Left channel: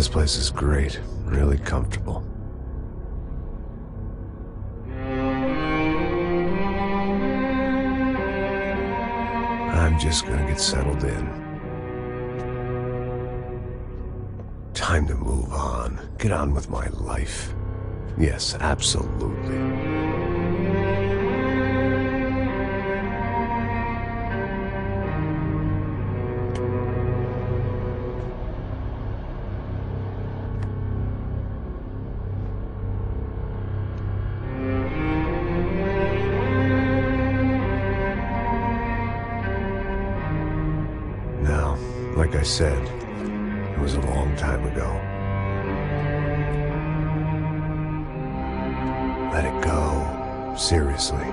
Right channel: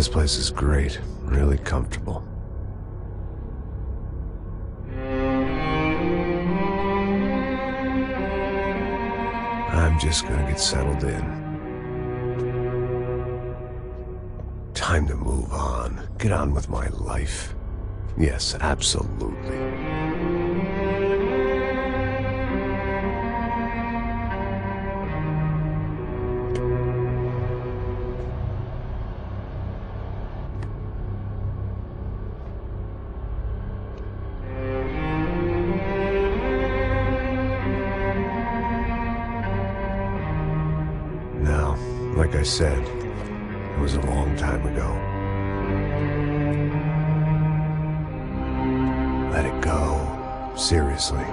This place is great, really comfortable. I'm just gonna get settled in. Time to move on. Get on with my life. Yes, absolutely. Now, like I said, it was a long time ago. Let it go. Seriously.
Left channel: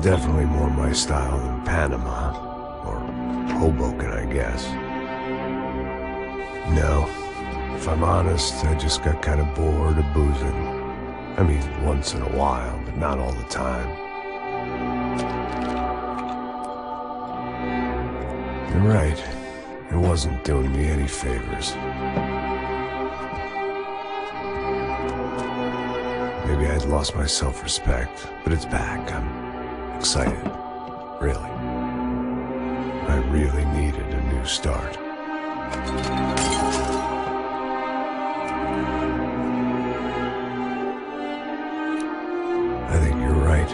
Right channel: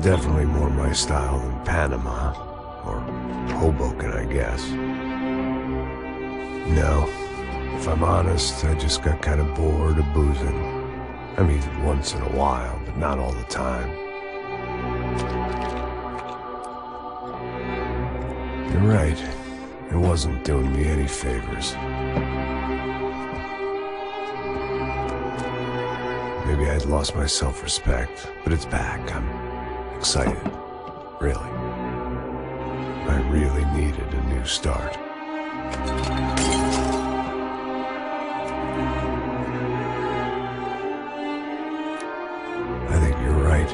Definitely more my style than Panama, or Hoboken, I guess. No, if I'm honest, I just got kind of bored of boozing. I mean, once in a while, but not all the time. You're right, it wasn't doing me any favors. Maybe I'd lost my self-respect, but it's back. I'm excited, really. I really needed a new start. I think you're right.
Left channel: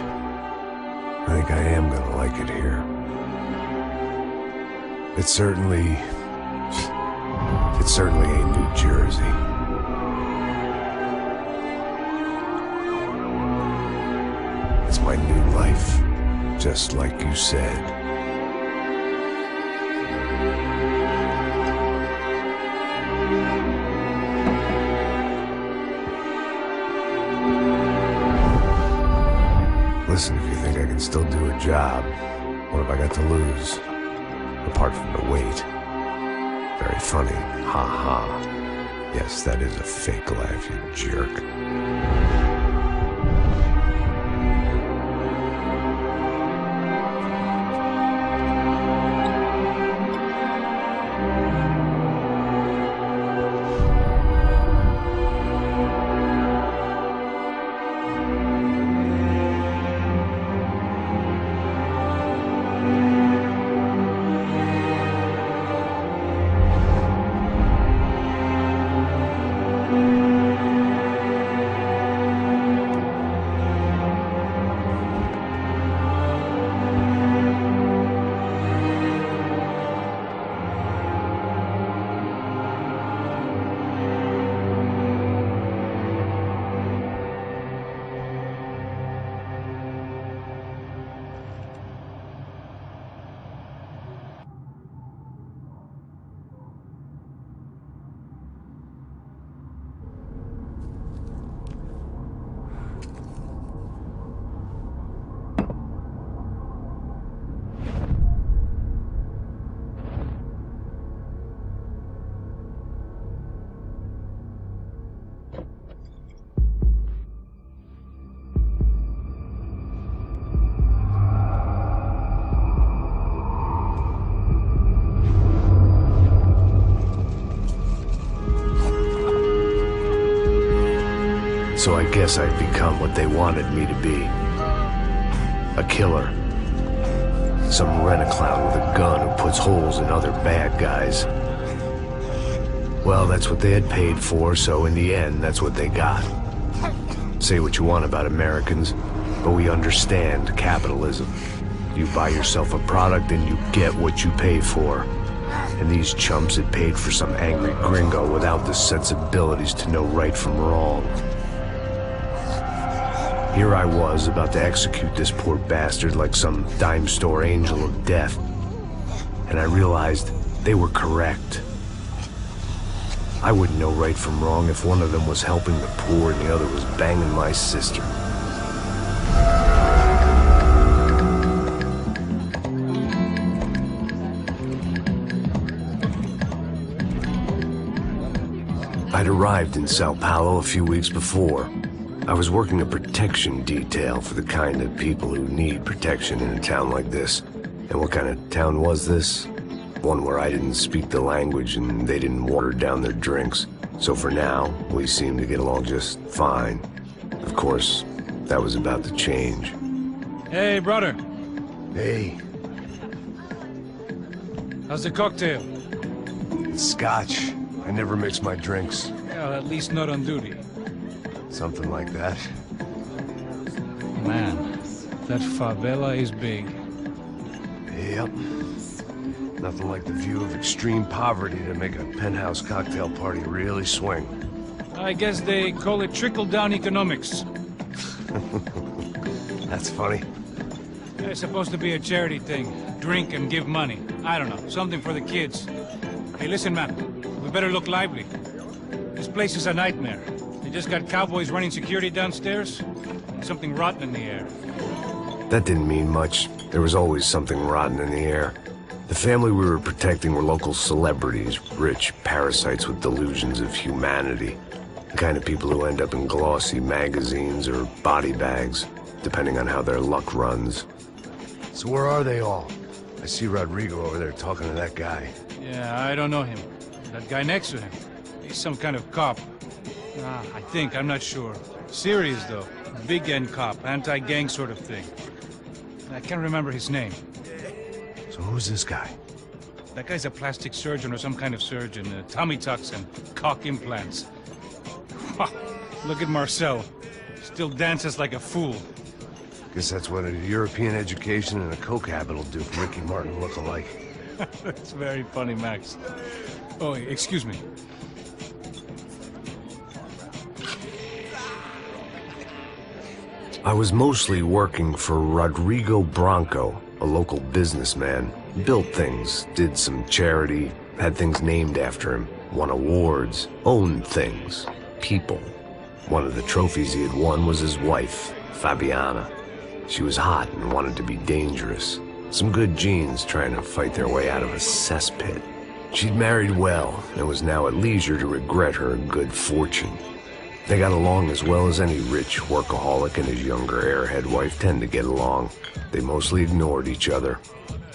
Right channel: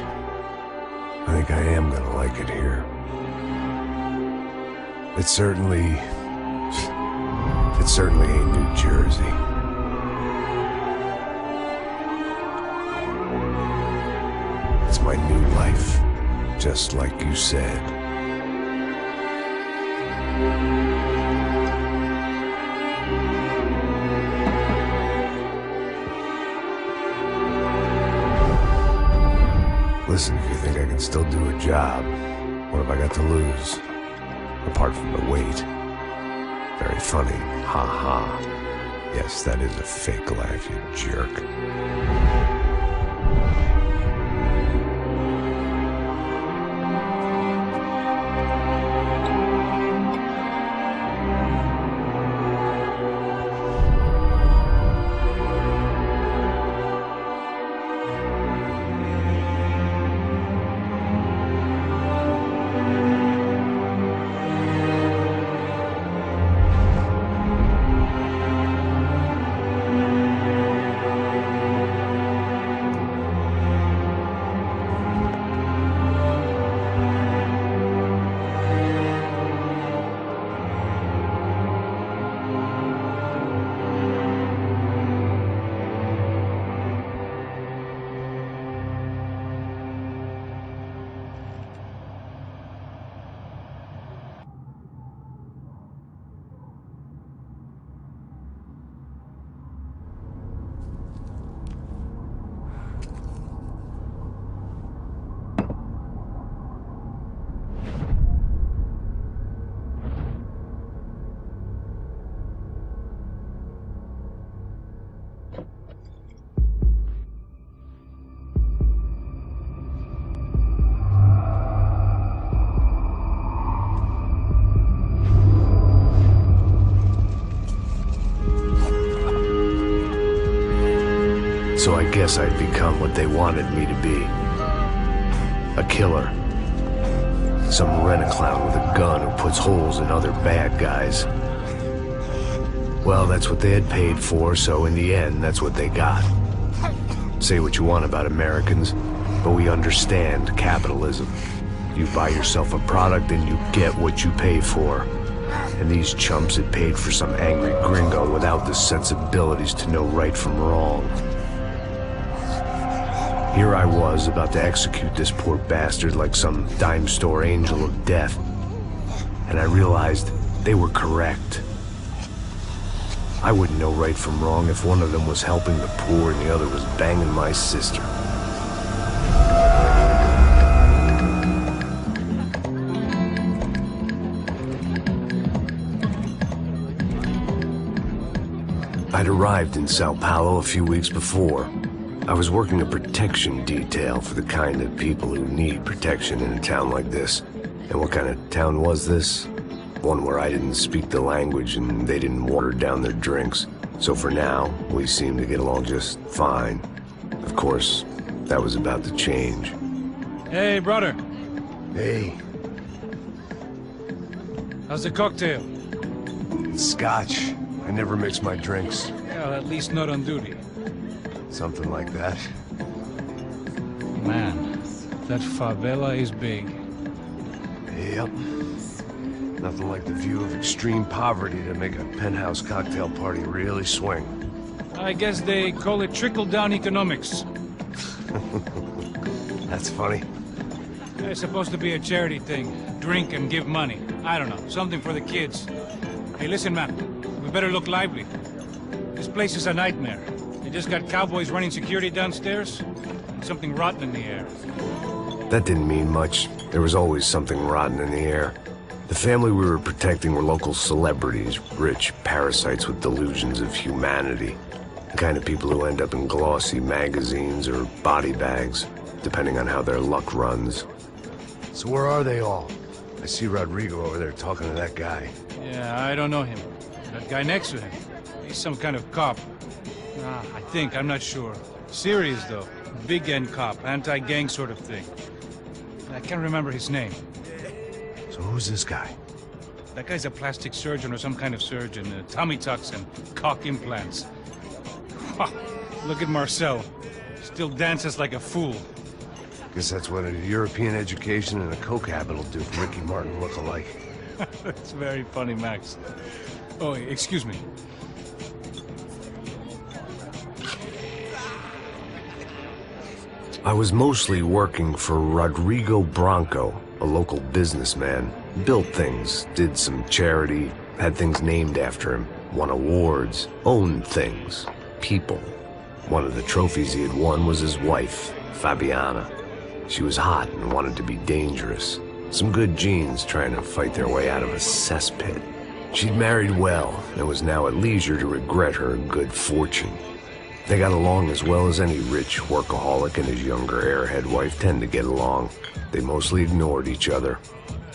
I think I am gonna like it here. It certainly ain't New Jersey. It's my new life. Just like you said. Listen, if you think I can still do a job, what have I got to lose? Apart from the weight. Very funny. Ha ha. Yes, that is a fake laugh, you jerk. So I guess I'd become what they wanted me to be. A killer. Some rent-a-clown with a gun who puts holes in other bad guys. Well, that's what they had paid for, so in the end, that's what they got. Say what you want about Americans, but we understand capitalism. You buy yourself a product and you get what you pay for. And these chumps had paid for some angry gringo without the sensibilities to know right from wrong. Here I was, about to execute this poor bastard like some dime store angel of death. And I realized they were correct. I wouldn't know right from wrong if one of them was helping the poor and the other was banging my sister. I'd arrived in São Paulo a few weeks before. I was working a protection detail for the kind of people who need protection in a town like this. And what kind of town was this? One where I didn't speak the language and they didn't water down their drinks. So for now, we seemed to get along just fine. Of course, that was about to change. Hey, brother. Hey. How's the cocktail? It's scotch. I never mix my drinks. Well, at least not on duty. Something like that. Man, that favela is big. Yep. Nothing like the view of extreme poverty to make a penthouse cocktail party really swing. I guess they call it trickle-down economics. That's funny. It's supposed to be a charity thing. Drink and give money. I don't know, something for the kids. Hey, listen, man. We better look lively. This place is a nightmare. They just got cowboys running security downstairs, and something rotten in the air. That didn't mean much. There was always something rotten in the air. The family we were protecting were local celebrities, rich parasites with delusions of humanity. The kind of people who end up in glossy magazines or body bags, depending on how their luck runs. So where are they all? I see Rodrigo over there talking to that guy. Yeah, I don't know him. That guy next to him, he's some kind of cop. I think, I'm not sure. Serious, though. Big-end cop, anti-gang sort of thing. I can't remember his name. So who's this guy? That guy's a plastic surgeon or some kind of surgeon. Tummy tucks and cock implants. Look at Marcel. Still dances like a fool. Guess that's what a European education and a coke habit will do for Ricky Martin look-alike. That's very funny, Max. Oh, excuse me. I was mostly working for Rodrigo Branco, a local businessman. Built things, did some charity, had things named after him, won awards, owned things, people. One of the trophies he had won was his wife, Fabiana. She was hot and wanted to be dangerous. Some good genes trying to fight their way out of a cesspit. She'd married well and was now at leisure to regret her good fortune. They got along as well as any rich workaholic and his younger airhead wife tend to get along. They mostly ignored each other.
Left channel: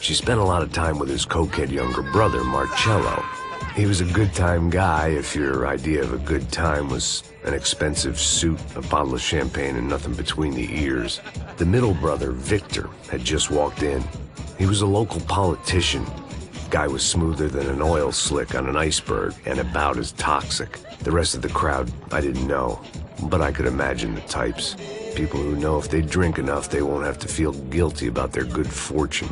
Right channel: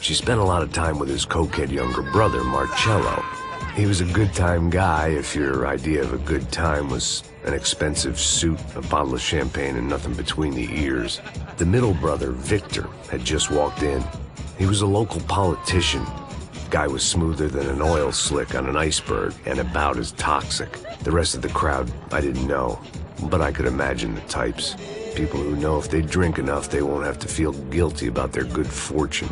She spent a lot of time with his cokehead younger brother, Marcello. He was a good-time guy if your idea of a good time was an expensive suit, a bottle of champagne, and nothing between the ears. The middle brother, Victor, had just walked in. He was a local politician. Guy was smoother than an oil slick on an iceberg and about as toxic. The rest of the crowd, I didn't know, but I could imagine the types. People who know if they drink enough, they won't have to feel guilty about their good fortune.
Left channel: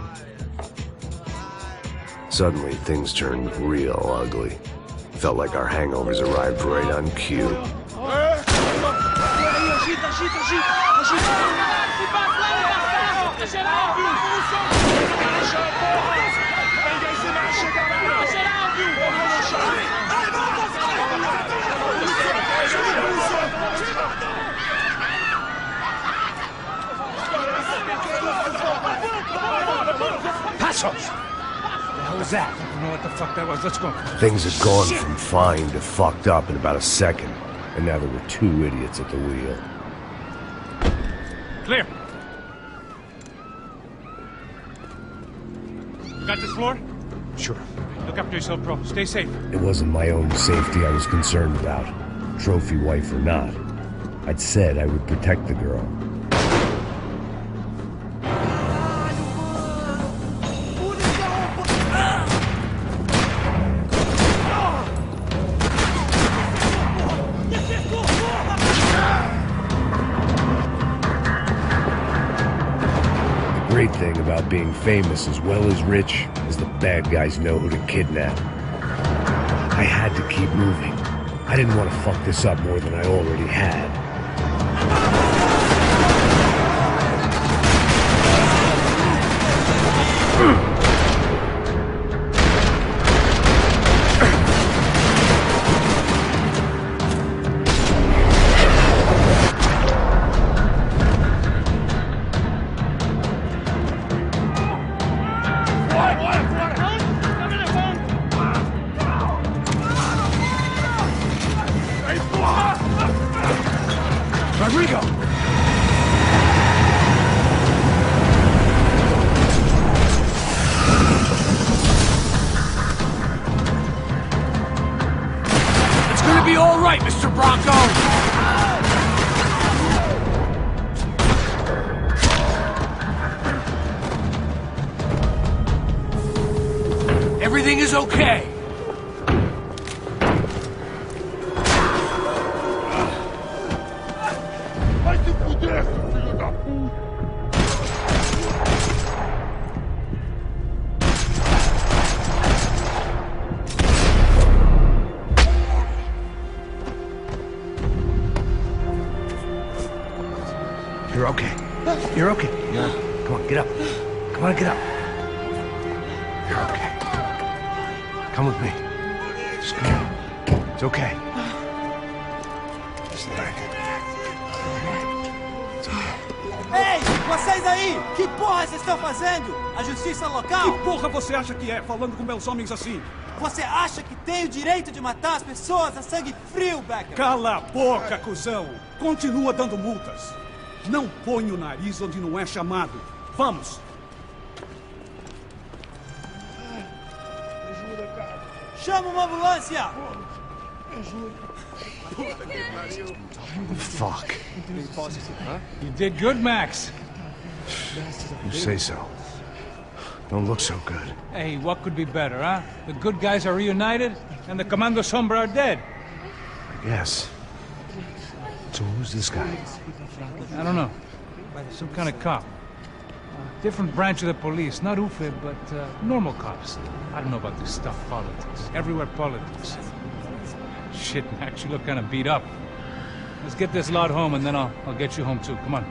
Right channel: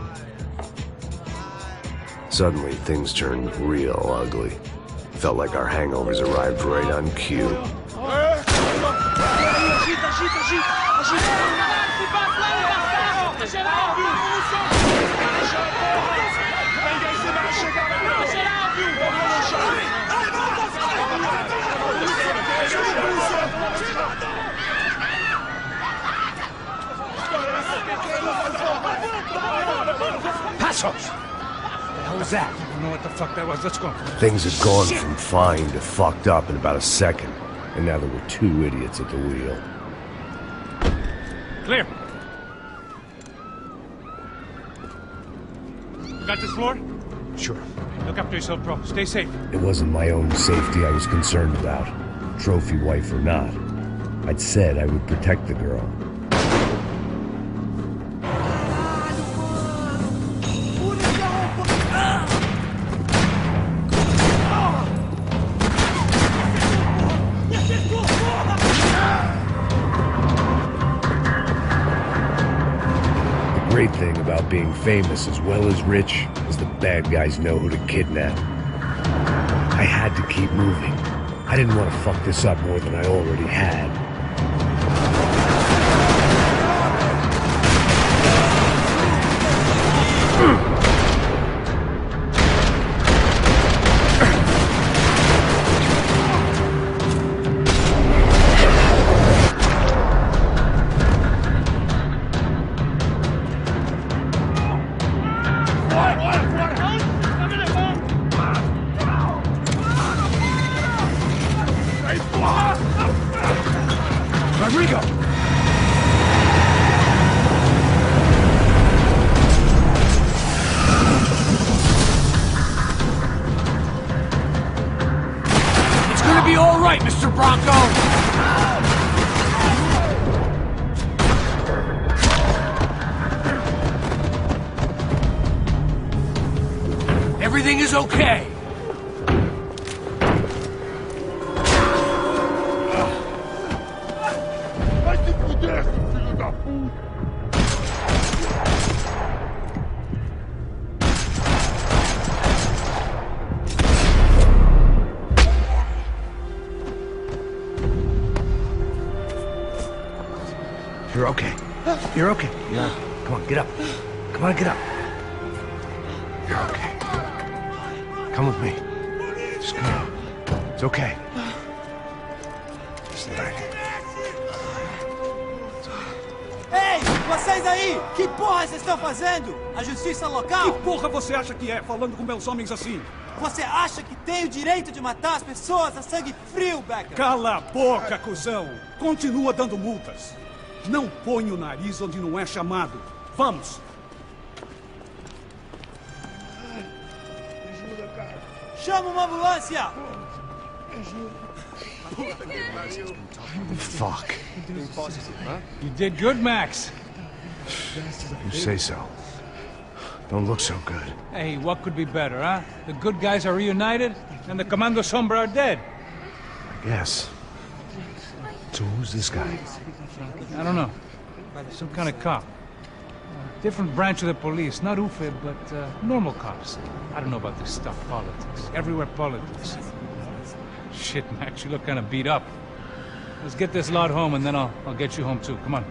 Suddenly, things turned real ugly. Felt like our hangovers arrived right on cue. Passos! What the hell was that? I don't know what the fuck that was. Let's go. Things had gone from fine to fucked up in about a second, and now there were two idiots at the wheel. Clear. You got this floor? Sure. Look after yourself, bro. Stay safe. It wasn't my own safety I was concerned about, trophy wife or not. I'd said I would protect the girl. The great thing about being famous as well as rich is the bad guys know who to kidnap. I had to keep moving. I didn't want to fuck this up more than I already had. Here we go! It's gonna be all right, Mr. Bronco! Everything is okay. Vai se fuder, seu filho da puta! You're okay. You're okay. Yeah. Come on, get up. Come on, get up. You're okay. Come with me. Just come on. It's okay. Stay right here. Ei, vocês aí! Que porra vocês estão fazendo? A justiça local? Que porra você acha que é, falando com meus homens assim? Você acha que tem o direito de matar as pessoas a sangue frio, Becker? Cala a boca, cuzão! Continua dando multas. Não põe o nariz onde não é chamado. Vamos! Ajuda, cara. Chama uma ambulância! Ajuda. Puta que pariu. Fuck. You did good, Max. You say so. Don't look so good. Hey, what could be better, huh? The good guys are reunited, and the Commando Sombra are dead. I guess. So who's this guy? I don't know. Some kind of cop. Different branch of the police. Not UFE, but normal cops. I don't know about this stuff, politics. Everywhere politics. Shit, Max, you look kind of beat up. Let's get this lot home, and then I'll get you home, too. Come on.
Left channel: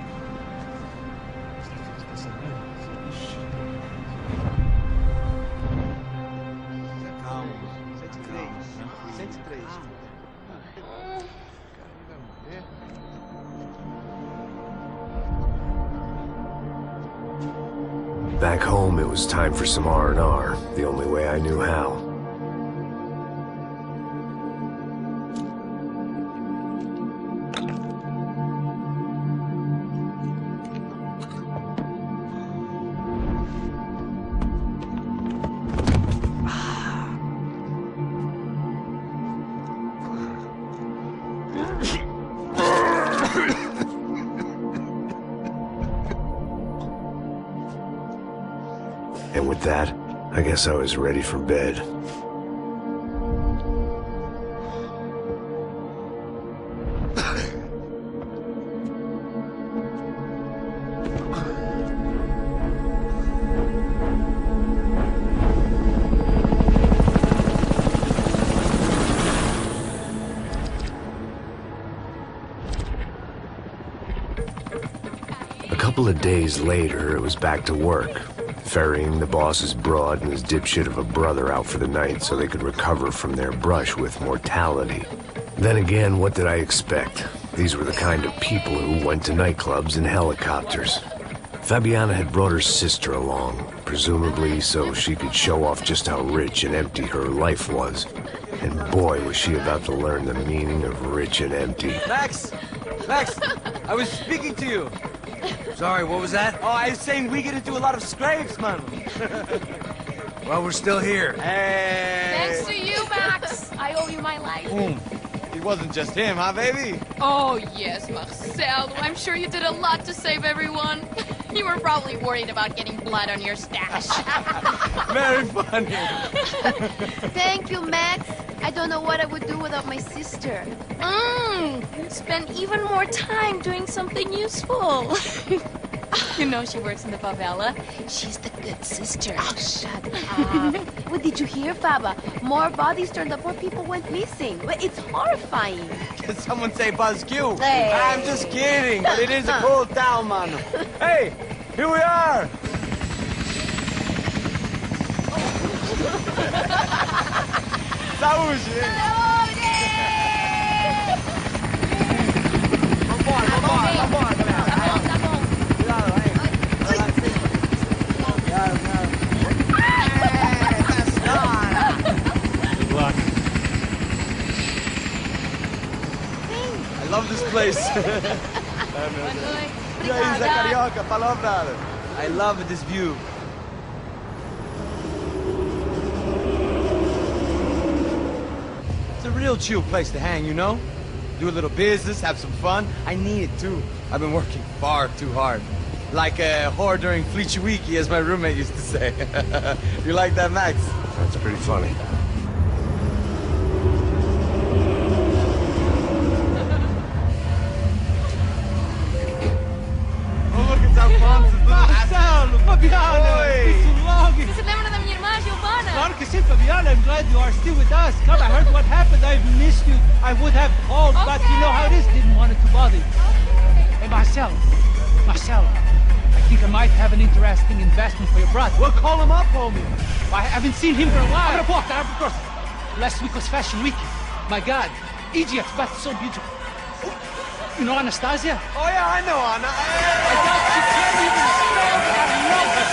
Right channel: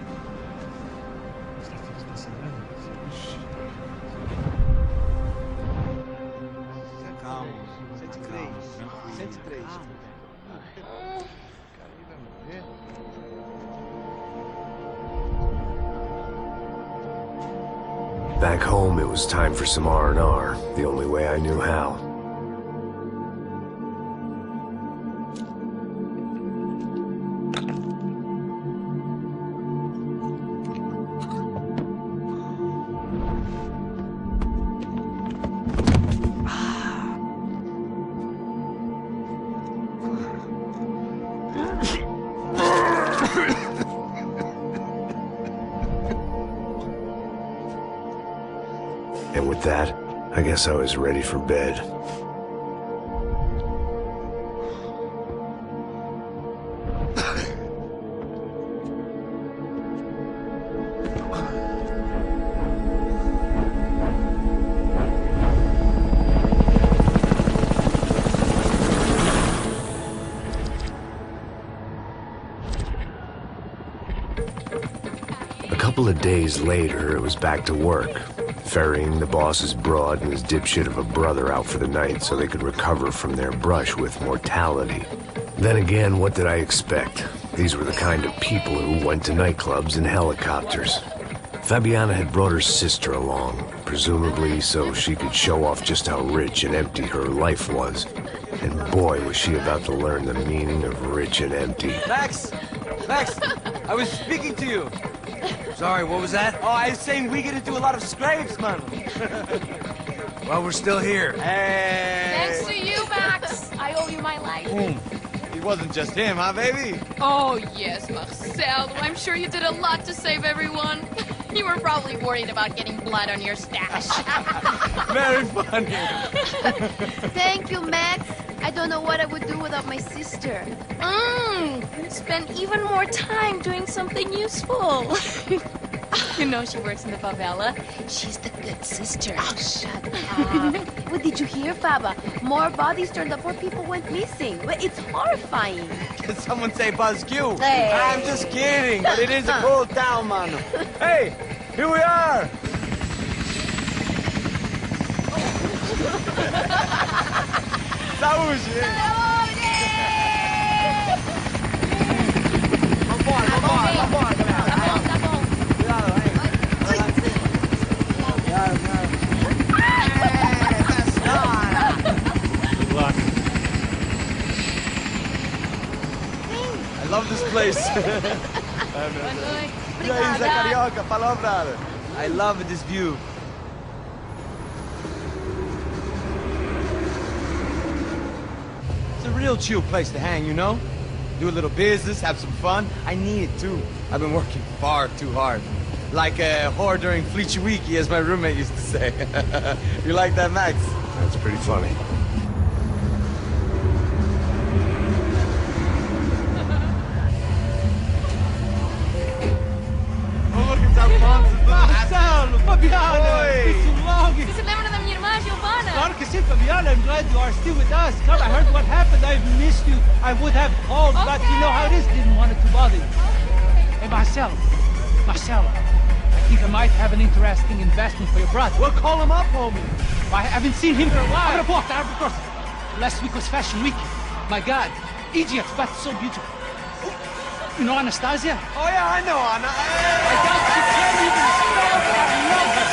Calma. 103. Back home, it was time for some R&R, the only way I knew how. And with that, I guess I was ready for bed. A couple of days later, it was back to work. Ferrying the boss's broad and his dipshit of a brother out for the night so they could recover from their brush with mortality. Then again, what did I expect? These were the kind of people who went to nightclubs in helicopters. Fabiana had brought her sister along, presumably so she could show off just how rich and empty her life was. And boy, was she about to learn the meaning of rich and empty. Max! Max! I was speaking to you. Sorry, what was that? Oh, I was saying we get to do a lot of scrapes, man. Well, we're still here. Hey! Thanks to you, Max. I owe you my life. It wasn't just him, huh, baby? Oh, yes, Marcel. I'm sure you did a lot to save everyone. You were probably worried about getting blood on your stash. Very funny. Thank you, Max. I don't know what I would do without my sister. Spend even more time doing something useful. You know she works in the favela. She's the good sister. Oh, shut up. What did you hear, Faba? More bodies turned up, more people went missing. It's horrifying. Did someone say Buzz Q? Hey. I'm just kidding, but it is a cool town, man. Hey, here we are. Saúde! Vambora, galera. Tá bom. Cuidado, hein? Vai lá em cima. Good luck. I love this place. Boa noite. E aí, Zé Obrigada. Carioca, palavra. I love this view. It's a real chill place to hang, you know? Do a little business, have some fun. I need it too. I've been working far too hard. Like a whore during Fleechy Weeky, as my roommate used to say. You like that, Max? That's pretty funny. Oh, look at that fun. Marcelo, Fabiana, Oi. it's too long. Você se lembra da minha irmã, Giovanna? Claro que sim, Fabiana. I'm glad you are still with us. Come, I heard what happened. I've missed you. I would have called, but you know how it is. Didn't want it to bother you. Hey, Marcelo, I think I might have an interesting investment for your brother. Well, call him up, homie. I haven't seen him for a while. Of course. Last week was Fashion Week. My God, Egypt, but so beautiful. You know Anastasia? Oh, yeah, I know, Anna. I doubt she can't even spell, but I love her.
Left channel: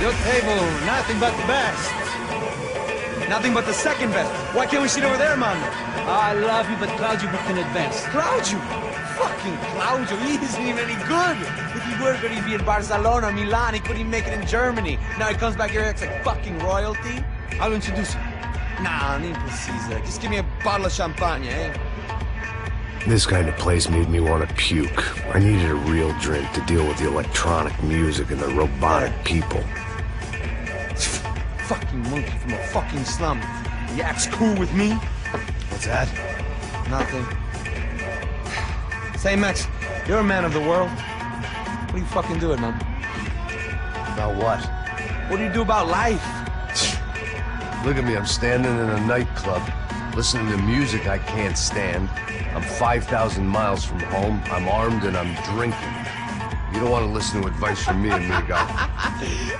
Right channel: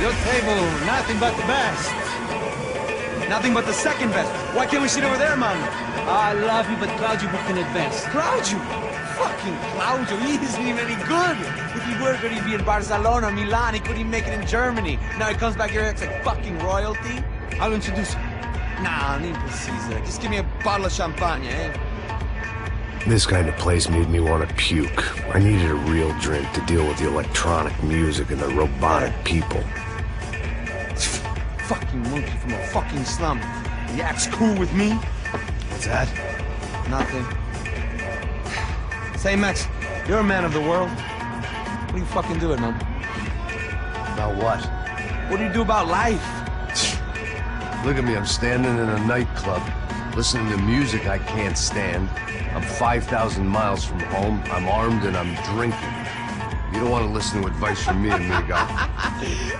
Your table, nothing but the best. Nothing but the second best. Why can't we sit over there, man? I love you, but Claudio booked in advance. Claudio? Fucking Claudio, he isn't even any good. If he were good, he'd be in Barcelona, Milan. He couldn't even make it in Germany. Now he comes back here, acts like fucking royalty. I'll introduce you. Nah, need precisa. Just give me a bottle of champagne, eh? This kind of place made me want to puke. I needed a real drink to deal with the electronic music and the robotic people. Fucking monkey from a fucking slum. He acts cool with me. What's that? Nothing. Say, Max, you're a man of the world. What do you fucking do it, man? About what? What do you do about life? Look at me, I'm standing in a nightclub, listening to music I can't stand. I'm 5,000 miles from home, I'm armed, and I'm drinking. You don't want to listen to advice from me, amigo.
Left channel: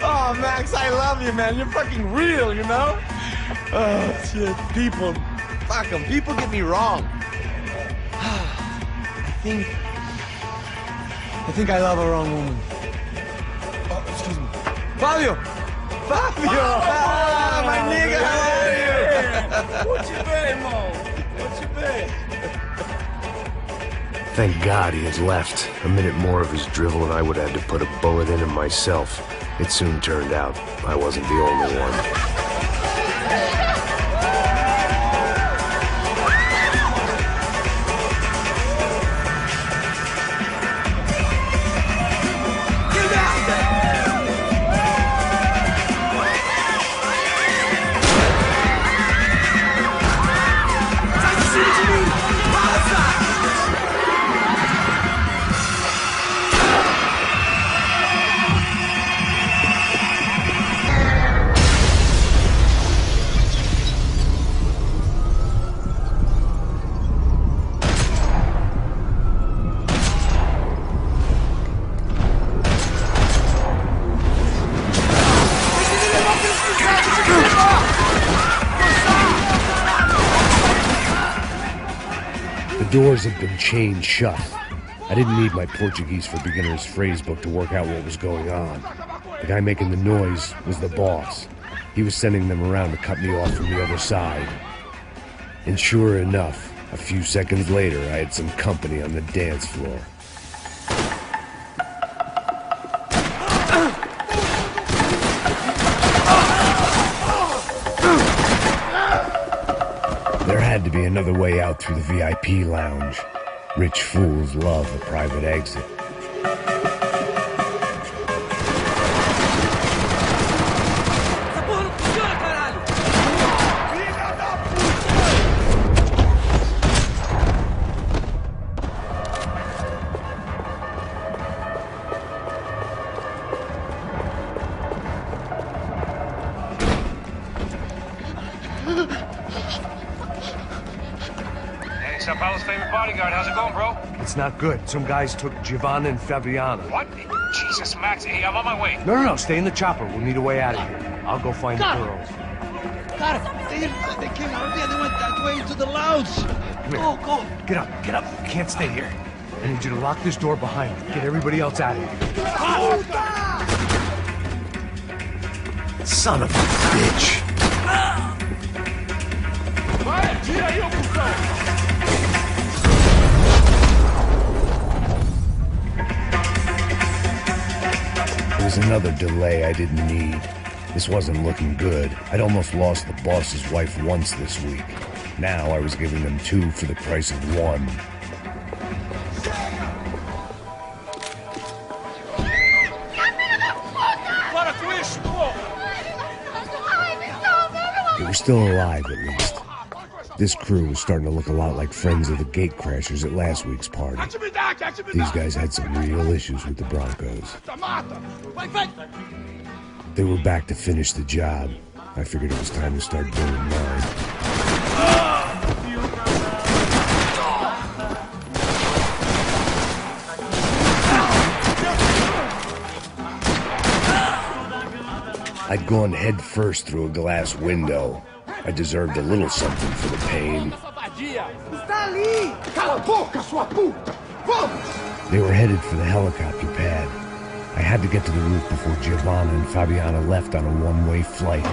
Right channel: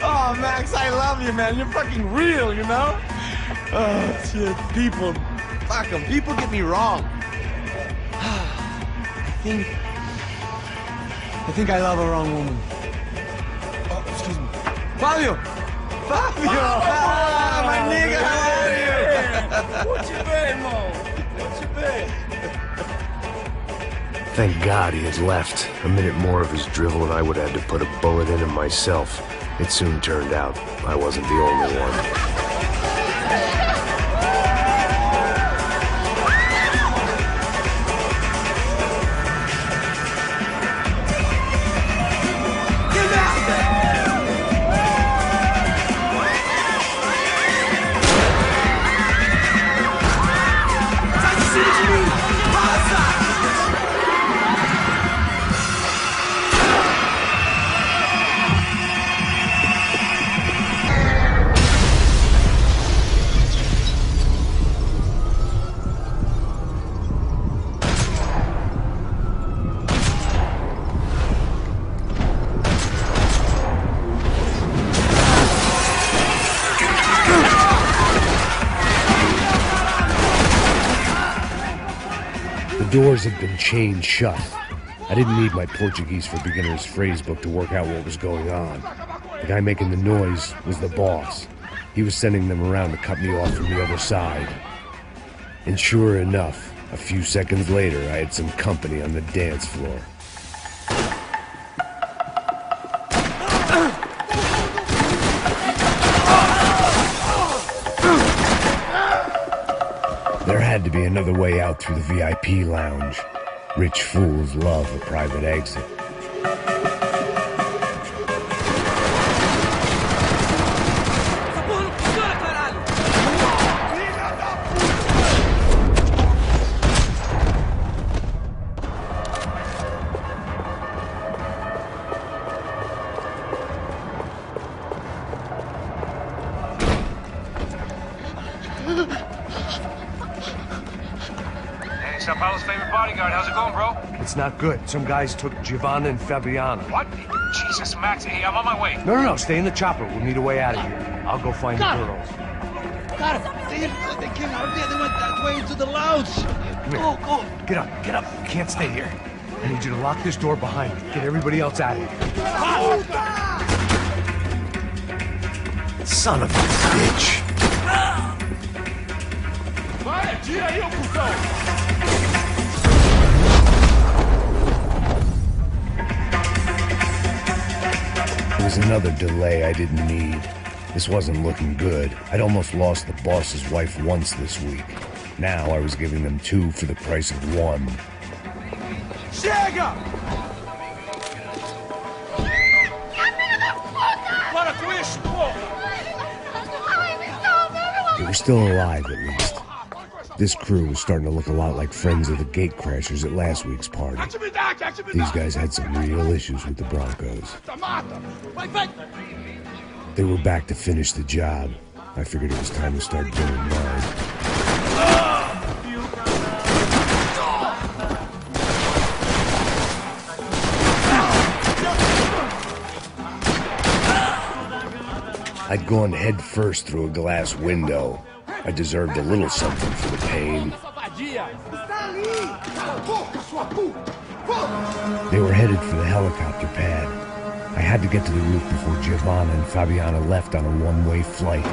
Oh, Max, I love you, man. You're fucking real, you know? Oh, shit. People, fuck them. People get me wrong. I think I love a wrong woman. Oh, excuse me. Fabio! Fabio! Ah, my nigga, how are you? What you been, Mo? What you been? Thank God he had left. A minute more of his drivel and I would have had to put a bullet in him myself. It soon turned out I wasn't the only one. The doors had been chained shut. I didn't need my Portuguese for Beginners phrase book to work out what was going on. The guy making the noise was the boss. He was sending them around to cut me off from the other side. And sure enough, a few seconds later, I had some company on the dance floor. There had to be another way out through the VIP lounge. Rich fools love a private exit. Essa porra não funciona, caralho! Filha da puta! Hey, São Paulo's favorite bodyguard. How's it going, bro? It's not good. Some guys took Giovanna and Fabiana. What? Jesus, Max. Hey, I'm on my way. No, stay in the chopper. We'll need a way out of here. I'll go find the girls. Got it. They came out here. They went that way into the lounge. Come here. Go. Get up. You can't stay here. I need you to lock this door behind me. Get everybody else out of here. Son of a bitch. Vai, tira aí, ô cuzão! It was another delay I didn't need. This wasn't looking good. I'd almost lost the boss's wife once this week. Now I was giving them 2 for the price of 1. Chega! Para com isso, porra! They were still alive, at least. This crew was starting to look a lot like friends of the gatecrashers at last week's party. These guys had some real issues with the Broncos. They were back to finish the job. I figured it was time to start doing mine. I'd gone head first through a glass window. I deserved a little something for the pain. They were headed for the helicopter pad. I had to get to the roof before Giovanna and Fabiana left on a one-way flight.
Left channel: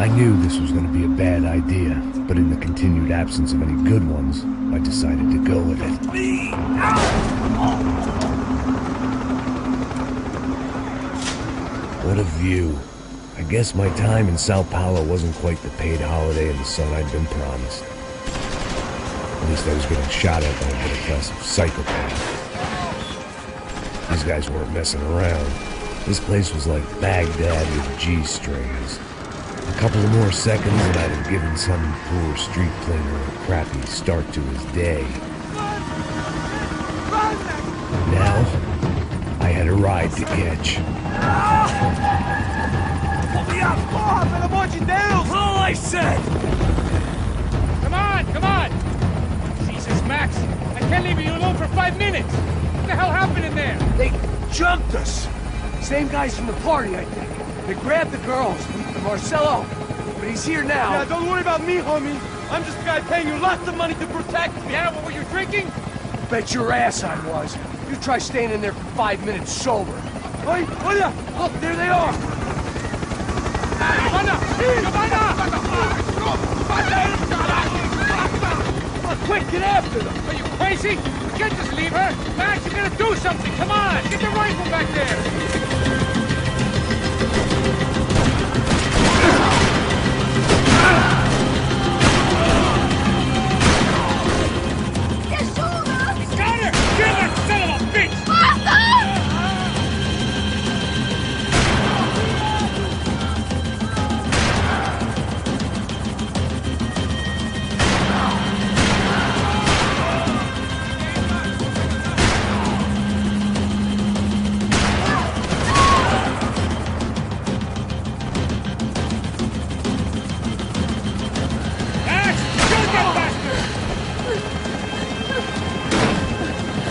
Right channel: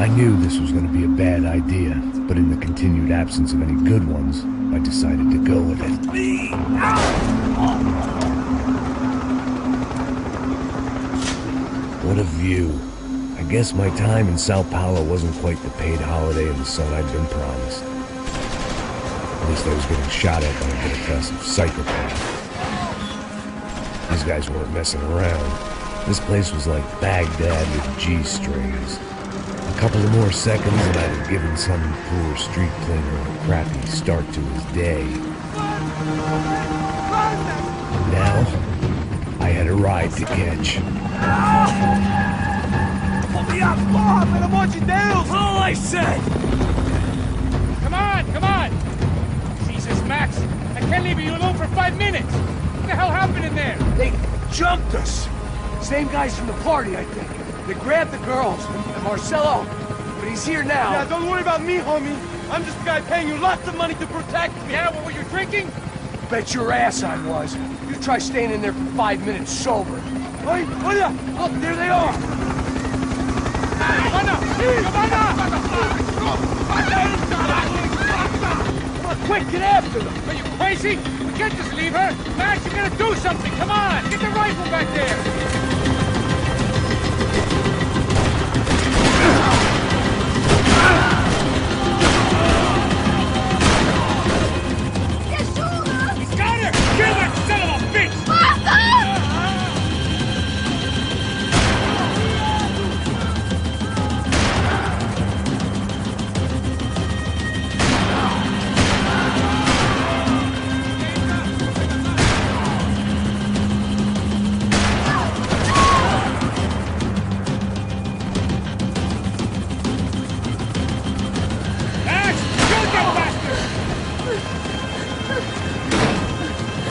I knew this was going to be a bad idea, but in the continued absence of any good ones, I decided to go with it. What a view. I guess my time in São Paulo wasn't quite the paid holiday in the sun I'd been promised. At least I was getting shot at by a middle-class psychopath. These guys weren't messing around. This place was like Baghdad with G-strings. A couple of more seconds and I'd have given some poor street cleaner a crappy start to his day. Now, I had a ride to catch. Pull me up, porra, pelo amor de Deus! All I said! Come on! Jesus, Max. I can't leave you alone for 5 minutes. What the hell happened in there? They jumped us! Same guys from the party, I think. They grabbed the girls, and Marcelo, but he's here now. Yeah, don't worry about me, homie. I'm just a guy paying you lots of money to protect me. Yeah, what were you drinking? Bet your ass I was. You try staying in there for 5 minutes sober. Hey, olha! Look, there they are! Giovanna! Come on, quick, get after them! Are you crazy? We can't just leave her. Max, you gotta do something. Come on, get the rifle back there. He's got her! Kill that son of a bitch!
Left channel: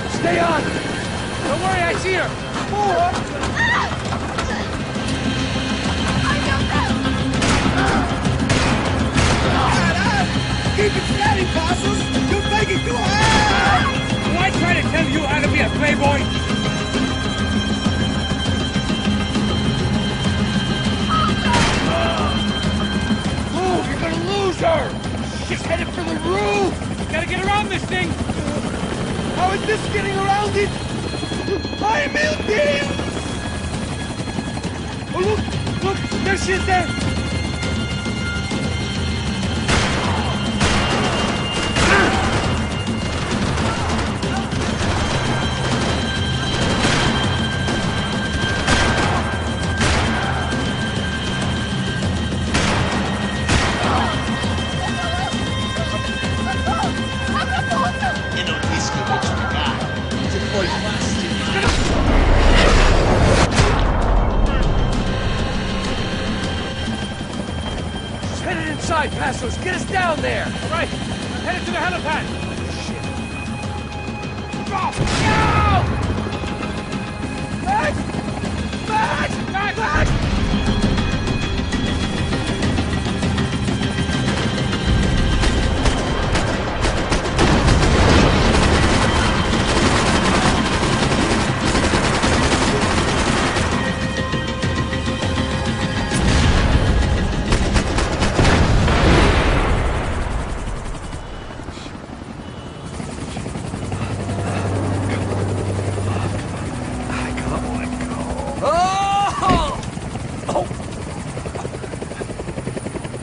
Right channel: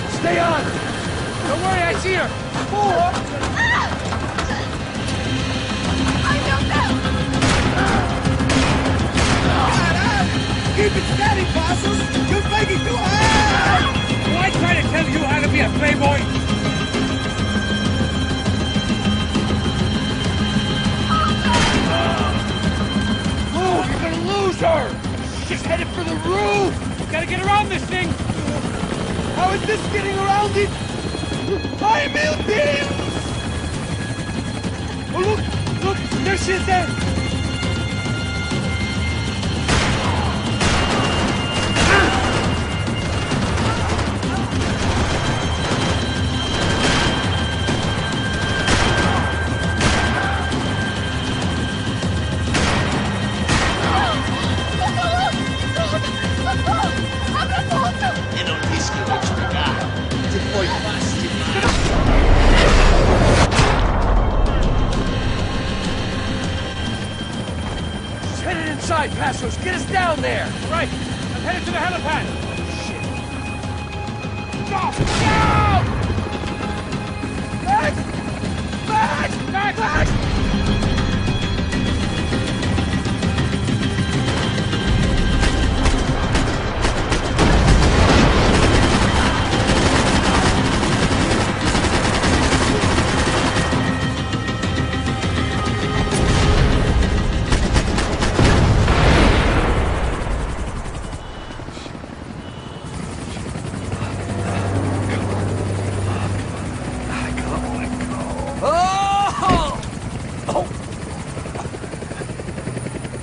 Stay on! Don't worry, I see her. Keep it steady, Passos! You're making too high! Do I try to tell you how to be a playboy? Move! You're gonna lose her! She's headed for the roof! We gotta get around this thing. How is this getting around it? Ai, meu Deus! Oh, look! There she is there! Headed inside, Passos! Get us down there! All right, I'm headed to the helipad. Shit. Back off! Look out! Max! Max! Max! Max!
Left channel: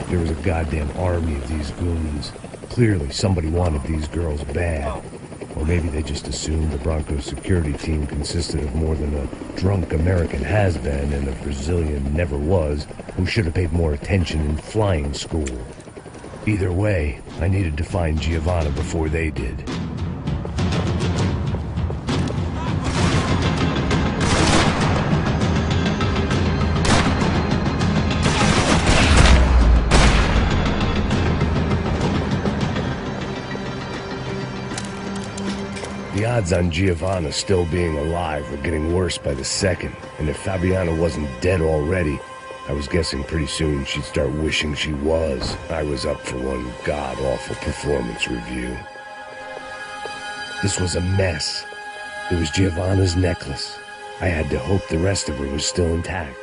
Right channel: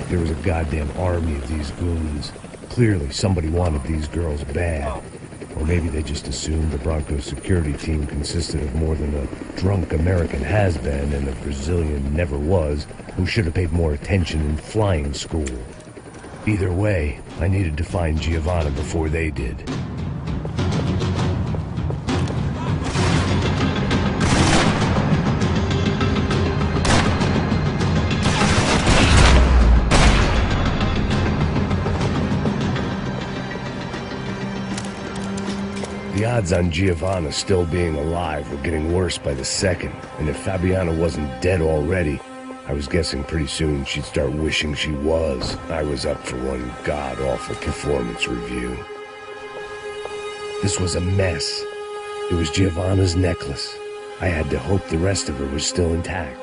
There was a goddamn army of these goons. Clearly, somebody wanted these girls bad. Or maybe they just assumed the Broncos security team consisted of more than a drunk American has-been and a Brazilian never was, who should have paid more attention in flying school. Either way, I needed to find Giovanna before they did. The odds on Giovanna still being alive were getting worse by the second, and if Fabiana wasn't dead already, I was guessing pretty soon she'd start wishing she was. I was up for one god-awful performance review. This was a mess. It was Giovanna's necklace. I had to hope the rest of her was still intact.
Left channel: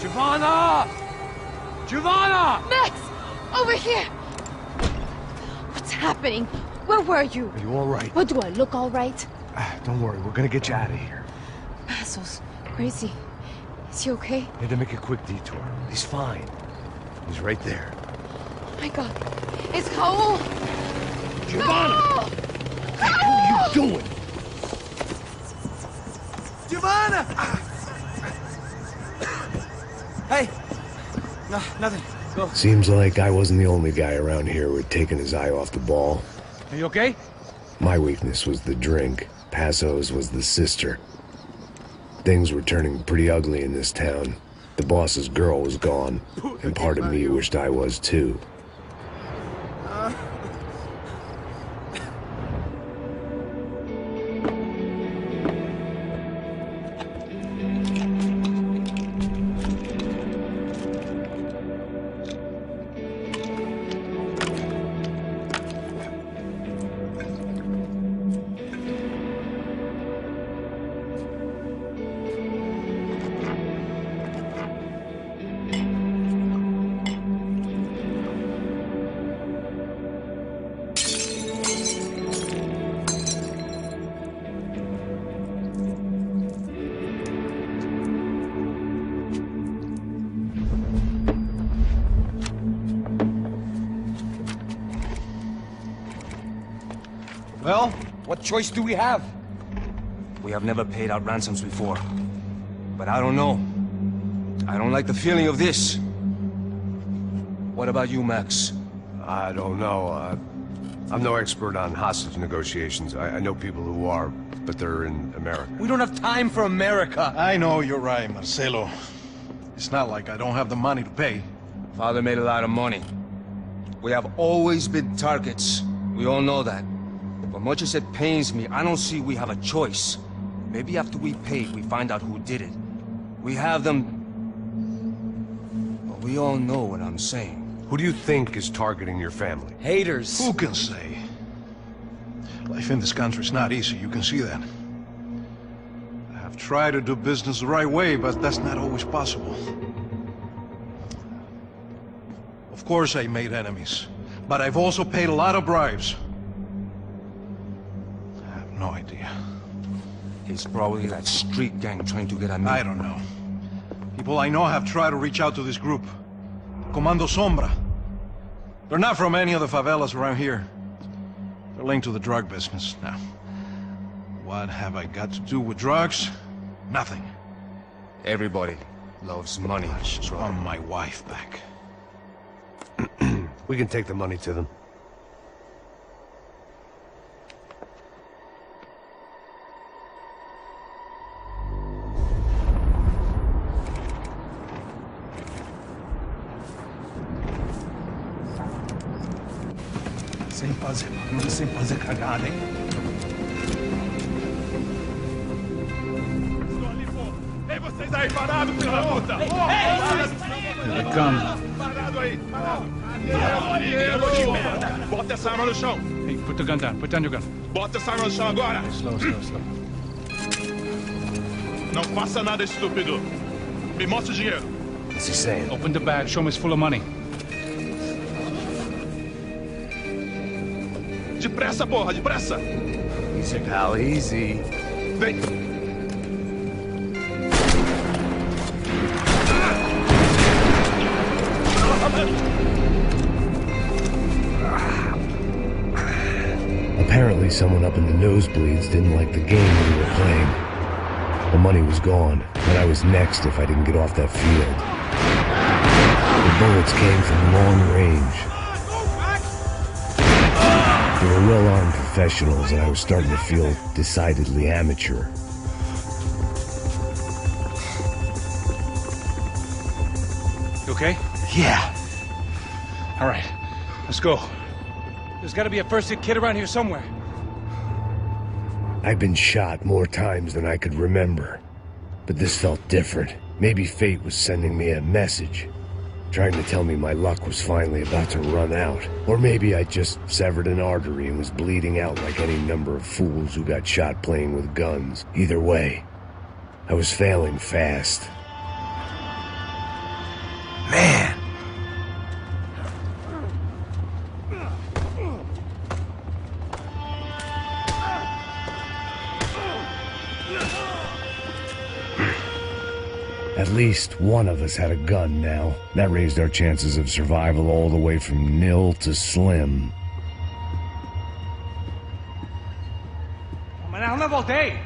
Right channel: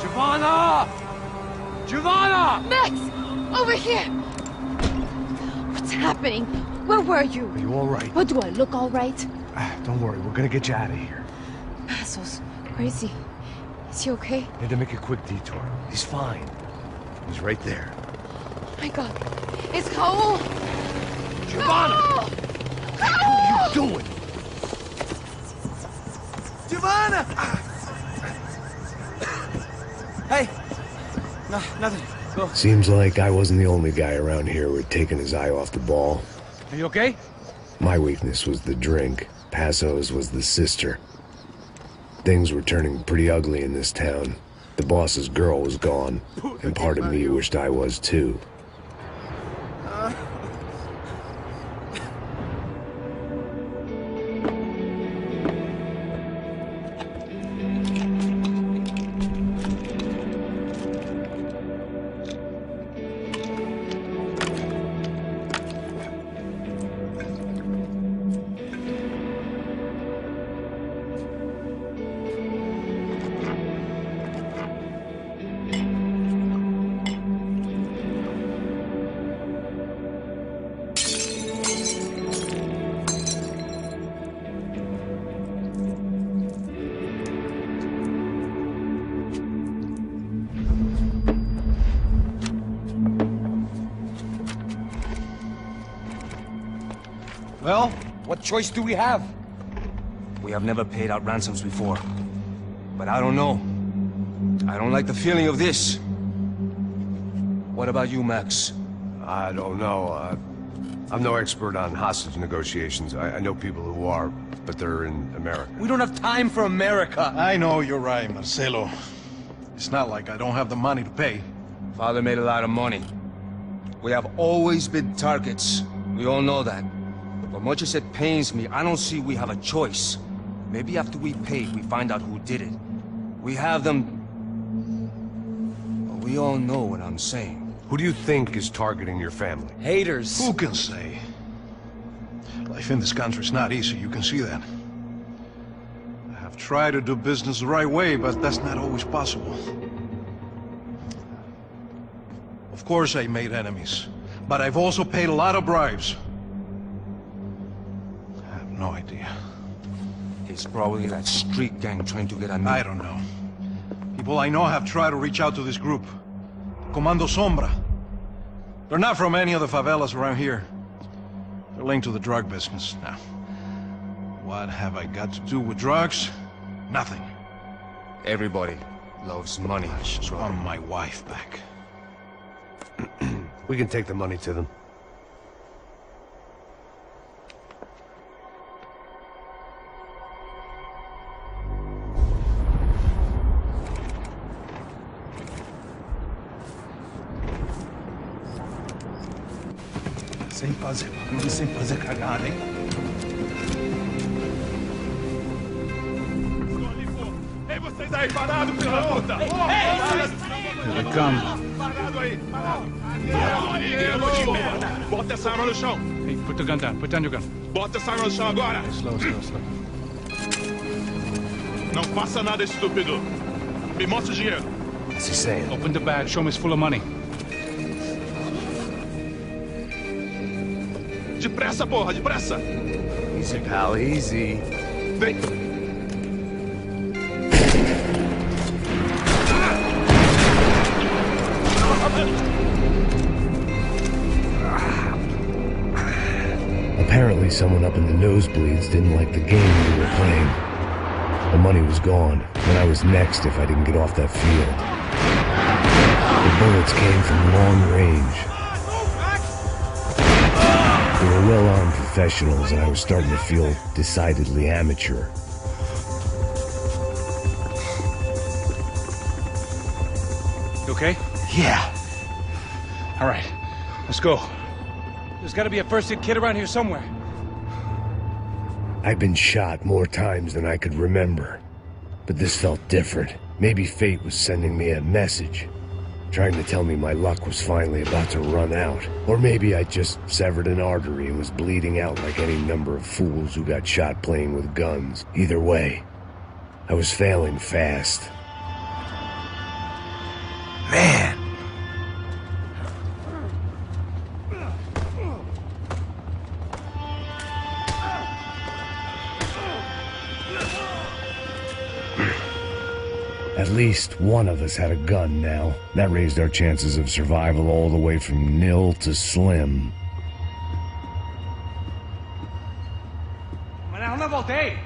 Giovanna! Giovanna! Max! Over here! What's happening? Where were you? Are you all right? What, do I look all right? Don't worry, we're gonna get you out of here. Passos. Where is he? Is he okay? Need to make a quick detour. He's fine. He's right there. Oh my God. It's Raul! Giovanna! No! What are you doing? Giovanna! Hey! No, nothing. Go. Seems like I wasn't the only guy around here who had taken his eye off the ball. Are you okay? My weakness was the drink. Passo's was the sister. Things were turning pretty ugly in this town. The boss's girl was gone, and part of me wished I was too. Well, what choice do we have? We have never paid out ransoms before. But I don't know. I don't like the feeling of this. What about you, Max? I don't know. I'm no expert on hostage negotiations. I know people who are, but they're in America. We don't have time for America. I know you're right, Marcelo. It's not like I don't have the money to pay. Father made a lot of money. We have always been targets. We all know that. But much as it pains me, I don't see we have a choice. Maybe after we pay, we find out who did it. We have them... But we all know what I'm saying. Who do you think is targeting your family? Haters. Who can say? Life in this country is not easy, you can see that. I have tried to do business the right way, but that's not always possible. Of course I made enemies, but I've also paid a lot of bribes. I have no idea. It's probably that street gang trying to get at me. I don't know. People I know have tried to reach out to this group. Comando Sombra. They're not from any of the favelas around here. They're linked to the drug business. Now, what have I got to do with drugs? Nothing. Everybody loves money. I just want my wife back. We can take the money to them. Sem fazer barulho, sem fazer cagada, hein? Estou ali, pô! Ei, vocês aí, parado, filha da puta! Here they come. Parado aí, parado! Bota essa arma no chão! Hey, put the gun down. Put down your gun. Bota essa arma no chão agora! Slow, slow, slow. Não faça nada, estúpido! Me mostra o dinheiro! What's he saying? Open the bag. Show him it's full of money. Depressa, porra, depressa! Easy, pal, easy. Vem! Apparently someone up in the nosebleeds didn't like the game we were playing. The money was gone, and I was next if I didn't get off that field. The bullets came from long range. They were well-armed professionals, and I was starting to feel decidedly amateur. You okay? Yeah. All right. Let's go. There's got to be a first-aid kit around here somewhere. I've been shot more times than I could remember. But this felt different. Maybe fate was sending me a message, trying to tell me my luck was finally about to run out. Or maybe I just severed an artery and was bleeding out like any number of fools who got shot playing with guns. Either way, I was failing fast. Man. At least one of us had a gun now. That raised our chances of survival all the way from nil to slim. Man, I don't have all day.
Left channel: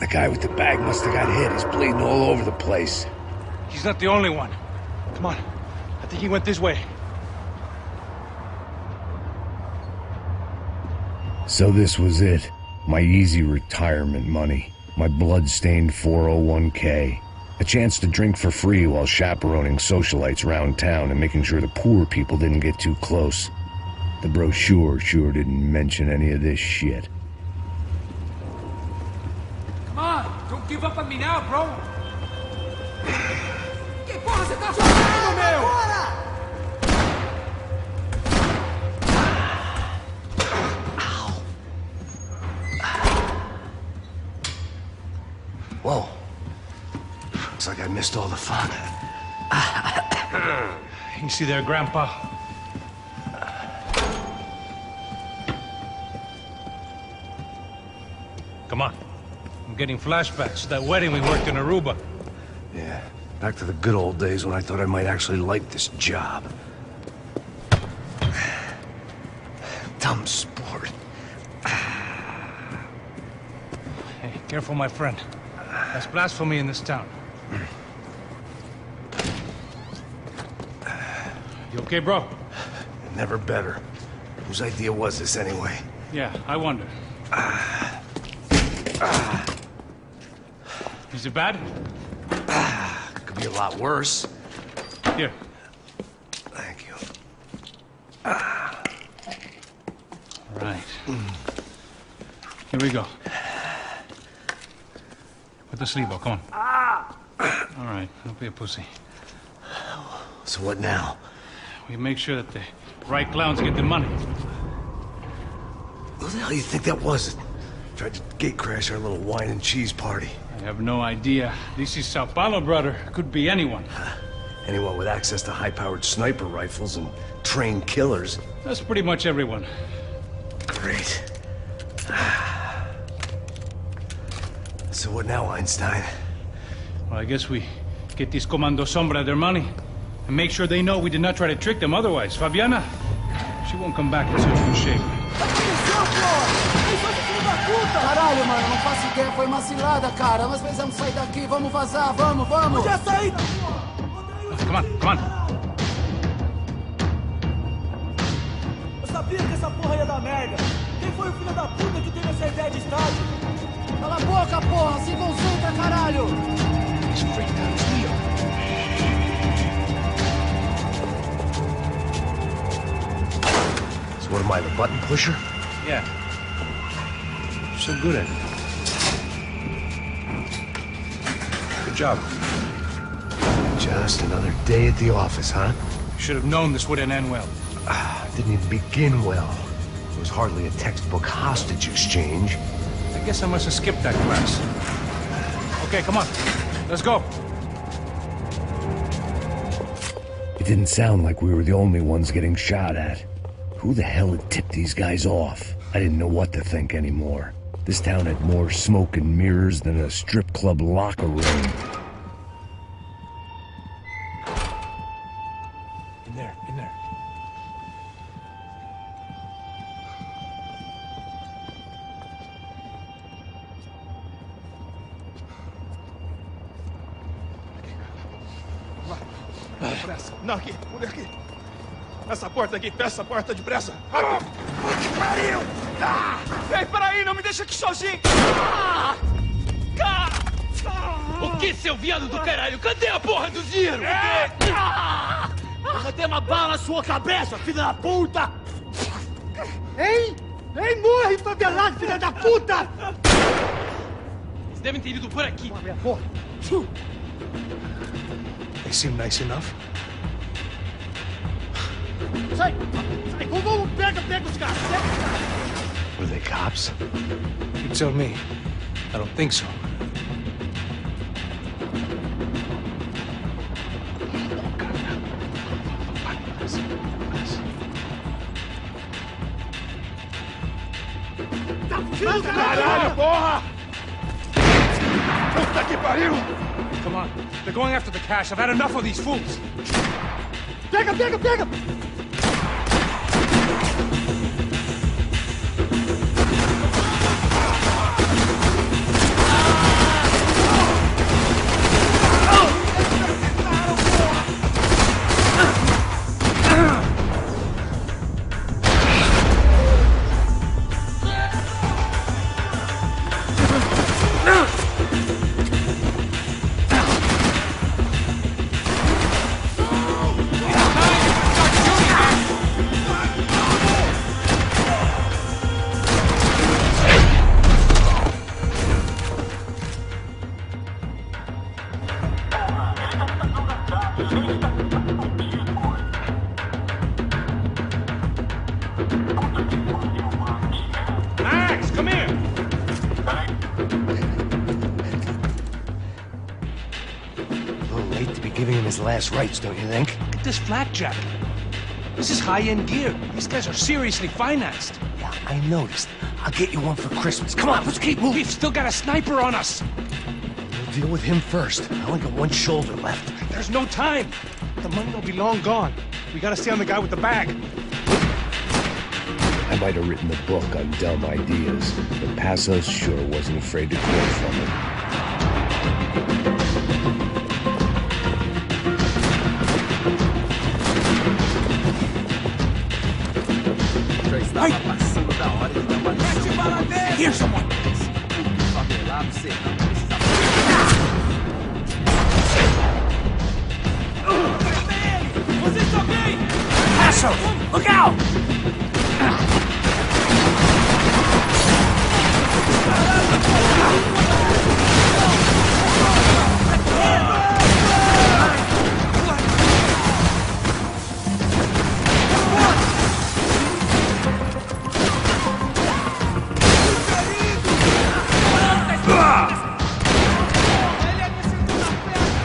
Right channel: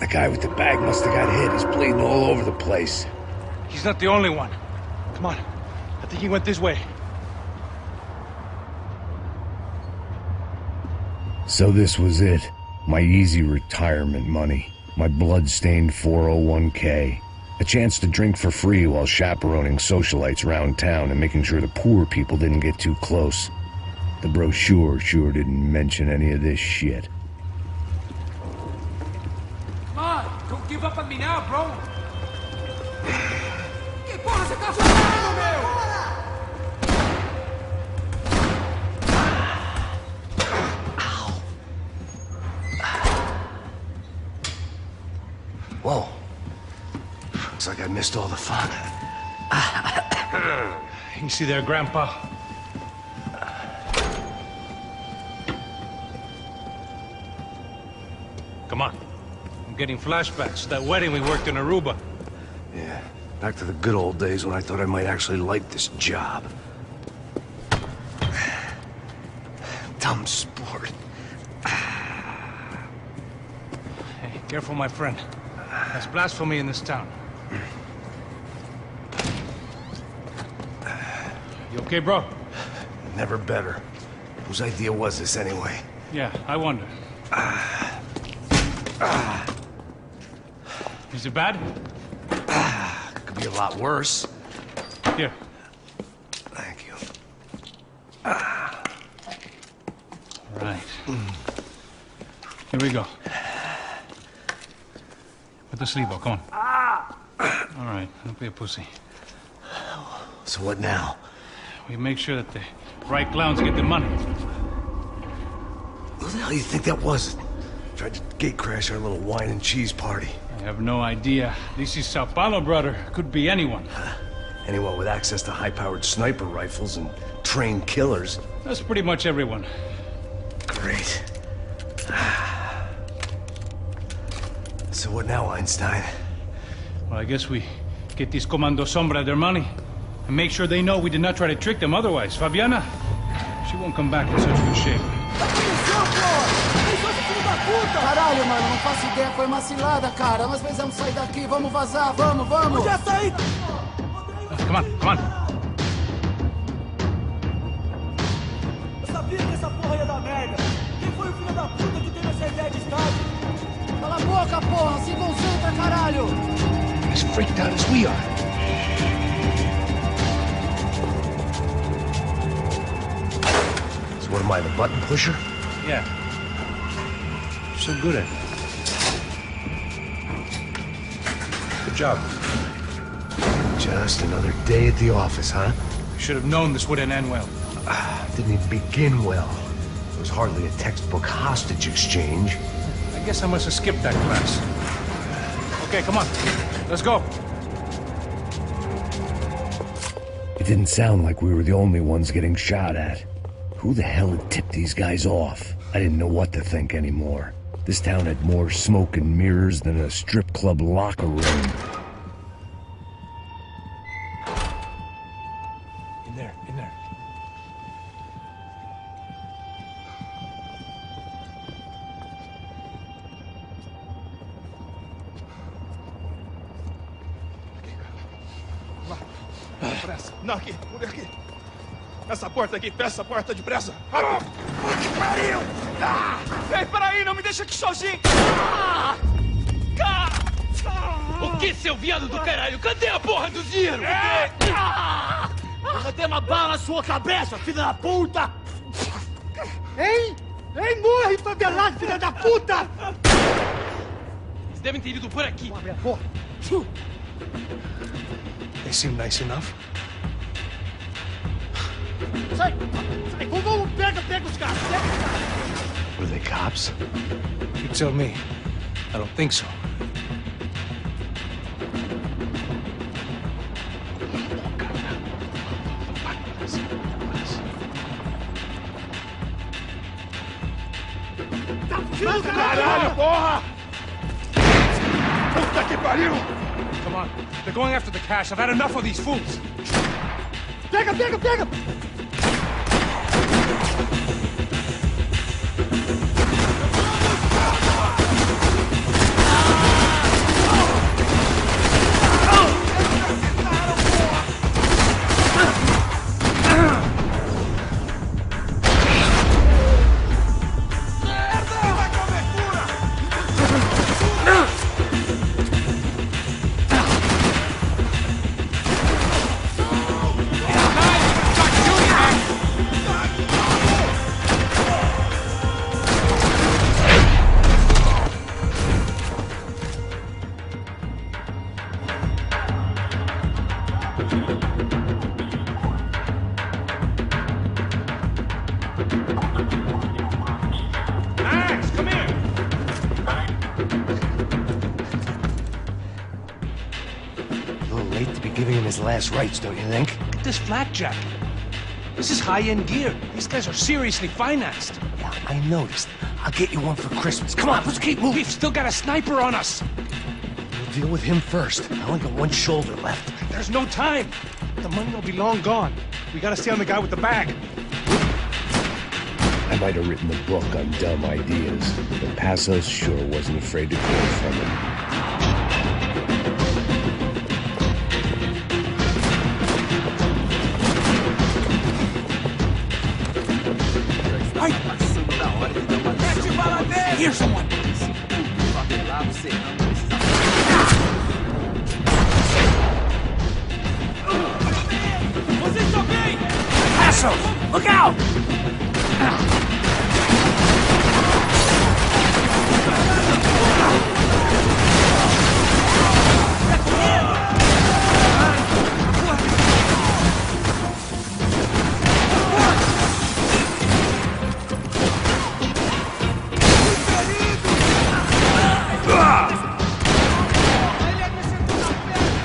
The guy with the bag must have got hit. He's bleeding all over the place. He's not the only one. Come on. I think he went this way. So this was it. My easy retirement money. My blood-stained 401k. A chance to drink for free while chaperoning socialites around town and making sure the poor people didn't get too close. The brochure sure didn't mention any of this shit. Come on, don't give up on me now, bro. Que porra você tá fazendo, meu? Whoa. Looks like I missed all the fun. Easy there, Grandpa. Come on. I'm getting flashbacks to that wedding we worked in Aruba. Yeah, back to the good old days when I thought I might actually like this job. Dumb sport. Hey, careful, my friend. That's blasphemy in this town. You okay, bro? Never better. Whose idea was this anyway? Yeah, I wonder. Is it bad? Could be a lot worse. Here. Thank you. All right. Here we go. Put the sleeve on, come on. All right, don't be a pussy. So what now? We make sure that the right clowns get the money. Who the hell do you think that was? Tried to gate crash our little wine and cheese party. I have no idea. This is São Paulo, brother. Could be anyone. Anyone with access to high-powered sniper rifles and trained killers. That's pretty much everyone. Great. So what now, Einstein? Well, I guess we get these Comando Sombra their money and make sure they know we did not try to trick them otherwise. Fabiana, she won't come back in such good shape. Caralho, mano, não faço ideia, foi uma cilada, cara. Nós precisamos sair daqui, vamos vazar, vamos, vamos! Onde é a saída? Come on, come on. Eu sabia que essa porra ia dar merda. Quem foi o filho da puta que teve essa ideia de estádio? Cala a boca, porra! Se concentra, caralho! Am I the button pusher? Yeah. You're so good at it. Good job. Just another day at the office, huh? You should have known this wouldn't end well. Didn't even begin well. It was hardly a textbook hostage exchange. I guess I must have skipped that class. Okay, come on. Let's go. It didn't sound like we were the only ones getting shot at. Who the hell had tipped these guys off? I didn't know what to think anymore. This town had more smoke and mirrors than a strip club locker room. In there. Depressa. Não, aqui, por aqui. Essa porta aqui, fecha essa porta depressa. Rápido. Que pariu! Ei, peraí, não me deixa aqui sozinho. O que, seu viado do caralho? Cadê a porra do dinheiro? Eu vou ter uma bala na sua cabeça, filha da puta! Ei! Ei, morre, favelado, filha da puta! Eles devem ter ido por aqui. Abre a porta. They seem nice enough. Sai! Vamos, pega os caras! Were they cops? You tell me. I don't think so. Caralho, porra! Puta que pariu! Come on. They're going after the cash. I've had enough of these fools. Pega! Max, come here! A little late to be giving him his last rites, don't you think? Look at this flak jacket. This is high-end gear. These guys are seriously financed. Yeah, I noticed. I'll get you one for Christmas. Come on, let's keep moving. We've still got a sniper on us. We'll deal with him first. I only got one shoulder left. There's no time. The money will be long gone. We gotta stay on the guy with the bag. I might have written a book on dumb ideas, but Passos sure wasn't afraid to quote from it. Já estava passando da hora de dar uma lição como você. Esse puto favelado serrano precisa... Vocês estão bem? Look out! Tá correndo? Ele me sentou na perna!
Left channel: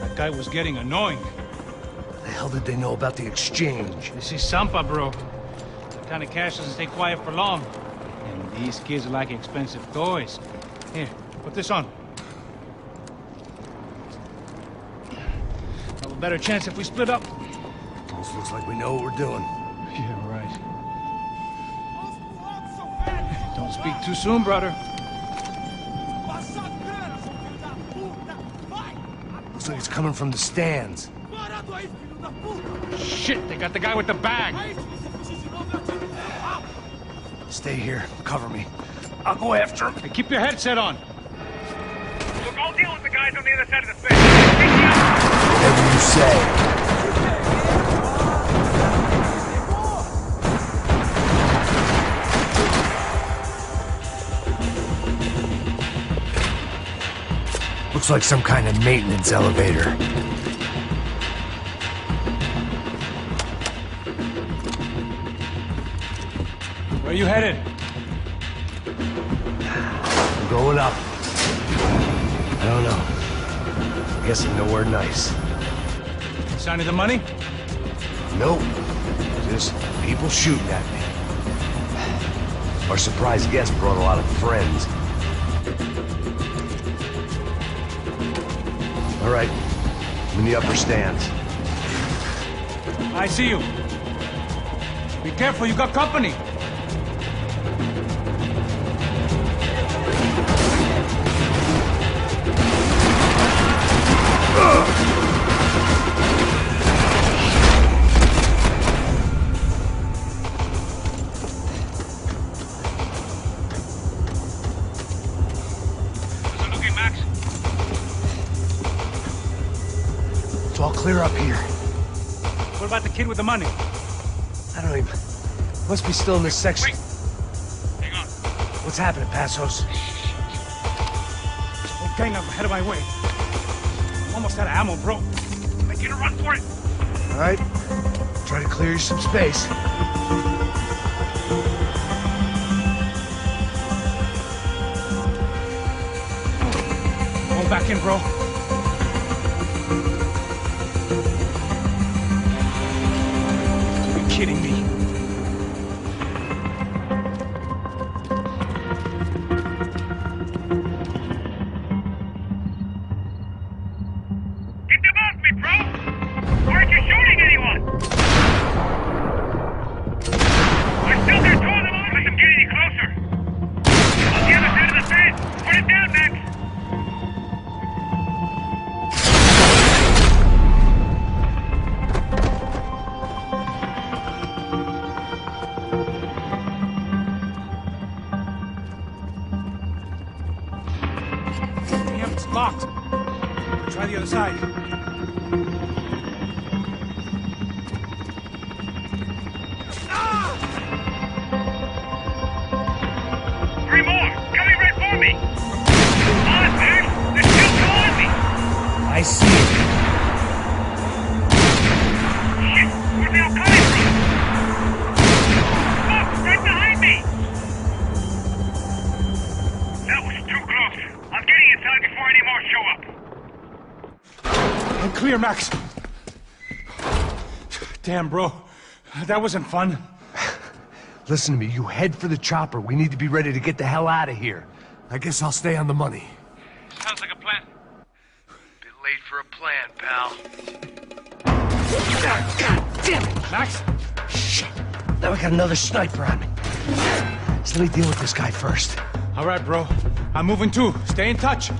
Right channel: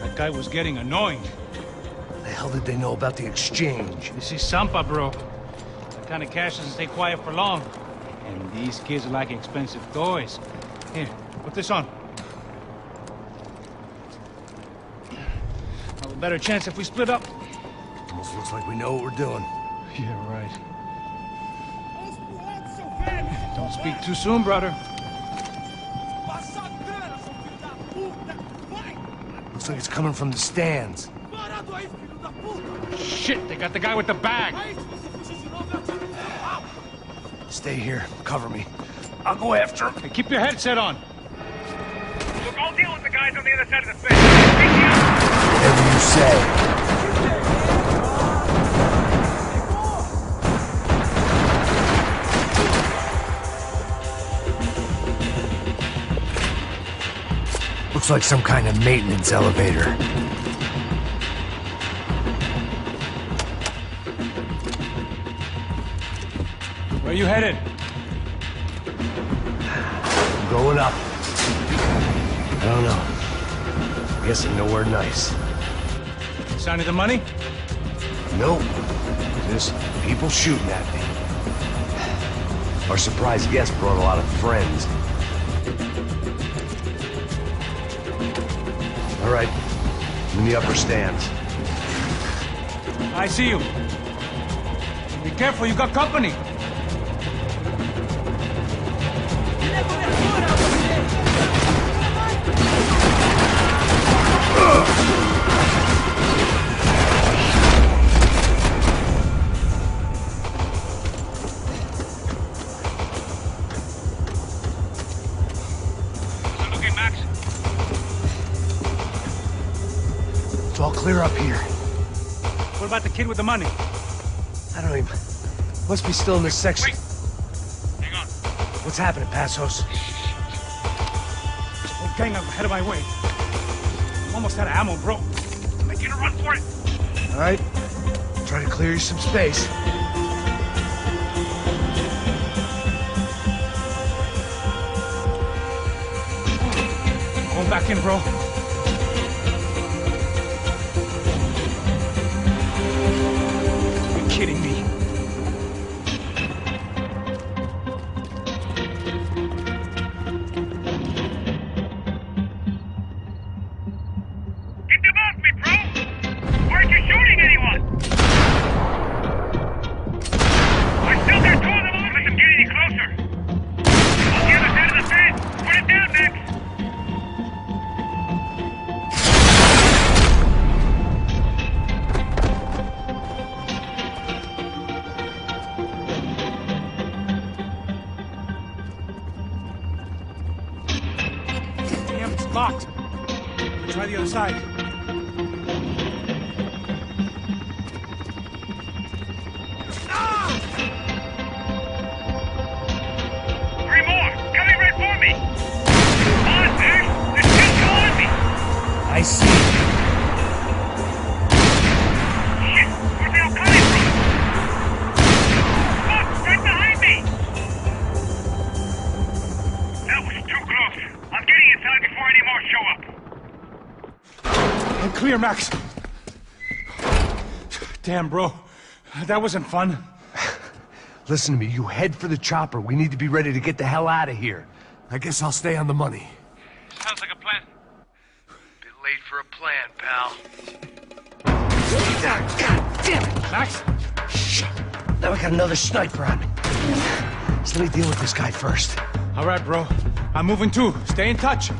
That guy was getting annoying. How the hell did they know about the exchange? This is Sampa, bro. That kind of cash doesn't stay quiet for long. And these kids like expensive toys. Here, put this on. Have a better chance if we split up. Almost looks like we know what we're doing. Yeah, right. Don't speak too soon, brother. Looks like it's coming from the stands. Parado aí, filho Shit, they got the guy with the bag. Stay here. Cover me. I'll go after him. Hey, keep your headset on. Look, I'll deal with the guys on the other side of the fence. Take the other. Whatever you say. Looks like some kind of maintenance elevator. Where you headed? I'm going up. I don't know. Guessing nowhere nice. Sign of the money? Nope. Just people shooting at me. Our surprise guest brought a lot of friends. All right. I'm in the upper stands. I see you. Be careful, you got company. It's all clear up here. What about the kid with the money? I don't even... Must be still in this section. Wait. Hang on. What's happening, Passos? There's a whole gang up ahead of my way. I'm almost out of ammo, bro. I'm making a run for it. All right. Try to clear you some space. Going back in, bro. You're kidding me. Get them off me, bro! Why aren't you shooting anyone? I still got two of them on. Let them get any closer. On the other side of the fence. Put it down, Max. Damn, it's locked. Try the other side. Three more! Coming right for me! Come on, Max! There's still two on me! I see it. Shit! Where are they all coming from? Look! Right behind me! That was too close. I'm getting inside before any more show up. I'm clear, Max. Damn, bro. That wasn't fun. Listen to me. You head for the chopper. We need to be ready to get the hell out of here. I guess I'll stay on the money. Sounds like a plan. Bit late for a plan, pal. God damn it, Max. Shit. Now we got another sniper on me. So let me deal with this guy first. All right, bro. I'm moving too. Stay in touch.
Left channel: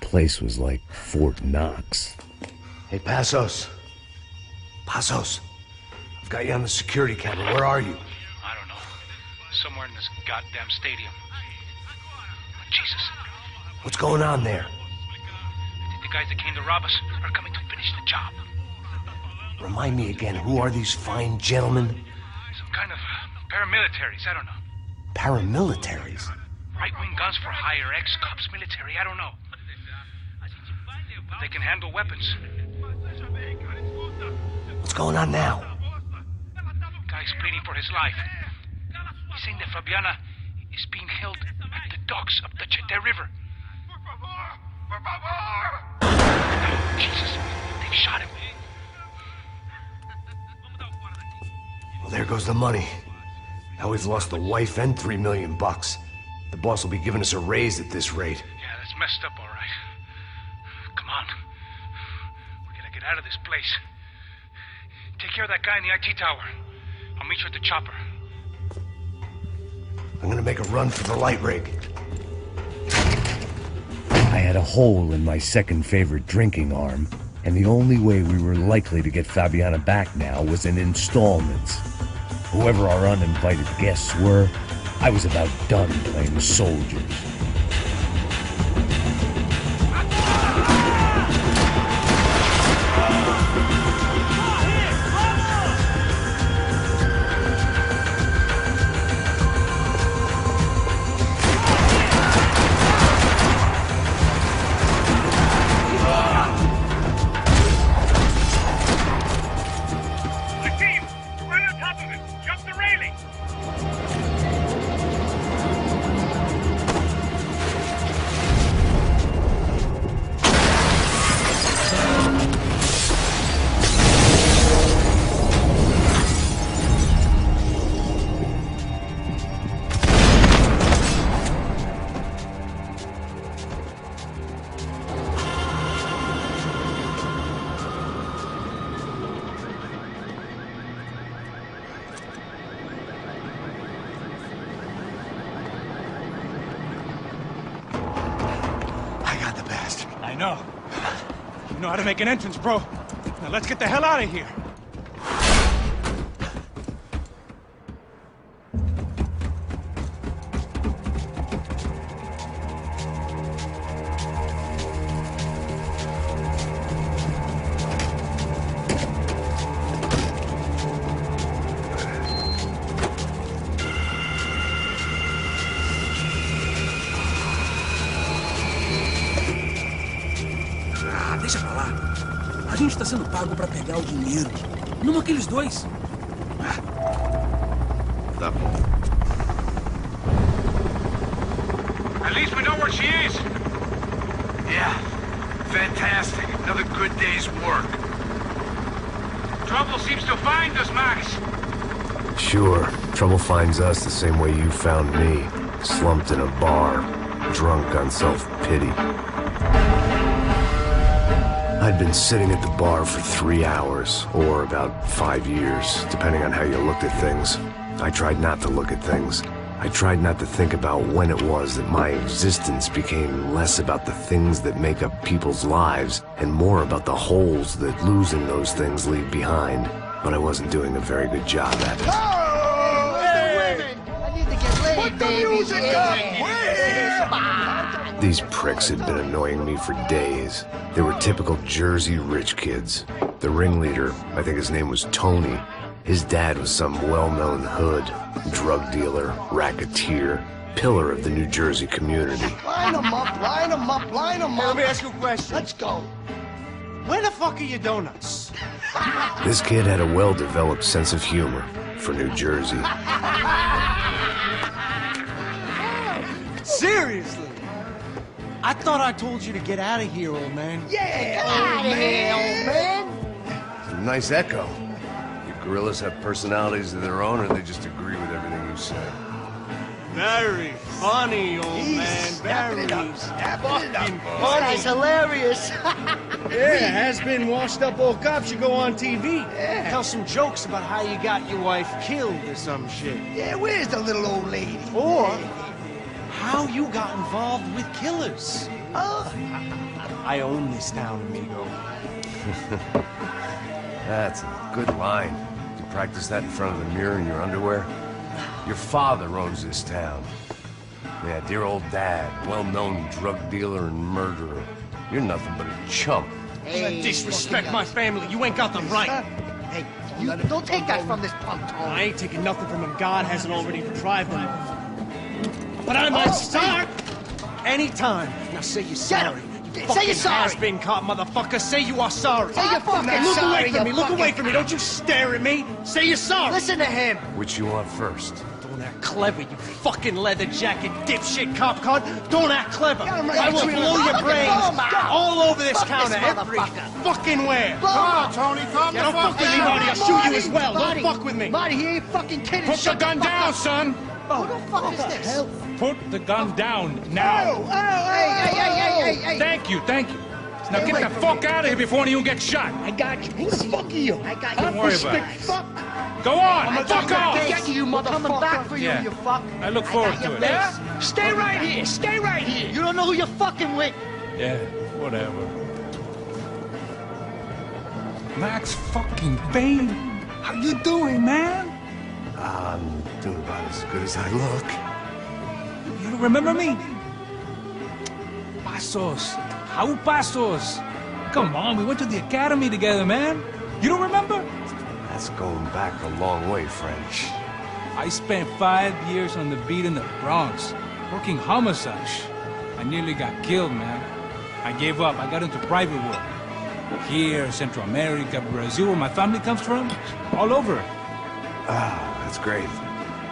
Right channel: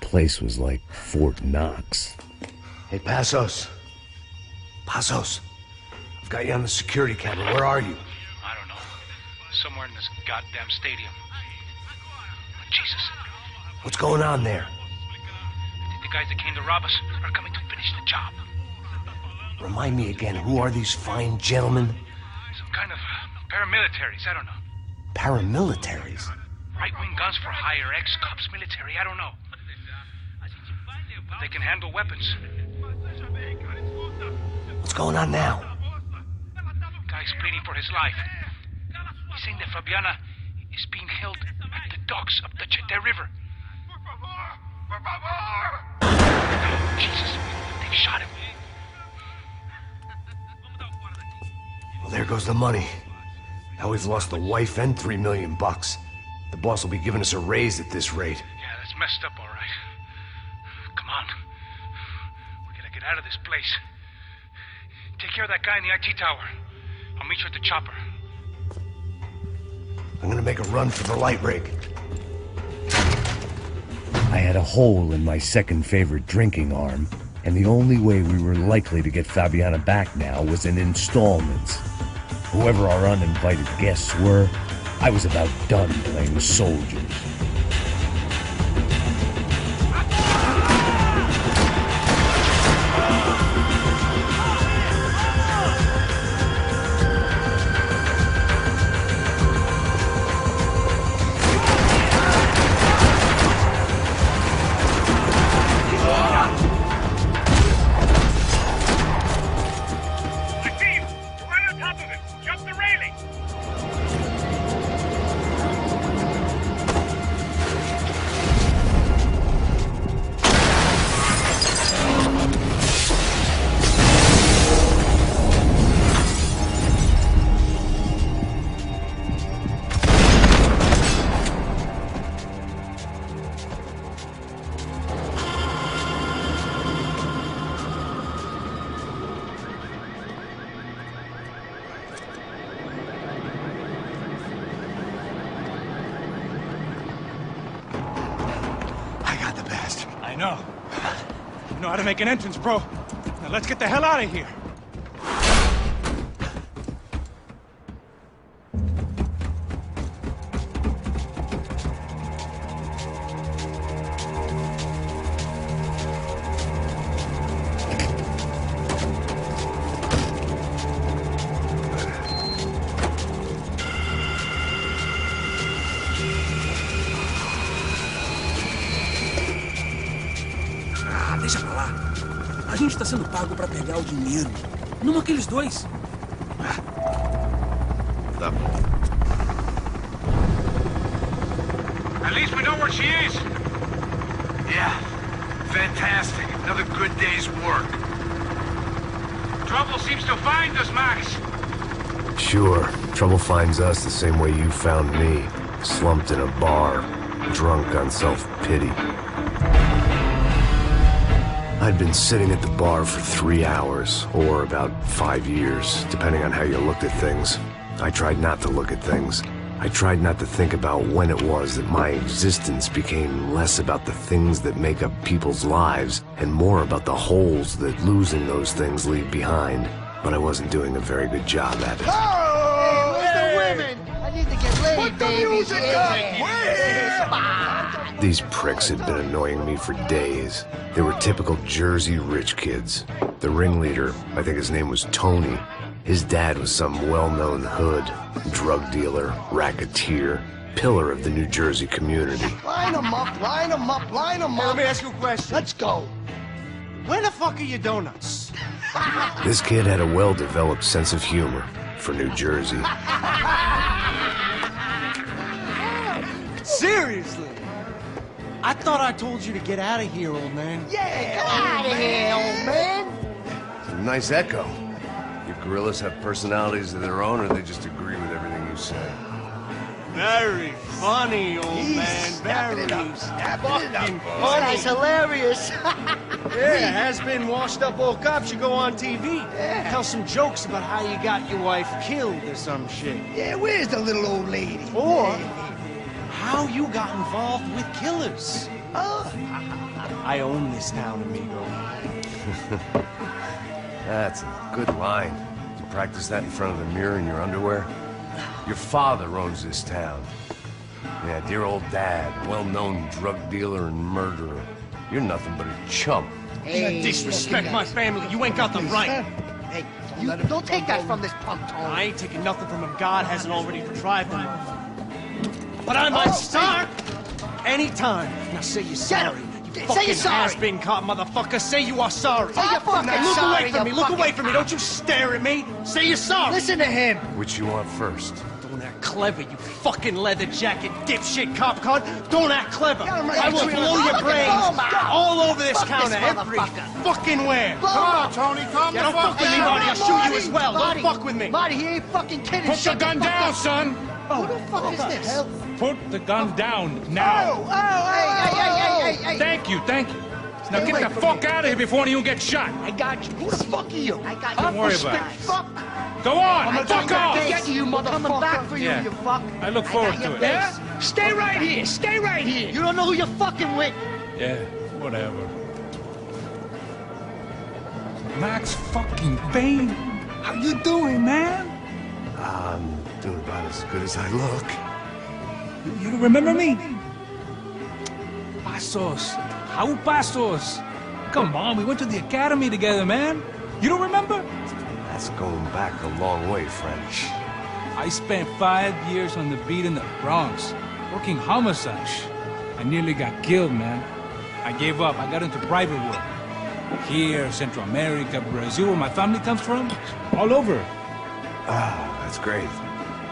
Place was like Fort Knox. Hey, Passos. Passos. I've got you on the security camera. Where are you? I don't know. Somewhere in this goddamn stadium. Jesus. What's going on there? I think the guys that came to rob us are coming to finish the job. Remind me again, who are these fine gentlemen? Some kind of paramilitaries, I don't know. Paramilitaries? Right-wing guns for hire, ex-cops, military, I don't know. But they can handle weapons. What's going on now? Guy's pleading for his life. He's saying that Fabiana is being held at the docks of the Chete River. Oh, Jesus, they've shot him. Well, there goes the money. Now we've lost the wife and $3 million bucks. The boss will be giving us a raise at this rate. Yeah, that's messed up, all right. Come on. We gotta get out of this place. Take care of that guy in the IT tower. I'll meet you at the chopper. I'm gonna make a run for the light rig. I had a hole in my second favorite drinking arm, and the only way we were likely to get Fabiana back now was in installments. Whoever our uninvited guests were, I was about done playing soldiers. I know. You know how to make an entrance, bro. Now let's get the hell out of here. Deixa pra lá. A gente tá sendo pago pra pegar o dinheiro. Não aqueles dois. Tá bom. At least we know where she is. Yeah. Fantastic. Another good day's work. Trouble seems to find us, Max. Sure. Trouble finds us the same way you found me. Slumped in a bar. Drunk on self-pity. I'd been sitting at the bar for 3 hours, or about 5 years, depending on how you looked at things. I tried not to look at things. I tried not to think about when it was that my existence became less about the things that make up people's lives, and more about the holes that losing those things leave behind. But I wasn't doing a very good job at it. Oh, hey, the women! I need to get laid, Put the baby. music up! These pricks had been annoying me for days. They were typical Jersey rich kids. The ringleader, I think his name was Tony. His dad was some well-known hood, drug dealer, racketeer, pillar of the New Jersey community. Line them up, line them up, line them up. Let me ask you a question. Let's go. Where the fuck are your donuts? This kid had a well-developed sense of humor for New Jersey. Seriously? I thought I told you to get out of here, old man. Yeah, get out of here, old man. It's a nice echo. Your gorillas have personalities of their own, or they just agree with everything you say? Very funny, old man. Very fucking funny. That's hilarious. Yeah, has-been washed-up old cop should go on TV. Yeah. Tell some jokes about how you got your wife killed or some shit. Yeah, where's the little old lady? Or how you got involved with killers. Oh. I own this town, amigo. That's a good line. Did you practice that in front of the mirror in your underwear? Your father owns this town. Yeah, dear old dad, a well-known drug dealer and murderer. You're nothing but a chump. Hey, disrespect my family. You ain't got the right. Hey, you don't take that from this punk, Tony. I ain't taking nothing from him. God hasn't already deprived him of. But I might start anytime. Now say you're sorry. You fucking has-been caught, motherfucker. Say you are sorry. Say you're fucking Look sorry, away from me. you Look away fucking from me. Don't you stare at me. Say you're sorry. Listen to him. Which you want first? Don't act clever, you fucking leather jacket dipshit cop cunt. Don't act clever. I will blow your brains all over this counter, every fucking where. Come on, Tony, calm the fuck with me, Marty. I'll shoot you as well. Don't fuck with me. Marty, he ain't fucking kidding. Put the gun down, son! Who the fuck is this? Put the gun down now! Hey. Thank you. Now get the fuck out of here before you get shot! I got you. Who the fuck are you? I got you. Don't worry about it. Fuck. Go on! Fuck off! Get you, motherfucker. Coming back for you, you fuck. I look forward to it. Yeah? Stay right here. Stay right here. You don't know who you're fucking with. Yeah, whatever. Max fucking Payne! How you doing, man? I'm doing about as good as I look. You don't remember me? Pasos. How Pasos? Come on, we went to the academy together, man. You don't remember? That's going back a long way, French. I spent 5 years on the beat in the Bronx, working homicide. I nearly got killed, man. I gave up. I got into private work. Here, Central America, Brazil, where my family comes from. All over. Ah, that's great.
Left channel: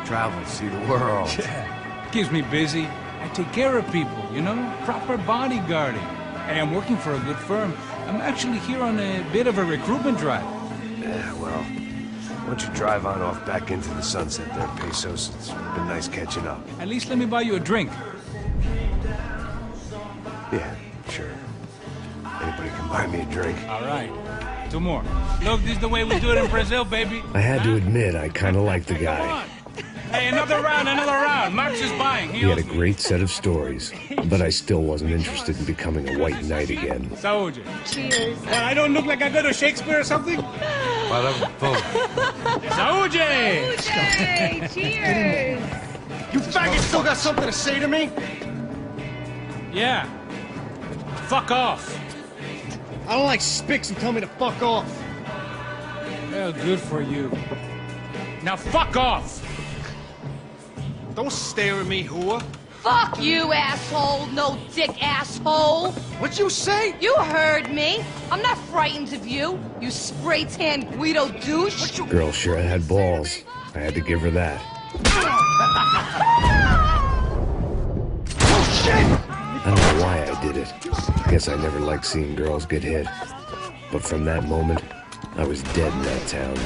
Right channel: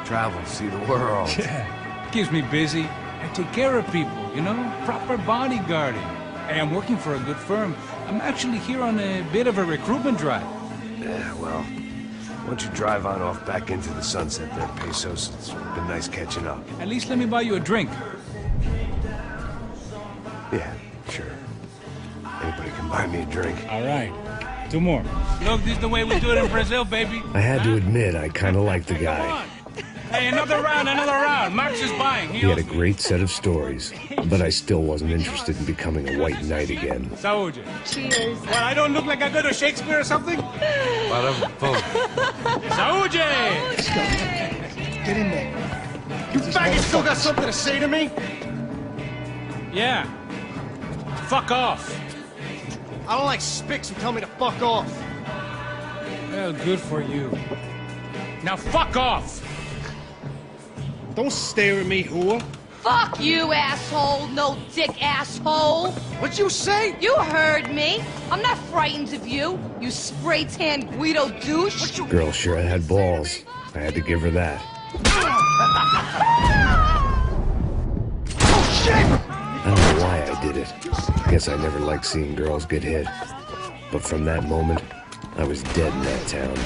Travel, see the world. Yeah, keeps me busy. I take care of people, you know? Proper bodyguarding. Hey, I'm working for a good firm. I'm actually here on a bit of a recruitment drive. Yeah, well, why don't you drive on off back into the sunset there, Pesos? It's been nice catching up. At least let me buy you a drink. Yeah, sure. Anybody can buy me a drink. All right. 2 more. Look, this is the way we do it in Brazil, baby. I had to admit, I kind of liked the guy. Hey, another round. Max is buying. He had a great set of stories, but I still wasn't interested in becoming a white knight again. Saúde. Cheers. Well, I don't look like I go to Shakespeare or something? Saúde! Cheers. Get in there. You faggot still got something to say to me? Yeah. Fuck off. I don't like spics who tell me to fuck off. Well, good for you. Now fuck off! Don't stare at me, whore. Fuck you, asshole. No dick asshole. What'd you say? You heard me. I'm not frightened of you, you spray-tan Guido douche. Girl sure had balls. I had to give her that. Oh, shit! I don't know why I did it. Guess I never liked seeing girls get hit. But from that moment, I was dead in that town.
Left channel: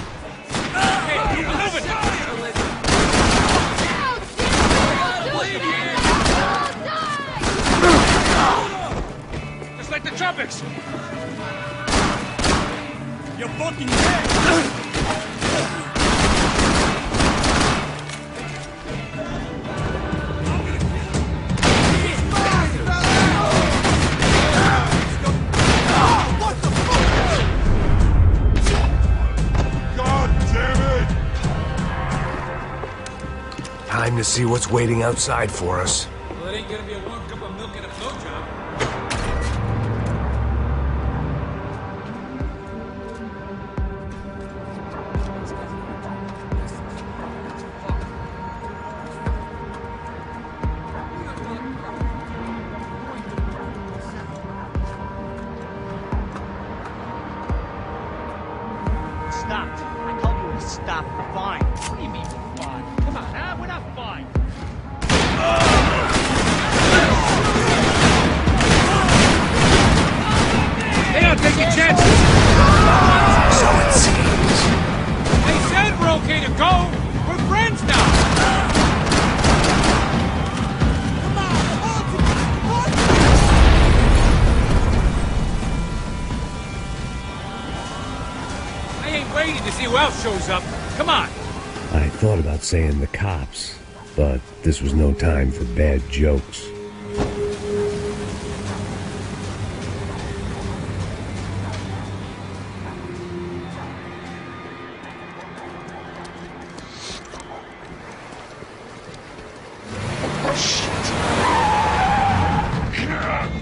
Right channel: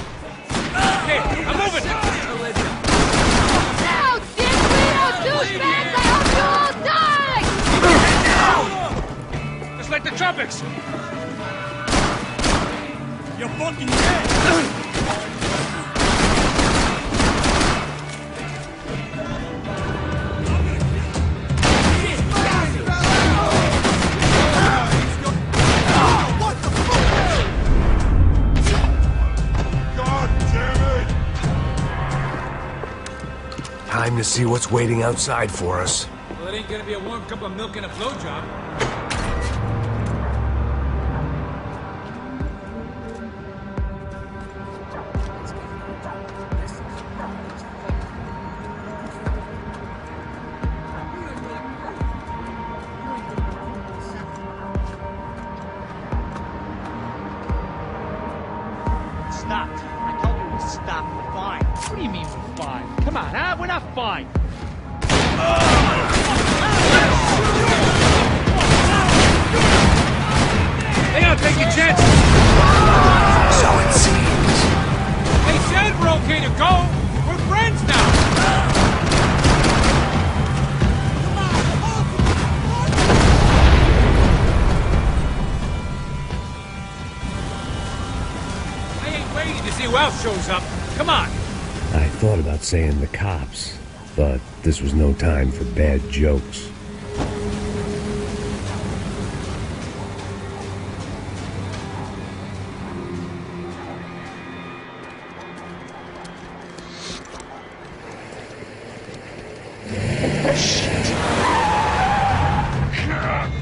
Now, dick Guido douchebags, I hope you all die! Just like the trumpets. You're fucking dead! Time to see what's waiting outside for us. Stopped. I told you to stop. We're fine. What do you mean we're fine? Come on, huh? We're not fine. I said we're okay to go. We're friends now. Come on, I ain't waiting to see who else shows up. Come on. I thought about saying the cops, but this was no time for bad jokes.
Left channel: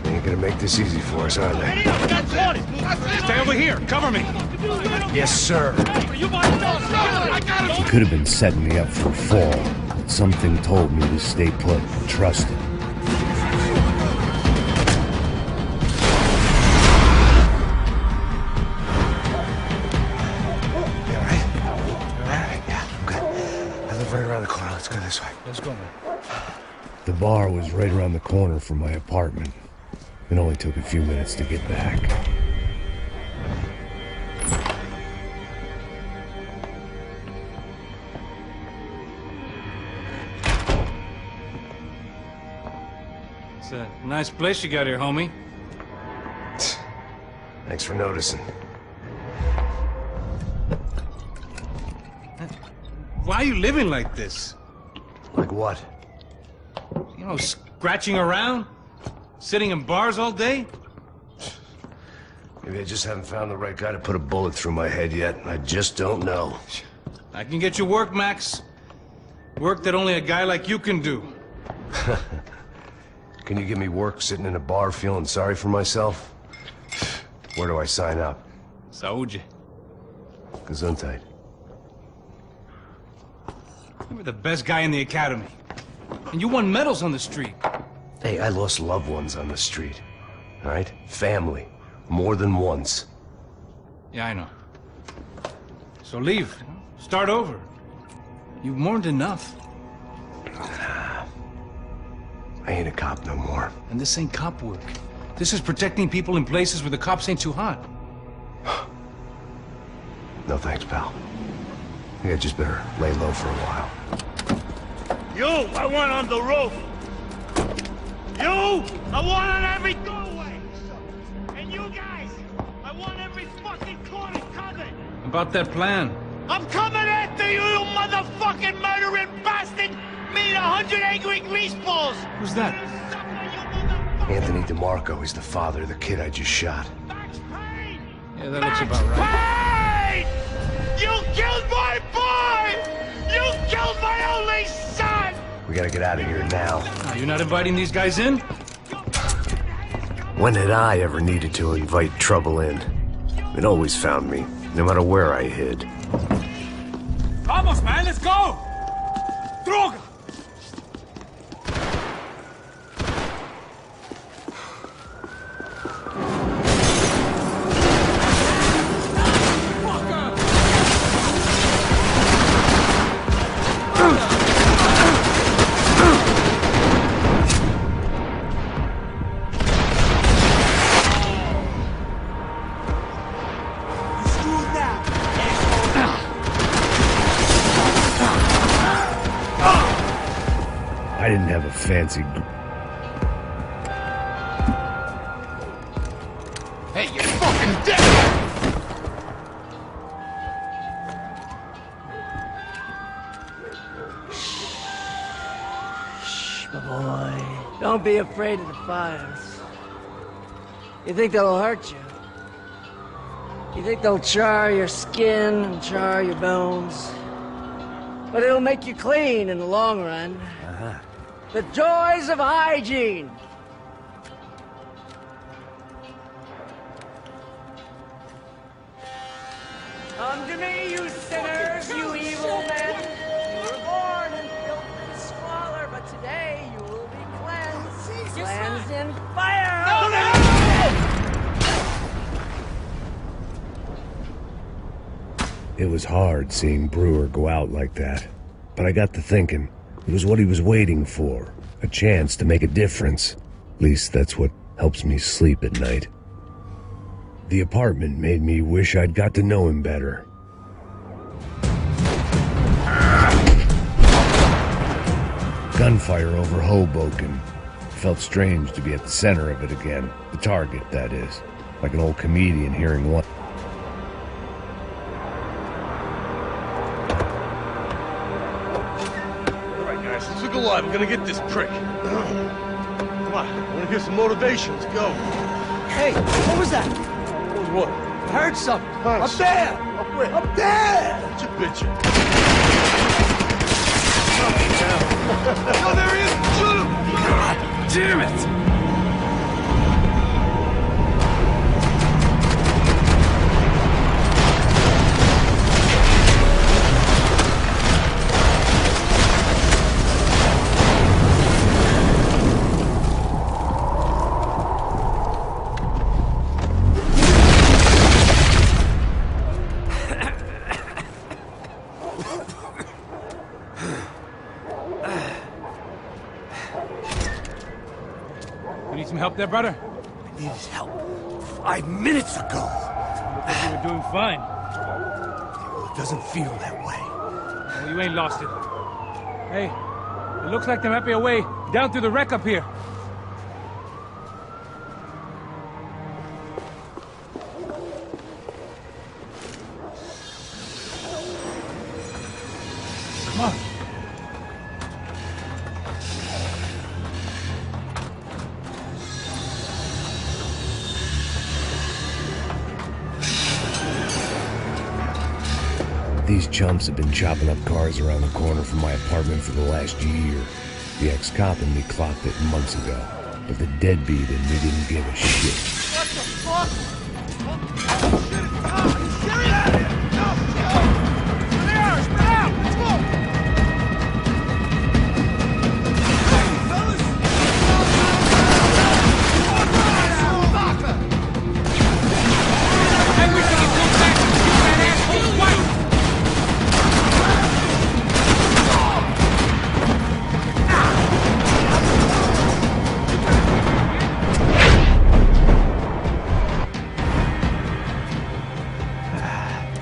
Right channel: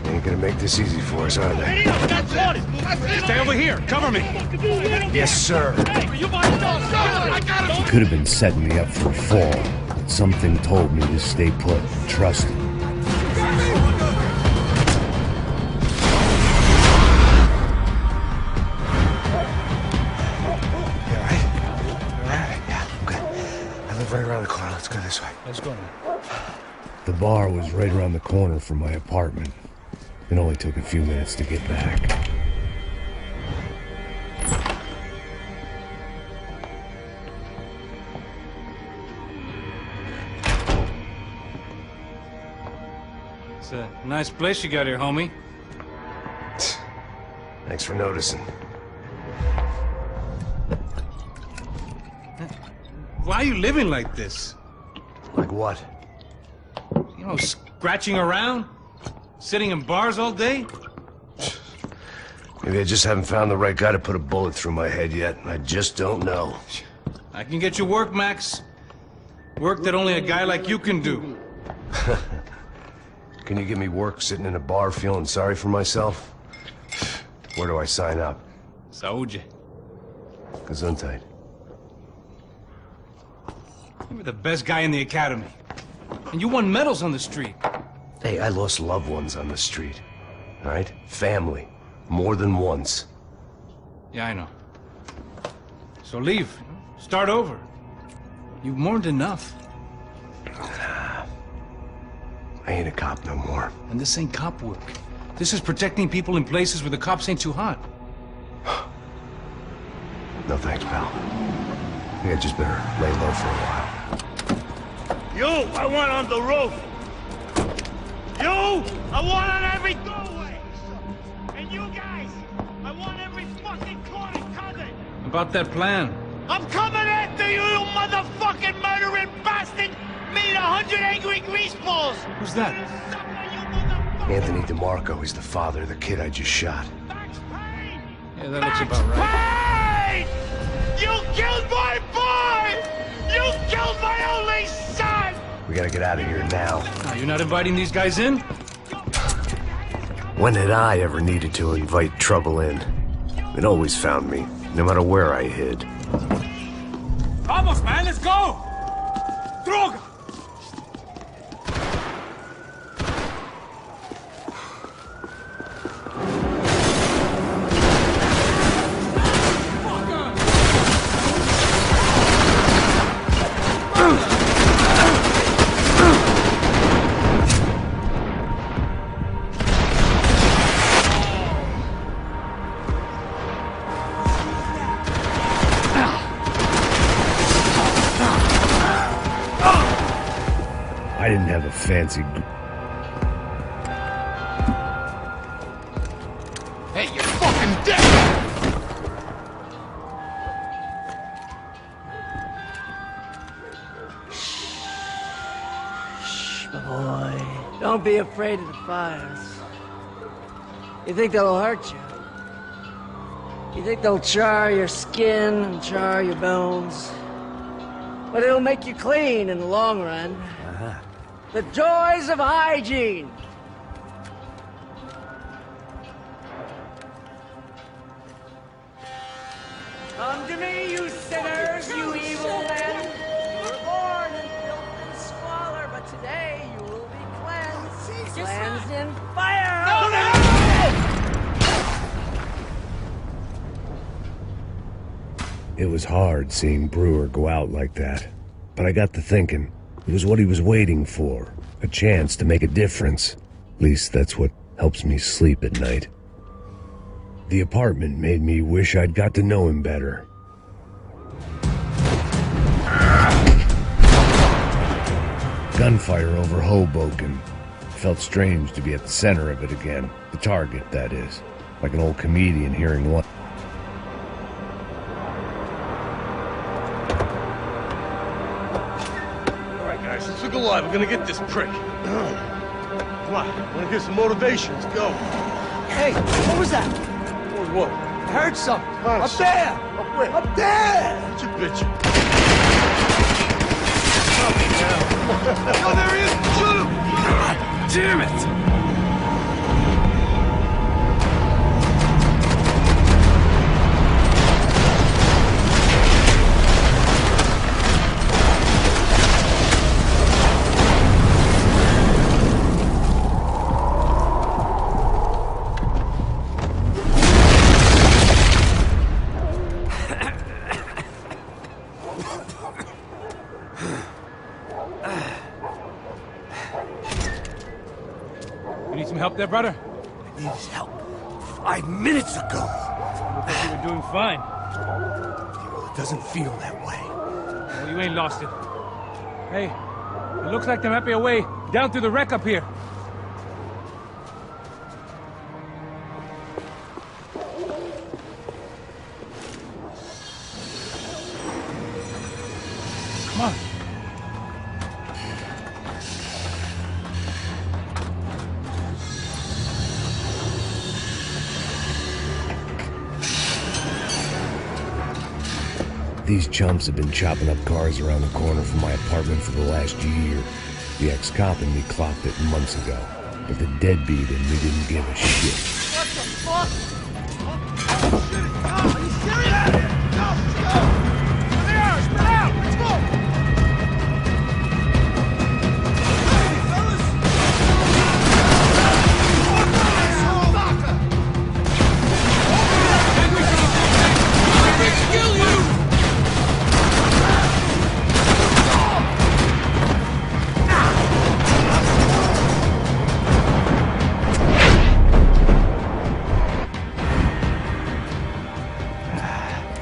Ain't gonna make this easy for us, are they? Stay over here. Cover me. Yes, sir. You He could have been setting me up for a fall, but something told me to stay put and trust him. You all right? You all right? Yeah, I'm good. I live right around the corner. Let's go this way. Let's go, man. The bar was right around the corner from my apartment. It only took a few minutes to get back. It's a nice place you got here, homie. Thanks for noticing. Why are you living like this? Like what? You know, scratching around? Sitting in bars all day? Maybe I just haven't found the right guy to put a bullet through my head yet. I just don't know. I can get you work, Max. Work that only a guy like you can do. Can you give me work sitting in a bar feeling sorry for myself? Where do I sign up? Saúde. Gesundheit. You were the best guy in the academy. And you won medals on the street. Hey, I lost loved ones on the street. All right? Family. More than once. Yeah, I know. So leave. You know? Start over. You've mourned enough. I ain't a cop no more. And this ain't cop work. This is protecting people in places where the cops ain't too hot. No thanks, pal. I think I just better lay low for a while. You, I want on the roof. You, I want on every doorway. And you guys, I want every fucking corner covered. About that plan. I'm coming after you, you motherfucking murdering bastard! Meet 100 angry greaseballs! Who's that? Anthony DeMarco. He's the father of the kid I just shot. Yeah, that looks about right. Payne! You killed my boy! You killed my only son! We gotta get out of here now. You're not inviting these guys in? When had I ever needed to invite trouble in? It always found me, no matter where I hid. Vamos, man, let's go! Droga! I didn't have a fancy... Hey, you're fucking dead! Shh, my boy. Don't be afraid of the fires. You think they'll hurt you? You think they'll char your skin and char your bones? But it'll make you clean in the long run. The joys of hygiene! Come to me, you sinners, you evil men! You were born in filth and squalor, but today you will be cleansed. Cleansed in fire! It was hard seeing Brewer go out like that. But I got to thinking, it was what he was waiting for. A chance to make a difference. At least that's what helps me sleep at night. The apartment made me wish I'd got to know him better. Gunfire over Hoboken. Felt strange to be at the center of it again. The target, that is. Like an old comedian hearing one. Guys, let's look alive. We're gonna get this prick. Come on, I wanna hear some motivation. Let's go. Hey, what was that? What was what? I heard something. Up there! Up where? Up there! Get your bitch. Oh, there he is! Shoot him! God damn it! help there, brother? I needed help 5 minutes ago. You look like you were doing fine. Well, it doesn't feel that way. Well, you ain't lost it. Hey, it looks like there might be a way down through the wreck up here. Come on. These chumps have been chopping up cars around the corner from my apartment for the last year. The ex-cop in me clocked it months ago, but the deadbeat in me didn't give a shit. What the fuck? Oh, shit, it's Tom! Are you serious? Go! Go! There they are! Spread out! Let's go! Cover me, fellas! Fuck off, asshole! Fucker! Okay, I'm gonna freaking kill you!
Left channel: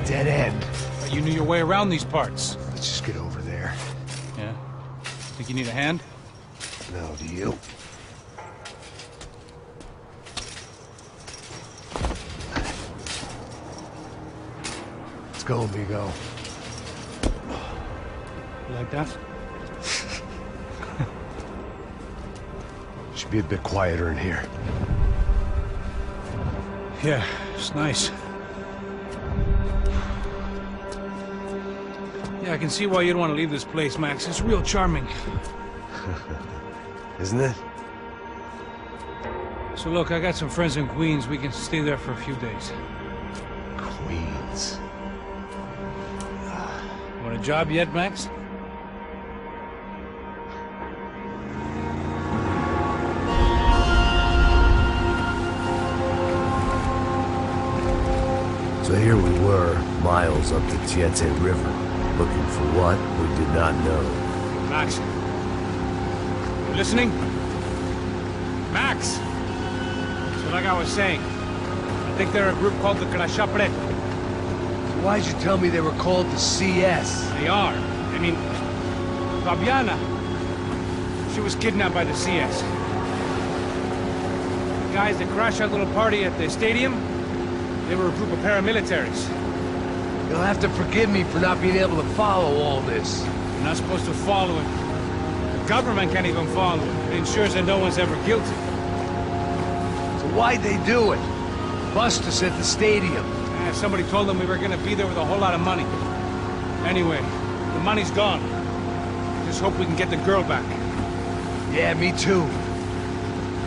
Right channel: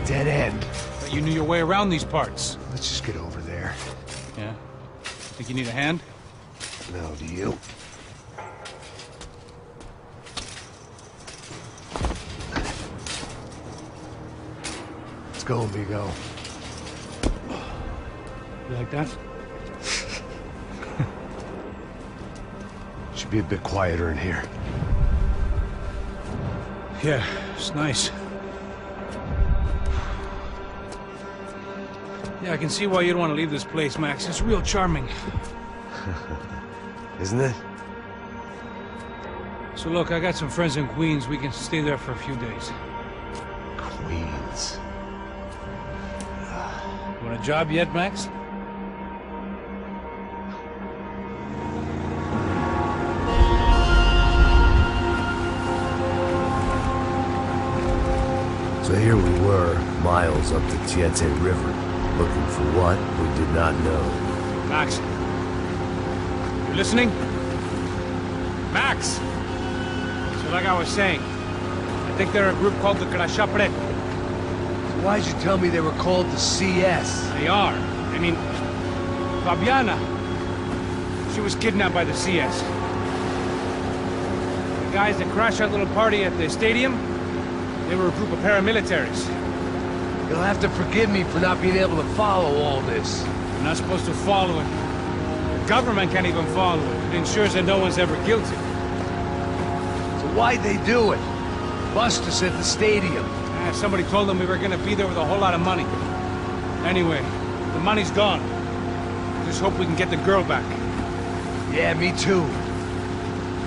Dead end. But you knew your way around these parts. Let's just get over there. Yeah? Think you need a hand? No, do you? Let's go, amigo. You like that? Should be a bit quieter in here. Yeah, it's nice. Yeah, I can see why you'd want to leave this place, Max. It's real charming. Isn't it? So look, I got some friends in Queens. We can stay there for a few days. Queens. You want a job yet, Max? So here we were, miles up the Tietê River, looking for what we did not know. Max. You listening? Max! So like I was saying, I think they're a group called the Crashapre. So why'd you tell me they were called the CS? They are. I mean, Fabiana, she was kidnapped by the CS. The guys that crashed that little party at the stadium, they were a group of paramilitaries. You'll have to forgive me for not being able to follow all this. You're not supposed to follow it. The government can't even follow it. It ensures that no one's ever guilty. So why'd they do it? Bust us at the stadium. Somebody told them we were gonna be there with a whole lot of money. Anyway, the money's gone. Just hope we can get the girl back. Yeah, me too.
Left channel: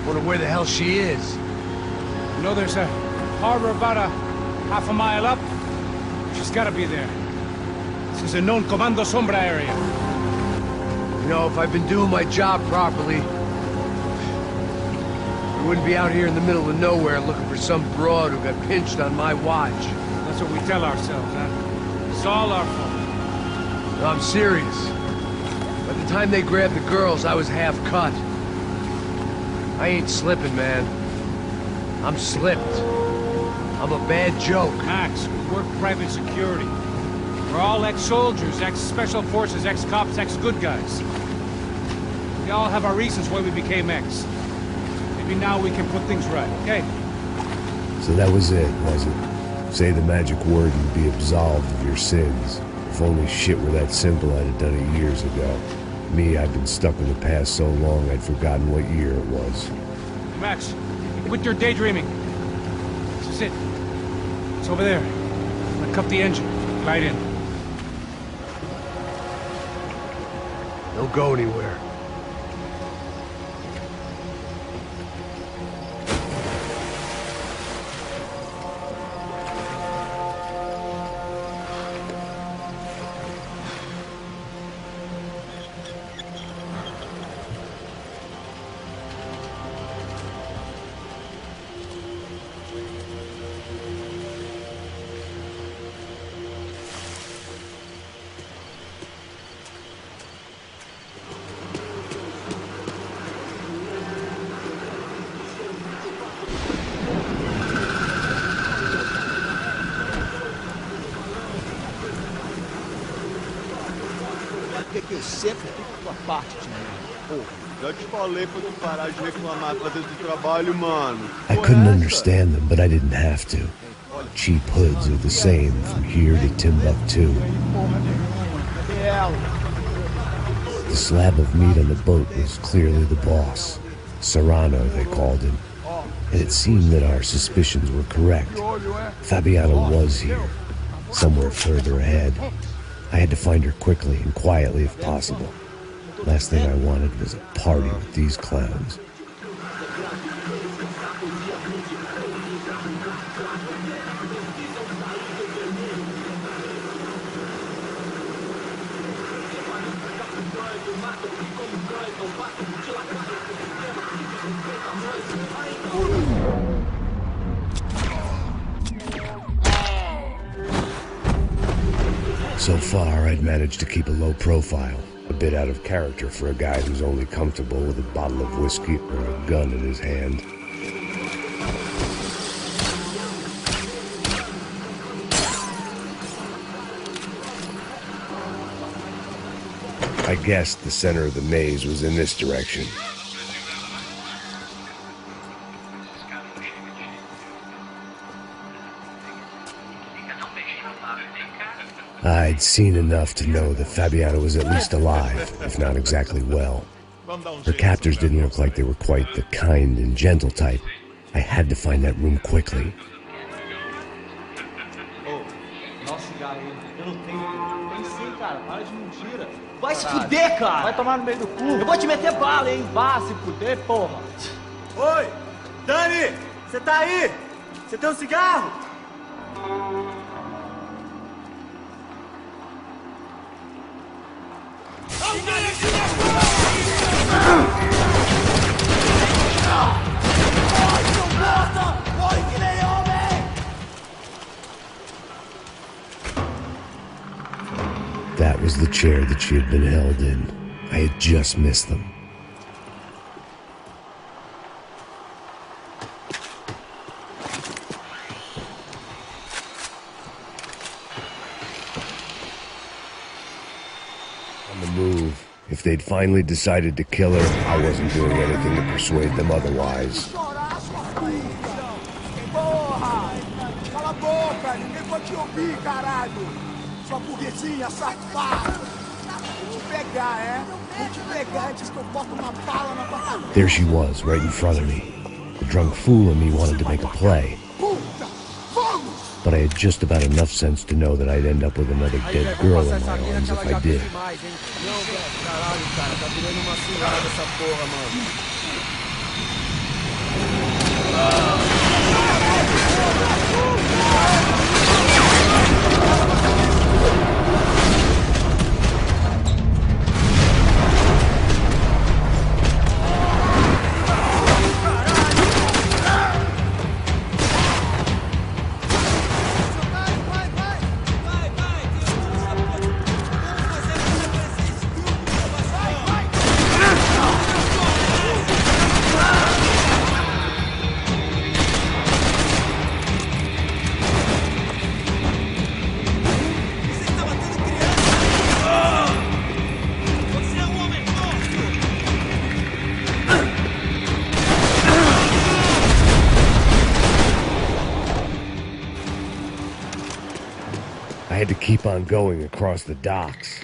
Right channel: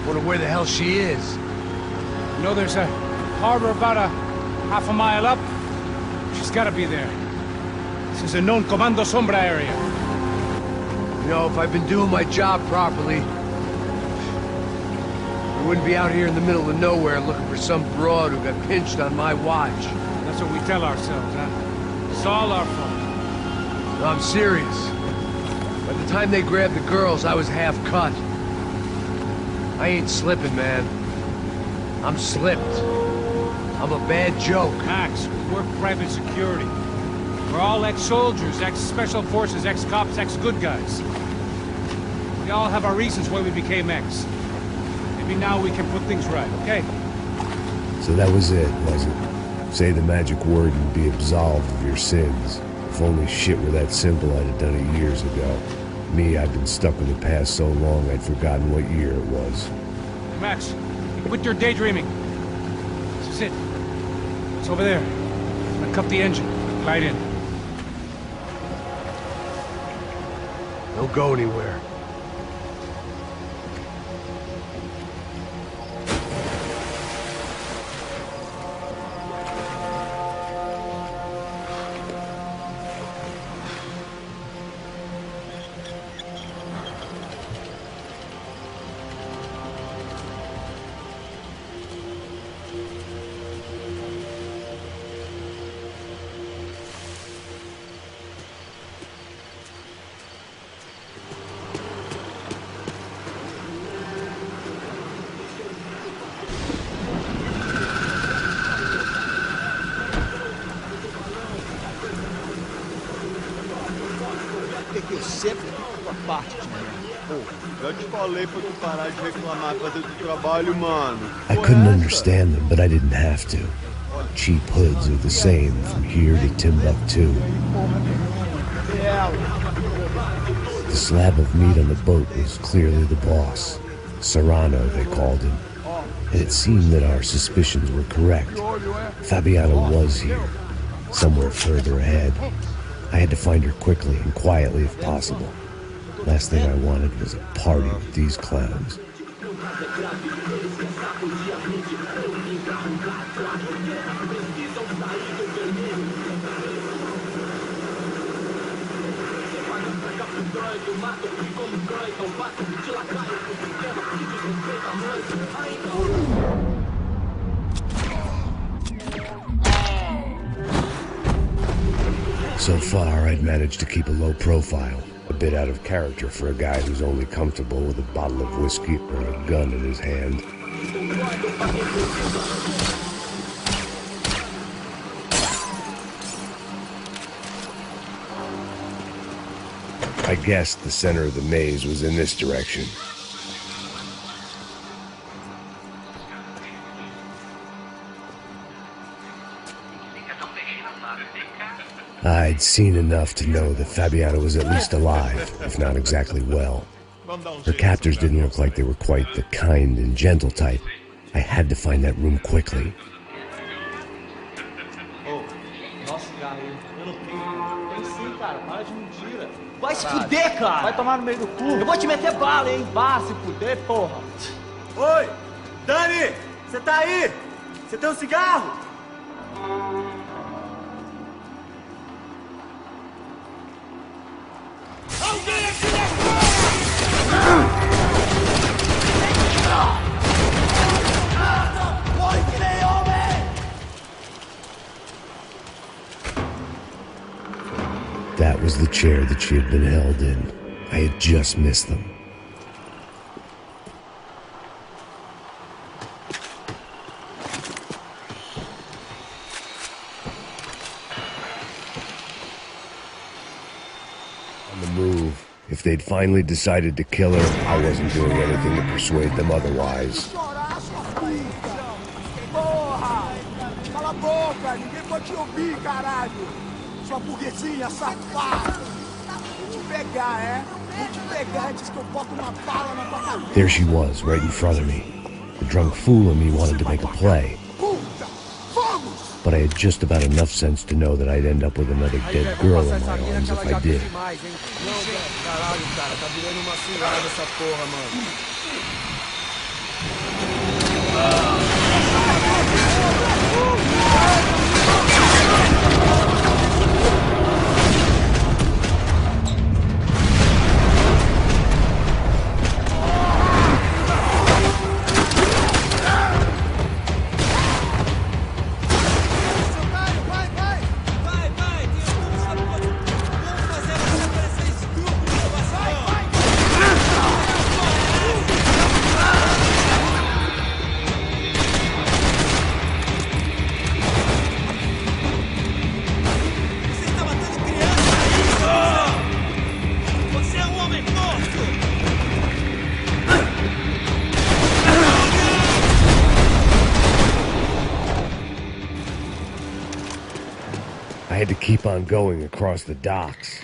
Wonder where the hell she is. You know, there's a harbor about a half a mile up. She's gotta be there. This is a known Comando Sombra area. You know, if I'd been doing my job properly, we wouldn't be out here in the middle of nowhere looking for some broad who got pinched on my watch. That's what we tell ourselves, huh? It's all our fault. No, I'm serious. By the time they grabbed the girls, I was half cut. I ain't slipping, man. I'm slipped. I'm a bad joke. Max, we work private security. We're all ex-soldiers, ex-special forces, ex-cops, ex-good guys. We all have our reasons why we became ex. Maybe now we can put things right, okay? So that was it, was it? Say the magic word and be absolved of your sins. If only shit were that simple, I'd have done it years ago. Me, I've been stuck in the past so long I'd forgotten what year it was. Max, quit your daydreaming. This is it. It's over there. I'm gonna cut the engine. Glide in. Don't go anywhere. Por que eu sempre fico com a parte de merda? Porra, já te falei pra tu parar de reclamar e fazer teu trabalho, mano. I couldn't understand them, but I didn't have to. Cheap hoods are the same from here to Timbuktu. The slab of meat on the boat was clearly the boss. Serrano, they called him. And it seemed that our suspicions were correct. Fabiana was here, somewhere further ahead. I had to find her quickly and quietly if possible. Last thing I wanted was a party with these clowns. So far, I'd managed to keep a low profile, a bit out of character for a guy who's only comfortable with a bottle of whiskey or a gun in his hand. I guessed the center of the maze was in this direction. I'd seen enough to know that Fabiana was at least alive, if not exactly well. Her captors didn't look like they were quite the kind and gentle type. I had to find that room quickly. Ô, nossa, cigarro aí. Eu não tenho. Tem sim, cara. Para de mentira. Vai se fuder, cara. Vai tomar no meio do cu. Eu vou te meter bala, hein. Vá se fuder, porra. Oi, Dani, você tá aí? Você tem um cigarro? That was the chair that she had been held in. I had just missed them. On the move. If they'd finally decided to kill her, I wasn't doing anything to persuade them otherwise. Porra! Cala a boca! Ninguém pode te ouvir, caralho! Sua burguesinha safada! Vou te pegar, é? Vou te pegar antes que eu boto uma bala na tua cabeça! There she was, right in front of me. The drunk fool in me wanted to make a play. But I had just about enough sense to know that I'd end up with another dead girl in my arms if I did. Caralho, cara, tá virando uma cilada essa porra, mano. I had to keep on going across the docks.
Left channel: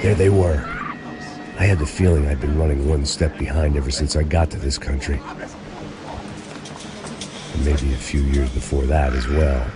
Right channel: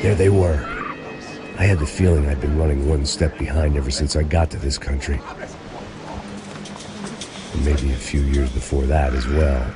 There they were. I had the feeling I'd been running one step behind ever since I got to this country. And maybe a few years before that as well.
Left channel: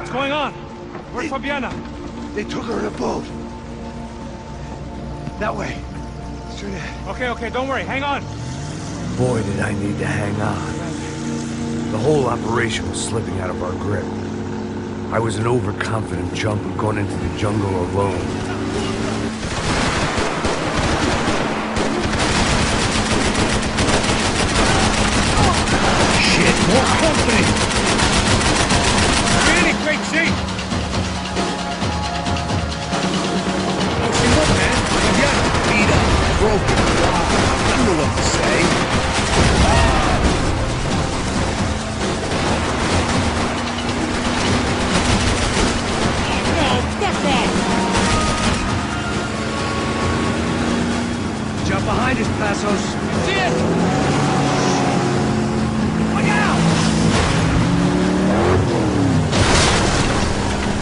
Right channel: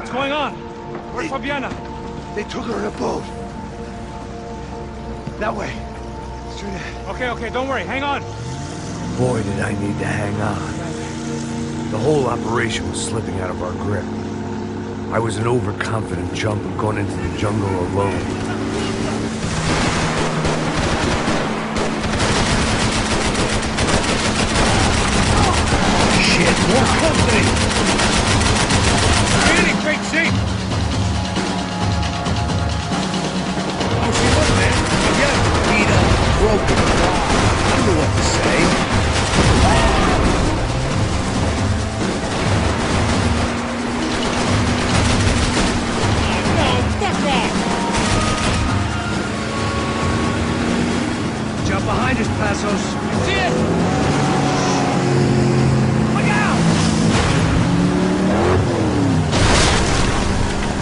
What's going on? Where's Fabiana? They took her in a boat. That way. Straight ahead. Okay, don't worry. Hang on. Boy, did I need to hang on. The whole operation was slipping out of our grip. I was an overconfident chump and going into the jungle alone. Shit, more company! You're in great shape! How's she look, man? Fabiana? Beat up, broken, alive. I don't know what to say. No, fuck off! Jump behind us, Passos. See it? Look out!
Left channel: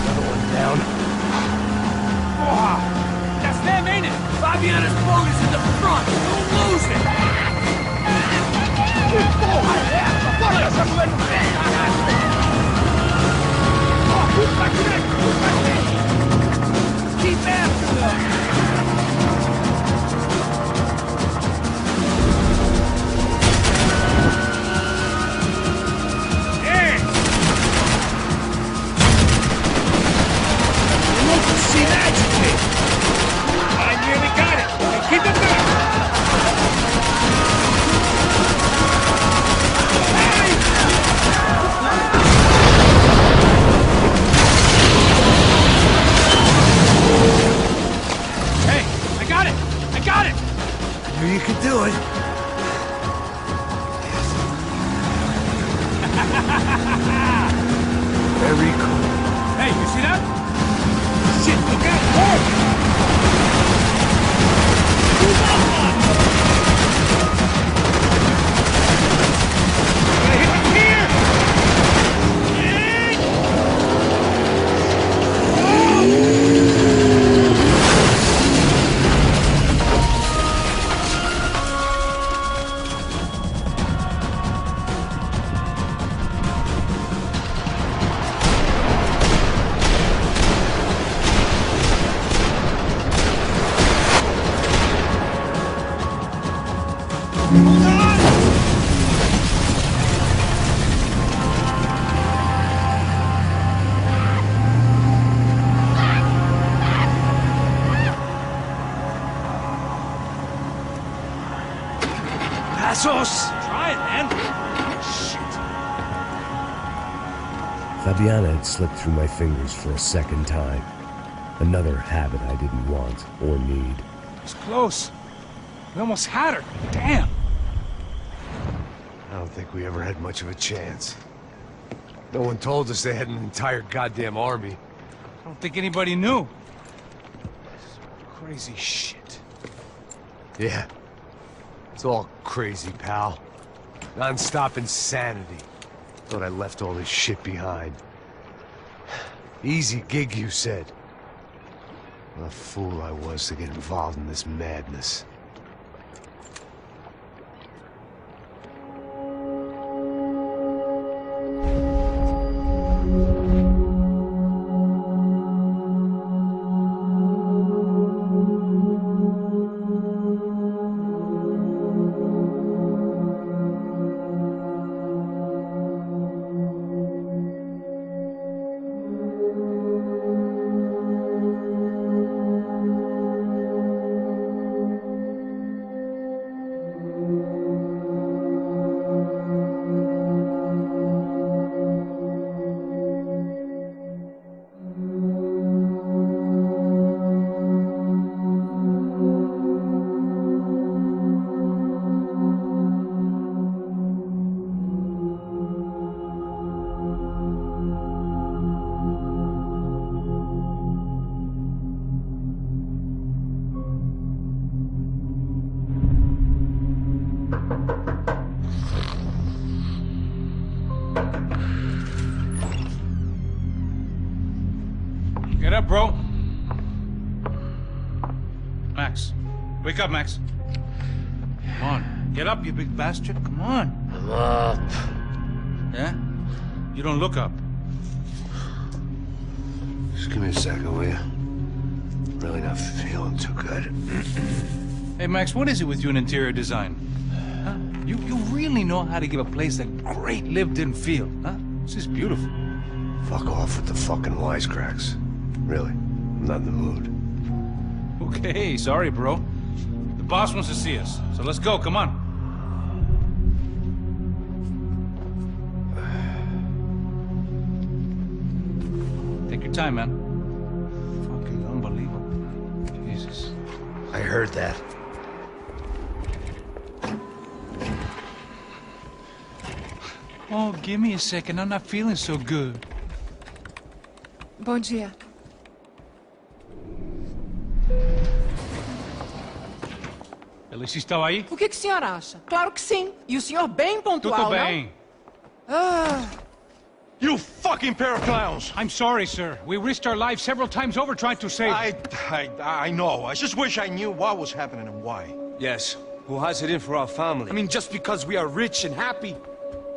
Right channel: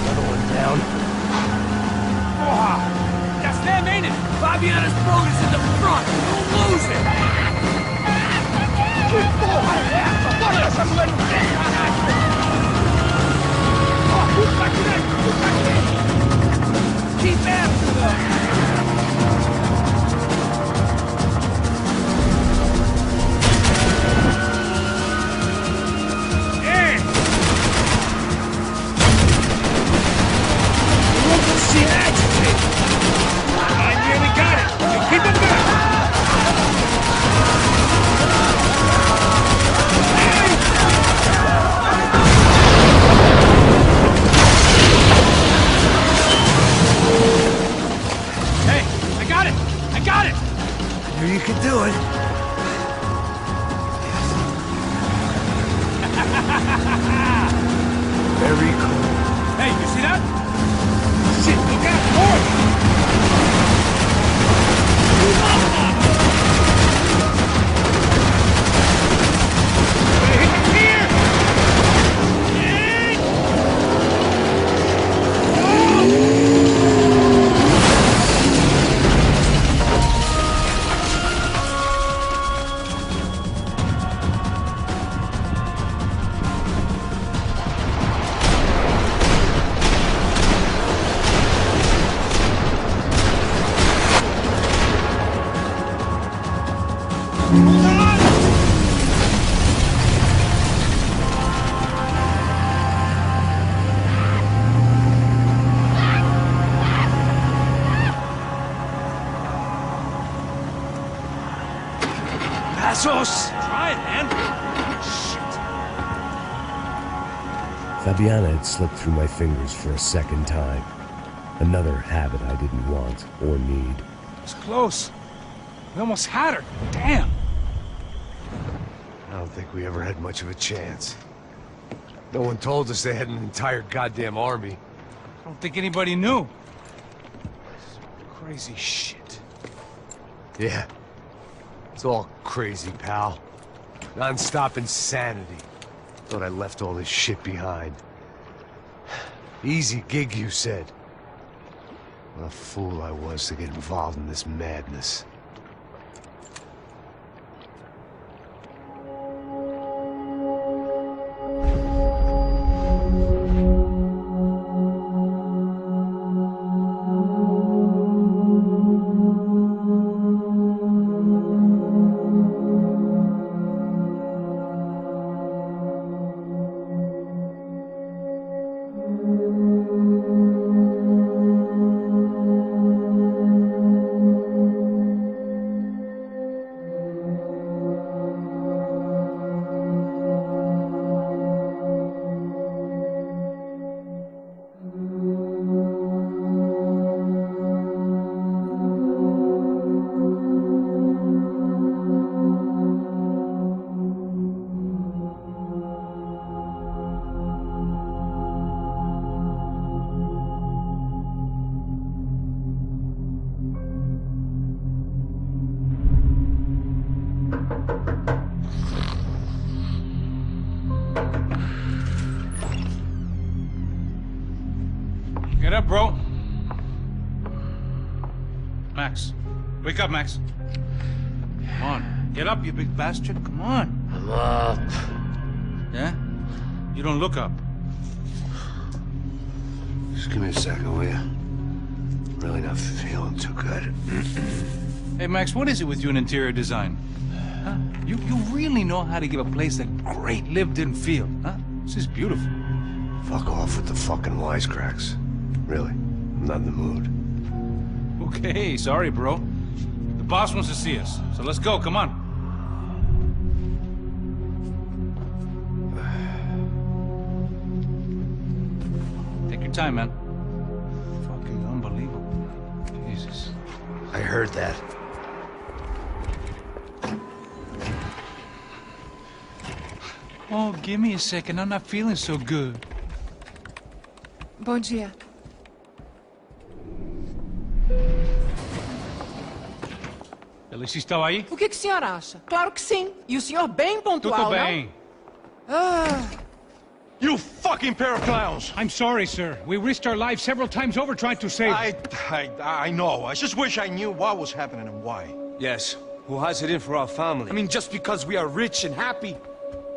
Another one down. Oh, that's them, ain't it? Fabiana's boat is in the front. Don't lose it! Que porra é essa? Bora essa mulher no pé, caralho! Ó, puta direita, puta direita! Keep after them! Seem agitated. I nearly got it. Hey, keep it back. Hey, I got it. I got it. I knew you could do it. Very cool. Hey, you see that? Shit, look out! More of them! Move up on them! Gonna hit the pier! Passos! Try it, man! Shit! Fabiana had slipped through my fingers for a second time. Another habit I didn't want or need. It's close. We almost had her. Damn! I don't think we ever had much of a chance. No one told us they had an entire goddamn army. I don't think anybody knew. Crazy shit. Yeah. It's all crazy, pal. Non-stop insanity. Thought I left all this shit behind. Easy gig, you said. What a fool I was to get involved in this madness. Get up, bro. Max. Wake up, Max. Come on. Get up, you big bastard. Come on. I'm up. Yeah? You don't look up. Just give me a second, will you? Really not feeling too good. Hey, Max, what is it with you in interior design? Huh? You really know how to give a place a great lived-in feel, huh? This is beautiful. Fuck off with the fucking wisecracks. Really, I'm not in the mood. Okay, sorry, bro. The boss wants to see us, so let's go, come on. Take your time, man. Fucking unbelievable. Jesus. I heard that. Oh, give me a second. I'm not feeling so good. Bom dia. Ela estava aí? O que o senhor acha? Claro que sim. E o senhor bem pontual, Tudo bem. não? Ah. You fucking pair of clowns! I'm sorry, sir. We risked our lives several times over trying to save... I know. I just wish I knew what was happening and why. Yes. Who has it in for our family? I mean, just because we are rich and happy,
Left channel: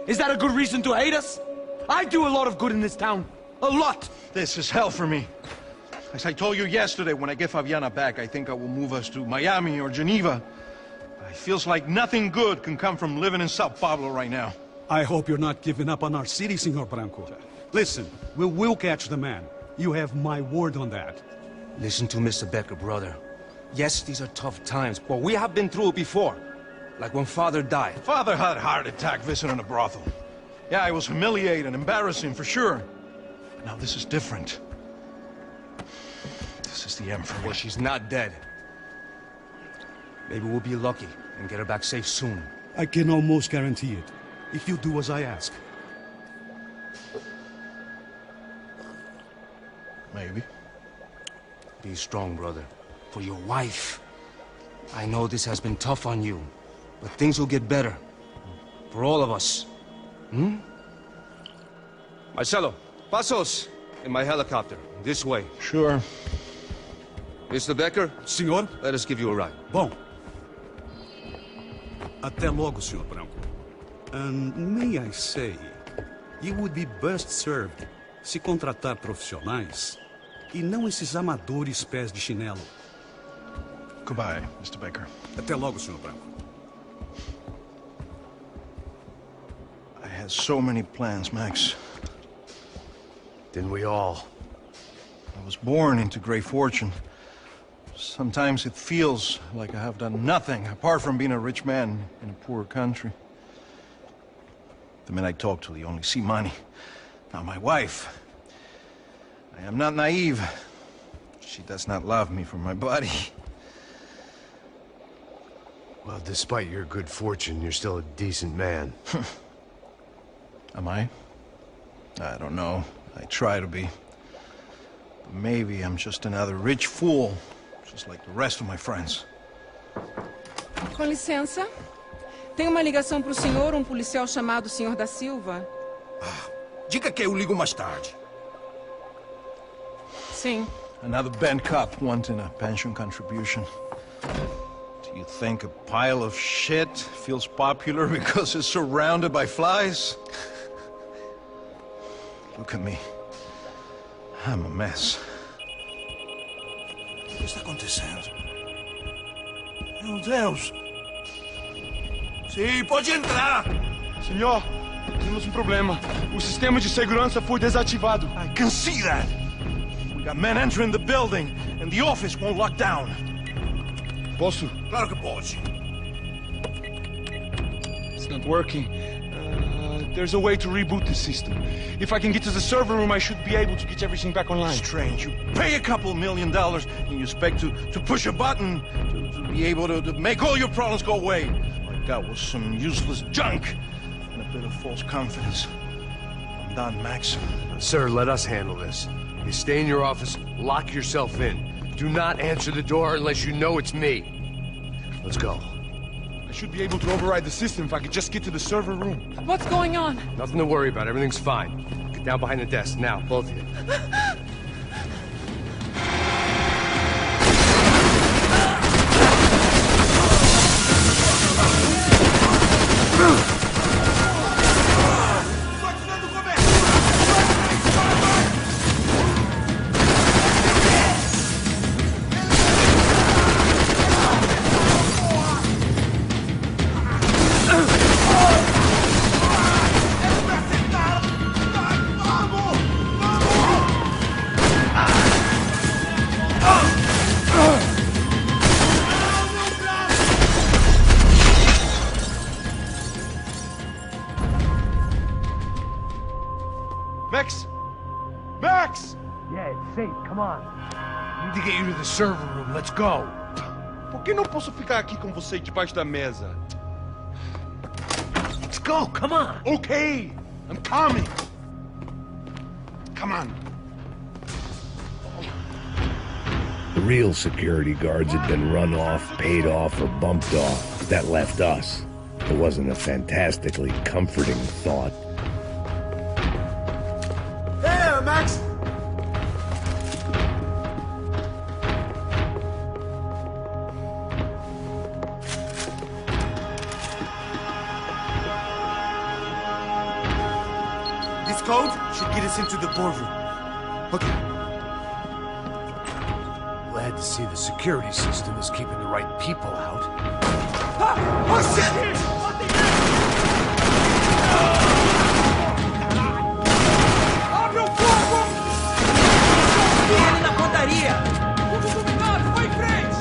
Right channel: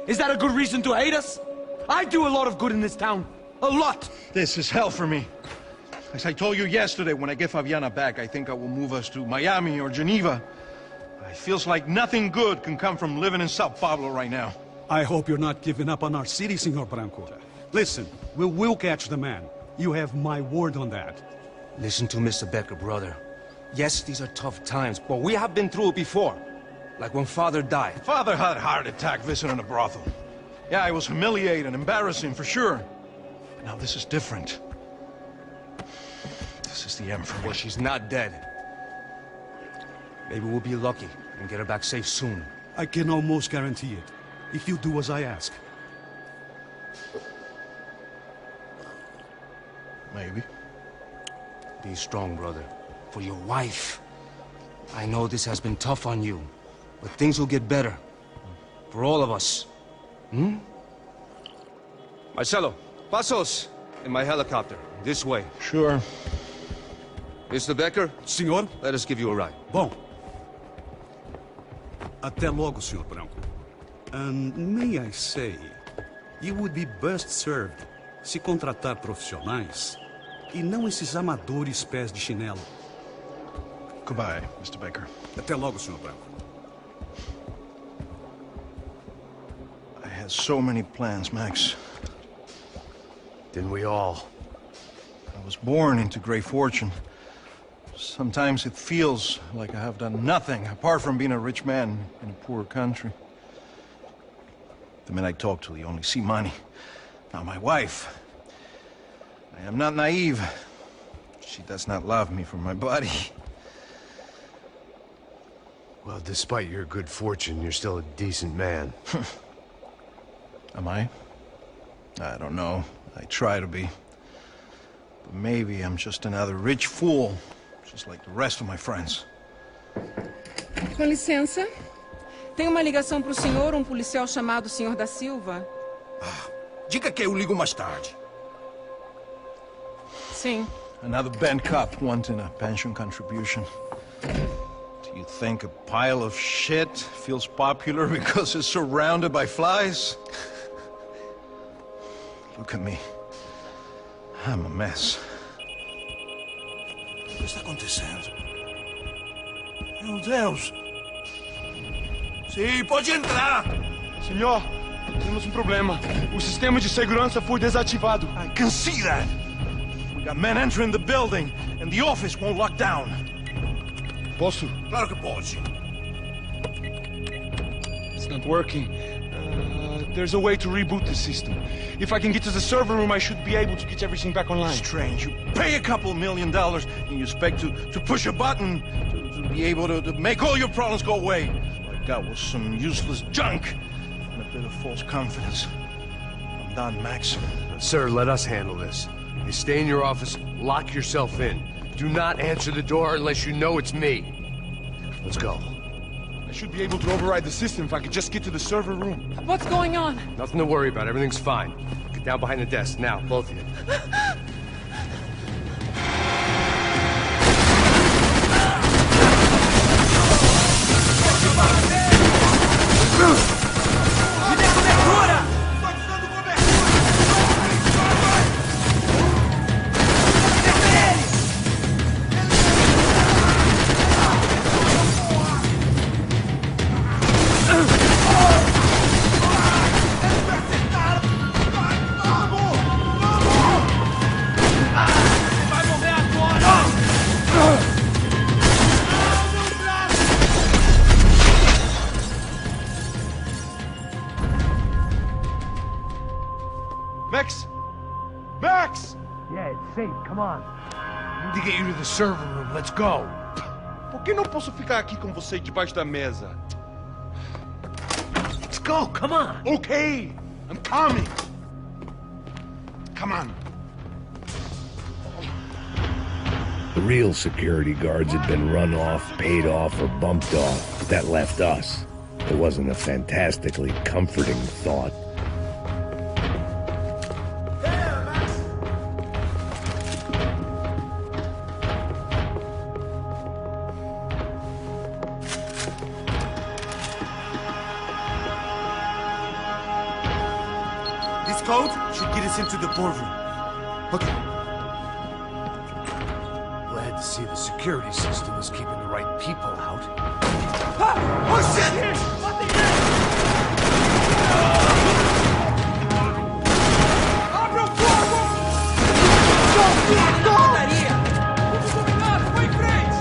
is that a good reason to hate us? I do a lot of good in this town. A lot! This is hell for me. As I told you yesterday, when I get Fabiana back, I think I will move us to Miami or Geneva. It feels like nothing good can come from living in São Paulo right now. I hope you're not giving up on our city, Senor Branco. Listen, we will catch the man. You have my word on that. Listen to Mr. Becker, brother. Yes, these are tough times, but we have been through it before. Like when Father died. Father had a heart attack visiting a brothel. Yeah, it was humiliating, embarrassing, for sure. But now this is different. This is the Emperor. Well, she's not dead. Maybe we'll be lucky and get her back safe soon. I can almost guarantee it, if you do as I ask. Maybe. Be strong, brother. For your wife. I know this has been tough on you, but things will get better. For all of us. Hmm? Marcelo, pasos in my helicopter. This way. Sure. Mr. Becker? Senhor? Let us give you a ride. Bom. Até logo, Senhor Branco. And may I say, you would be best served se contratar profissionais e não esses amadores pés de chinelo. Goodbye, Mr. Becker. Até logo, Senhor Branco. I had so many plans, Max. Didn't we all? I was born into great fortune. Sometimes it feels like I have done nothing apart from being a rich man in a poor country. The men I talk to, they only see money. Now my wife, I am not naive. She does not love me for my body. Well, despite your good fortune, you're still a decent man. Am I? I don't know. I try to be. But maybe I'm just another rich fool, just like the rest of my friends. Com licença. Tem uma ligação para o senhor, um policial chamado Senhor da Silva. Diga que eu ligo mais tarde. Sim. Another band cop wanting a pension contribution. Do you think a pile of shit feels popular because it's surrounded by flies? Look at me. I'm a mess. O que está acontecendo? Meu Deus! Sim, pode entrar! Senhor, temos um problema. O sistema de segurança foi desativado. I can see that! We got men entering the building, and the office won't lock down. Posso? Claro que pode. It's not working. There's a way to reboot the system. If I can get to the server room, I should be able to get everything back online. Strange. You pay a couple $1 million, and you expect to push a button to be able to make all your problems go away. All I got was some useless junk and a bit of false confidence. I'm done, Max. Sir, let us handle this. You stay in your office, lock yourself in. Do not answer the door unless you know it's me. Let's go. I should be able to override the system if I could just get to the server room. What's going on? Nothing to worry about. Everything's fine. Get down behind the desk. Now, both of you. safe. Come on. I need to get you to the server room. Let's go. Por que não posso ficar aqui com você debaixo da mesa? Let's go. Come on. Okay, I'm coming. Come on. The real security guards had been run off, paid off, or bumped off. That left us. It wasn't a fantastically comforting thought. Hey, Max! This code should get us into the boardroom. Okay. Glad to see the security system is keeping the right people out. Ah! Oh, shit! Abre o fogo! Ele na pontaria! Vamos dominar! Vai em frente!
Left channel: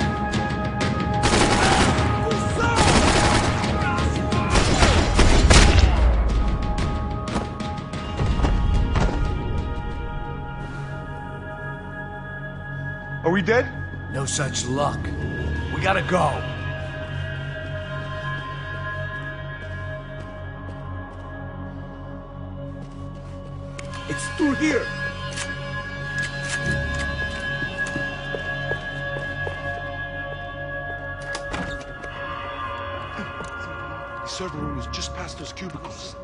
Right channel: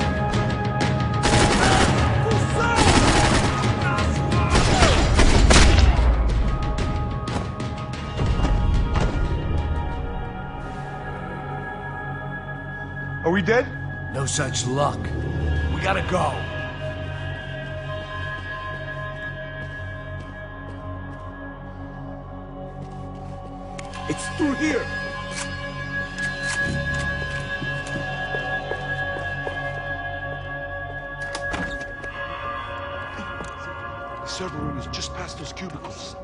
Are we dead? No such luck. We gotta go. It's through here. The server room is just past those cubicles.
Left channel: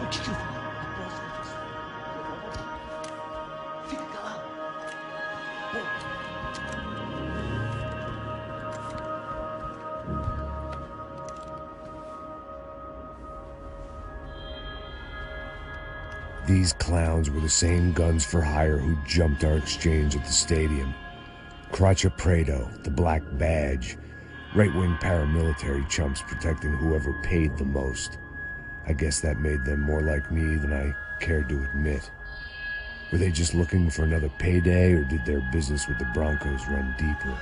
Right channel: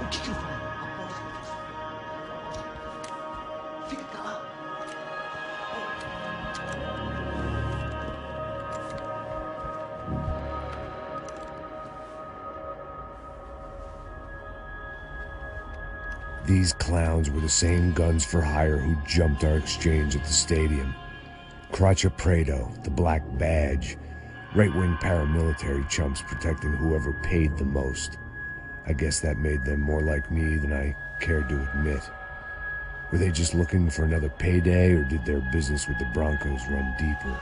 O que ele falou? Fica calado. These clowns were the same guns for hire who jumped our exchange at the stadium. Crotcha Prado, the Black Badge, right-wing paramilitary chumps protecting whoever paid the most. I guess that made them more like me than I cared to admit. Were they just looking for another payday, or did their business with the Broncos run deeper?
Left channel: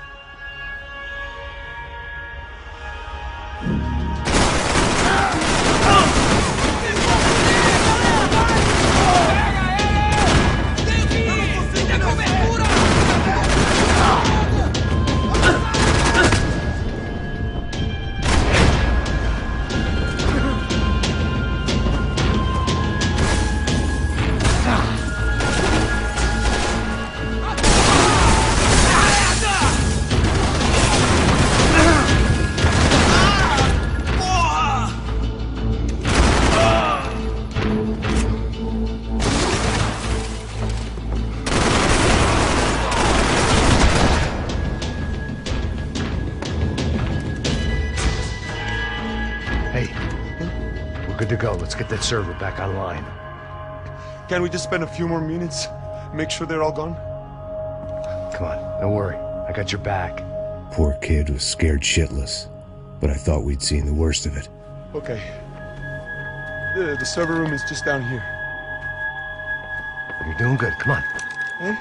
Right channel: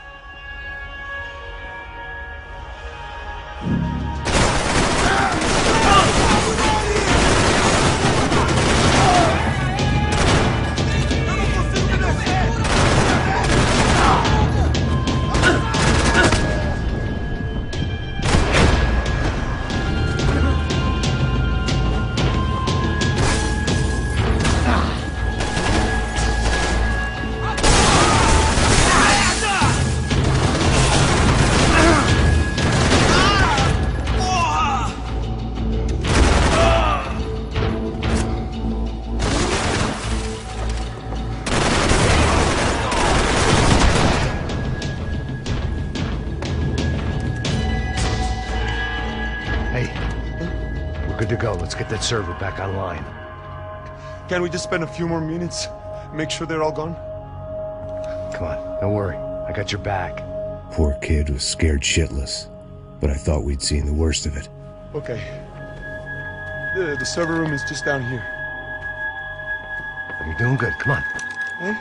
Good to go. Let's get that server back online. Can we just spend a few more minutes? Make sure they're all gone? Come on, don't worry. I got your back. Poor kid was scared shitless, but I thought we'd seen the worst of it. Okay. The server room is just down here. You're doing good. Come on. Eh?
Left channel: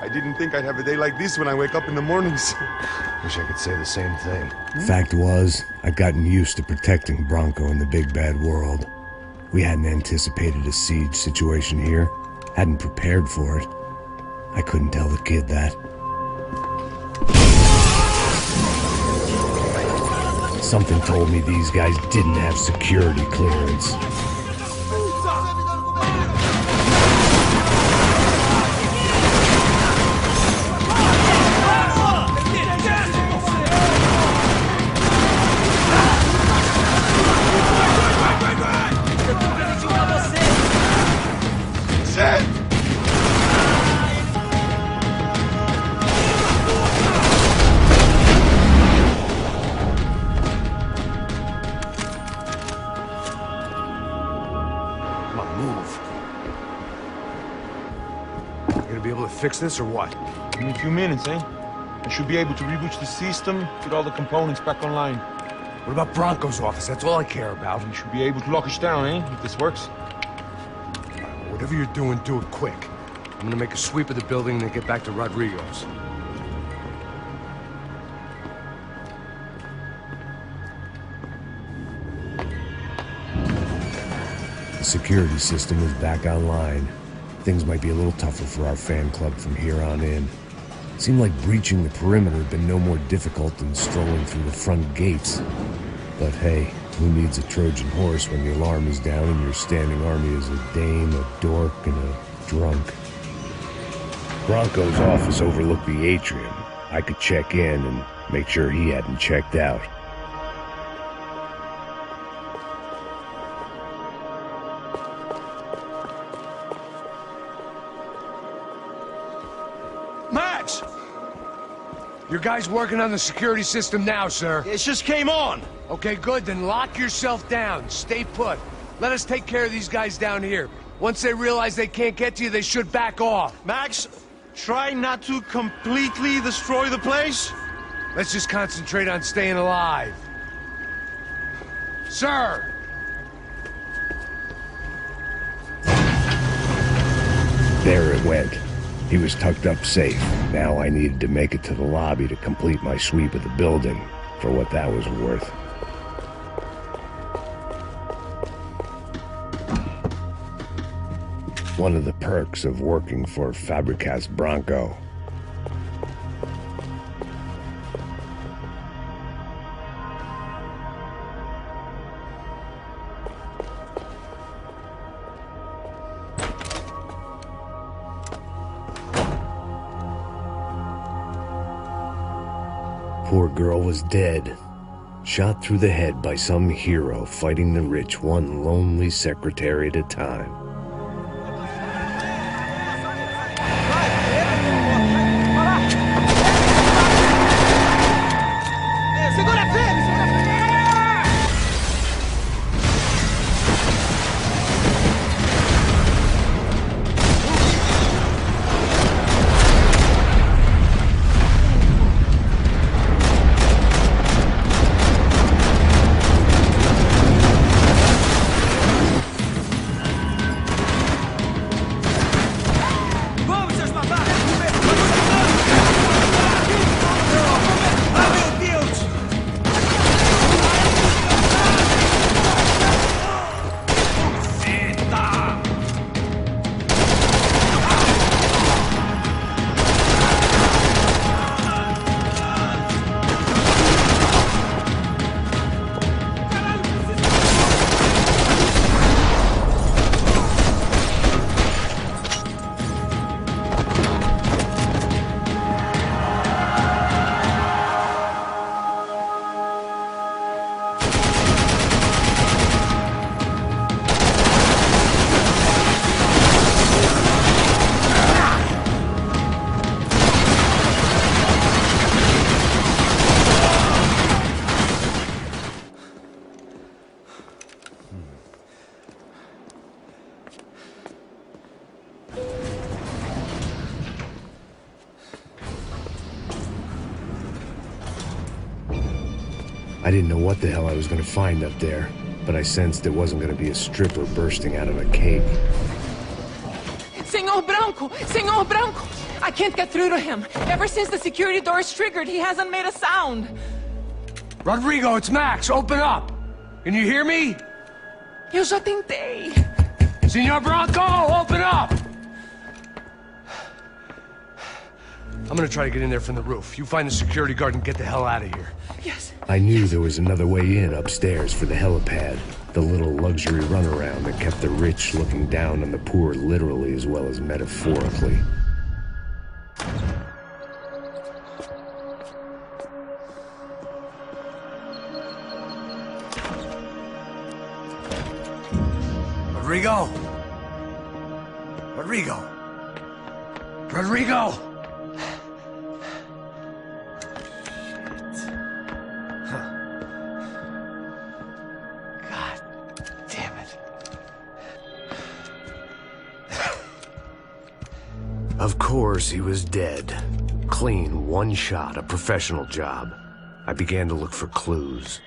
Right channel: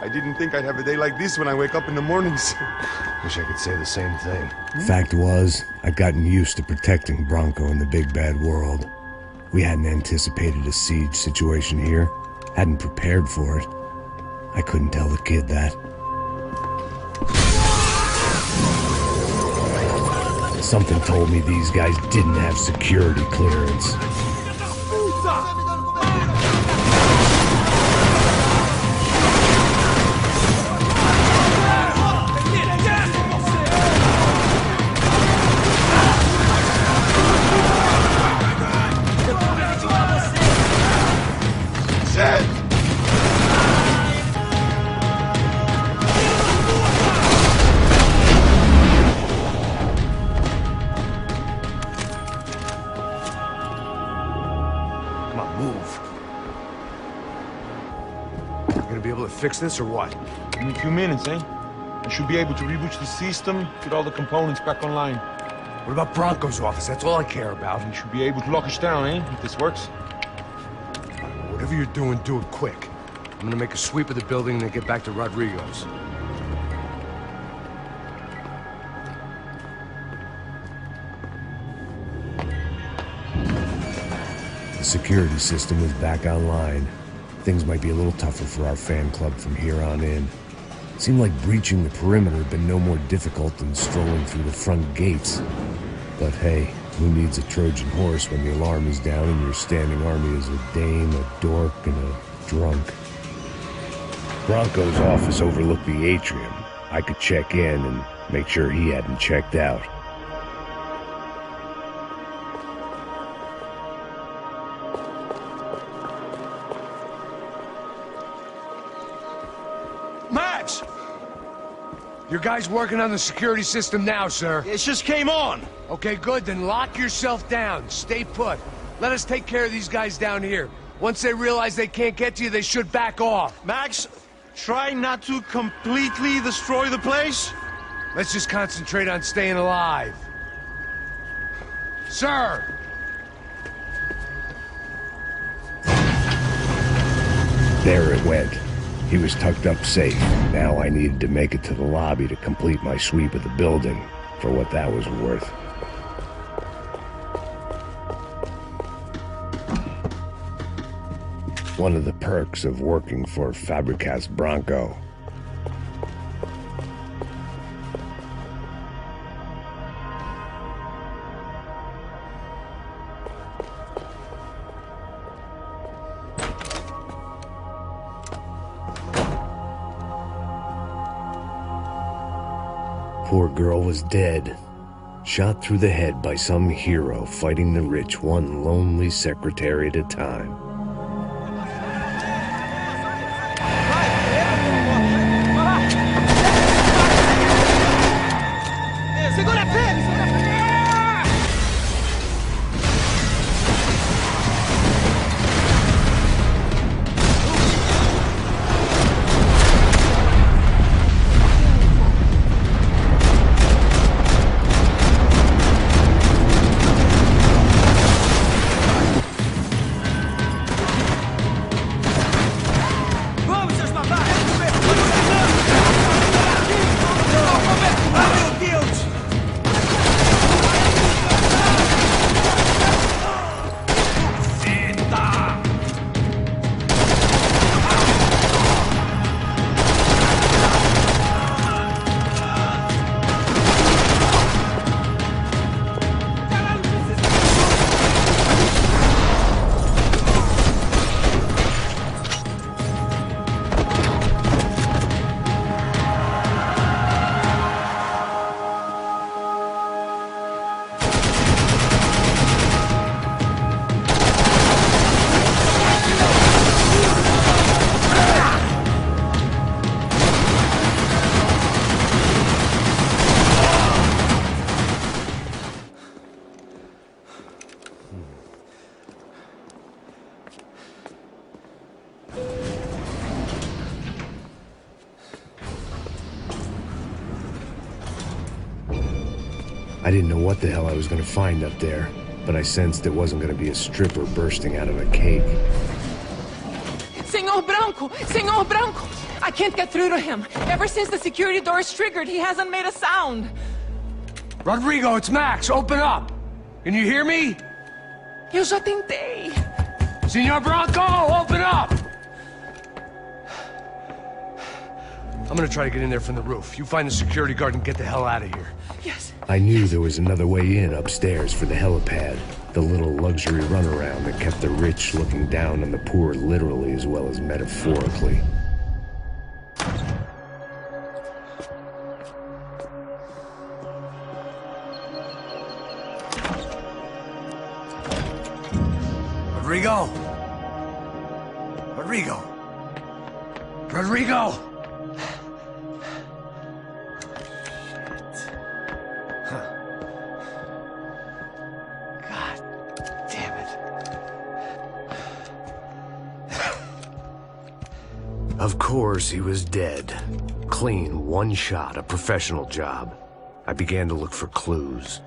I didn't think I'd have a day like this when I wake up in the mornings. Wish I could say the same thing. Fact was, I'd gotten used to protecting Bronco in the big bad world. We hadn't anticipated a siege situation here, hadn't prepared for it. I couldn't tell the kid that. Something told me these guys didn't have security clearance. Come on, move. You gonna be able to fix this or what? Give me a few minutes, eh? I should be able to reboot the system, get all the components back online. What about Bronco's office? That's all I care about. You should be able to lock us down, eh? If this works. Whatever you're doing, do it quick. I'm gonna make a sweep of the building and then get back to Rodrigo's. The security system was back online. Things might be a little tougher for our fan club from here on in. It seemed like breaching the perimeter had been no more difficult than strolling through the front gates. But hey, who needs a Trojan horse when the alarm is down and your standing army is a dame, a dork, and a drunk? Bronco's office overlooked the atrium. I could check in and make sure he hadn't checked out. Max! Your guys working on the security system now, sir? It just came on. Okay, good. Then lock yourself down. Stay put. Let us take care of these guys down here. Once they realize they can't get to you, they should back off. Max, try not to completely destroy the place. Let's just concentrate on staying alive. Sir! There it went. He was tucked up safe. Now I needed to make it to the lobby to complete my sweep of the building, for what that was worth. One of the perks of working for Fabricas Bronco. Poor girl was dead, shot through the head by some hero fighting the rich one lonely secretary at a time. I didn't know what the hell I was going to find up there, but I sensed it wasn't going to be a stripper bursting out of a cake. Senor Branco! Senor Branco! I can't get through to him. Ever since the security door is triggered, he hasn't made a sound. Rodrigo, it's Max. Open up. Can you hear me? Eu já tentei. Senor Branco, open up! I'm gonna try to get in there from the roof. You find the security guard and get the hell out of here. Yes. I knew there was another way in upstairs for the helipad. The little luxury runaround that kept the rich looking down on the poor literally as well as metaphorically. Rodrigo! Rodrigo! Rodrigo! Of course, he was dead. Clean, one shot, a professional job. I began to look for clues.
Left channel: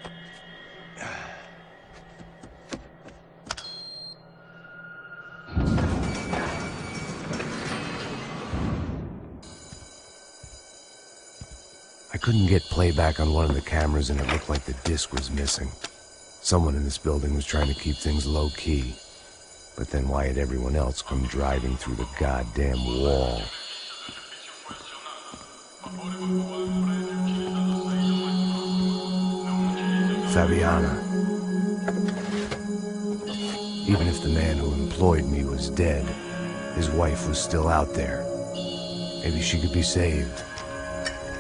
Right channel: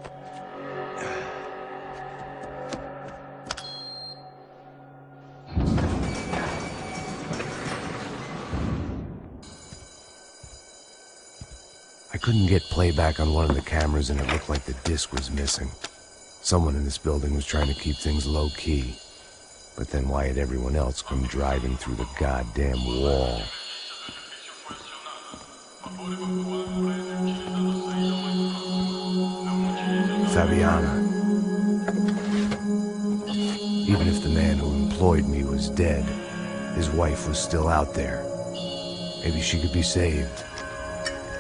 I couldn't get playback on one of the cameras and it looked like the disc was missing. Someone in this building was trying to keep things low-key. But then why had everyone else come driving through the goddamn wall? Fabiana. Even if the man who employed me was dead, his wife was still out there. Maybe she could be saved.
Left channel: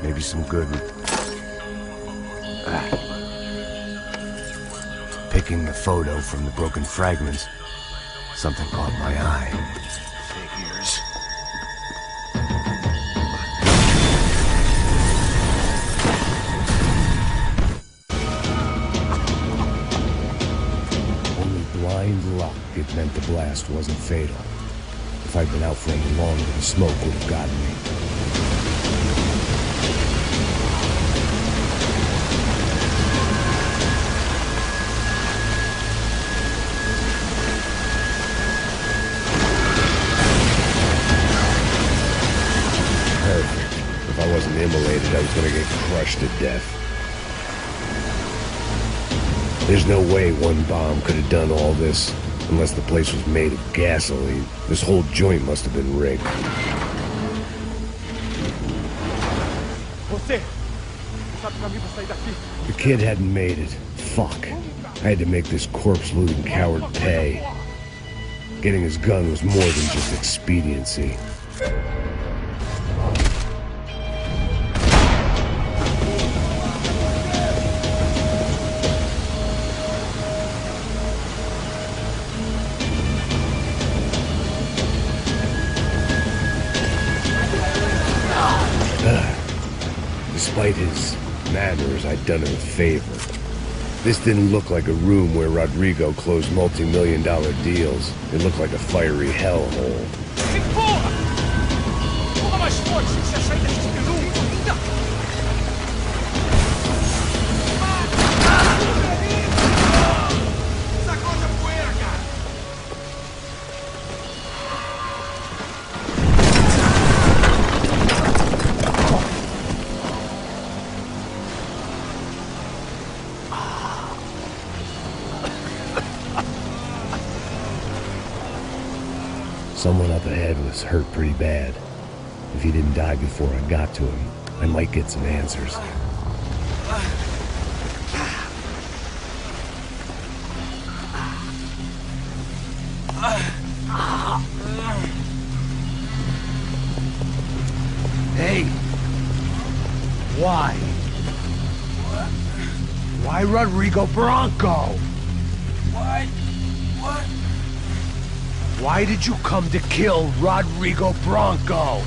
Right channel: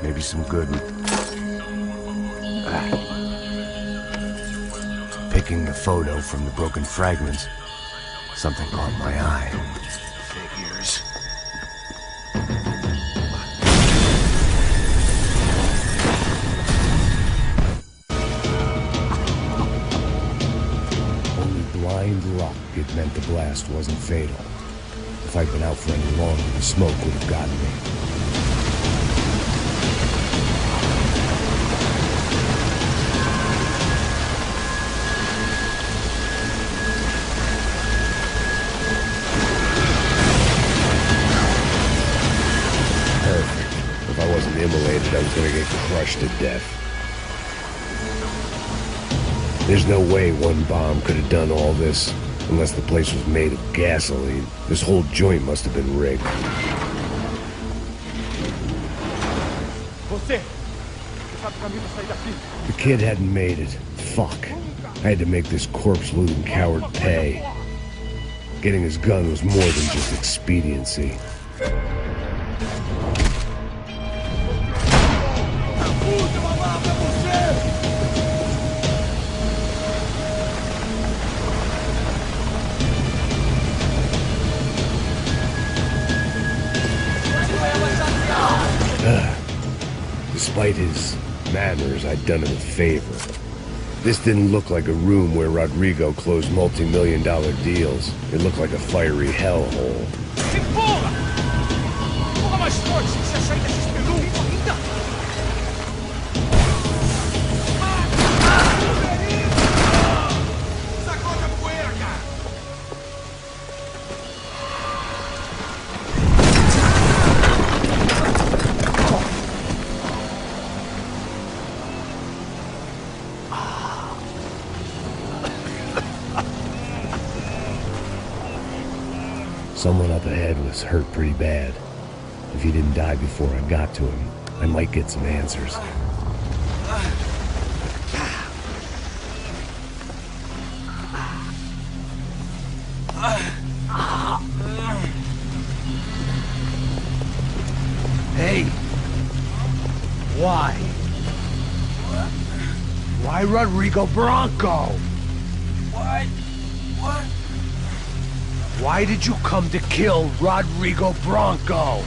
Maybe some good would... Picking the photo from the broken fragments, something caught my eye. Figures. Only blind luck it meant the blast wasn't fatal. If I'd been out for any longer, the smoke would have gotten me. Perfect. If I wasn't immolated, I was gonna get crushed to death. There's no way one bomb could have done all this, unless the place was made of gasoline. This whole joint must have been rigged. The kid hadn't made it. Fuck. I had to make this corpse-looting coward pay. Getting his gun was more than just expediency. Despite his manners, I'd done him a favor. This didn't look like a room where Rodrigo closed multi-million-dollar deals. It looked like a fiery hellhole. Porra! Porra mais forte, sem se achar dessa espelunca ainda! Sacode a poeira, cara! Someone up ahead was hurt pretty bad. If he didn't die before I got to him, I might get some answers. Hey! Why? What? Why Rodrigo Bronco? Why? What? Why did you come to kill Rodrigo Bronco?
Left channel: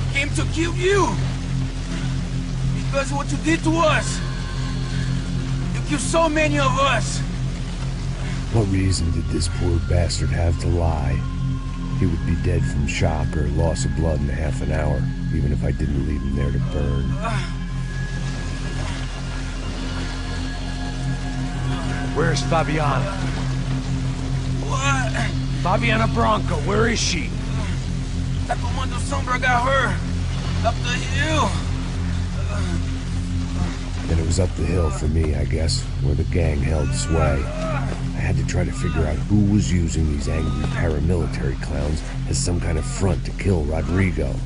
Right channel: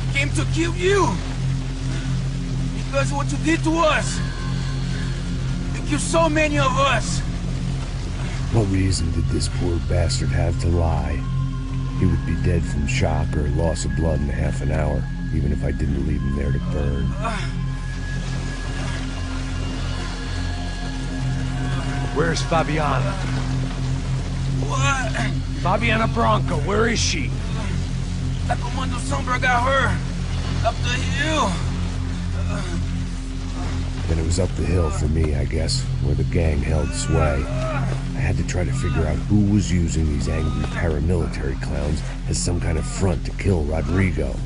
We came to kill you! Because of what you did to us! You killed so many of us! What reason did this poor bastard have to lie? He would be dead from shock or loss of blood in half an hour, even if I didn't leave him there to burn. Where's Fabiana? What? Fabiana Bronco, where is she? That Comando Sombra got her. Up the hill. Then it was up the hill for me, I guess, where the gang held sway. I had to try to figure out who was using these angry paramilitary clowns as some kind of front to kill Rodrigo.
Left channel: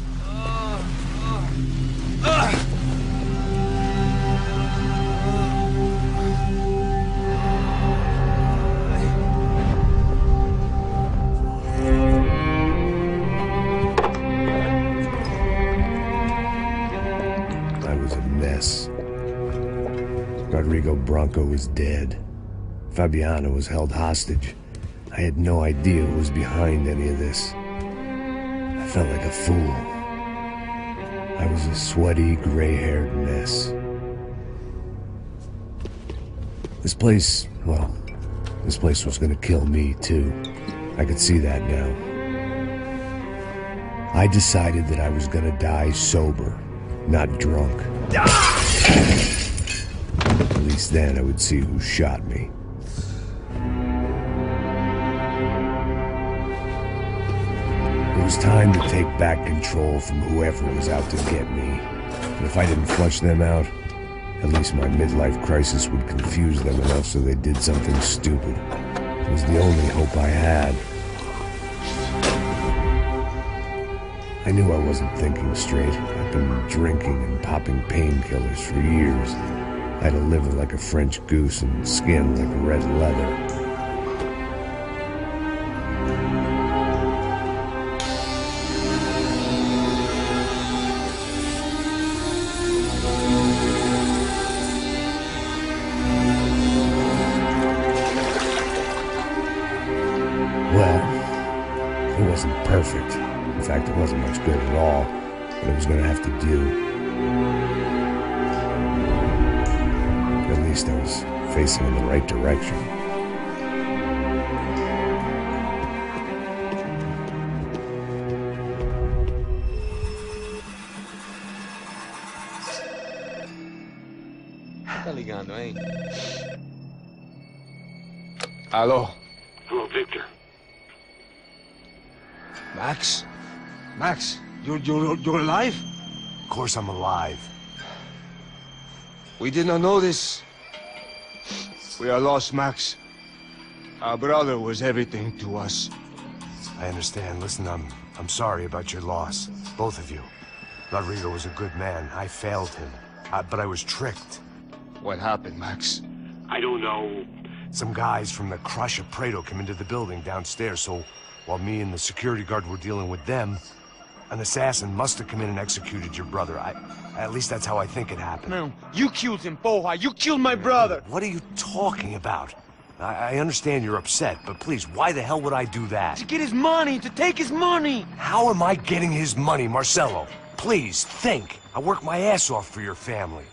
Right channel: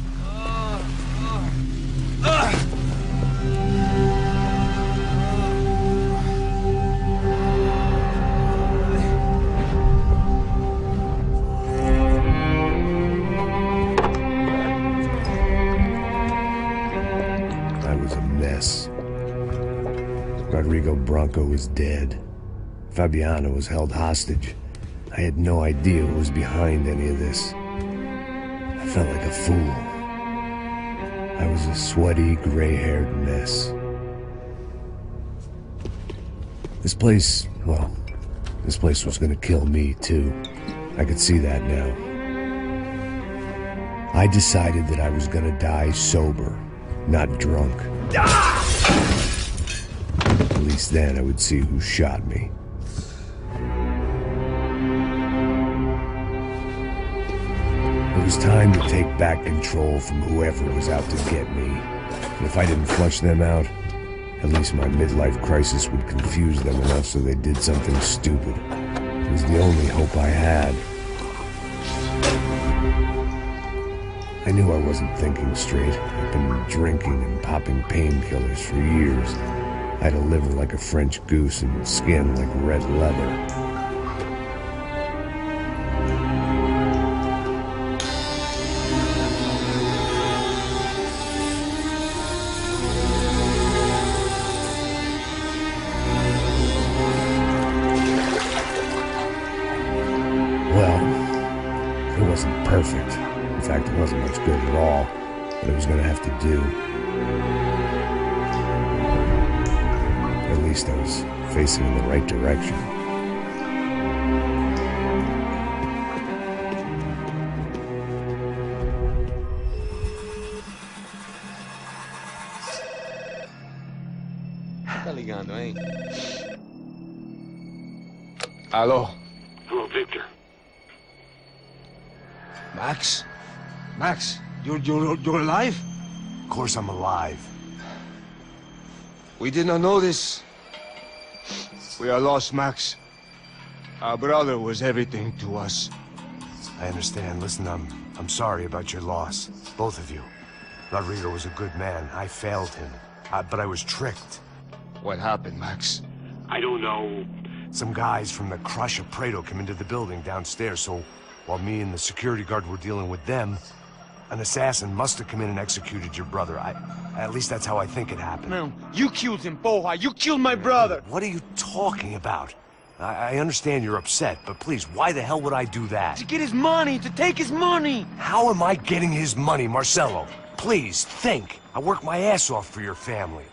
I was a mess. Rodrigo Bronco was dead. Fabiana was held hostage. I had no idea who was behind any of this. I felt like a fool. I was a sweaty, gray-haired mess. This place, well, this place was gonna kill me, too. I could see that now. I decided that I was gonna die sober, not drunk. At least then I would see who shot me. It was time to take back control from whoever was out to get me. And if I didn't flush them out, at least my midlife crisis would confuse them enough so they did something stupid. It was the only hope I had. I knew I wasn't thinking straight. I'd been drinking and popping painkillers for years. I had a liver like a French goose and skin like red leather. Well, it wasn't perfect. In fact, it wasn't much good at all, but it was going to have to do. At least I was facing in the right direction. Tá ligando, hein? Alô? Hello, Victor. Max? Max, you're alive? Of course I'm alive. We did not know this. We are lost, Max. Our brother was everything to us. I understand. Listen, I'm sorry about your loss. Both of you. Rodrigo was a good man. I failed him. But I was tricked. What happened, Max? I don't know. Some guys from the Crush of Prado came into the building downstairs, so while me and the security guard were dealing with them, an assassin must have come in and executed your brother. At least that's how I think it happened. No, you killed him, porra. You killed my brother. What are you talking about? I understand you're upset, but please, why the hell would I do that? To get his money, to take his money. How am I getting his money, Marcelo? Please, think. I worked my ass off for your family.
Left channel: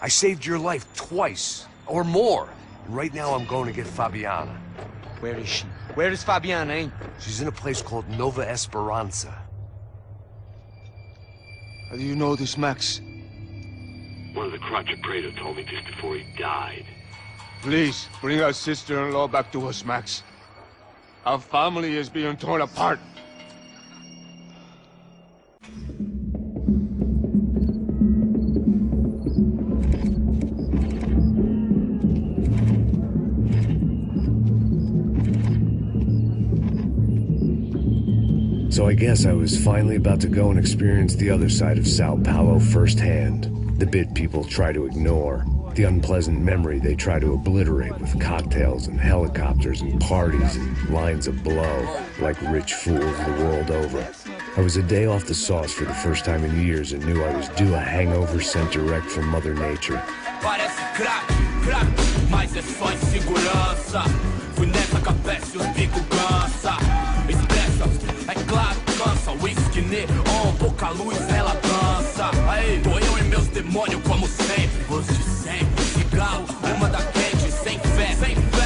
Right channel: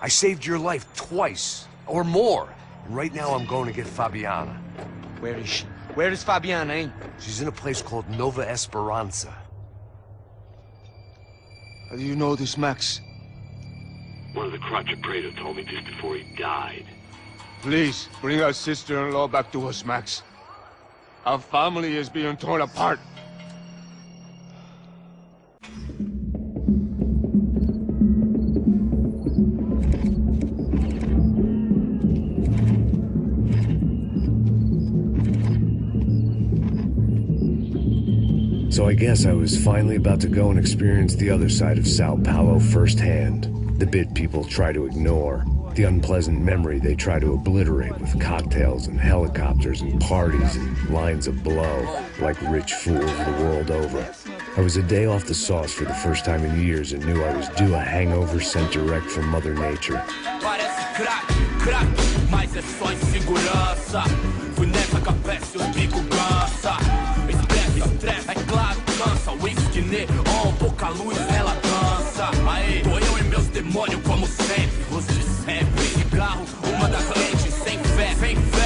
I saved your life twice, or more. And right now I'm going to get Fabiana. Where is she? Where is Fabiana, eh? She's in a place called Nova Esperanza. How do you know this, Max? One of the Crotch of Prado told me just before he died. Please, bring our sister-in-law back to us, Max. Our family is being torn apart. So I guess I was finally about to go and experience the other side of Sao Paulo firsthand. The bit people try to ignore. The unpleasant memory they try to obliterate with cocktails and helicopters and parties and lines of blow, like rich fools the world over. I was a day off the sauce for the first time in years and knew I was due a hangover sent direct from Mother Nature. Parece crack, mas é só insegurança. Fui nessa capeste, os bico cansa. Estressa, é claro, cansa. Whisky neon, pouca luz, ela dança. Tô eu e meus demônios como sempre. Gosto de sempre. Cigarro, uma das lentes, sem fé.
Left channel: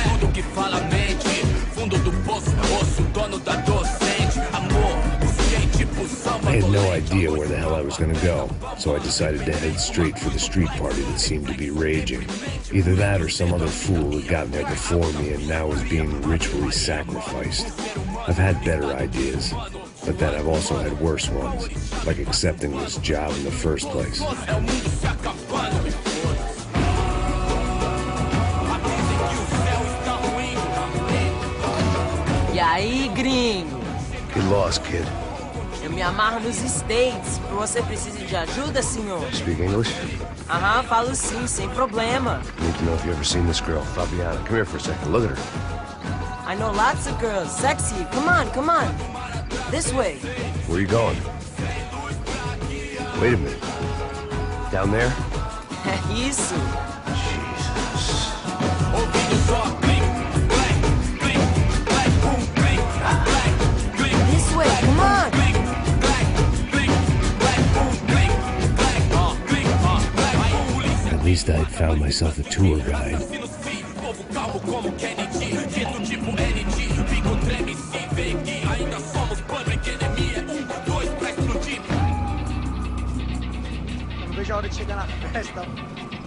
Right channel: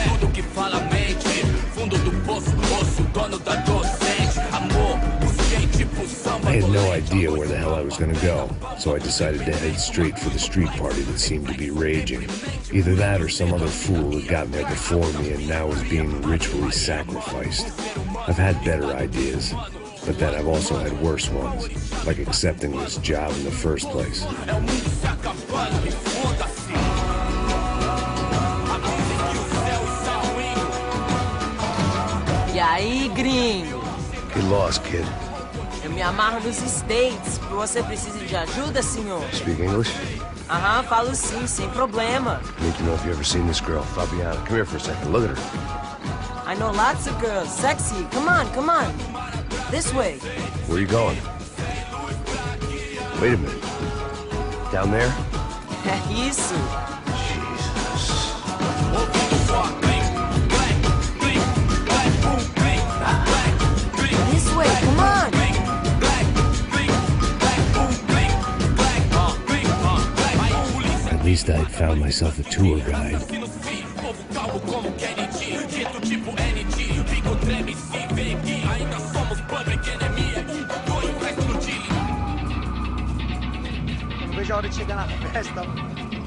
Tudo que fala mente. Fundo do poço, osso, dono da docente. Amor, busquei tipo samba. I had no idea where the hell I was gonna go, so I decided to head straight for the street party that seemed to be raging. Either that or some other fool had gotten there before me and now was being ritually sacrificed. I've had better ideas, but then I've also had worse ones, like accepting this job in the first place. E aí, gringo? Get lost, kid. Eu me amarro nos States. Você precisa de ajuda, senhor? Speak English? Aham, falo sim, sem problema. Need to know if you've ever seen this girl, Fabiana. Come here for a second. Look at her. I know lots of girls. Sexy. Come on, come on. This way. Where are you going? Wait a minute. Down there? Isso. Jesus. This way, come on. At least I'd found myself a tour guide.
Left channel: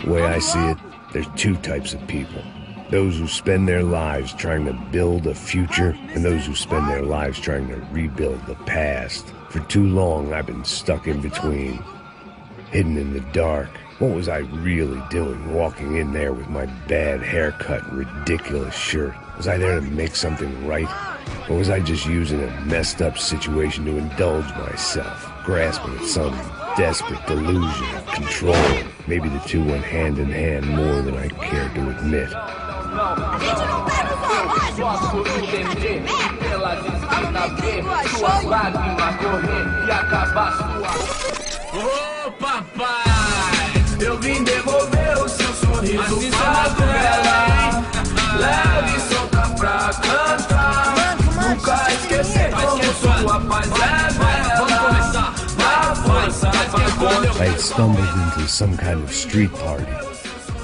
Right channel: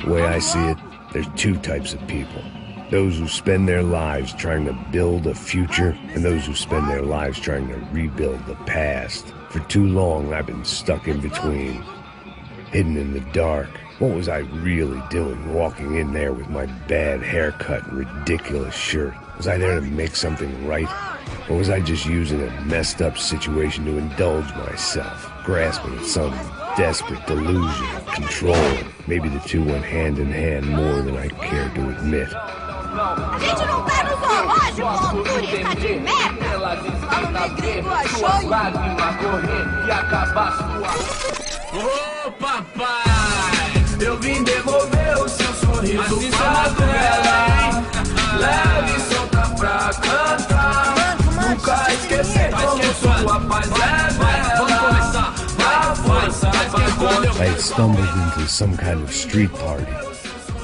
The way I see it, there's two types of people. Those who spend their lives trying to build a future, and those who spend their lives trying to rebuild the past. For too long, I've been stuck in between. hidden in the dark. What was I really doing walking in there with my bad haircut and ridiculous shirt? Was I there to make something right? Or was I just using a messed up situation to indulge myself, grasping at some desperate delusion of control? Maybe the two went hand in hand more than I cared to admit. A gente não tá no zoológico, turista de merda! Fala meu gringo, achou? Ô papai, eu vim devolver o seu sorriso pra velha. Leve e solta pra cantar. Nunca esquecer como sua paz é bela. Vamos começar, I had stumbled into some kind of street party.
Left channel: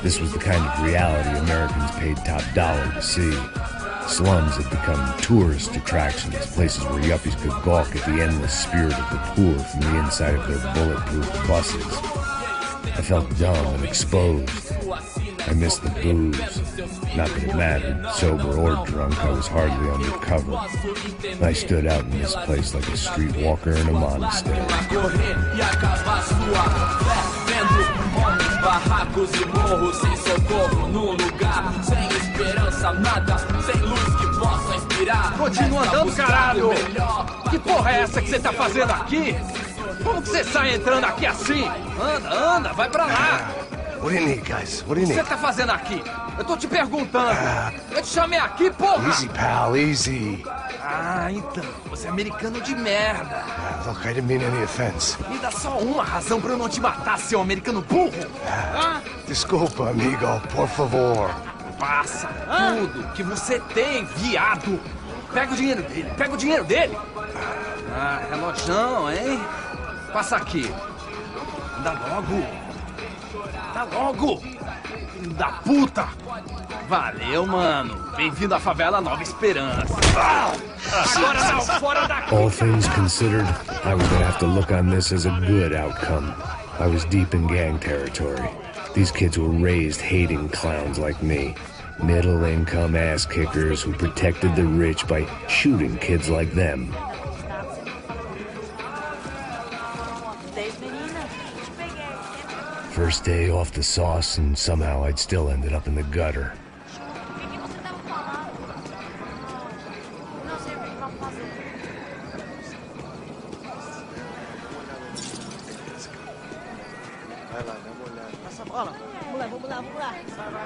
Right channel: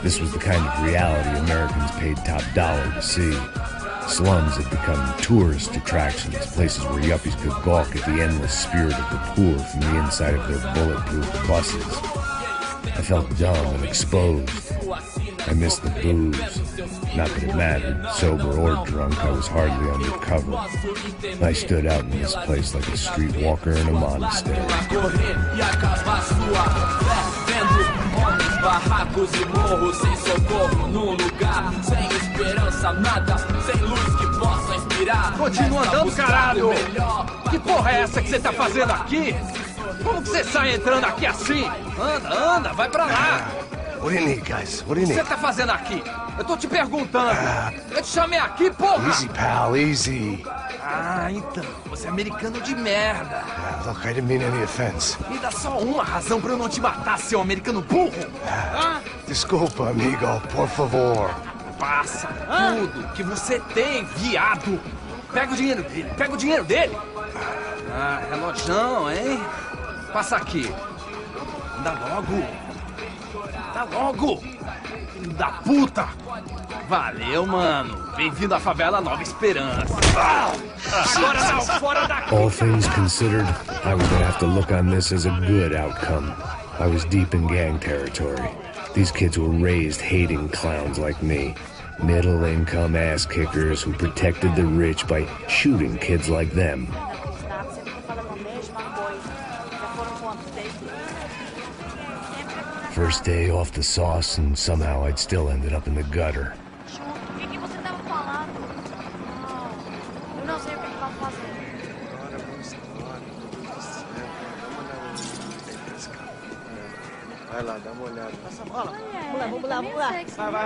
This was the kind of reality Americans paid top dollar to see. Slums had become tourist attractions, places where yuppies could gawk at the endless spirit of the poor from the inside of their bulletproof buses. I felt dumb and exposed. I missed the booze. Not that it mattered, sober or drunk, I was hardly undercover. I stood out in this place like a streetwalker in a monastery. Barracos e morros sem socorro num lugar sem esperança, nada, sem luz que possa inspirar. Continua andando, caralho! Que porra é essa que você tá fazendo aqui? Como que você sai entrando aqui assim? Anda, vai pra lá! What do you need, guys? What do you O que need? você tá fazendo aqui? Eu tô te perguntando. Eu te chamei aqui, porra! Easy, pal, easy. Ah, então, você é americano de merda. Look, I didn't mean any offense. Me dá só uma razão pra eu não te matar, seu americano burro. Desculpa, amigo, por favor. Passa tudo que você tem, viado. Pega o dinheiro dele, Ah, relojão, hein? Passa aqui. Anda logo. Filho da puta. Valeu, mano. Bem-vindo à favela Nova Esperança. Agora não, fora daqui. All things considered, I was gonna have to look on this as a good outcome. I was deep in gang territory. These kids were raised hating clowns like me. Middle-income ass-kickers who protected the rich by shooting kids like them. First day off the sauce, and somehow I'd still ended up in the gutter. Não sei o que vamos fazer. Vai lá, dá uma olhada. Passa a bola. Vamos lá.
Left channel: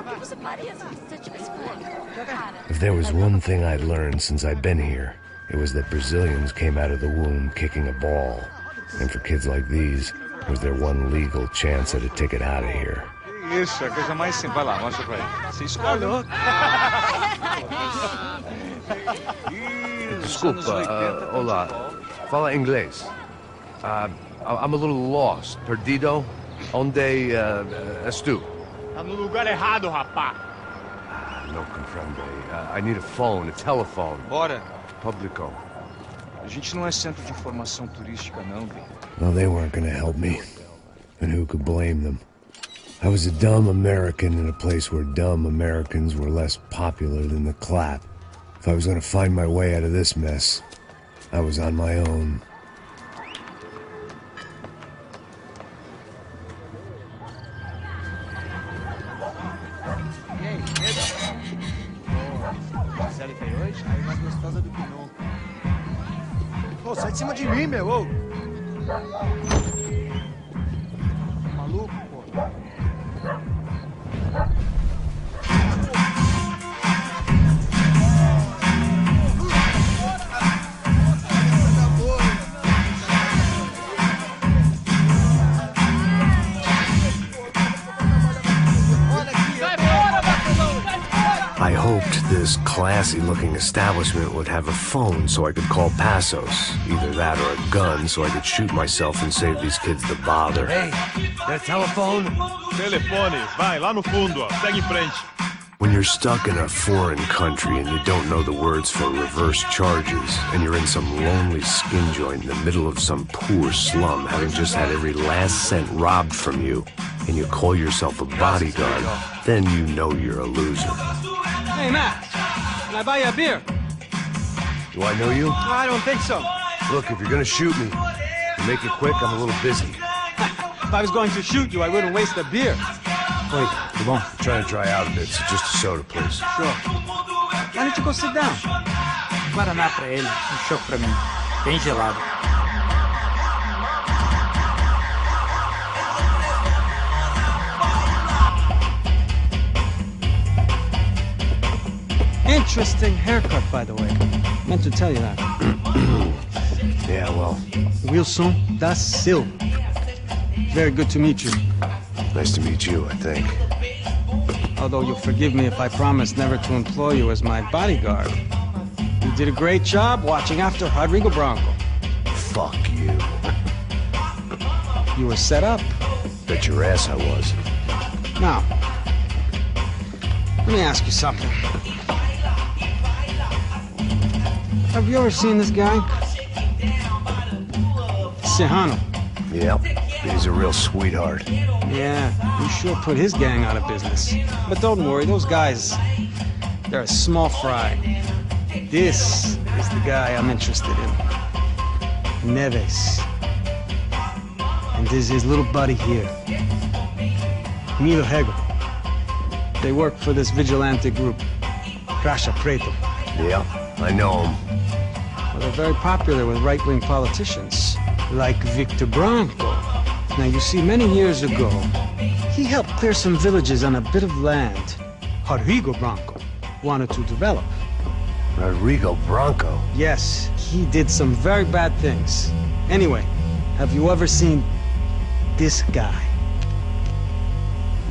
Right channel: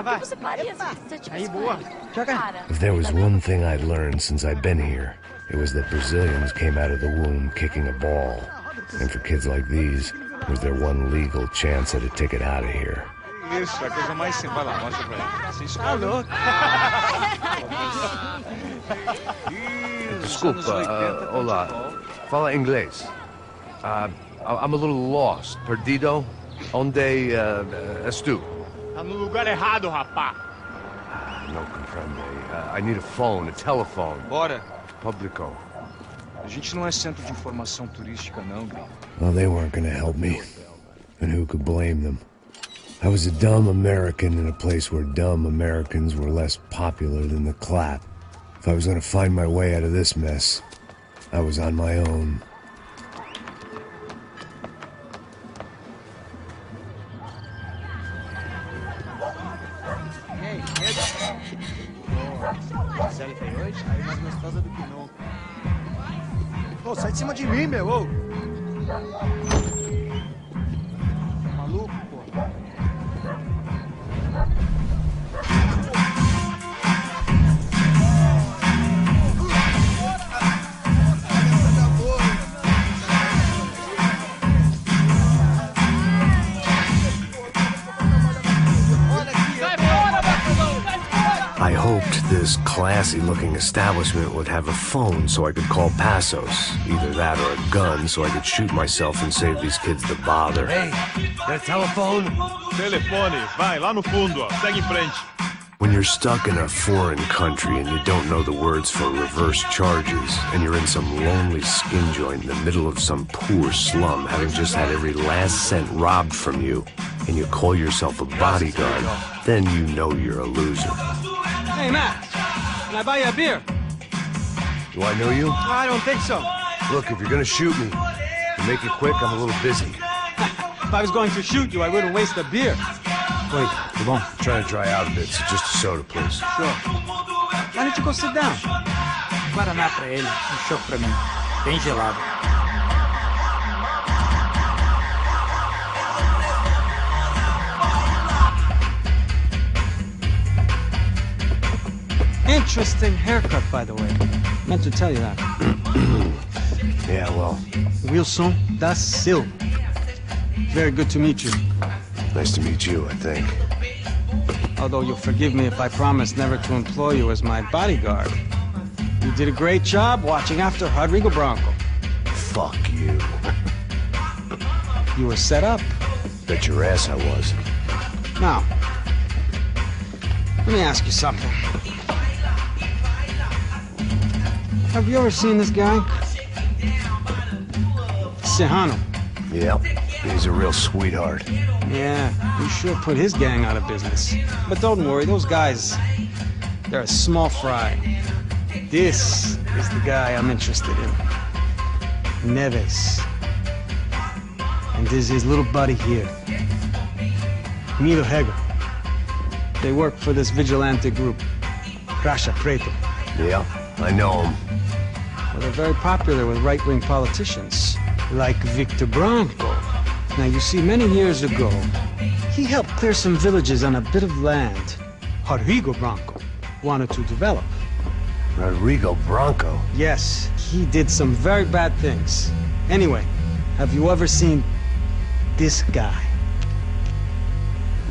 Vai. Epa. Aí, boa. Joga. If there was one thing I'd learned since I'd been here, it was that Brazilians came out of the womb kicking a ball. And for kids like these, it was their one legal chance at a ticket out of here. Que isso, a coisa mais simples. Vai lá, mostra pra ele. Você escolhe um... Desculpa, olá. Fala inglês. I'm a little lost. Perdido? Onde és tu? Tá no lugar errado, rapá. No comprende. I need a phone, a telephone. Bora. Publico. A gente não é centro de informação turística, não, gringo. Well, they weren't gonna help me. And who could blame them? I was a dumb American in a place where dumb Americans were less popular than the clap. If I was gonna find my way out of this mess, I was on my own. E aí, medo? Boa. Gisele tem hoje? Aí mais gostosa do que nunca. Ô, sai de cima de mim, meu, ô! Tá maluco, pô? I hoped this classy-looking establishment would have a phone so I could call Passos. Either that or a gun so I could shoot myself and save these kids the bother. Hey, got a telephone? Telefone, vai, lá no fundo, ó. Segue em frente. When you're stuck in a foreign country and you don't know the words for reverse charges, and you're in some lonely skin joint in the middle of some poor slum, having just had every last cent robbed from you, and you call yourself a bodyguard, then you know you're a loser. Hey, Matt. Can I buy you a beer? Do I know you? I don't think so. Look, if you're gonna shoot me, to make it quick, I'm a little busy. If I was going to shoot you, I wouldn't waste a beer. Wait, come on. I'm trying to dry out a bit, so just a soda, please. Sure. Why don't you go sit down? Guaraná pra ele, choco pra mim. Bem gelado. Interesting haircut, by the way. Meant to tell you that. Yeah, well. Wilson da Silva. Very good to meet you. Nice to meet you, I think. Although you'll forgive me if I promise never to employ you as my bodyguard. You did a great job watching after Rodrigo Branco. Fuck you. You were set up. Bet your ass I was. Now, let me ask you something. Have you ever seen this guy? Sejano. Yep, he's a real sweetheart. Yeah, he sure put his gang out of business. But don't worry, those guys, they're a small fry. This is the guy I'm interested in. Neves. And this is his little buddy here. Milo Hegel. They work for this vigilante group, Crasha Preto. Yeah, I know him. Well, they're very popular with right-wing politicians, like Victor Branco. Now, you see, many years ago, he helped clear some villages on a bit of land Rodrigo Branco wanted to develop. Rodrigo Branco? Yes, he did some very bad things. Anyway, have you ever seen this guy?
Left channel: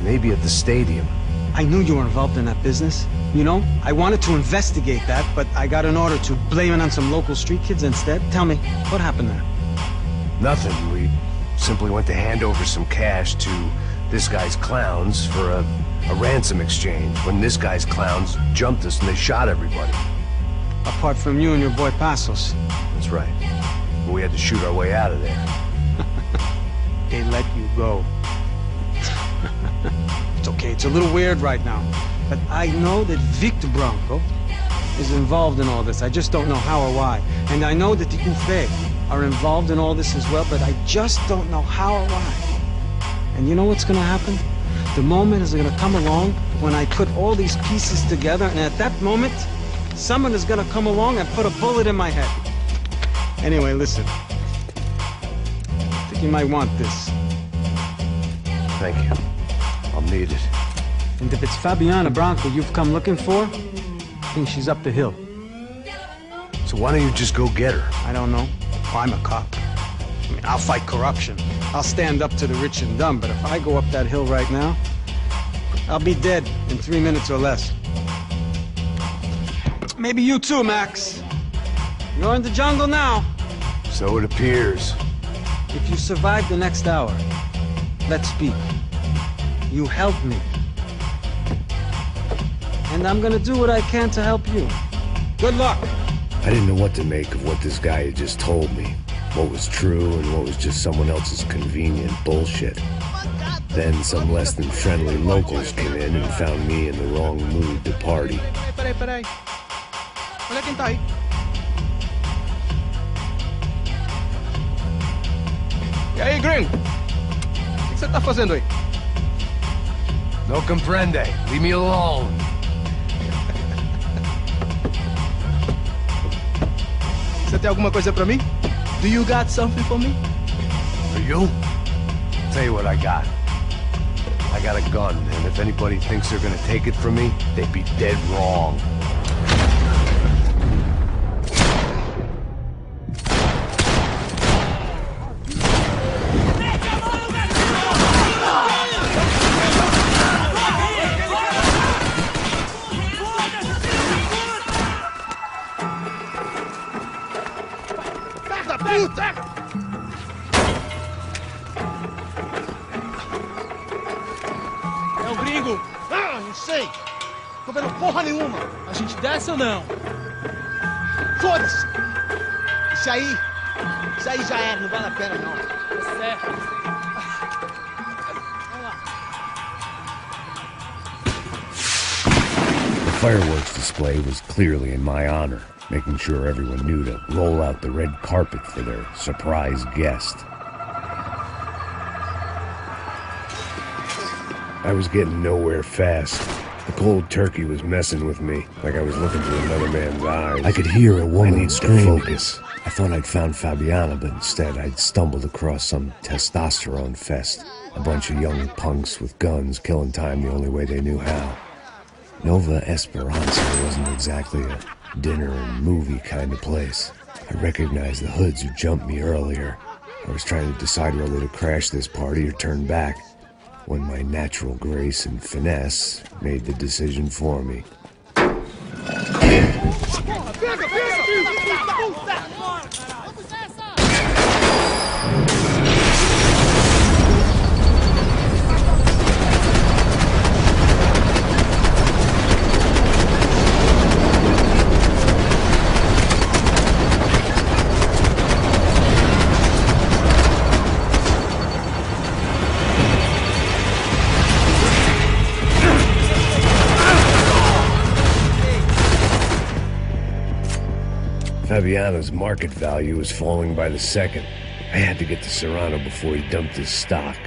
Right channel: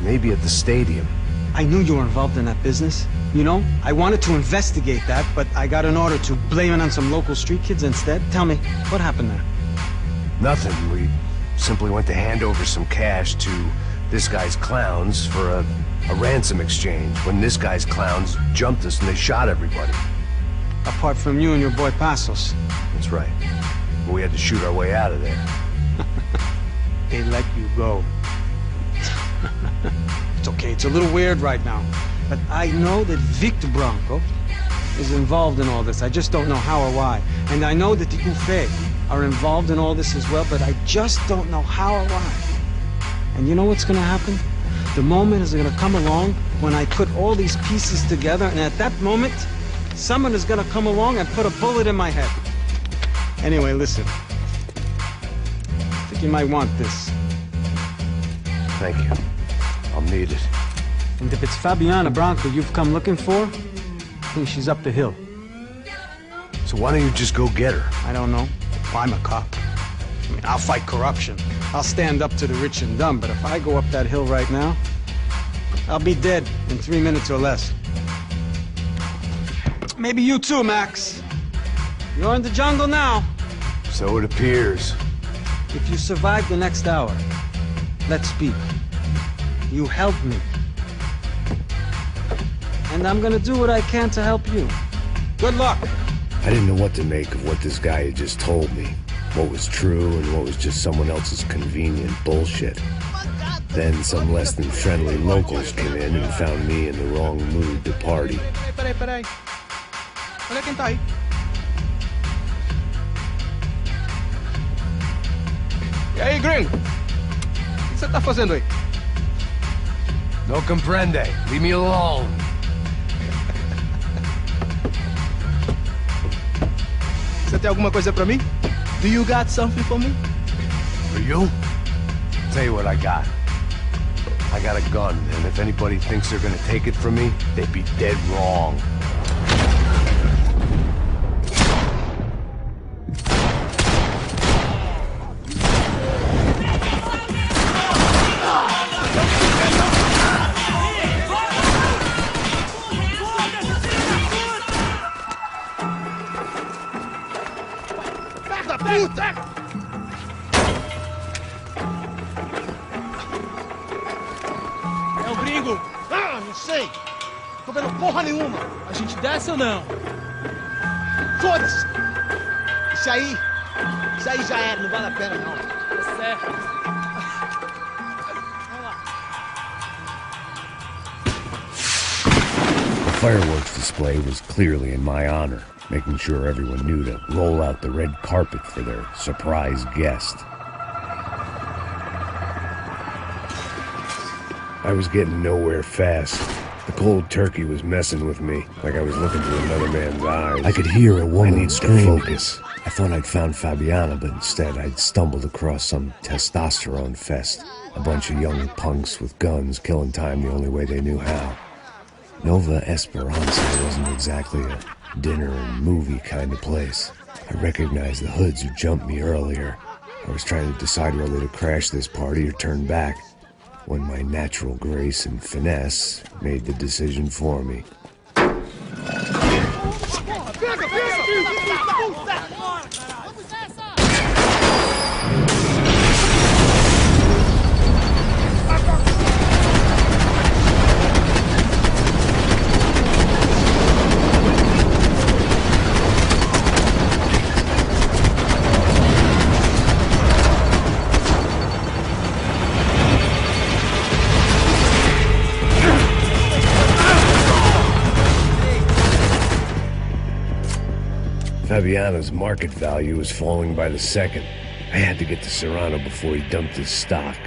Maybe at the stadium. I knew you were involved in that business. You know, I wanted to investigate that, but I got an order to blame it on some local street kids instead. Tell me, what happened there? Nothing. We simply went to hand over some cash to this guy's clowns for a ransom exchange when this guy's clowns jumped us and they shot everybody. Apart from you and your boy Passos. That's right. But we had to shoot our way out of there. They let you go. It's okay, it's a little weird right now. But I know that Victor Branco is involved in all this. I just don't know how or why. And I know that the UFE are involved in all this as well, but I just don't know how or why. And you know what's gonna happen? The moment is gonna come along when I put all these pieces together, and at that moment, someone is gonna come along and put a bullet in my head. Anyway, listen. I think you might want this. Thank you. I'll need it. And if it's Fabiana Branco you've come looking for, I think she's up the hill. So why don't you just go get her? I don't know. Well, I'm a cop. I mean, I'll fight corruption. I'll stand up to the rich and dumb, but if I go up that hill right now, I'll be dead in 3 minutes or less. Maybe you too, Max. You're in the jungle now. So it appears. If you survive the next hour, let's speak. You help me. And I'm gonna do what I can to help you. Good luck! I didn't know what to make of what this guy had just told me. What was true and what was just someone else's convenient bullshit. Then some less than friendly locals came in and found me in the wrong mood to party. Peraí. Olha quem tá aí. E aí, gringo? O que você tá fazendo aí? No comprende. Leave me alone. Você tem alguma coisa pra mim? Do you got something for me? For you? Tell you what I got. I got a gun, and if anybody thinks they're gonna take it from me, they'd be dead wrong. É o gringo! Ah, não sei! Tô vendo porra nenhuma! A gente desce ou não? Foda-se! Isso aí já era, não vale a pena não. Tá certo. Vamos lá. The fireworks display was clearly in my honor, making sure everyone knew to roll out the red carpet for their surprise guest. I was getting nowhere fast. The cold turkey was messing with me, like I was looking through another man's eyes. I could hear a woman scream. Focus. I thought I'd found Fabiana, but instead I'd stumbled across some testosterone fest. A bunch of young punks with guns killing time the only way they knew how. Nova Esperanza wasn't exactly a dinner and movie kind of place. I recognized the hoods who jumped me earlier. I was trying to decide whether to crash this party or turn back, when my natural grace and finesse made the decision for me. Fabiano's market value was falling by the second. I had to get to Serrano before he dumped his stock.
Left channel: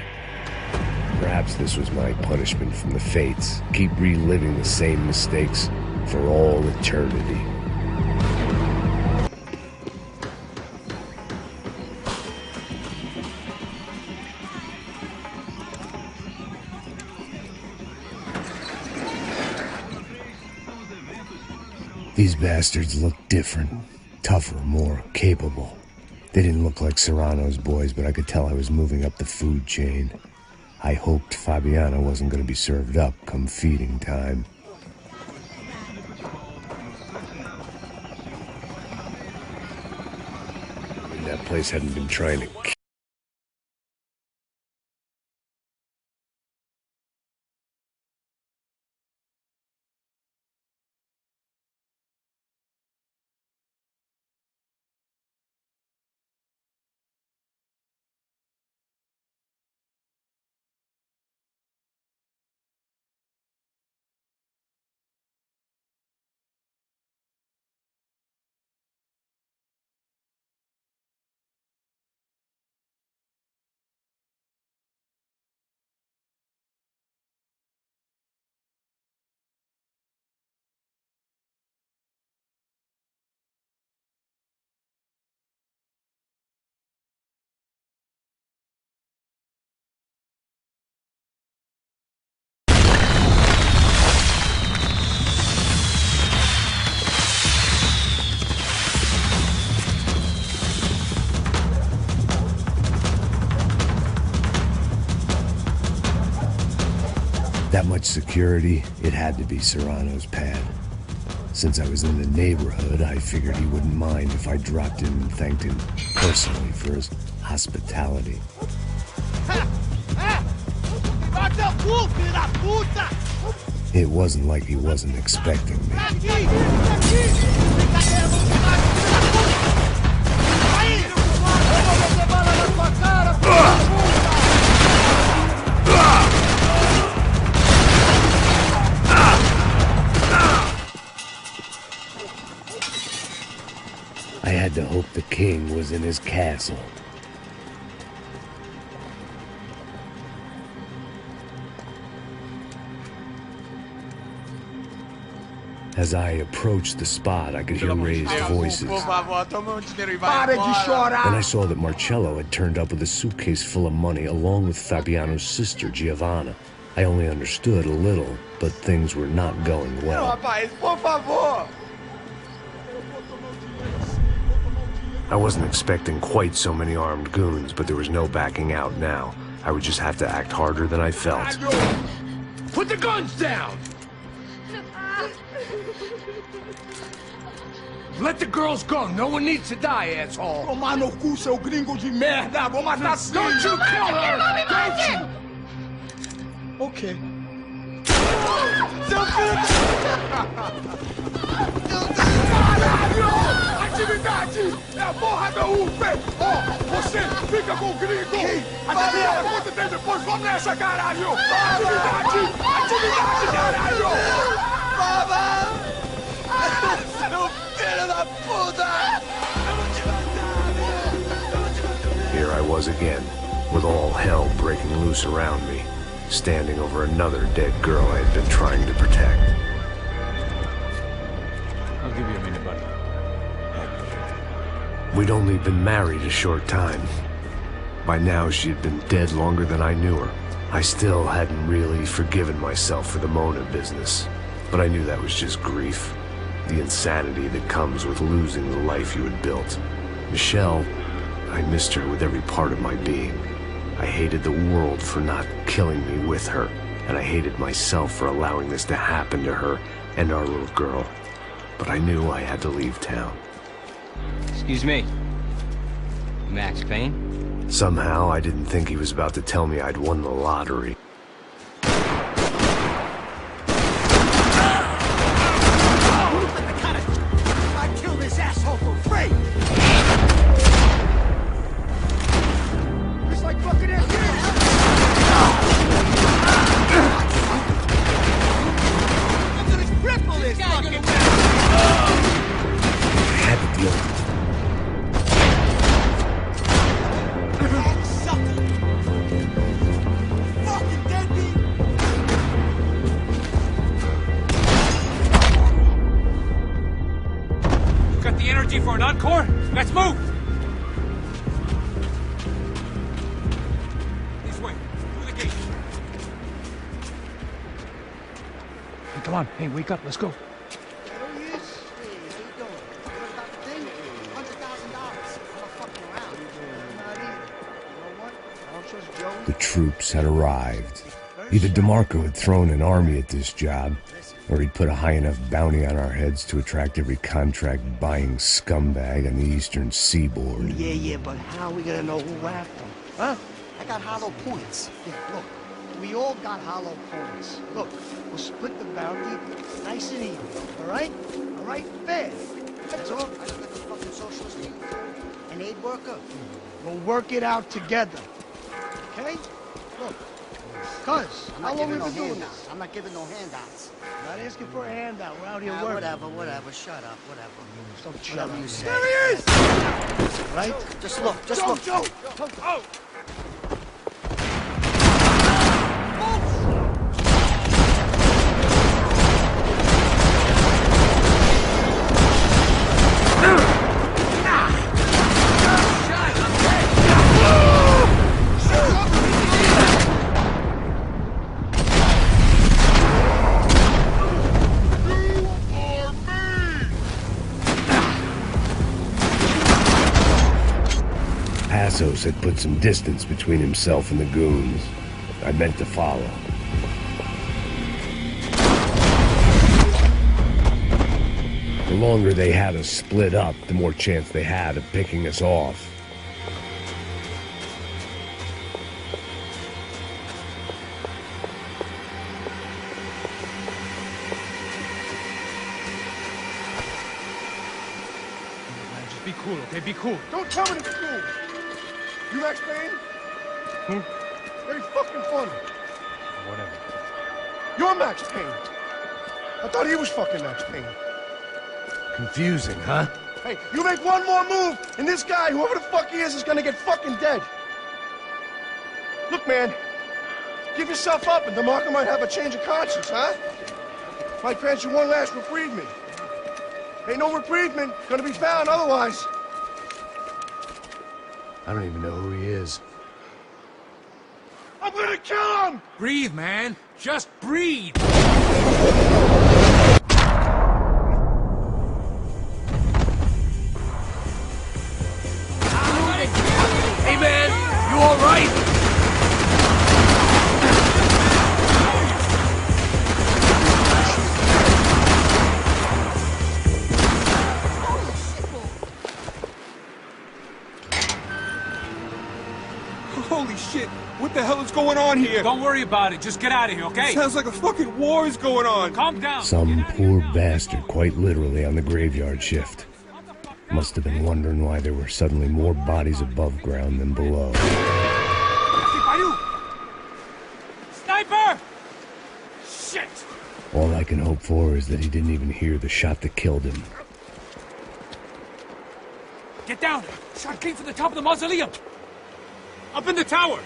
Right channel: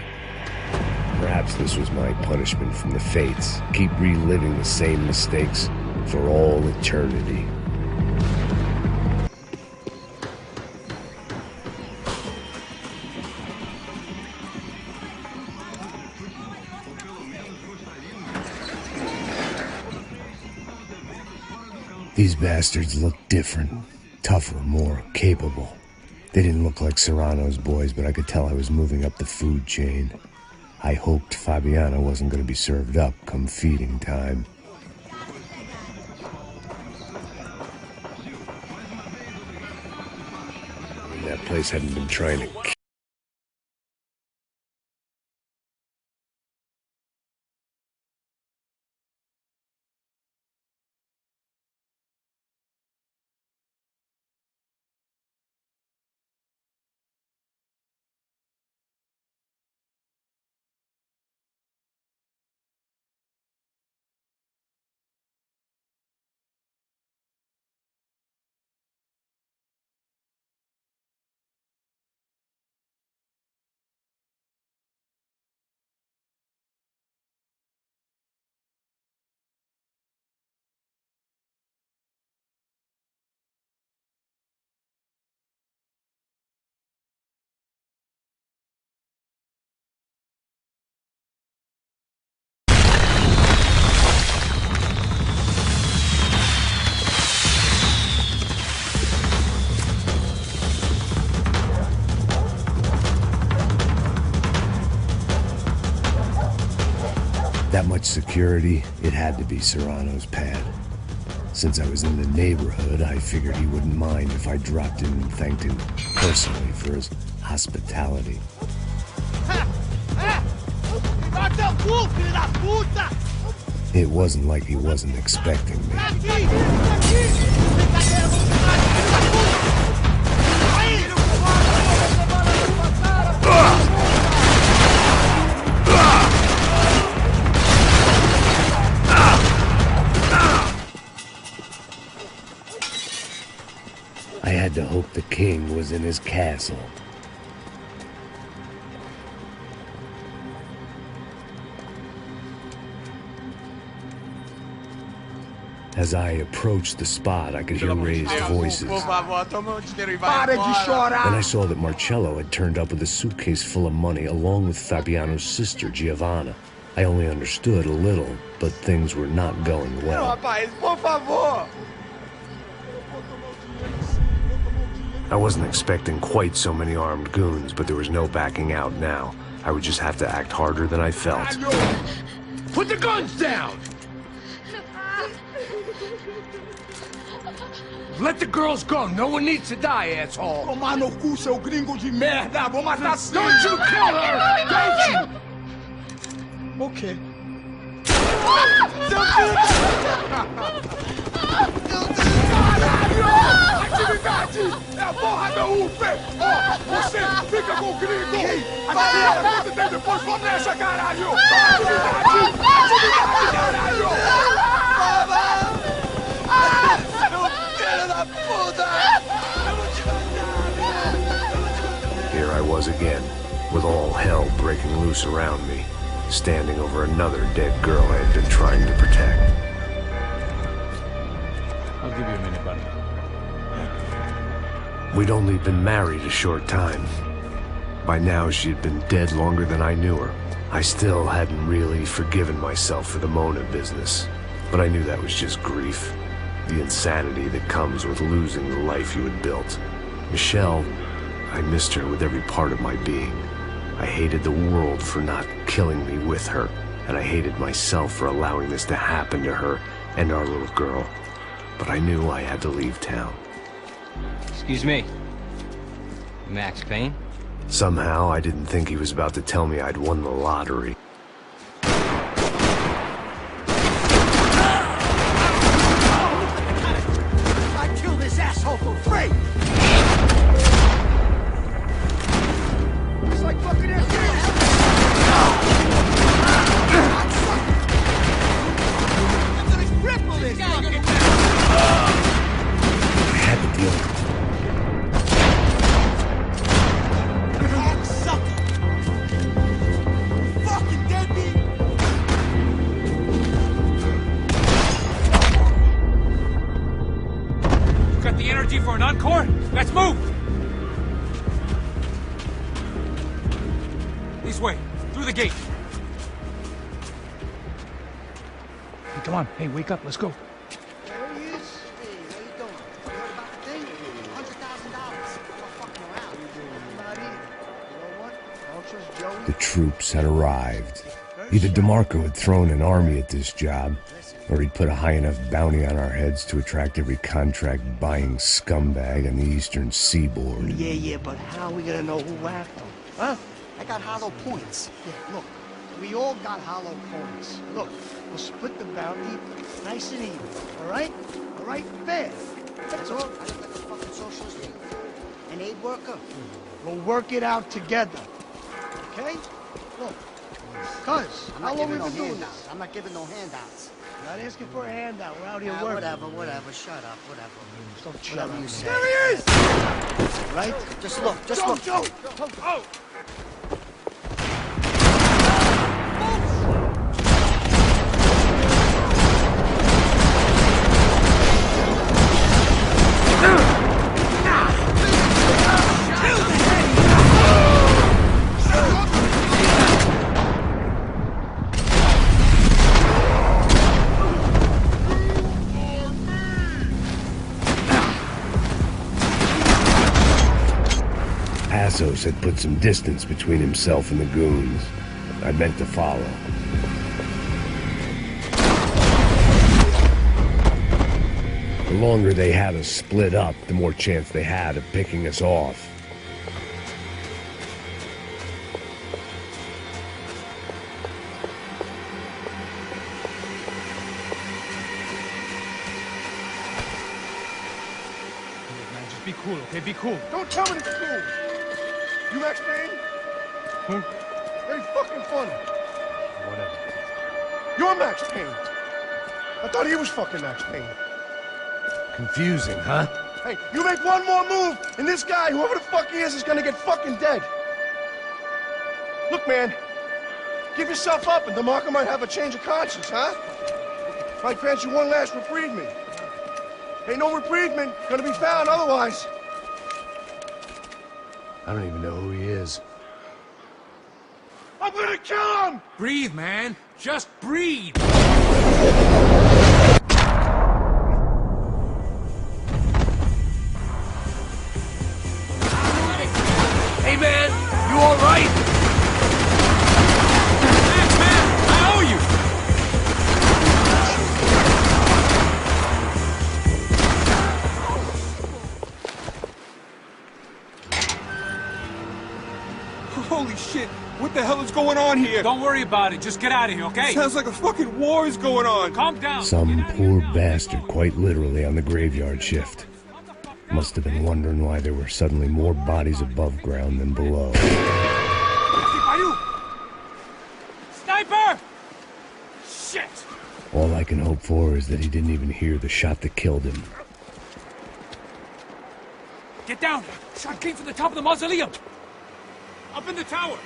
Perhaps this was my punishment from the fates. Keep reliving the same mistakes for all eternity. These bastards looked different. Tougher, more capable. They didn't look like Serrano's boys, but I could tell I was moving up the food chain. I hoped Fabiana wasn't going to be served up come feeding time. And that place hadn't been trying to kill. That much security, it had to be Serrano's pad. Since I was in the neighborhood, I figured he wouldn't mind if I dropped in and thanked him personally for his hospitality. It wasn't like he wasn't expecting me. I had to hope the king was in his castle. As I approached the spot, I could hear raised voices. Then I saw that Marcello had turned up with a suitcase full of money along with Fabiano's sister, Giovanna. I only understood a little, but things were not going well. I wasn't expecting quite so many armed goons, but there was no backing out now. I would just have to act harder than I felt. Put the guns down! Let the girls go. No one needs to die, asshole. Tomar no cu, seu gringo de merda. Vou matar sim. Don't you kill her! Don't you? Okay. Caralho! Atividade! É a porra da UFE! Ó, você fica com o gringo! A galera conta tem depois. Vamos nessa, caralho! Atividade! Atividade, caralho! Seu filho da puta! Eu vou te matar! Here I was again, with all hell breaking loose around me. standing over another dead girl I had been trying to protect. I'll give you a minute, buddy. Thank you. We'd only been married a short time. By now, she had been dead longer than I knew her. I still hadn't really forgiven myself for the Mona business, but I knew that was just grief. The insanity that comes with losing the life you had built. Michelle, I missed her with every part of my being. I hated the world for not killing me with her, and I hated myself for allowing this to happen to her and our little girl. But I knew I had to leave town. Excuse me. Max Payne? Somehow, I didn't think he was about to tell me I'd won the lottery. I'd kill this asshole for free! It's like fucking I'm gonna cripple this fucking I had to deal with it. fucking deadbeat! Got the energy for an encore? Let's move! This way, through the gate. Hey, come on. Hey, wake up. Let's go. There he is. Hey, how you doing? You heard about the thing? $100,000. I'm not fucking around. I'm not either. You know what? I don't trust Joey. The troops had arrived. Either DeMarco had thrown an army at this job, or he'd put a high enough bounty on our heads to attract every contract-buying scumbag on the eastern seaboard. Yeah, but how are we gonna know who whacked him? Huh? I got hollow points. Yeah, look. We all got hollow points. Look, we'll split the bounty nice and even. All right? All right? Fair. That's all. I look like a fucking socialist to you, fool. An aid worker. We'll work it out together. Okay? Look. Cuz, how long have we been doing this? I'm not giving no handouts. Not asking for a handout. We're out here working. Whatever. Shut up. Whatever. Whatever you say. There he is! Right? Just look. Just look. Joe! Oh! Passos had put some distance between himself and the goons. I meant to follow. The longer they had us split up, the more chance they had of picking us off. Man, just be cool, okay? Be cool. Don't tell me to be cool. You Max Payne? Who? Very fucking funny. Whatever. You're Max Payne. I thought he was fucking Max Payne. Confusing, huh? Hey, you make one more move, and this guy, whoever the fuck he is gonna get fucking dead. Look, man, give yourself up, and DeMarco might have a change of conscience, huh? Might grant you one last reprievement. Ain't no reprievement gonna be found otherwise. I don't even know who he is. I'm gonna kill him! Breathe, man. Just breathe. Hey, man. You all right? Max, man. I owe you. Holy shit! What the hell is going on here? Don't worry about it. Just get out of here, okay? Sounds like a fucking war is going on. Calm down. Some poor bastard, quite literally, on the graveyard shift. Must have been wondering why there were suddenly more bodies above ground than below. Sniper! Shit! All I can hope for is that he didn't even hear the shot that killed him. Get down! Shot came from the top of the mausoleum! Up in the tower!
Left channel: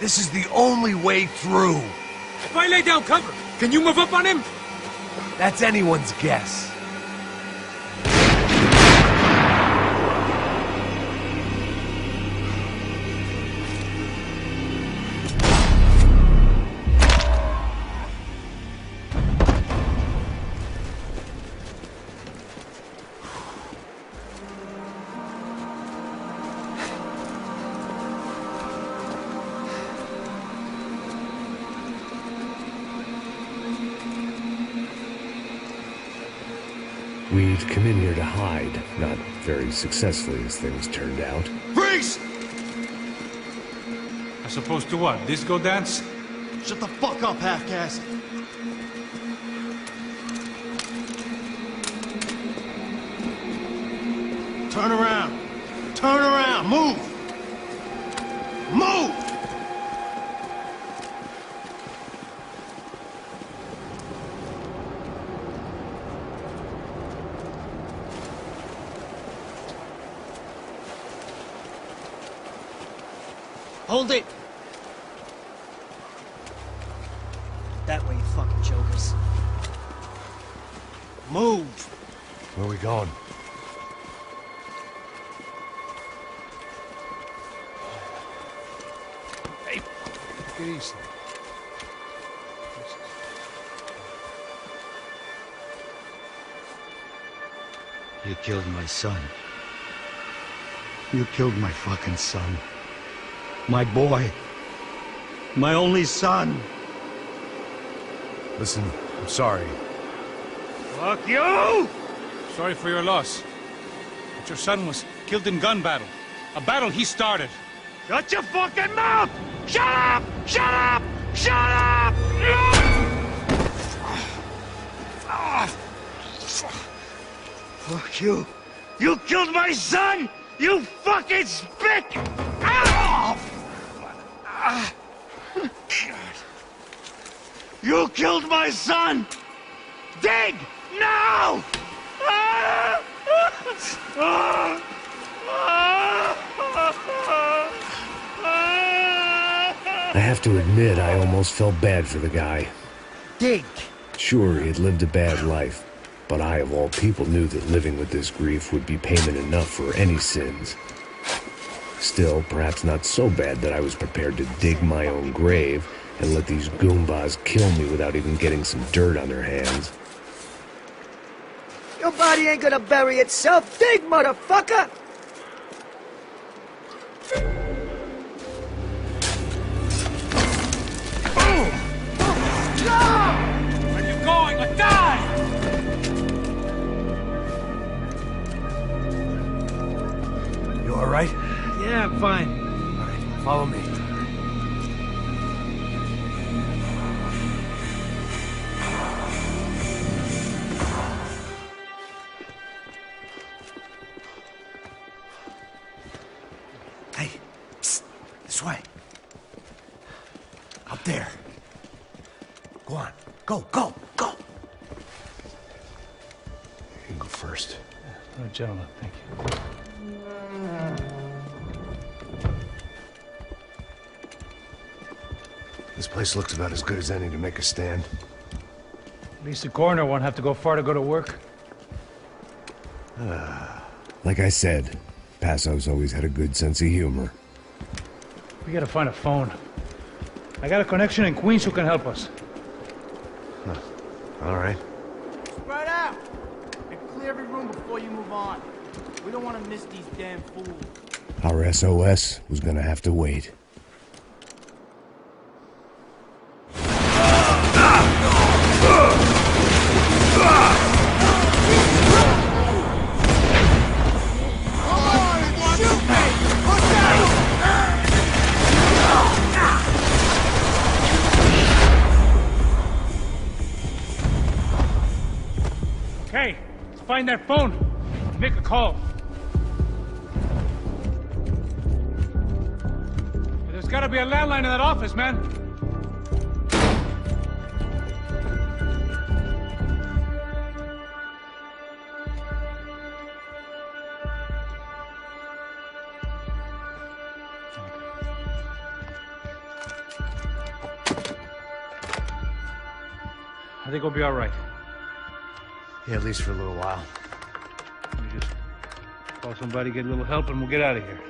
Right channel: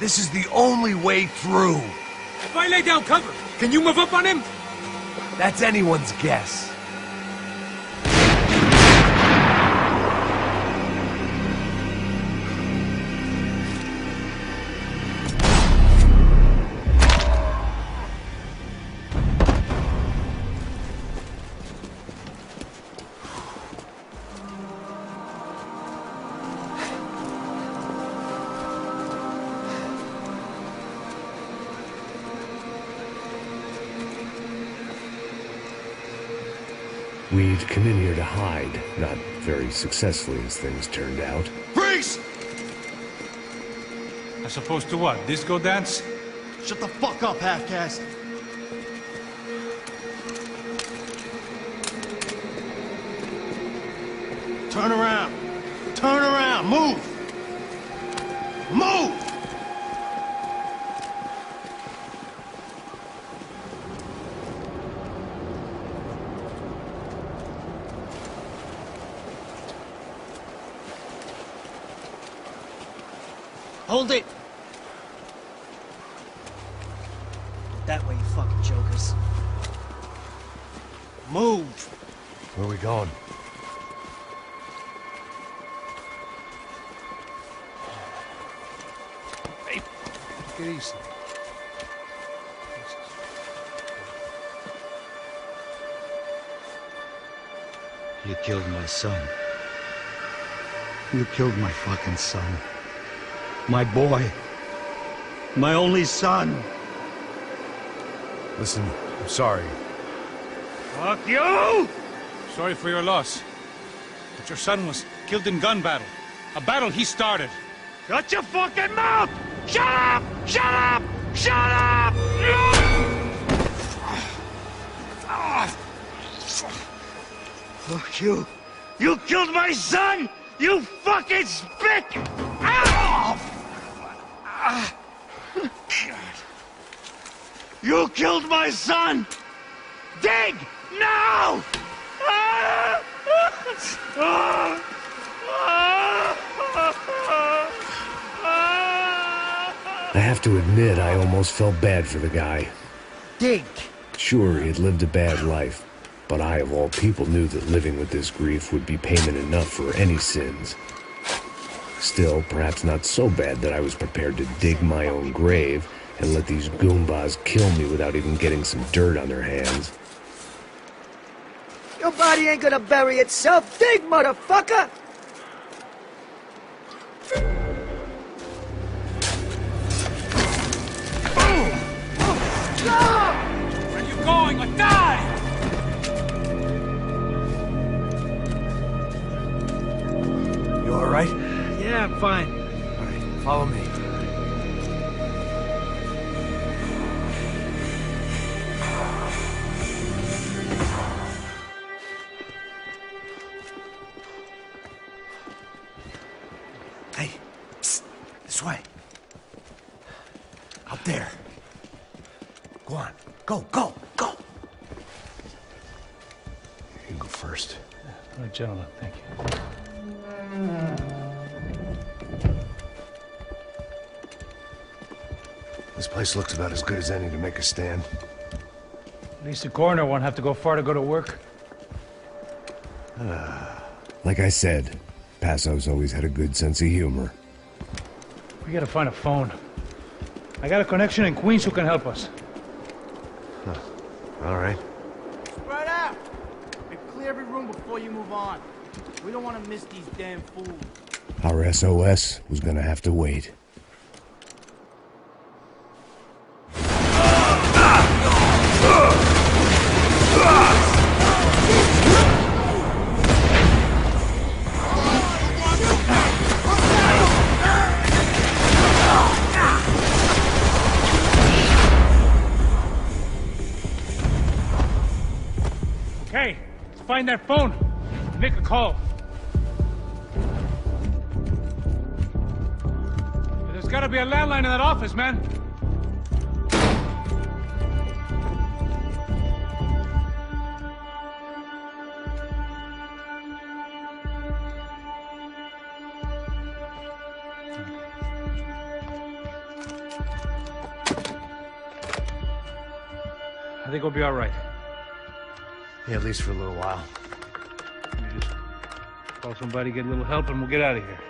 This is the only way through. If I lay down cover, can you move up on him? That's anyone's guess. We'd come in here to hide, not very successfully as things turned out. Freeze! As opposed to what? Disco dance? Shut the fuck up, half-caste. Turn around. Turn around. Move. Move! Hold it! That way, you fucking jokers. Move! Where are we going? Hey, take it easy. You killed my son. You killed my fucking son. My boy. My only son. Listen, I'm sorry. Fuck you! Sorry for your loss. But your son was killed in gun battle. A battle he started. Shut your fucking mouth! Shut up! Shut up! Shut up! Fuck you. You killed my son! You fucking spick! Ow! God. You killed my son! Dig! Now! I have to admit, I almost felt bad for the guy. Dig! Sure, he had lived a bad life, but I, of all people, knew that living with this grief would be payment enough for any sins. Still, perhaps not so bad that I was prepared to dig my own grave and let these goombas kill me without even getting some dirt on their hands. Your body ain't gonna bury itself. Dig, motherfucker! Boom! No! Where are you going? Or die! You all right? Yeah, I'm fine. All right, follow me. Hey, psst, this way. Up there. Go on. Go, go, go. You can go first. Oh, gentlemen, thank you. This place looks about as good as any to make a stand. At least the coroner won't have to go far to go to work. Like I said, Passo's always had a good sense of humor. We gotta find a phone. I got a connection in Queens who can help us. Huh. All right. Spread out! And clear every room before you move on. We don't want to miss these damn fools. Our SOS was gonna have to wait. Okay, let's find that phone and make a call. There's gotta be a landline in that office, man. I think we'll be all right. Yeah, at least for a little while. Let me just call somebody, get a little help, and we'll get out of here.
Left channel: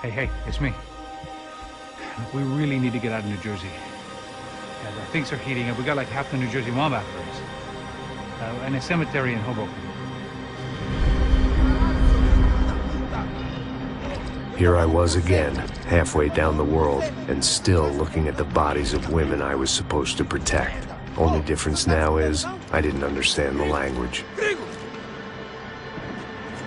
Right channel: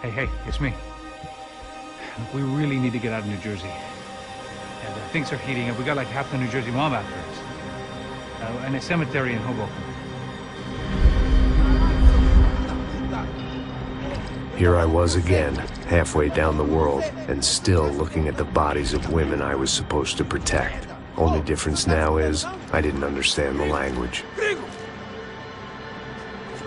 Hey, it's me. Look, we really need to get out of New Jersey. Yeah, things are heating up. We got like half the New Jersey mob after us. And a cemetery in Hoboken. Here I was again, halfway down the world, and still looking at the bodies of women I was supposed to protect. Only difference now is, I didn't understand the language.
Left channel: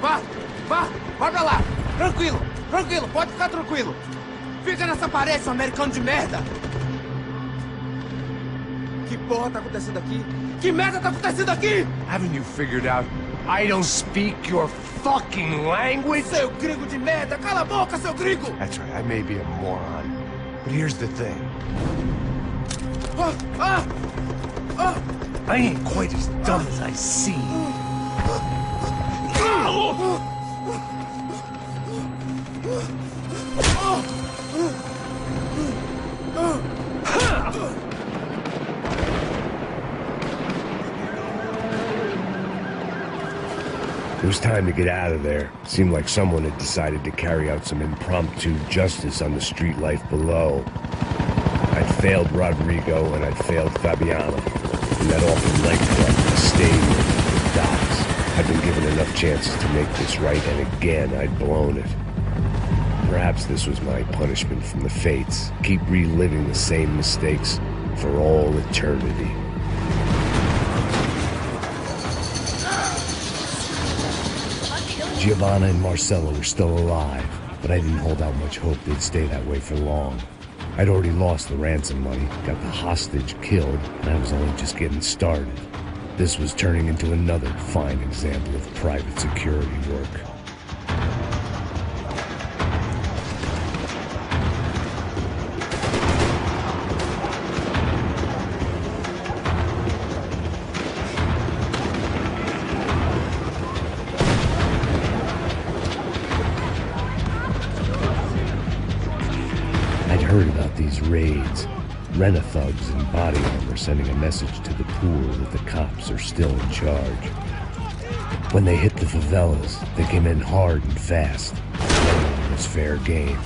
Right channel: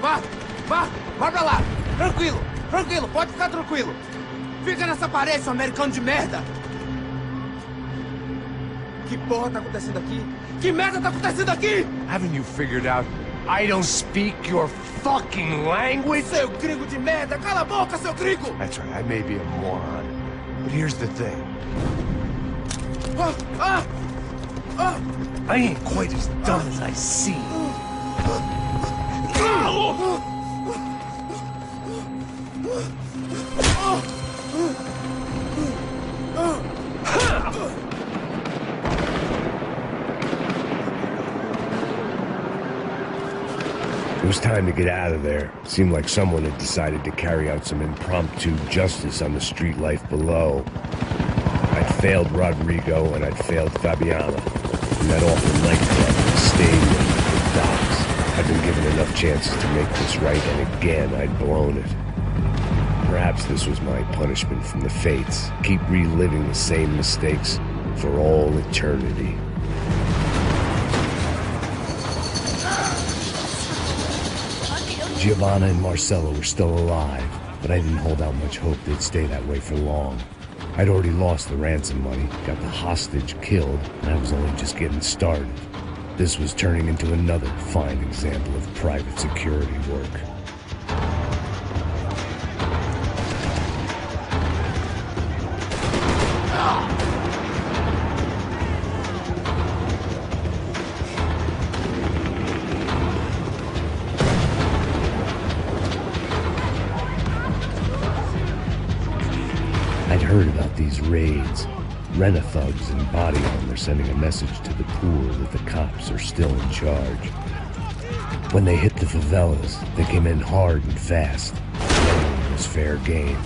Vai pra lá! Tranquilo, pode ficar tranquilo! Fica nessa parede, seu americano de merda! Que porra tá acontecendo aqui? Que merda tá acontecendo aqui? Haven't you figured out I don't speak your fucking language? Seu gringo de merda! Cala a boca, seu gringo! That's right, I may be a moron, but here's the thing. I ain't quite as dumb as I seem. It was time to get out of there. Seemed like someone had decided to carry out some impromptu justice on the street life below. I'd failed Rodrigo and I'd failed Fabiana. In that awful nightclub, the stadium, the docks. I'd been given enough chances to make this right, and again I'd blown it. Perhaps this was my punishment from the fates. Keep reliving the same mistakes for all eternity. Giovanna and Marcella were still alive, but I didn't hold out much hope they'd stay that way for long. I'd already lost the ransom money, got the hostage killed, and I was only just getting started. This was turning into another fine example of private security work. I'd heard about these raids. Rent-a-thugs in body armor sending a message to the poor that the cops are still in charge. When they hit the favelas, they came in hard and fast. It was fair game,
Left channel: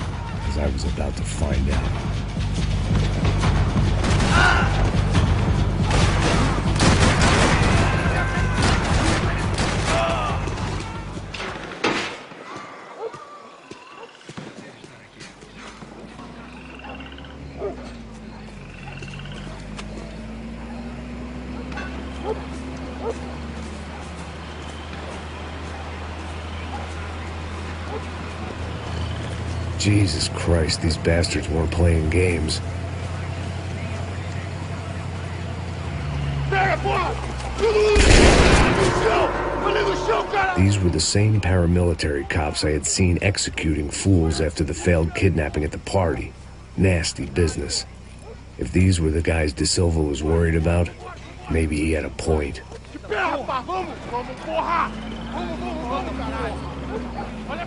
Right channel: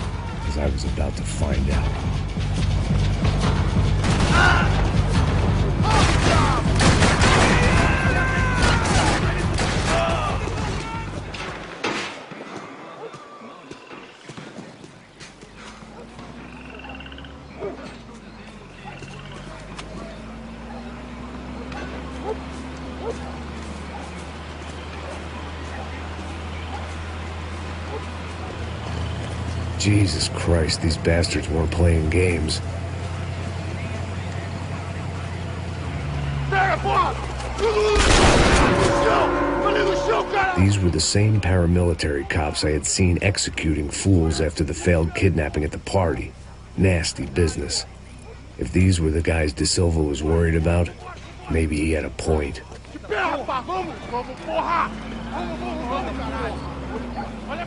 as I was about to find out. Jesus Christ, these bastards weren't playing games. These were the same paramilitary cops I had seen executing fools after the failed kidnapping at the party. Nasty business. If these were the guys De Silva was worried about, maybe he had a point.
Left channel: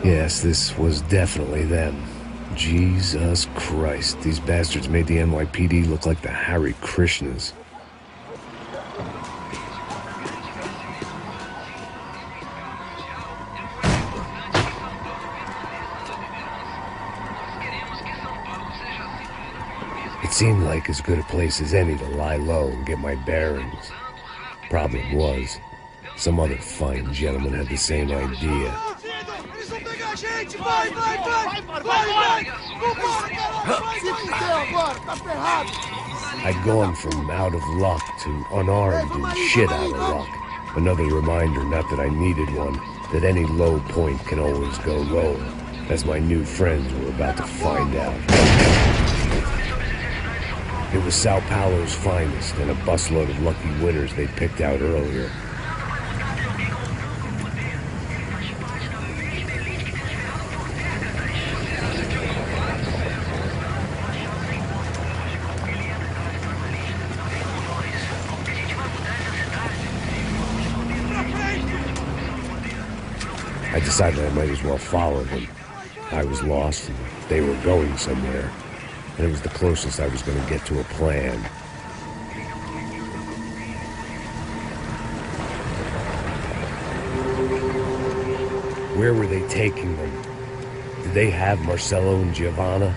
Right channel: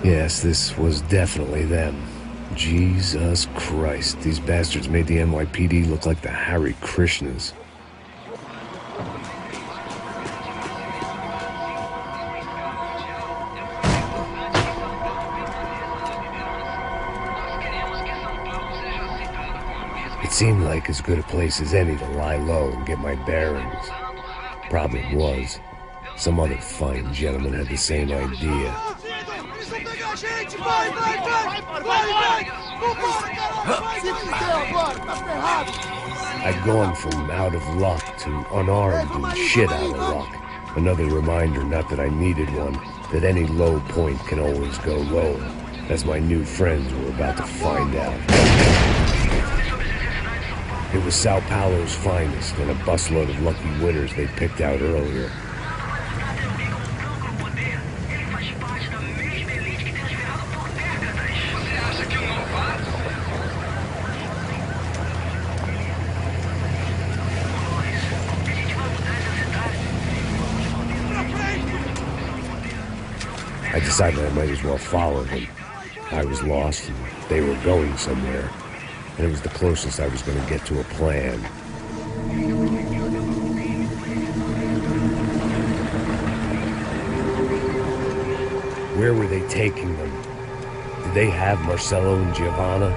Yes, this was definitely them. Jesus Christ, these bastards made the NYPD look like the Hare Krishnas. It seemed like as good a place as any to lie low and get my bearings. Problem was, some other fine gentleman had the same idea. I'd gone from out of luck to unarmed and shit out of luck. Another reminder, not that I needed one, that any low point can always go lower, as my new friends were about to find out. It was Sao Paulo's finest and a busload of lucky winners they'd picked out earlier. I decided I might as well follow them. I was lost and they were going somewhere, and it was the closest I was going to get to a plan. Where were they taking them? Did they have Marcelo and Giovanna?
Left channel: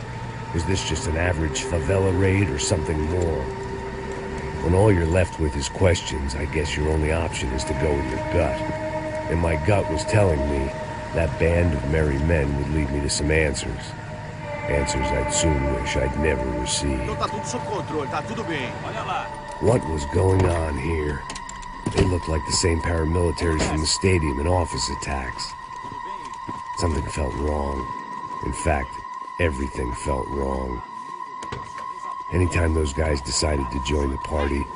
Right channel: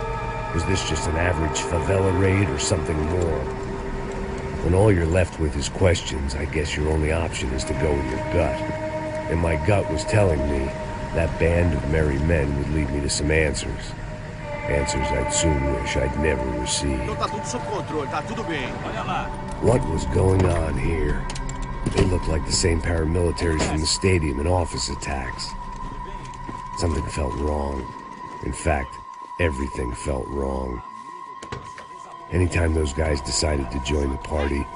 Was this just an average favela raid or something more? When all you're left with is questions, I guess your only option is to go with your gut. And my gut was telling me that band of merry men would lead me to some answers. Answers I'd soon wish I'd never received. Então tá tudo sob controle, tá tudo bem. Olha lá. What was going on here? They looked like the same paramilitaries from the stadium in office attacks. Something felt wrong. In fact, everything felt wrong. Anytime those guys decided to join the party,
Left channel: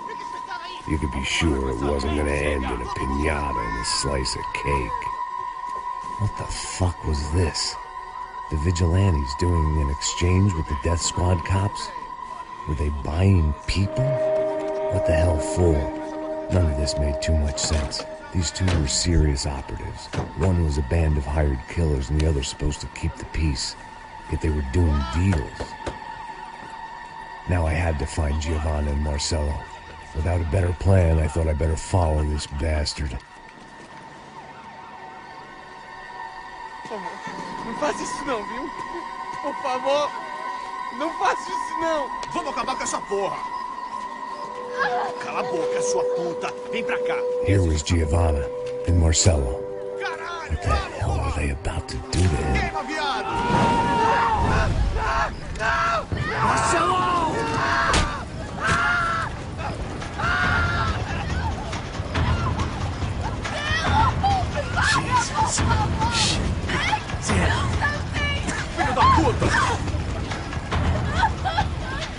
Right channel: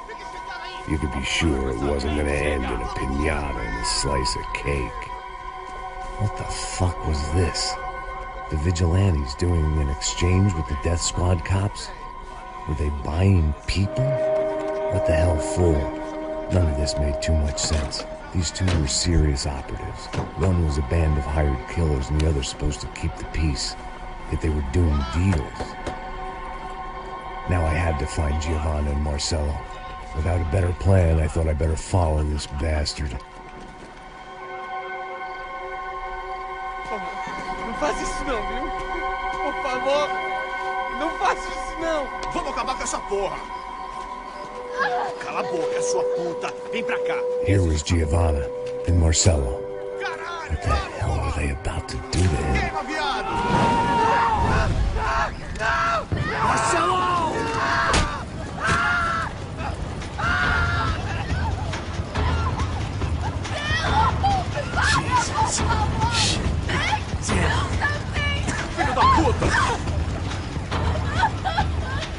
you could be sure it wasn't gonna end in a piñata and a slice of cake. What the fuck was this? The vigilantes doing an exchange with the death squad cops? Were they buying people? What the hell for? None of this made too much sense. These two were serious operatives. One was a band of hired killers and the other supposed to keep the peace. Yet they were doing deals. Now I had to find Giovanna and Marcelo. Without a better plan, I thought I better follow this bastard. Não faz isso não, viu? Por favor, não faça isso não. Vamos acabar com essa porra. Cala a boca, sua puta. Vem pra cá. Here was Giovanna and Marcelo. What the hell were they about to do to him? Marcelo! Jesus. Shit. Damn. Filho da puta!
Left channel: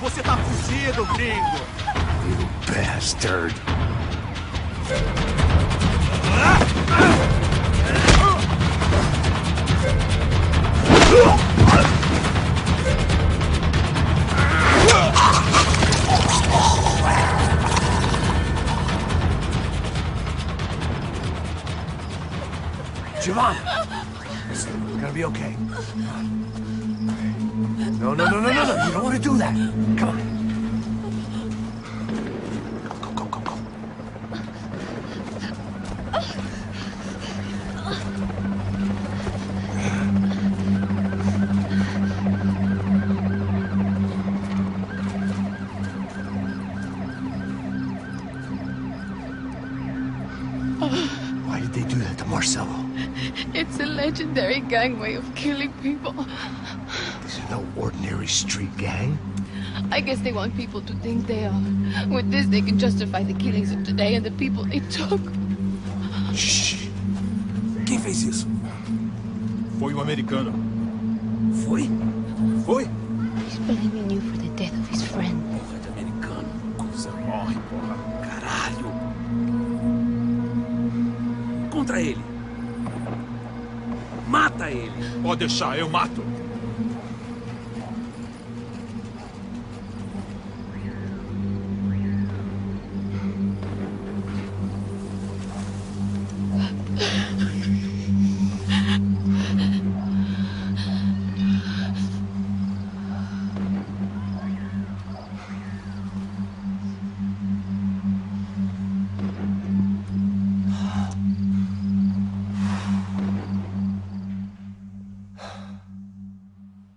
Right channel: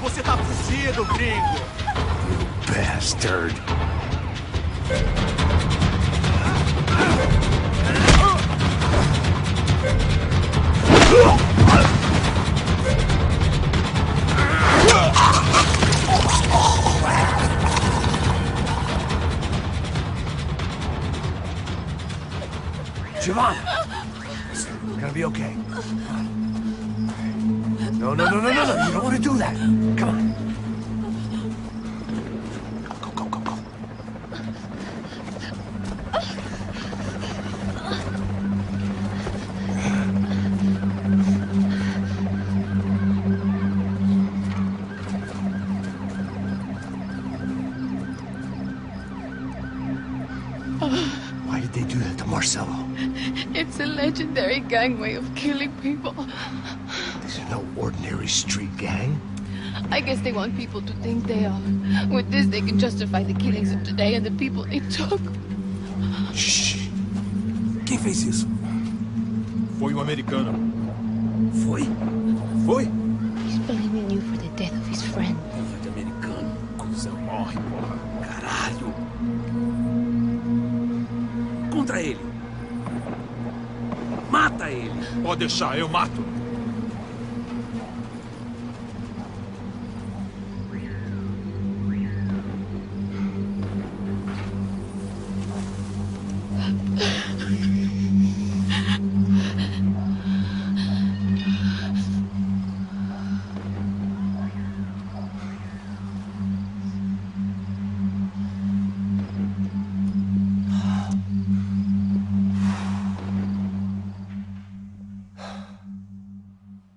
Você tá fugido, gringo! You bastard. Giovanna! Listen, we're gonna be okay. No. You don't want to do that. Come on. Go. Why did they do that to Marcelo? It's a legendary gang way of killing people. This is no ordinary street gang. I guess they want people to think they are. With this, they can justify the killings of today and the people they took. Shh. Quem fez isso? Foi um americano. Foi? He's blaming you for the death of his friend. Porra de americano. Coisa morre, porra. Caralho. Contra ele. Mata ele. Pode deixar, eu mato.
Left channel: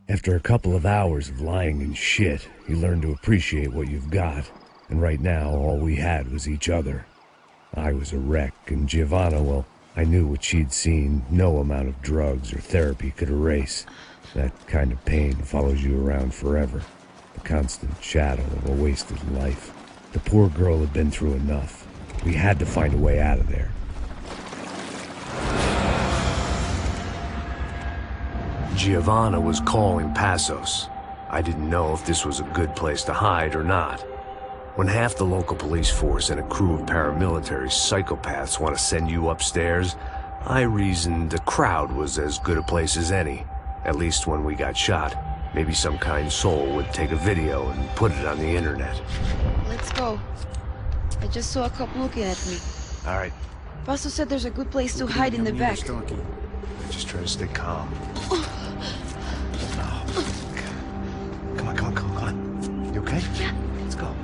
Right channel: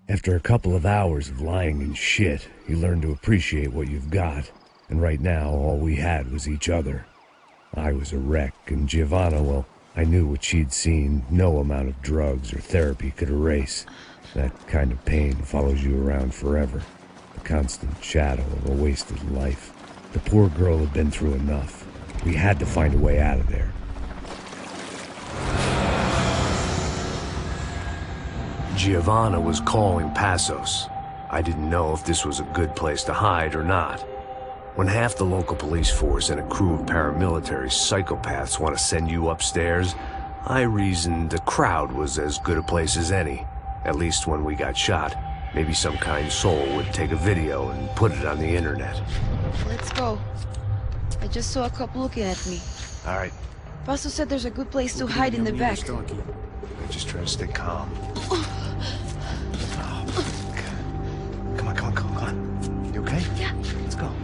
After a couple of hours of lying and shit, you learn to appreciate what you've got. And right now, all we had was each other. I was a wreck, and Giovanna, well, I knew what she'd seen no amount of drugs or therapy could erase. That kind of pain follows you around forever. The constant shadow of a wasted life. The poor girl had been through enough. We had to find a way out of there. Giovanna was calling Passos. I didn't know if this was a good place to hide or not. When half the local police force and a crew of paramilitary psychopaths want to send you upstairs, I reasoned a crowd was as good a place as any. At least when we got shot, maybe some kind soul would take a video and put it on the internet. Let's go. I just saw a cop looking at me. All right. Paso said there's a good place to hide in the back. I just try to stay calm. Come on. You okay? Yeah. Let's go.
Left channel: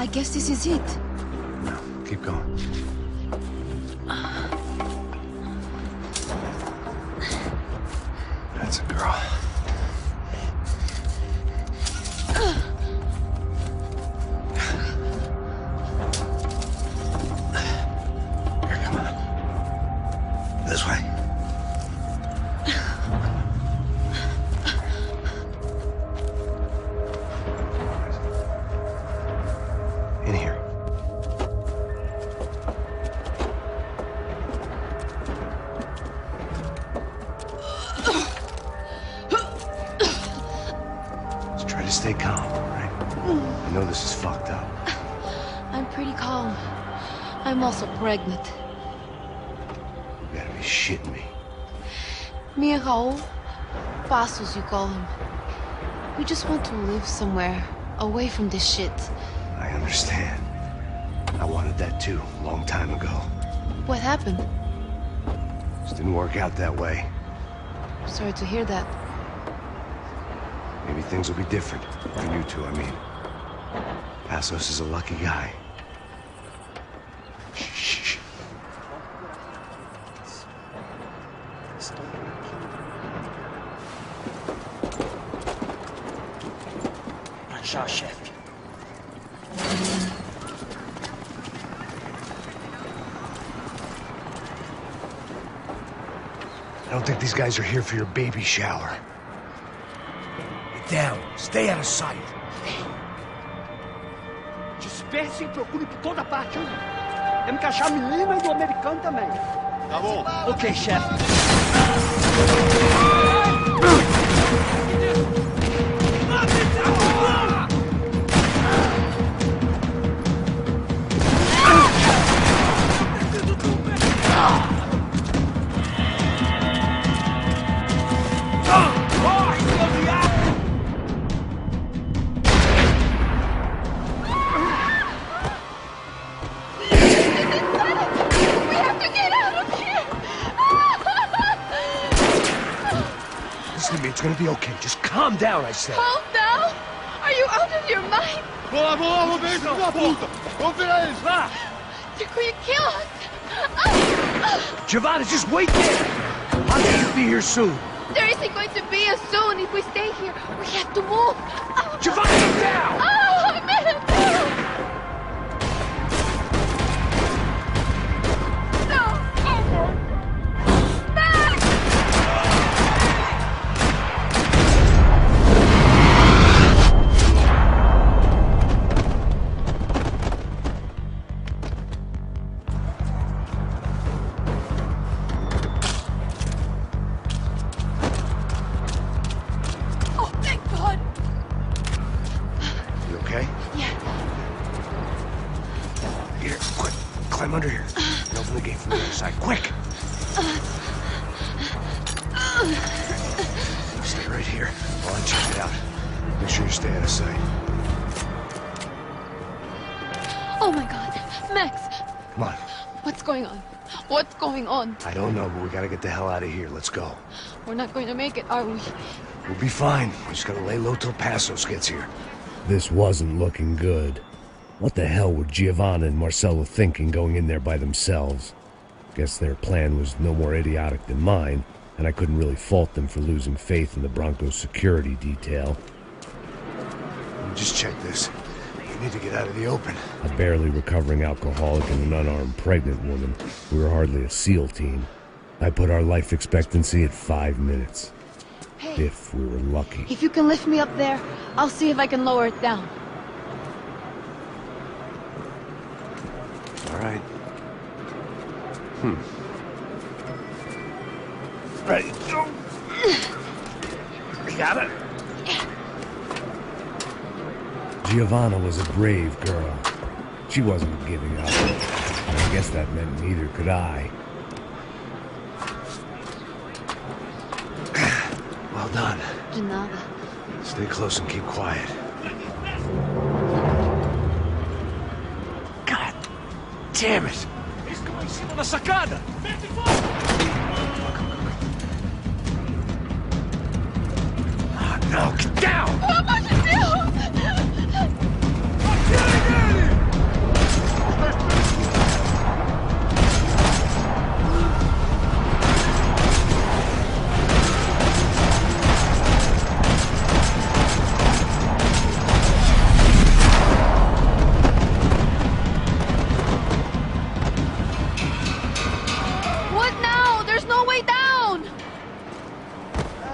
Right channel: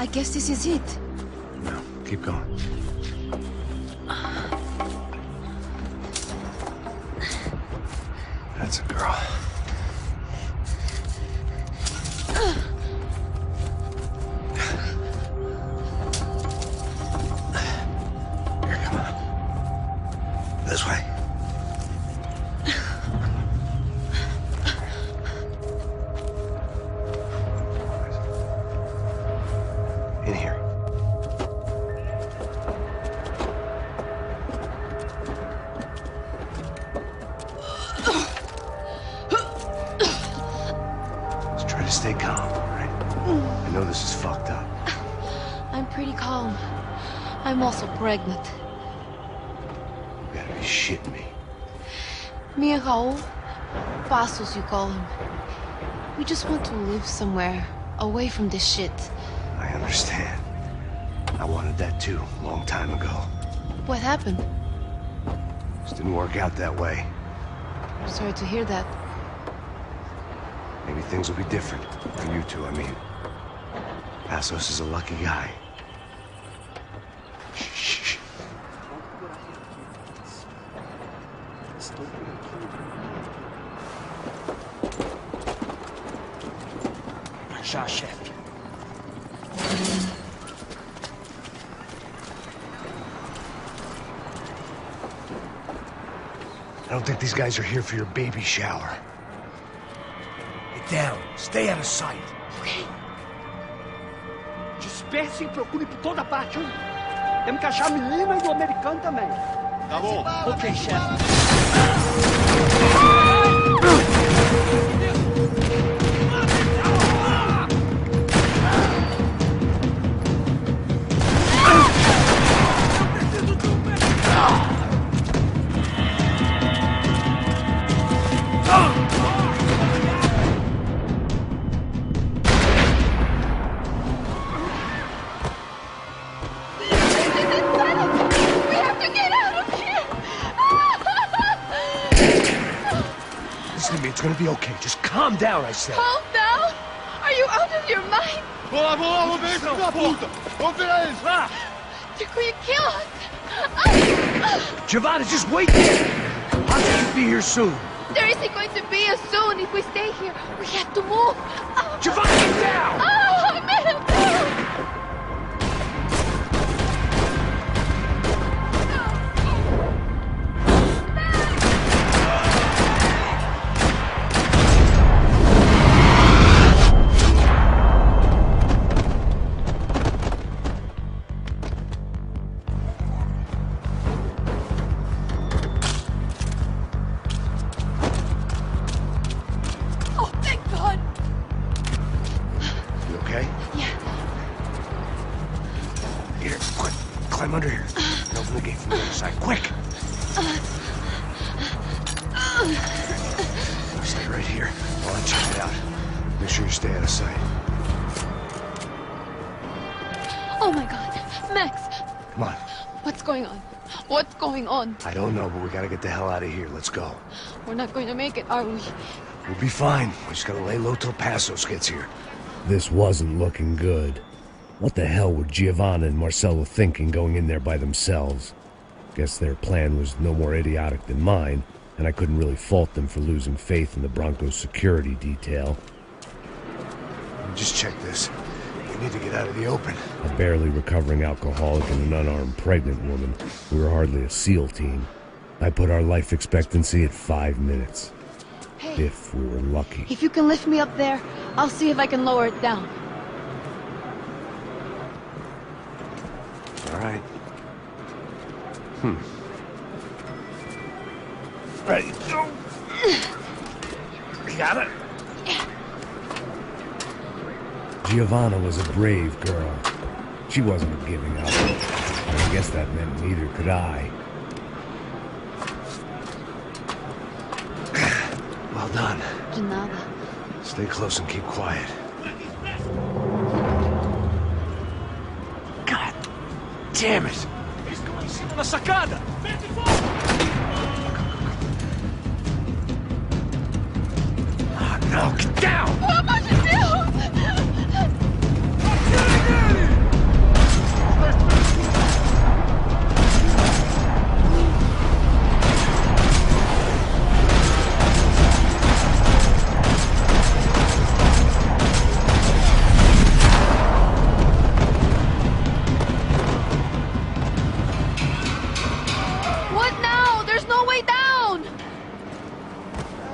I guess this is it. No, keep going. That's a girl. Here, come on. This way. In here. Let's try to stay calm, all right? I know this is fucked up. I'm pretty calm. I'm also pregnant. You gotta be shitting me. Me and Raul, Passos you call him. We just want to live somewhere, away from this shit. I understand. I wanted that too, a long time ago. What happened? Just didn't work out that way. Sorry to hear that. Maybe things will be different. For you two, I mean. Passos is a lucky guy. Shh. Já, chefe. I don't think these guys are here for your baby shower. Get down. Stay out of sight. Disperse e procure por toda parte, hein? Temos que achar a menina e o americano também. Tá bom. Ok, chefe. Listen to me, it's gonna be okay. Just calm down, I said. Calm down? Are you out of your mind? Vamos ver esse filho da puta! Vamos virar eles, vá! They're going to kill us! Giovanna, just wait there! I'll be here soon. There isn't going to be a soon if we stay here. We have to move. Giovanna, get down! Oh, man! Oh, thank God. You okay? Yeah. Here, quick. Climb under here. And open the gate from the other side. Quick! Now stay right here while I check it out. Make sure you stay out of sight. Oh, my God. Max, Come on. what's going on? What's going on? I don't know, but we gotta get the hell out of here. Let's go. We're not going to make it, are we? We'll be fine. We just gotta lay low till Passos gets here. This wasn't looking good. What the hell were Giovanna and Marcelo thinking going in there by themselves? Guess their plan was no more idiotic than mine, and I couldn't really fault them for losing faith in the Broncos security detail. Let me just check this. We need to get out of the open. A barely recovering alcoholic and an unarmed pregnant woman. We were hardly a SEAL team. I put our life expectancy at 5 minutes. Hey. If we were lucky. If you can lift me up there, I'll see if I can lower it down. All right. Ready. Go. You got it? Yeah. Giovanna was a brave girl. She wasn't giving up. I guess that meant neither could I. Well done. De nada. Stay close and keep quiet. God damn it! Eles estão lá em cima na sacada! Verde fogo! Oh, no, get down! Pelo amor de Deus! Atirem nele!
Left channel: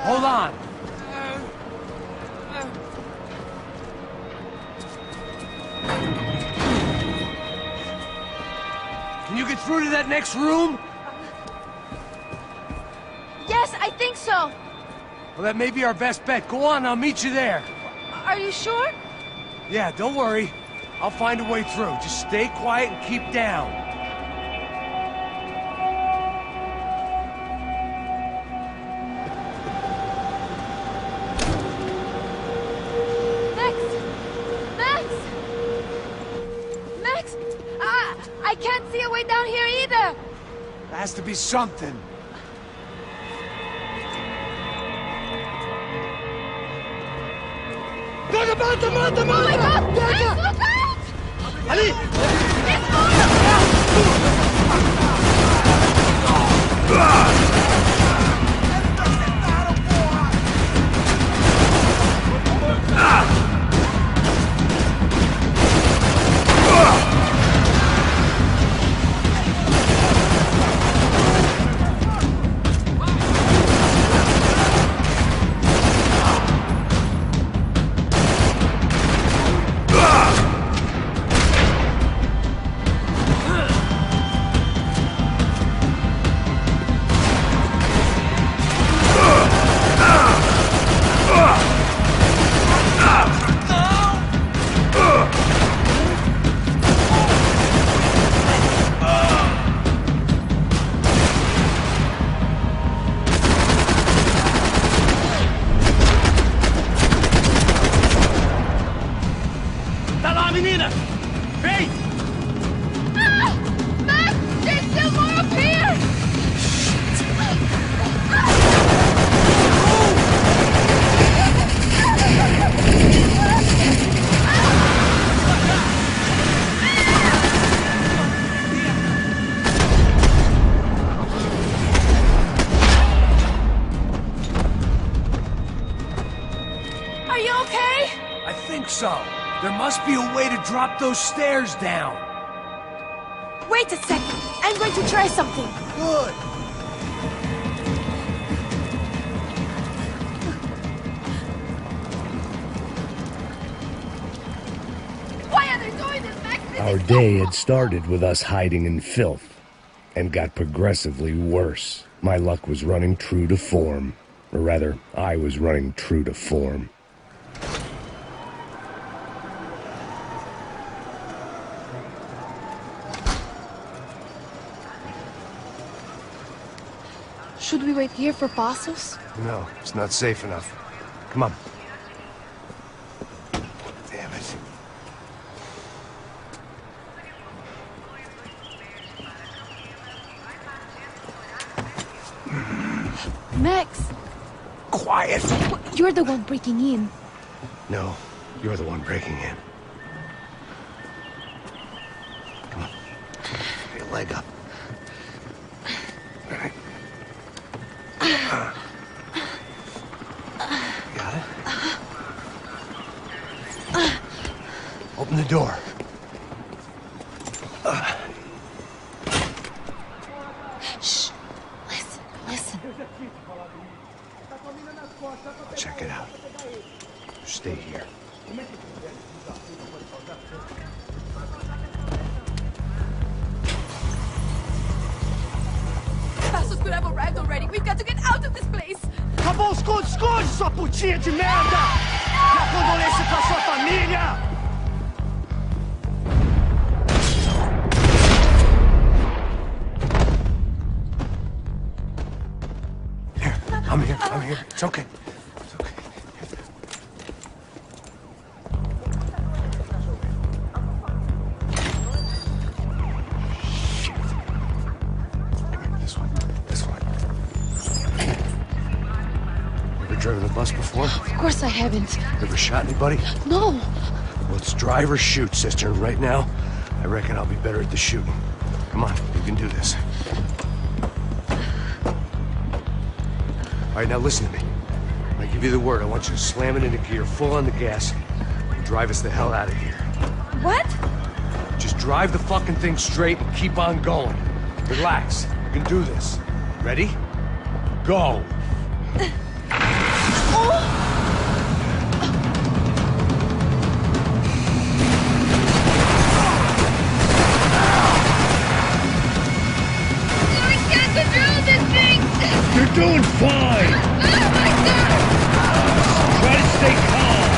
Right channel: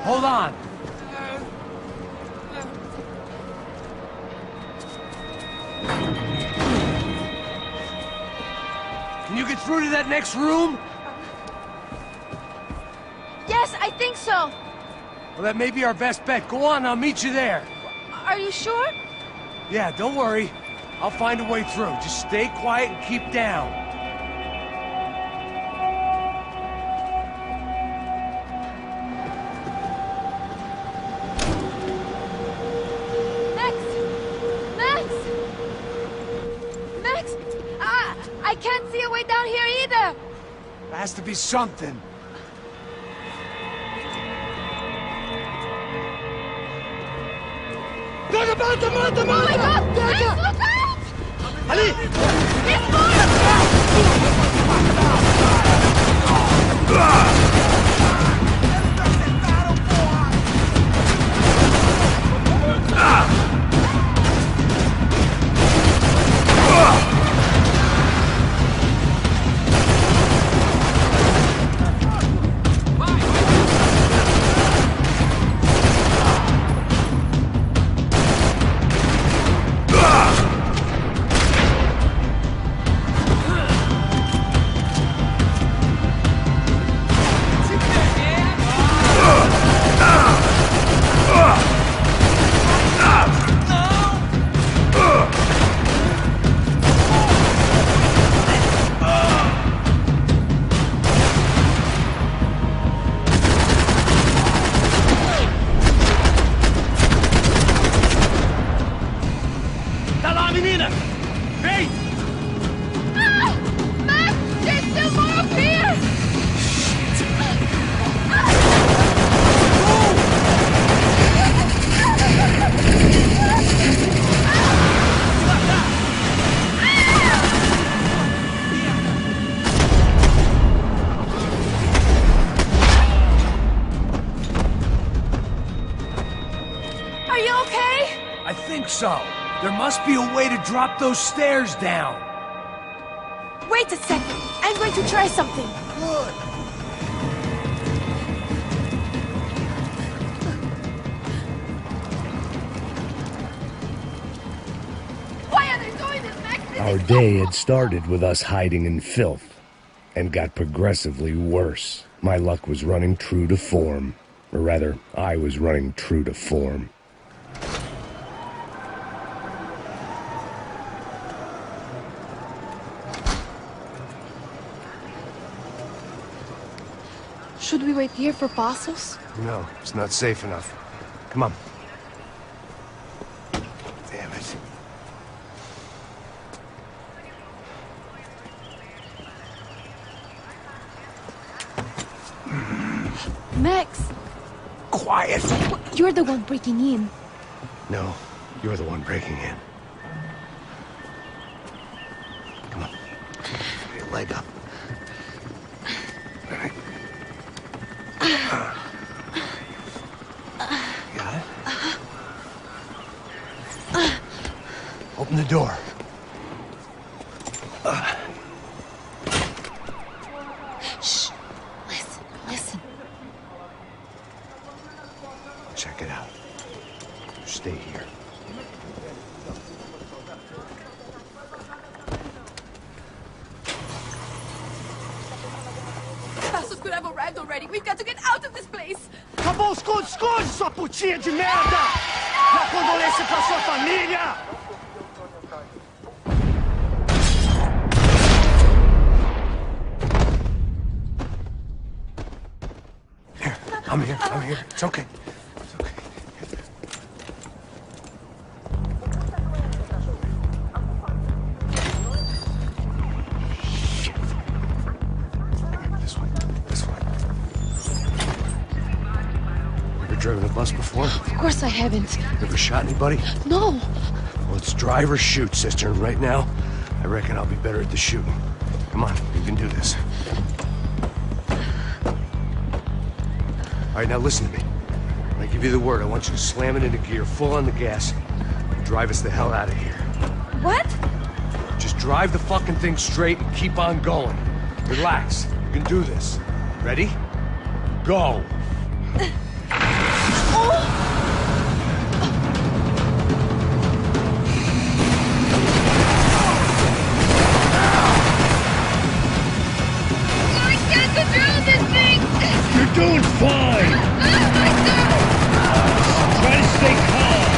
Hold on. Can you get through to that next room? Yes, I think so. Well, that may be our best bet. Go on, I'll meet you there. Are you sure? Yeah, don't worry. I'll find a way through. Just stay quiet and keep down. Max! Max! Max! I can't see a way down here either! There has to be something. Oh my God! Max, look out! Ali! Tá lá, menina! Vem! Ah! Max, there's still more up here! Vou te matar! Are you okay? I think so. There must be a way to drop those stairs down. Wait a second. I'm going to try something. Good. Why are they doing this, Max? Our day had started with us hiding in filth, and got progressively worse. My luck was running true to form. Or rather, I was running true to form. Should we wait here for parcels? No, it's not safe enough. Come on. Damn it. Max! Quiet! You're the one breaking in. No, you're the one breaking in. Come on. Get your leg up. All right. You got it? Open the door. Shh. Listen. Check it out. You stay here. Passos could have arrived already. We've got to get out of this place. Acabou, esconde, sua putinha de merda! Dá condolência pra sua família! Here, I'm here. It's okay. It's okay. Shit. Come here, this way. Ever driven a bus before? Of course I haven't. Ever shot anybody? No. Well, it's drive or shoot, sister. And right now, I reckon I'll be better at the shooting. Come on, you can do this. All right, now listen to me. When I give you the word, I want you to slam it into gear, full on the gas, and drive us the hell out of here. What? Just drive the fucking thing straight and keep on going. Relax. You can do this. Ready? Go. I can't control this thing! You're doing fine! Oh my god! Try to stay calm!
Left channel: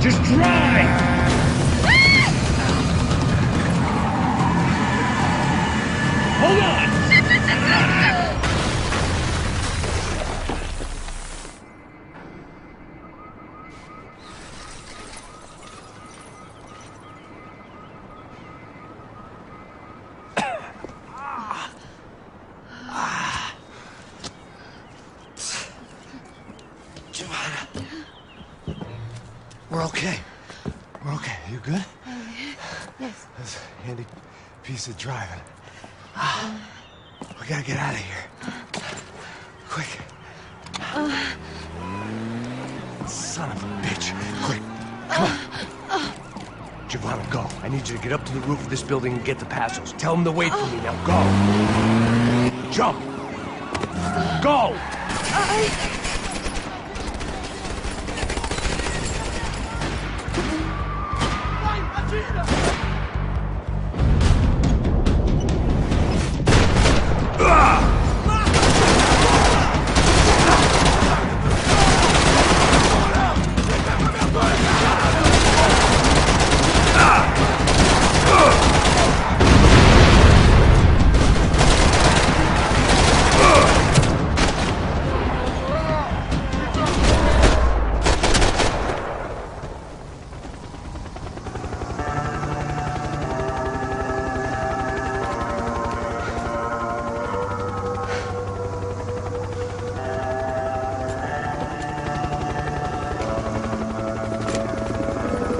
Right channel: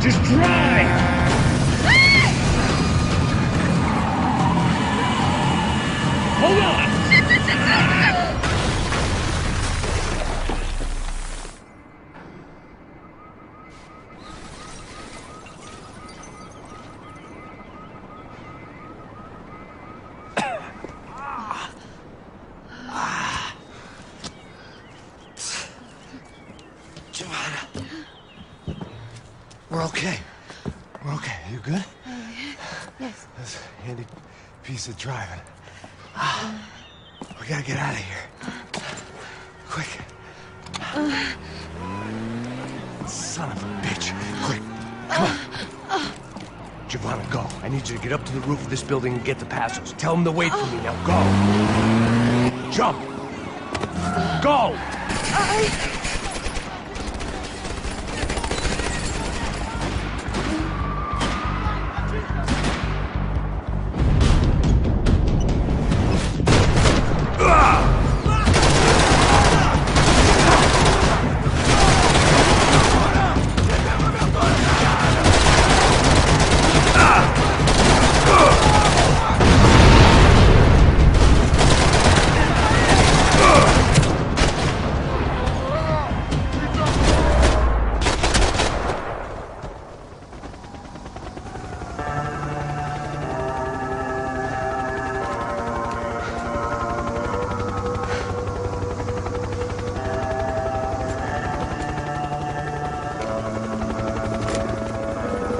Just drive! Hold on! We're okay. We're okay. You good? Yes. That's a handy piece of driving. We gotta get out of here. Quick. Son of a bitch. Quick. Come on. Giovanna, go. I need you to get up to the roof of this building and get the Passos. Tell them to wait for me. Now go. Jump. Go.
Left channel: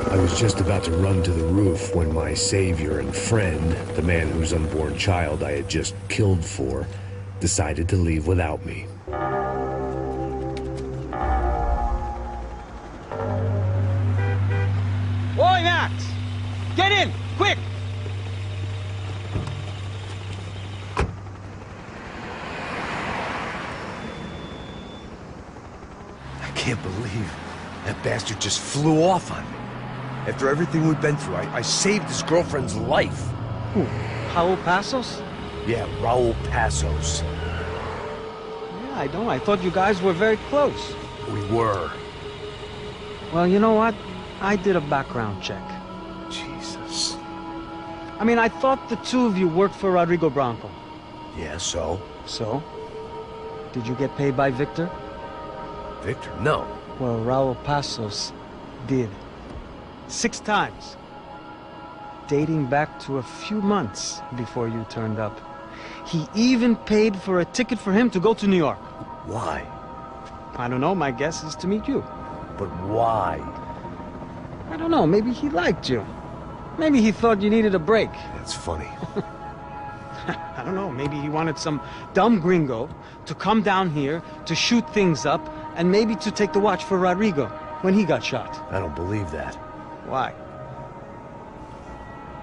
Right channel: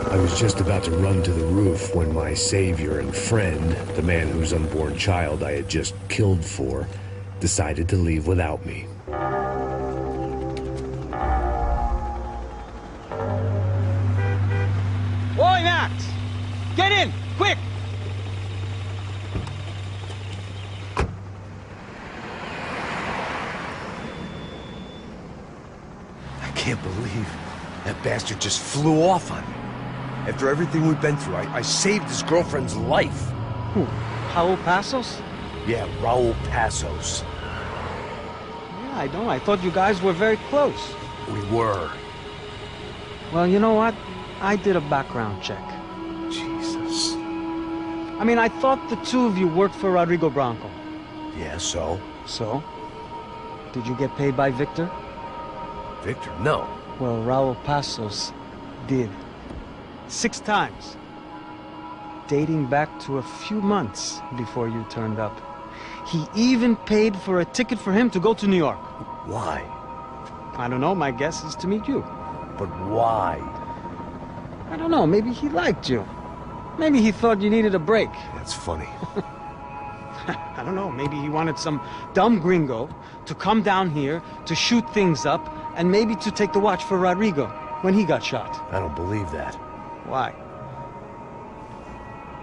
I was just about to run to the roof when my savior and friend, the man whose unborn child I had just killed for, decided to leave without me. Oi, Max! Get in! Quick! I can't believe that bastard just flew off on me. After everything we've been through, I saved his girlfriend's life. Who? Raul Passos? Yeah, Raul Passos. Yeah, I know. I thought you guys were very close. We were. Well, you know what? I did a background check. Jesus. I mean, I thought the two of you worked for Rodrigo Branco. Yeah, so? So? Did you get paid by Victor? Victor? No. Well, Raul Passos did. 6 times. Dating back to a few months before you turned up. He even paid for a ticket for him to go to New York. Why? I don't know. My guess is to meet you. But why? I don't know. Maybe he liked you. Maybe he thought you needed a break. That's funny. I don't know. Maybe he wanted some dumb gringo to come down here to shoot things up and maybe to take the watch for Rodrigo when he got shot. I don't believe that. Why?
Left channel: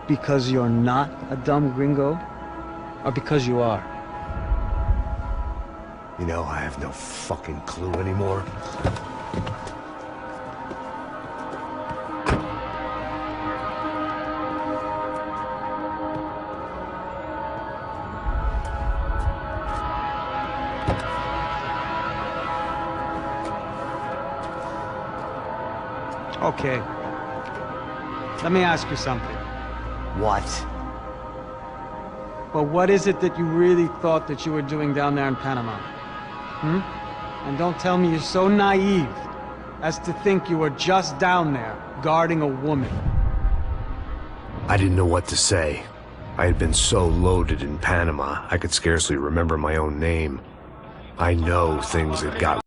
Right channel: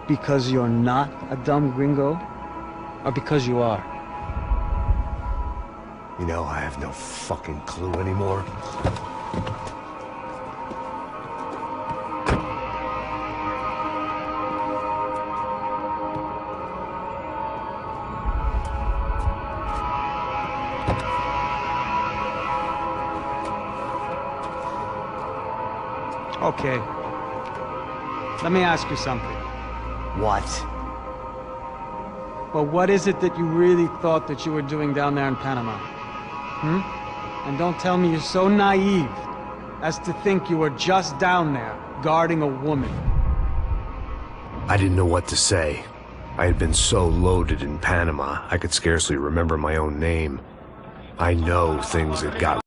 Because you're not a dumb gringo? Or because you are? You know, I have no fucking clue anymore. Okay. Let me ask you something. What? Well, what is it that you really thought that you were doing down there in Panama? Hmm? And don't tell me you're so naive as to think you were just down there guarding a woman. I didn't know what to say. I had been so loaded in Panama, I could scarcely remember my own name. I know things had got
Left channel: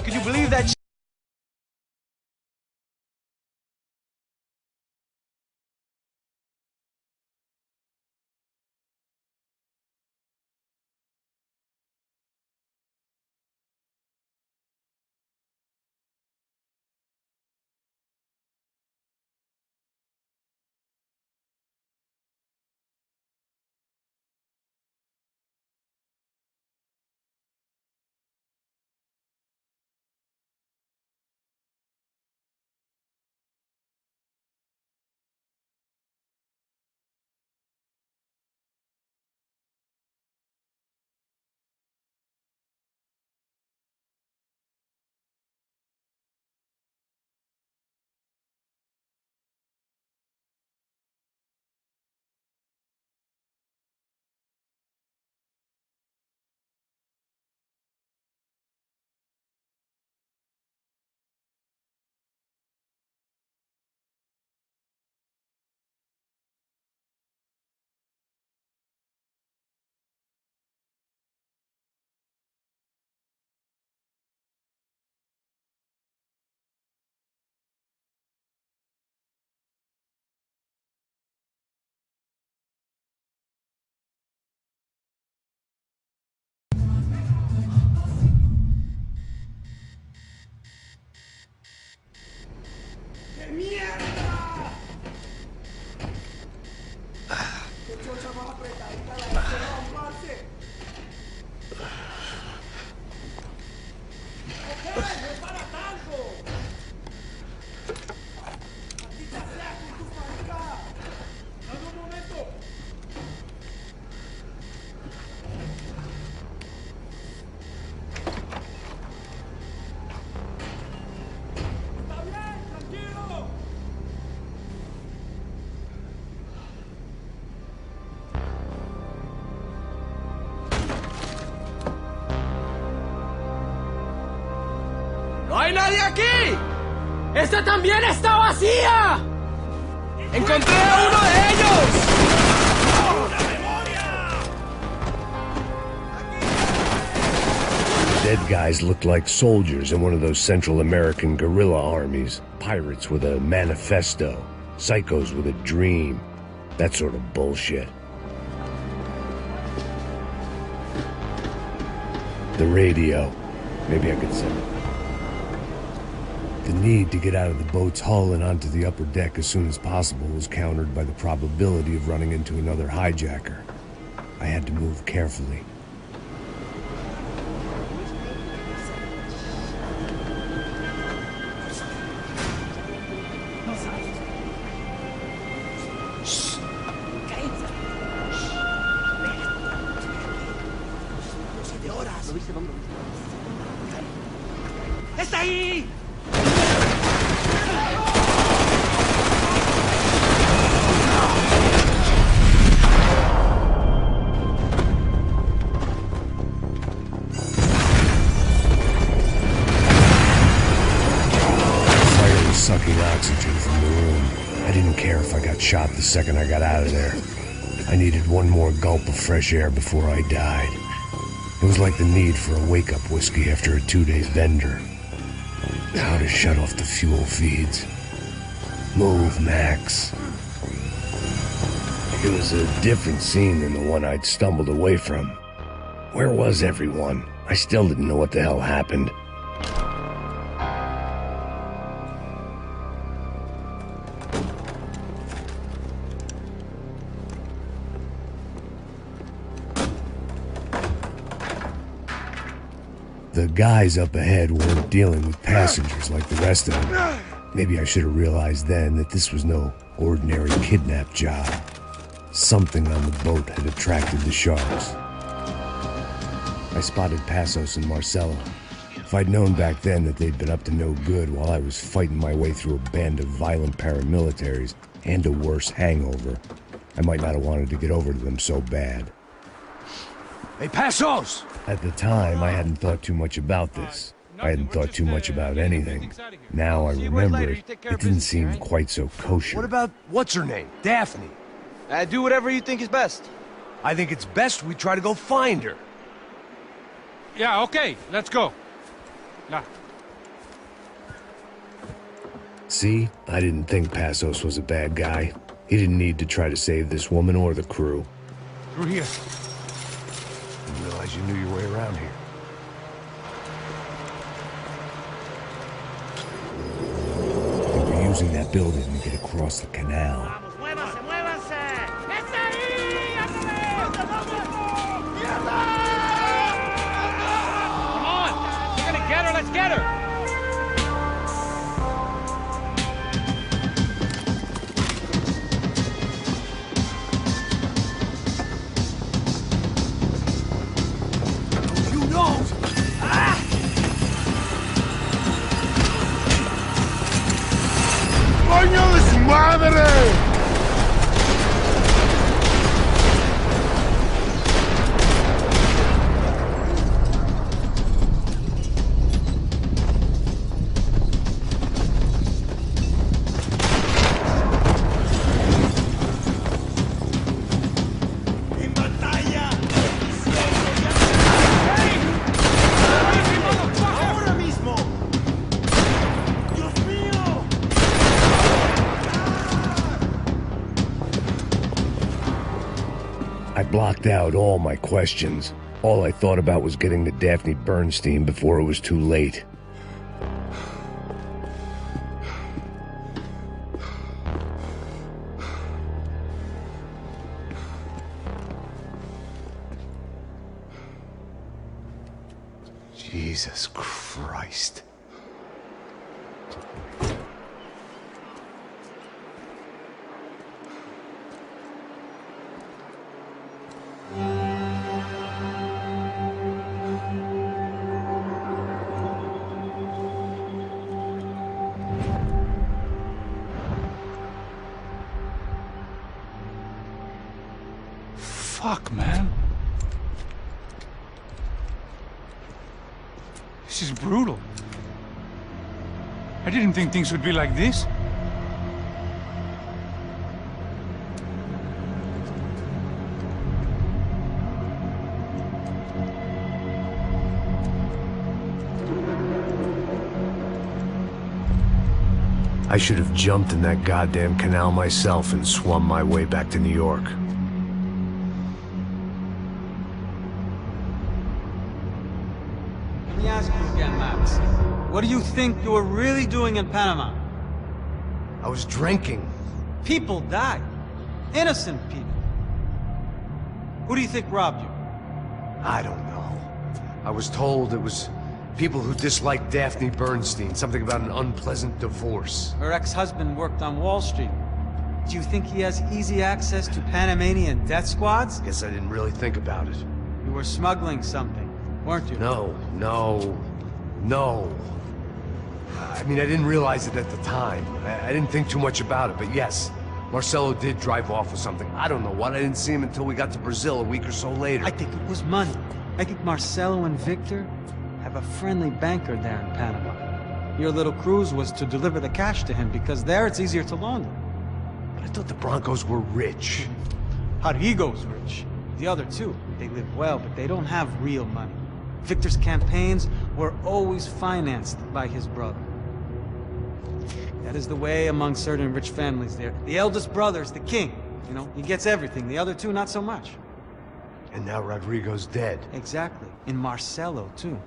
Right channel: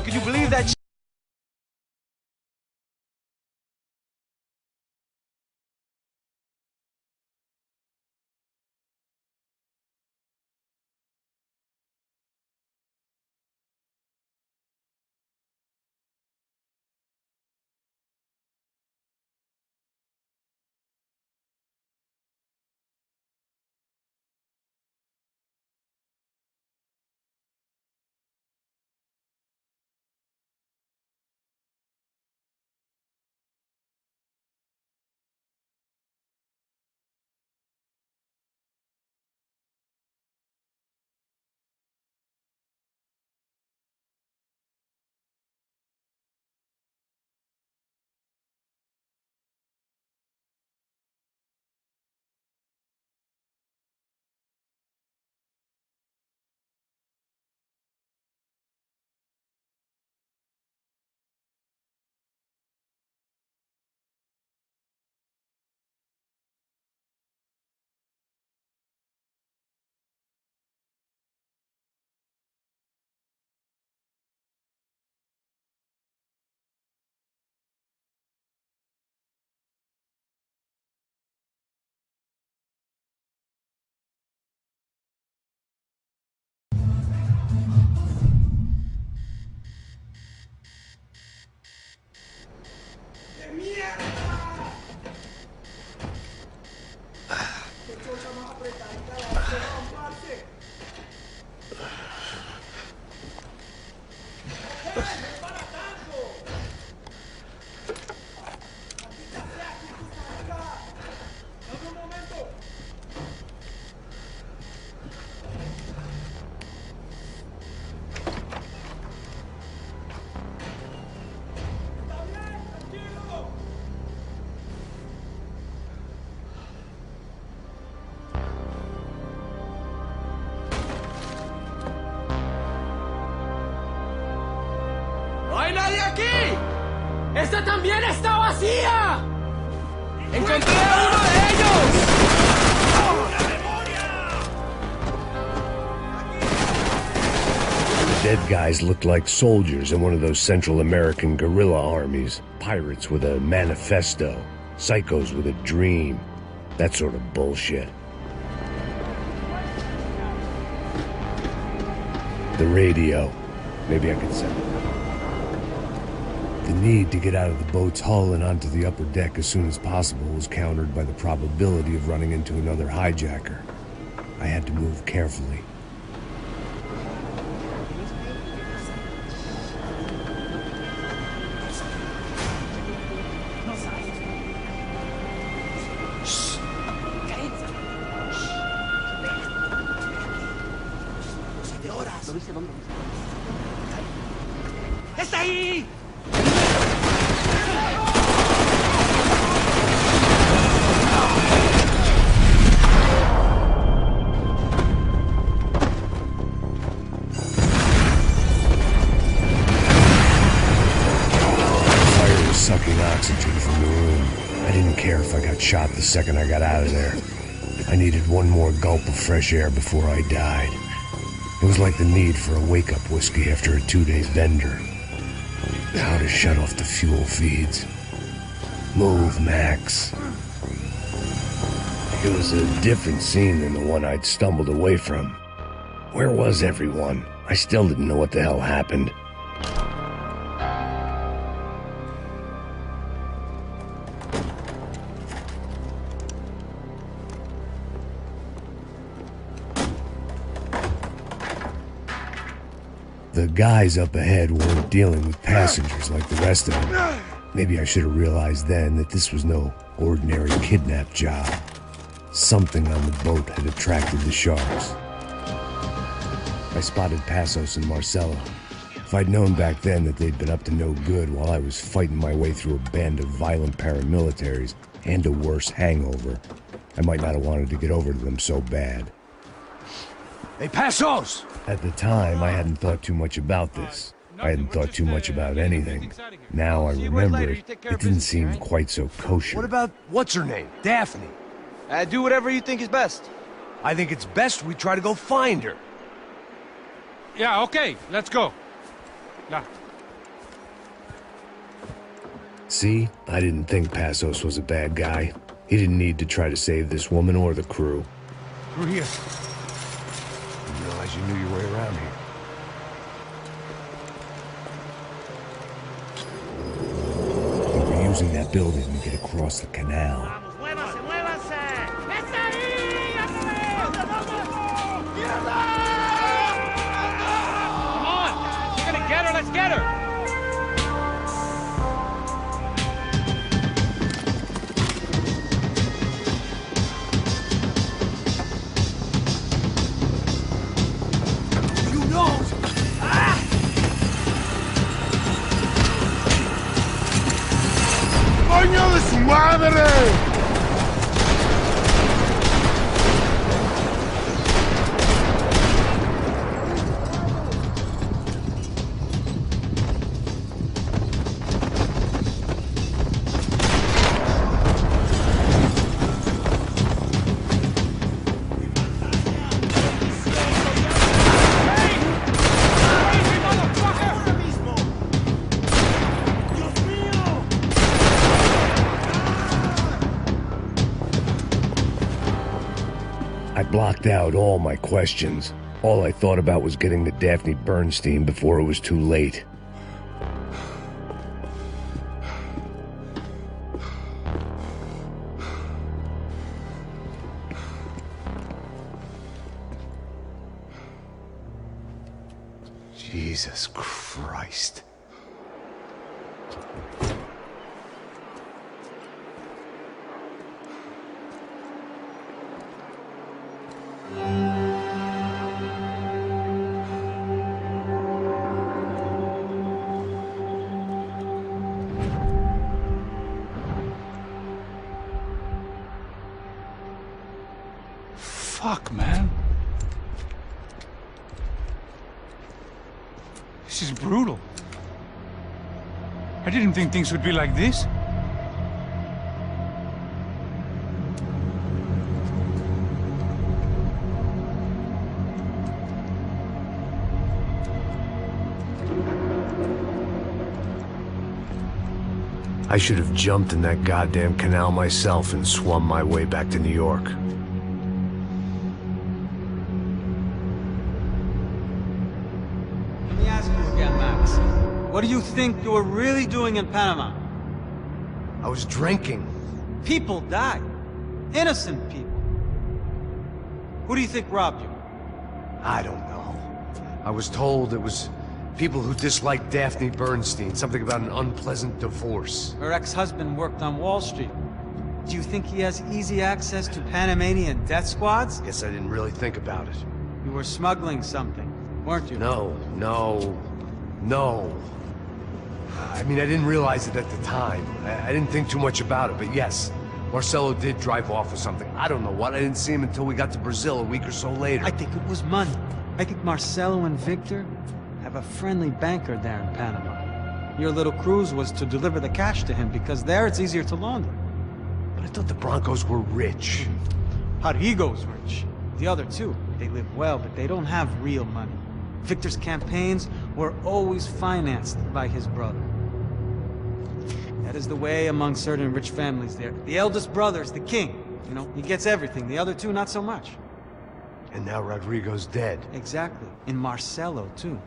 mean, could you believe that? ¡No hay nadie aquí! ¡Esta también está vacía! ¡Encontré a uno de ellos! ¡Una memoria! The dead guys looked like soldiers in one of those Central American guerrilla armies. Pirates with a manifesto. Psychos with a dream. That sort of bullshit. The radio. Maybe I could send it. The need to get out of the boat's hull and onto the upper deck as soon as possible was countered by the probability of running into another hijacker. I had to move carefully. ¿Lo viste? ¿Dónde lo viste? ¡Está ahí! Fire was sucking oxygen from the room. I didn't care if I got shot the second I got out of there. I needed one more gulp of fresh air before I died. It was like the need for a wake-up whiskey after a 2-day bender. How to shut off the fuel feeds. Move, Max. It was a different scene than the one I'd stumbled away from. Where was everyone? I still didn't know what the hell happened. The guys up ahead weren't dealing with passengers like the rest of them. Maybe I should have realized then that this was no ordinary kidnap job. Something on the boat had attracted the sharks. I spotted Passos and Marcelo. If I'd known back then that they'd been up to no good while I was fighting my way through a band of violent paramilitaries and a worse hangover, I might not have wanted to get over to them so bad. Hey, Passos! At the time, I hadn't thought too much about this. I hadn't thought too much about anything. Now I remember it, it didn't seem quite so kosher. What about, what's her name? Daphne? Do whatever you think is best. I think it's best we try to go find her. Yeah, okay, let's go. See? I didn't think Passos was a bad guy. He didn't need to try to save this woman or the crew. Through here. Didn't realize you knew your way around here. They were using that building to get across the canal. ¡Muévanse, muévanse! ¡Está ahí! Come on! You're gonna get her, let's get her! You know! ¡Coño de su madre! ¡Ahora mismo! ¡Dios mío! I blocked out all my questions. All I thought about was getting to Daphne Bernstein before it was too late. Jesus Christ. Fuck, man. This is brutal. I didn't think things would be like this. I should have jumped in that goddamn canal myself and swum my way back to New York. Let me ask you again, Max. What do you think you were really doing in Panama? I was drinking. People died. Innocent people. Who do you think robbed you? I don't know. I was told it was people who disliked Daphne Bernstein, something about an unpleasant divorce. Her ex-husband worked on Wall Street. Do you think he has easy access to Panamanian death squads? Guess I didn't really think about it. You were smuggling something, weren't you? No. I mean, I didn't realize it at the time. I didn't think too much about it, but yes, Marcelo did drive off with something. I don't know what. I didn't see him until we got to Brazil a week or so later. I think it was money. I think Marcelo and Victor have a friendly banker there in Panama. Your little cruise was to deliver the cash to him because there it's easier to launder. But I thought the Broncos were rich. Rodrigo's rich. The other two, they live well, but they don't have real money. Victor's campaigns were always financed by his brother. That is the way among certain rich families there. The eldest brother's the king. You know, he gets everything. The other two, not so much. And now Rodrigo's dead. Exactly. And Marcelo, too.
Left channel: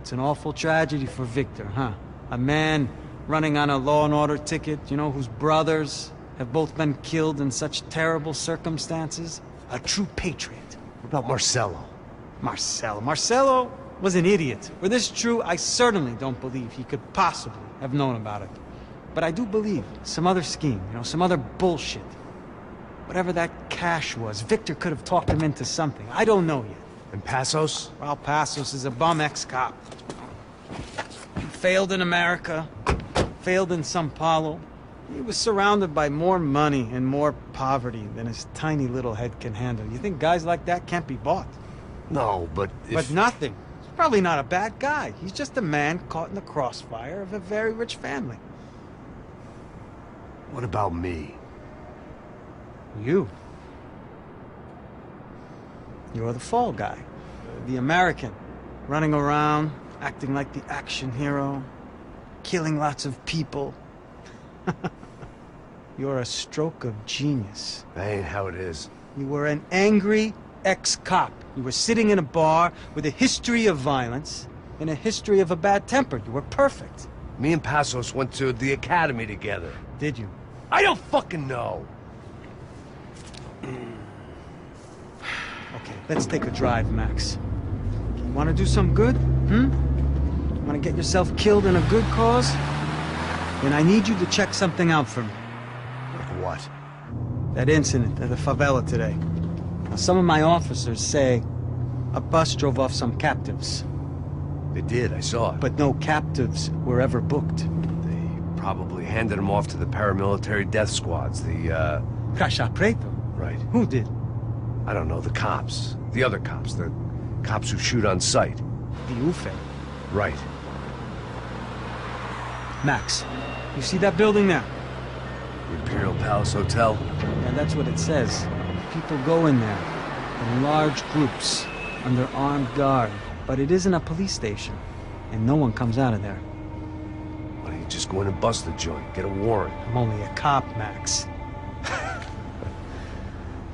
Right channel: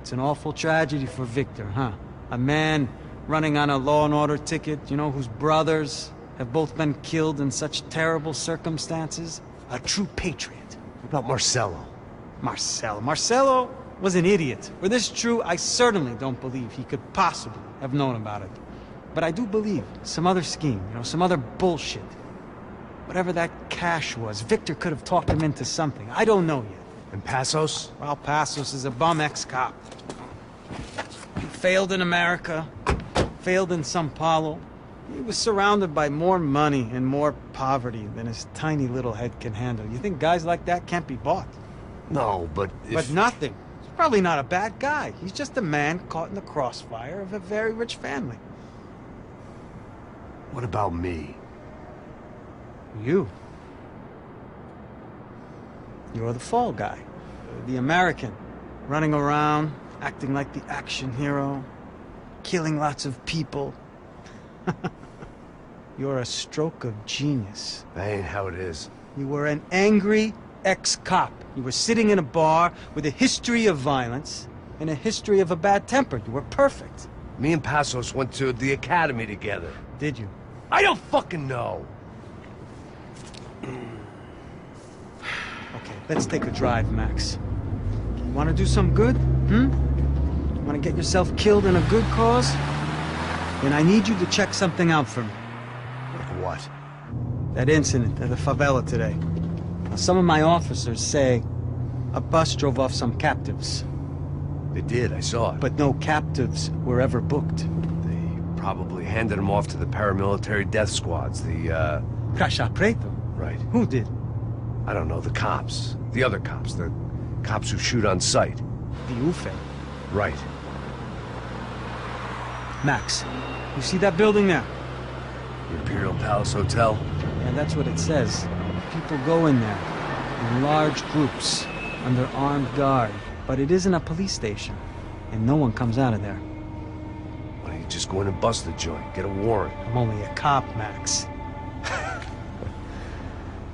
It's an awful tragedy for Victor, huh? A man running on a law and order ticket, you know, whose brothers have both been killed in such terrible circumstances. A true patriot. What about Marcelo? Marcelo was an idiot. Were this true, I certainly don't believe he could possibly have known about it. But I do believe some other scheme, you know, some other bullshit. Whatever that cash was, Victor could have talked him into something. I don't know yet. And Passos? Well, Passos is a bum ex-cop. He failed in America, failed in São Paulo. He was surrounded by more money and more poverty than his tiny little head can handle. You think guys like that can't be bought? No, but if... But nothing. He's probably not a bad guy. He's just a man caught in the crossfire of a very rich family. What about me? You. You're the fall guy. The American. Running around, acting like the action hero. killing lots of people. You're a stroke of genius. That ain't how it is. You were an angry ex-cop. You were sitting in a bar with a history of violence and a history of a bad temper. You were perfect. Me and Passos went to the academy together. Did you? I don't fucking know. Okay, let's take a drive, Max. You want to do some good? Want to get yourself killed in a good cause? Then I need you to check something out for me. What? That incident at the favela today. Now, some of my officers say a bus drove off some captives. They did, I saw it. But no captives were ever booked. They probably handed them off to the paramilitary death squads, the, Caixa Preto? Right. Who did? I don't know, the cops. The other cops, the cops who shoot on sight. The UFE? Right. Max, you see that building there? The Imperial Palace Hotel? Yeah, that's what it says. People go in there, in large groups, under armed guard. But it isn't a police station, and no one comes out of there. Why don't you just go in and bust the joint, get a warrant? I'm only a cop, Max.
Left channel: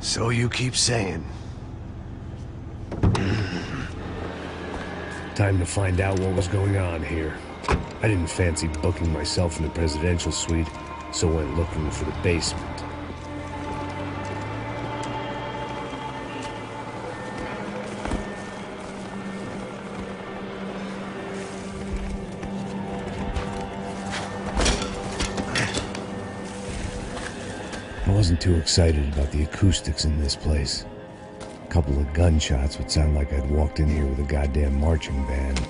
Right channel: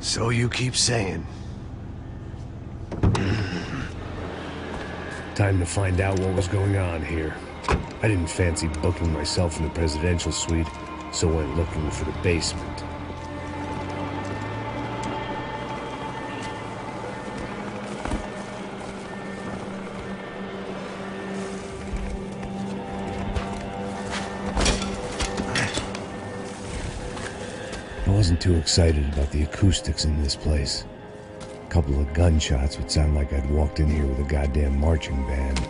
So you keep saying. Time to find out what was going on here. I didn't fancy booking myself in the presidential suite, so went looking for the basement. I wasn't too excited about the acoustics in this place. A couple of gunshots would sound like I'd walked in here with a goddamn marching band.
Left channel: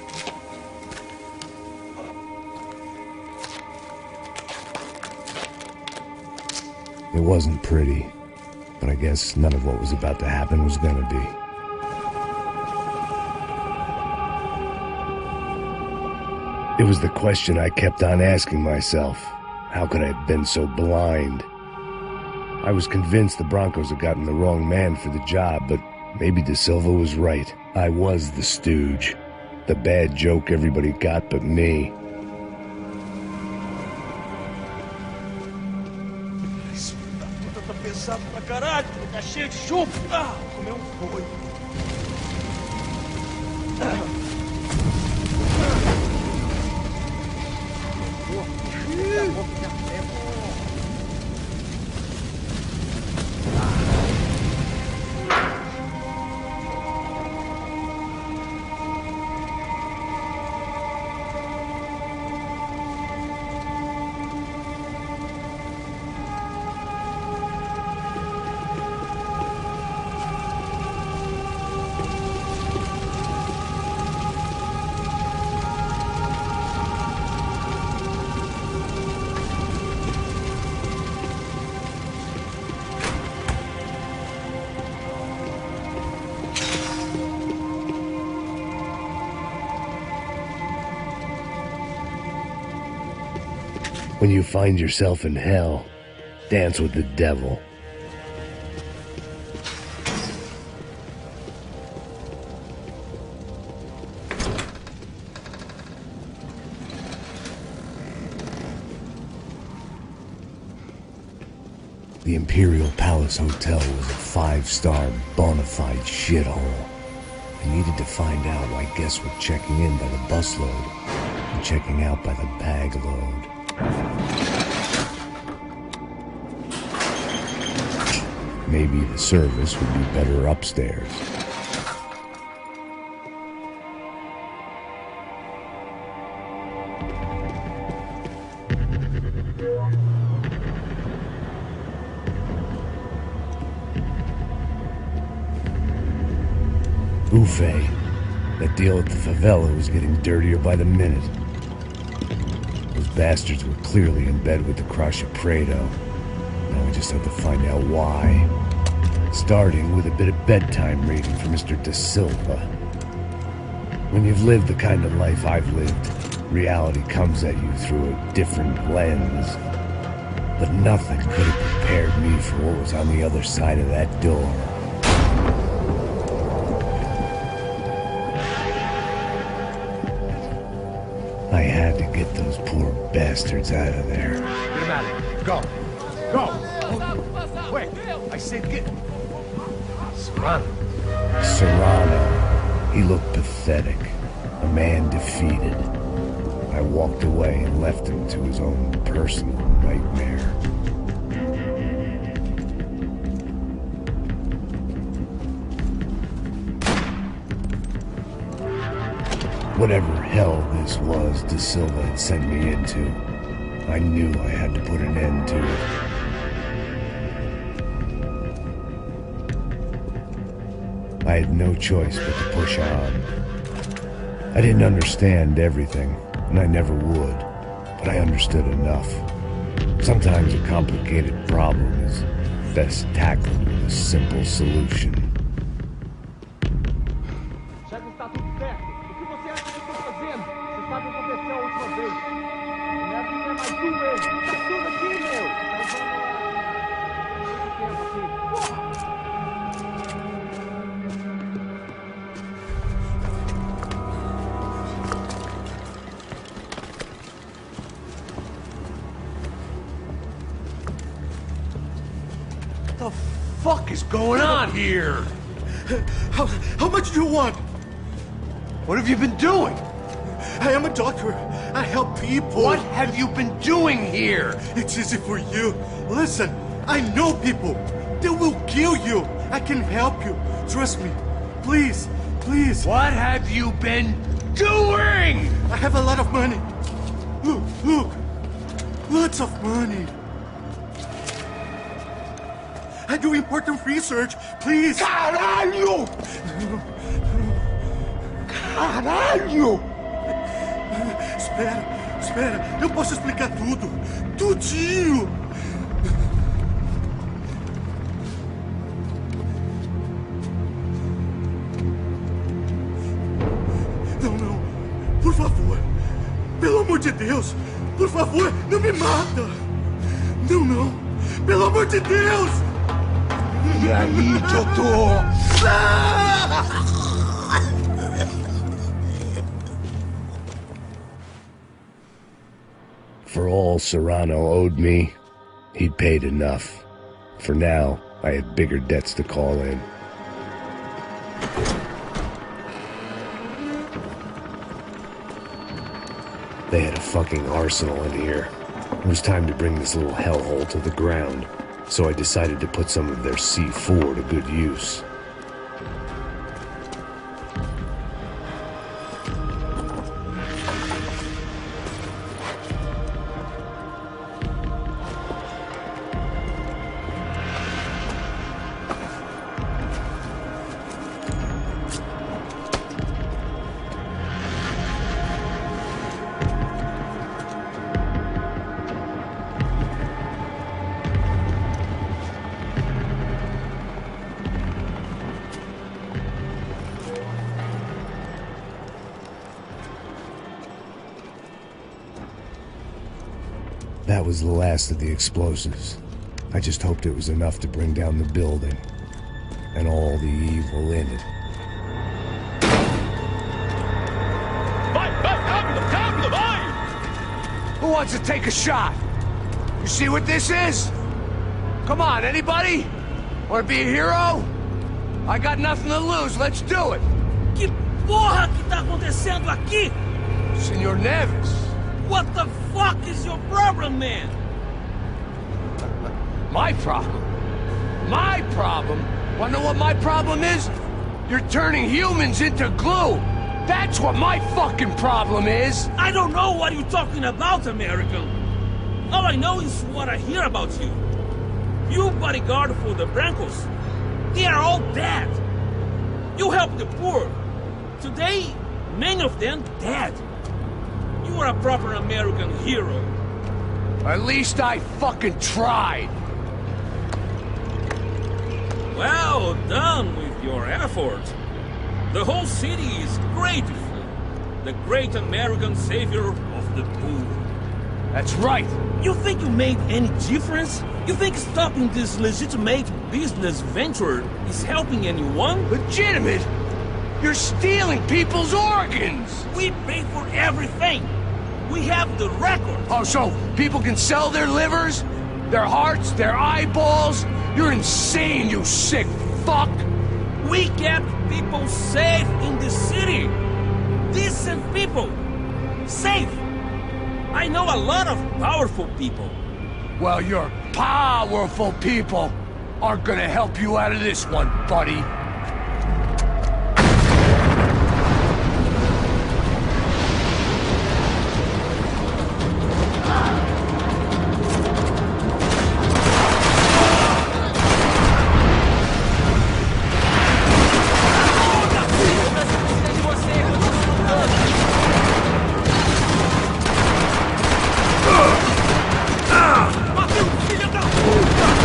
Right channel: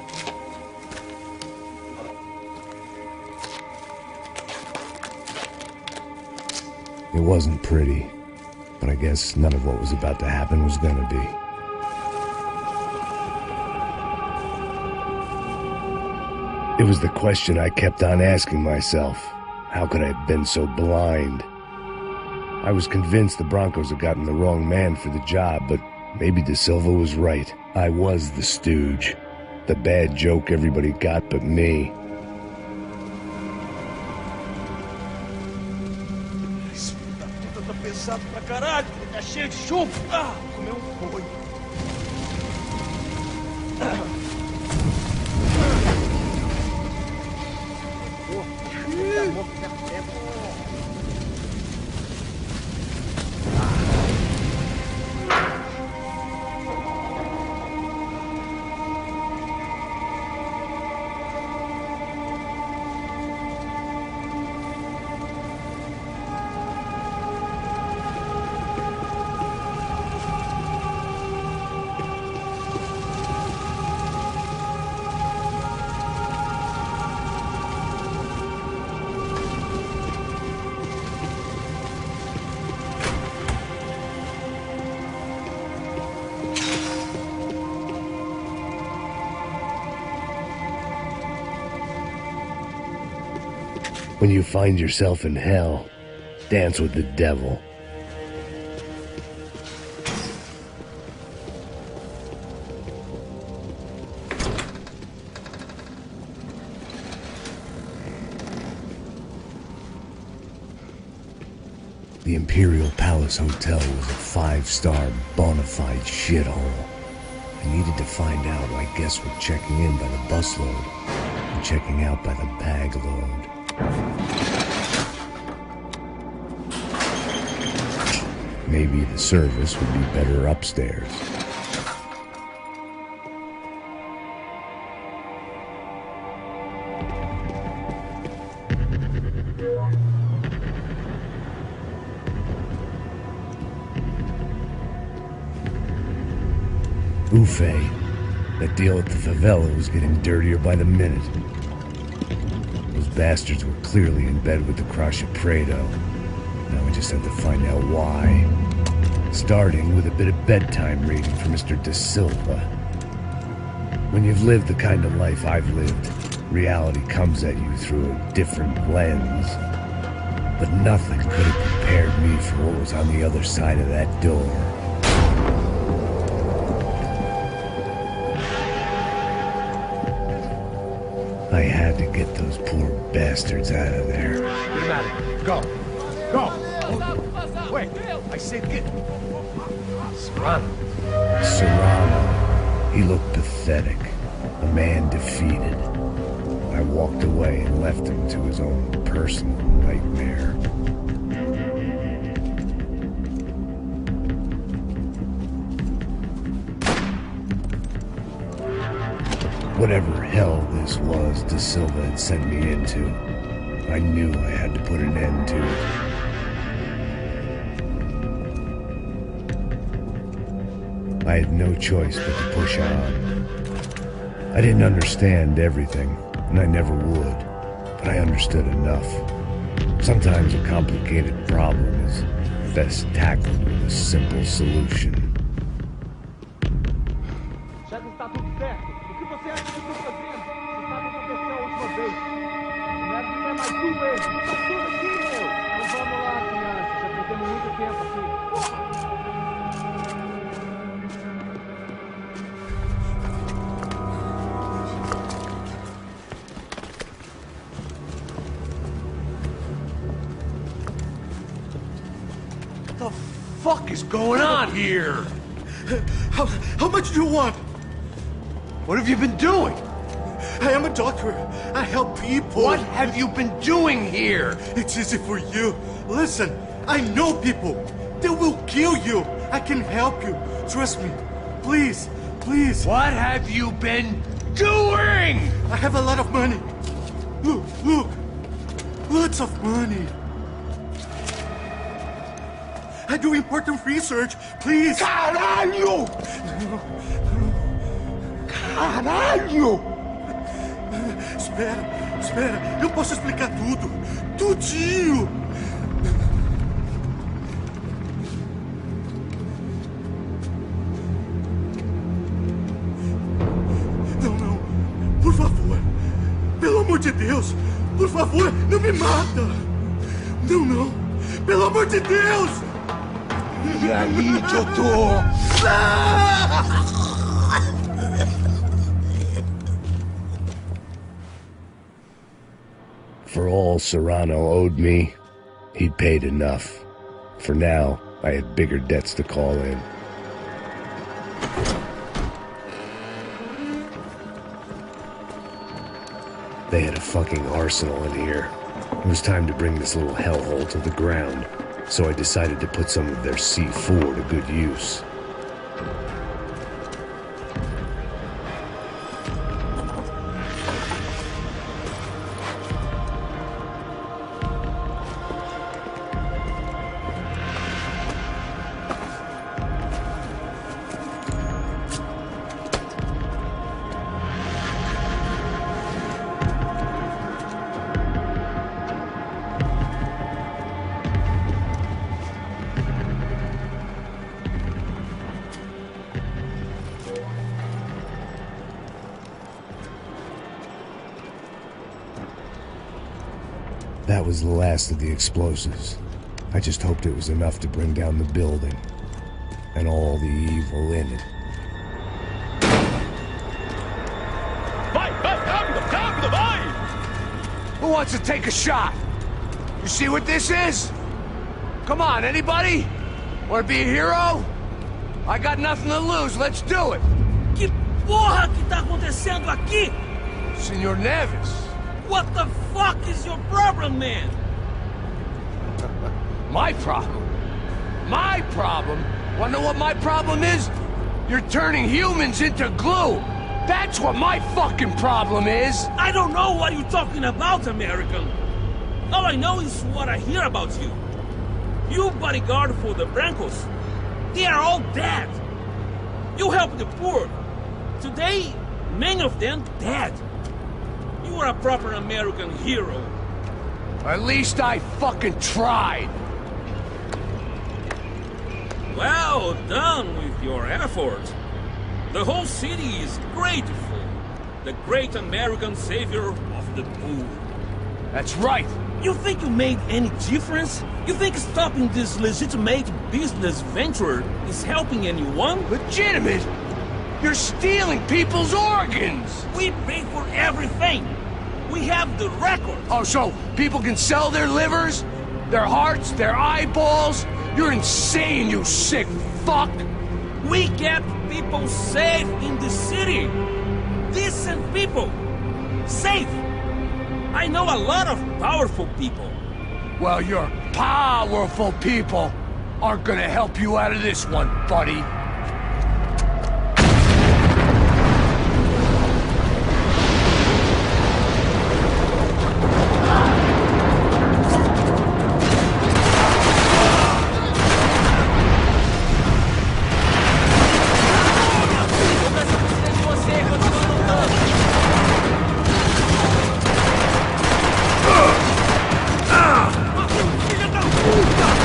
It wasn't pretty, but I guess none of what was about to happen was gonna be. It was the question I kept on asking myself. How could I have been so blind? I was convinced the Broncos had gotten the wrong man for the job, but maybe De Silva was right. I was the stooge. The bad joke everybody got but me. Isso tá tudo pesado pra caralho, tá cheio de chumbo. Ah, vou comer boi. When you find yourself in hell, dance with the devil. The Imperial Palace Hotel was a 5-star bona fide shithole. I needed to find out why guests were checking in by the busload and checking out by the bag load. Maybe the service would be better upstairs. Buffet. That deal at the favela was getting dirtier by the minute. Those bastards were clearly in bed with the Caixa Preto. Now I just had to find out why. Starting with a bit of bedtime reading for Mr. De Silva. When you've lived the kind of life I've lived, reality comes at you through a different lens. But nothing could have prepared me for what was on the other side of that door. I had to get those poor bastards out of there. Get him out of here. Go. Go. Wait. I said get... Serrano. Serrano. He looked pathetic. A man defeated. I walked away and left him to his own personal nightmare. Whatever hell this was De Silva had sent me into, I knew I had to put an end to it. I had no choice but to push on. I didn't understand everything, and I never would, but I understood enough. Sometimes a complicated problem is best tackled with a simple solution. Já que está tudo certo, o que você acha que estou fazendo? Você sabe o que aconteceu a última vez. Não é porque é mais um erro. Tá tudo aqui, meu. Então vamos lá, criança. Já perdemos muito tempo aqui. Porra! What the fuck is going on here? How much do you want? What have you been doing? I am a doctor. I help people. What have you been doing here? It's easy for you. Listen, I know people. They will kill you. I can help you. Trust me. Please, please. What have you been doing? I have a lot of money. Look, look. Lots of money. I do important research. Please. Caralho! Caralho! Espera. Eu posso explicar tudo. Tudinho. Não. Por favor. Pelo amor de Deus. Por favor, não me mata. Não. Pelo amor de Deus. E aí, doutor? For all Serrano owed me, he'd paid enough. For now, I had bigger debts to call in. They had a fucking arsenal in here. It was time to bring this little hellhole to the ground, so I decided to put some of their C4 to good use. That was the last of the explosives. I just hoped it was enough to bring down the building and all the evil in it. Vai, rápido, vai! Who wants to take a shot? You see what this is? Come on, anybody? Want to be a hero? I got nothing to lose, let's do it! Que porra que tá acontecendo aqui? Senor Neves. What the fuck is your problem, man? My problem? My problem? Wanna know what my problem is? You're turning humans into glue! That's what my fucking problem is! I don't know what you're talking about, American. All I know is what I hear about you. You bodyguard for the Brancos. They are all dead. You help the poor. Today, many of them dead. You are a proper American hero. At least I fucking tried. Well done with your effort. The whole city is grateful. The great American savior of the poor. That's right. You think you made any difference? You think stopping this legitimate business venture is helping anyone? Legitimate? You're stealing people's organs! We pay for everything. We have the records. Oh, so people can sell their livers? Their hearts? Their eyeballs? You're insane, you sick fuck! We kept people safe in the city. Decent people. Safe. I know a lot of powerful people. Well, your powerful people aren't gonna help you out of this one, buddy. O Brasil precisa de você, continua lutando. Matei um filho da puta!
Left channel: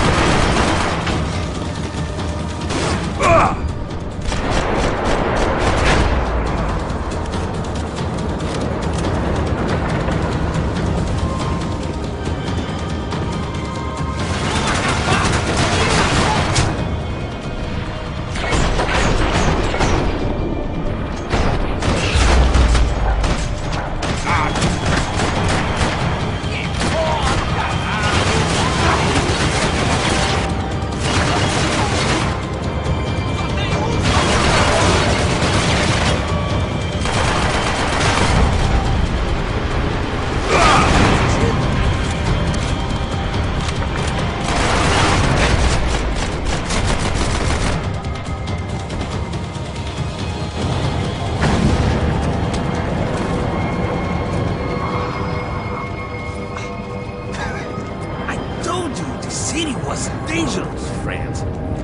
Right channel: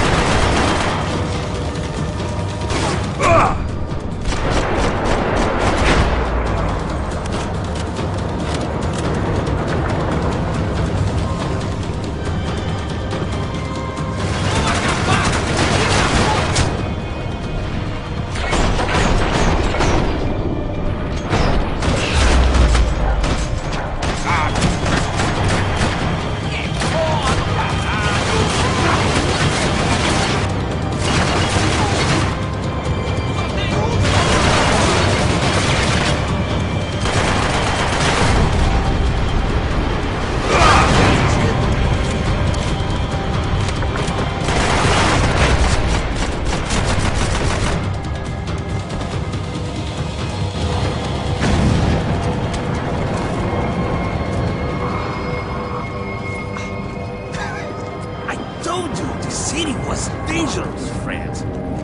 Was dangerous, friend.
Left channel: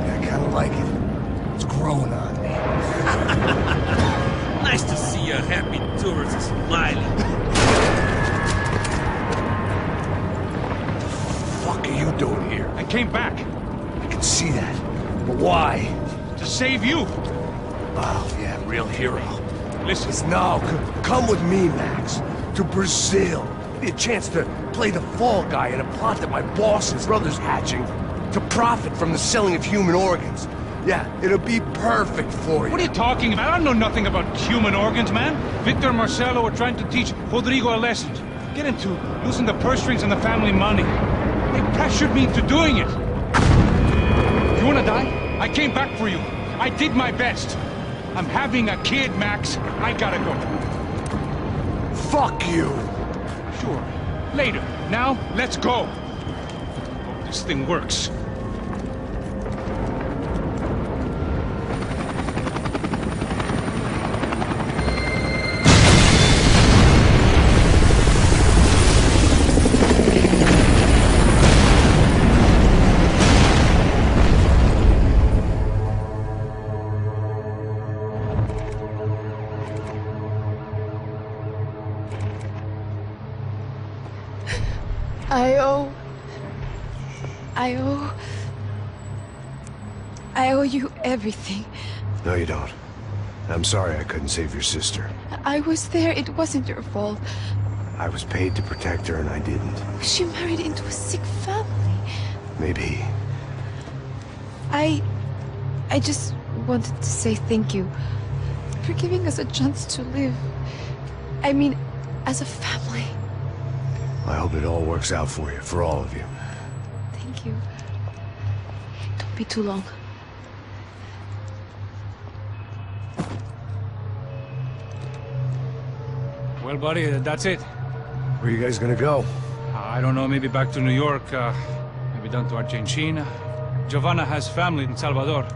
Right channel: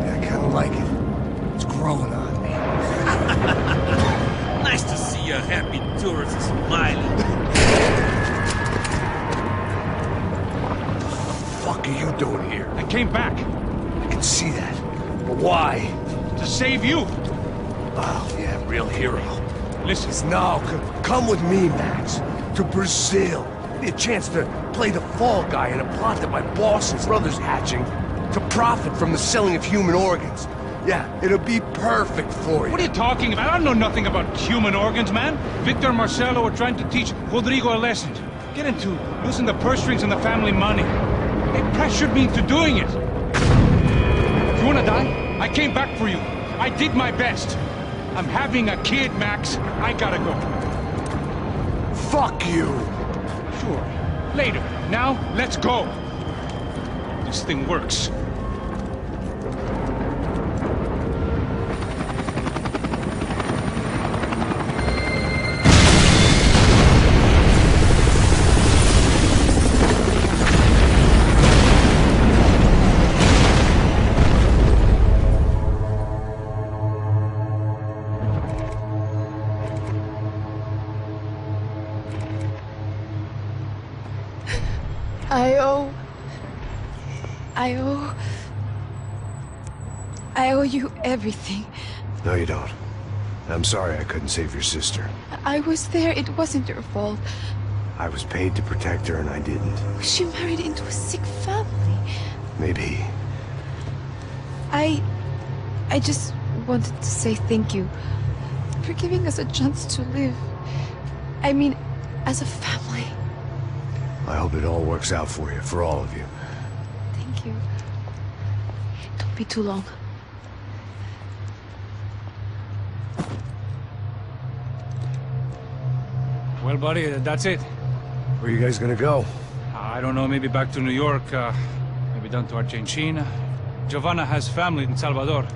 Yeah, I kinda like it. It's growing on me. Nice to see a happy tourist smiling. What the fuck are you doing here? I came back. I can see that. But why? To save you. Oh, yeah, real hero. Listen. No, come with me, Max. To Brazil. Maybe a chance to play the fall guy in a plot that my boss's brother's hatching to profit from the selling of human organs. Yeah, it'll be perfect for you. What are you talking about? I don't know nothing about human organs, man. Victor and Marcelo were trying to teach Rodrigo a lesson. Get into losing the purse strings and the family money. They pressured me into doing it. You wanna die? I came back for you. I did my best. I'm having a kid, Max. I gotta go. Fuck you. Sure. Later. Now, let's go. Hope this thing works. I owe you everything. No, you don't. I'm sorry I couldn't save your sister. I was there. It wasn't your fault. I was paid to protect her and I didn't. She married into a sick family. Maybe. I just wanted to say thank you for giving us a chance to live. I mean, as a family. I hope it all works out for you, for all of you. Thank you. Don't be too long. Well, buddy, that's it. Where are you guys gonna go? I don't know, maybe back to New York, maybe down to Argentina. Giovanna has family in Salvador.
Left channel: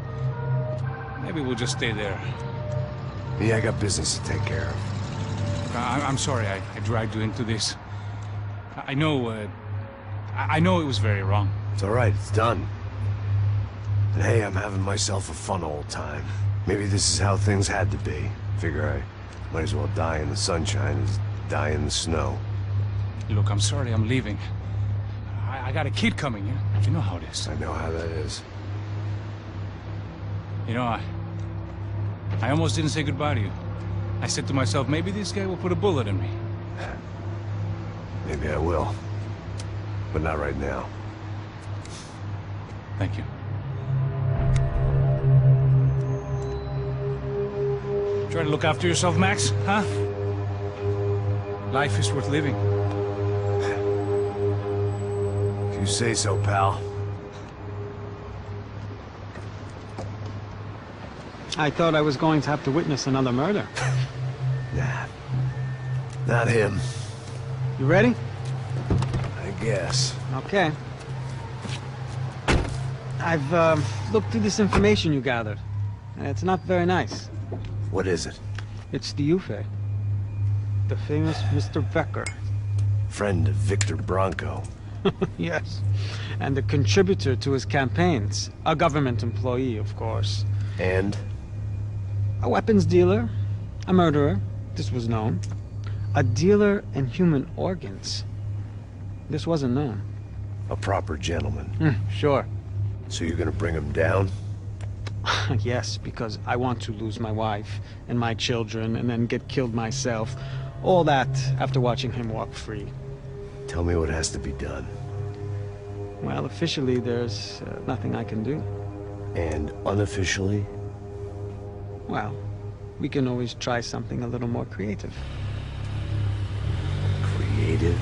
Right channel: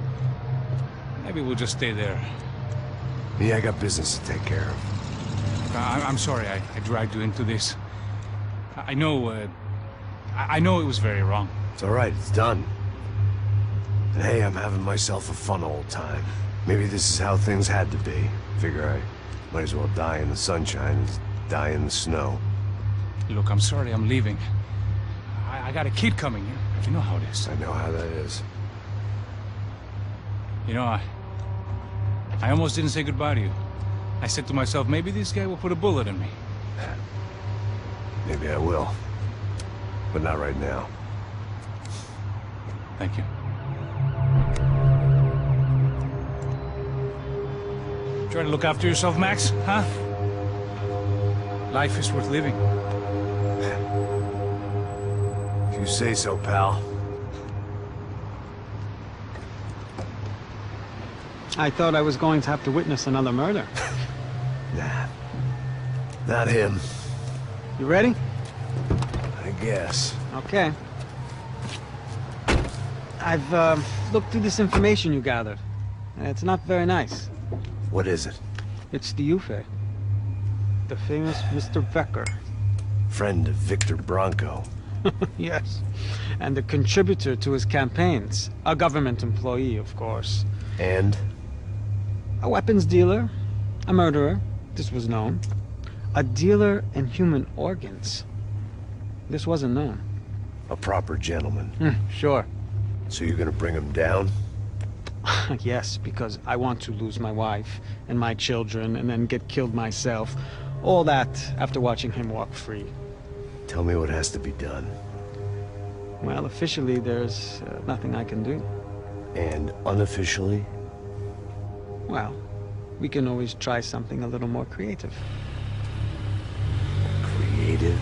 Maybe we'll just stay there. Yeah, I got business to take care of. I'm sorry I dragged you into this. I know it was very wrong. It's all right, it's done. And hey, I'm having myself a fun old time. Maybe this is how things had to be. Figure I might as well die in the sunshine as die in the snow. Look, I'm sorry I'm leaving. I got a kid coming, you know how it is. I know how that is. You know, I almost didn't say goodbye to you. I said to myself, maybe this guy will put a bullet in me. Maybe I will. But not right now. Thank you. Try to look after yourself, Max, huh? Life is worth living. If you say so, pal. I thought I was going to have to witness another murder. Nah. Not him. You ready? I guess. Okay. I've looked through this information you gathered. And it's not very nice. What is it? It's the Ufe. The famous Mr. Becker. Friend of Victor Bronco. Yes. And a contributor to his campaigns. A government employee, of course. And? A weapons dealer. A murderer. This was known. A dealer in human organs. This wasn't known. A proper gentleman. Sure. So you're gonna bring him down? Yes, because I want to lose my wife and my children and then get killed myself. All that after watching him walk free. Tell me what has to be done. Well, officially there's nothing I can do. And unofficially? Well, we can always try something a little more creative. Creative?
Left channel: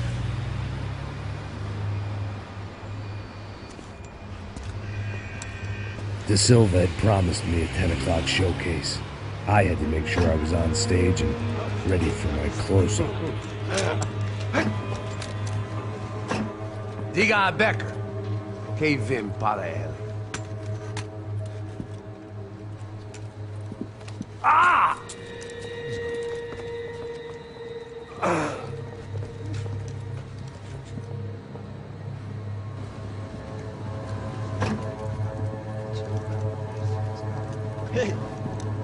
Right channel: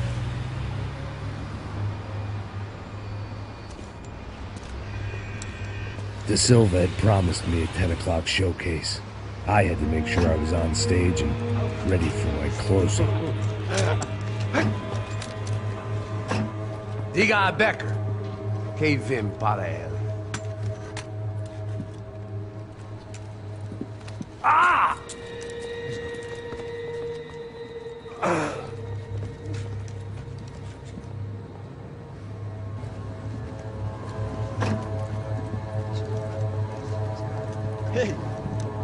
De Silva had promised me a 10 o'clock showcase. I had to make sure I was on stage and ready for my closing. Diga a Becker. Que vim para ele. Ah! Ei,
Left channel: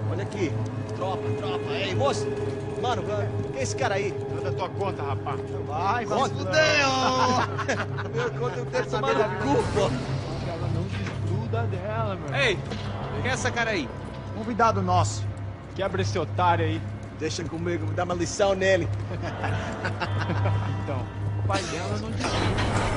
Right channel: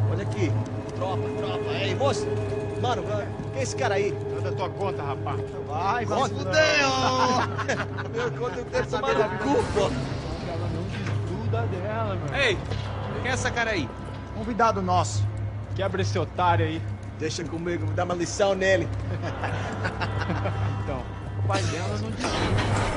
olha aqui. Tropa. Ei, moço. Mano, quem é esse cara aí? Manda tua conta, rapaz. Vai se fuder, ó! Meu conta, eu quero tomar no cu, pô. Ela não desgruda dela, meu. Ei, quem é essa cara aí? Convidado nosso. Quebra esse otário aí. Deixa comigo, vou dar uma lição nele. Então, o pai dela não desgruda.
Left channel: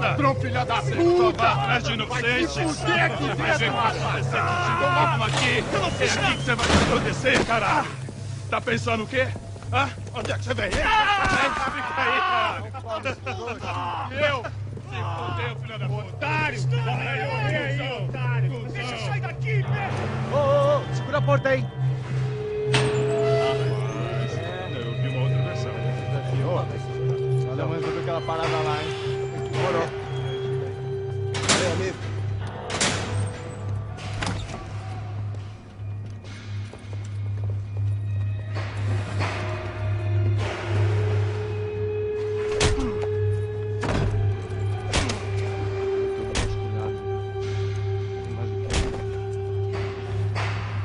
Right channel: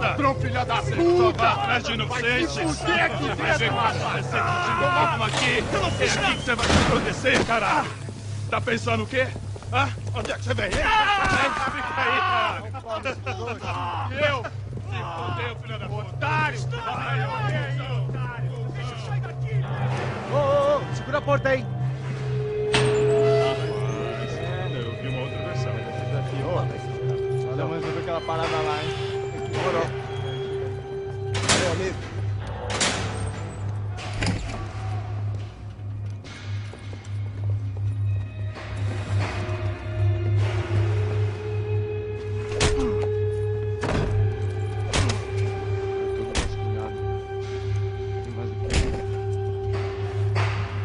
Ladrão, filha da puta! Vai atrás de inocente! Vai se fuder aqui dentro! Vai ver quando vai ser contigo aqui! Eu não fiz aqui que você vai se acontecer, caralho! Tá pensando o quê? Hã? Onde é que você vem? Fica aí, caralho! Eu? Se fudeu, filha da puta! Otário! Otário! Deixa eu sair daqui, Ô, segura a porta aí! Eu vi uma outra versão. Vamos resolver aquela parada lá, hein? Demorou. Valeu, amigo.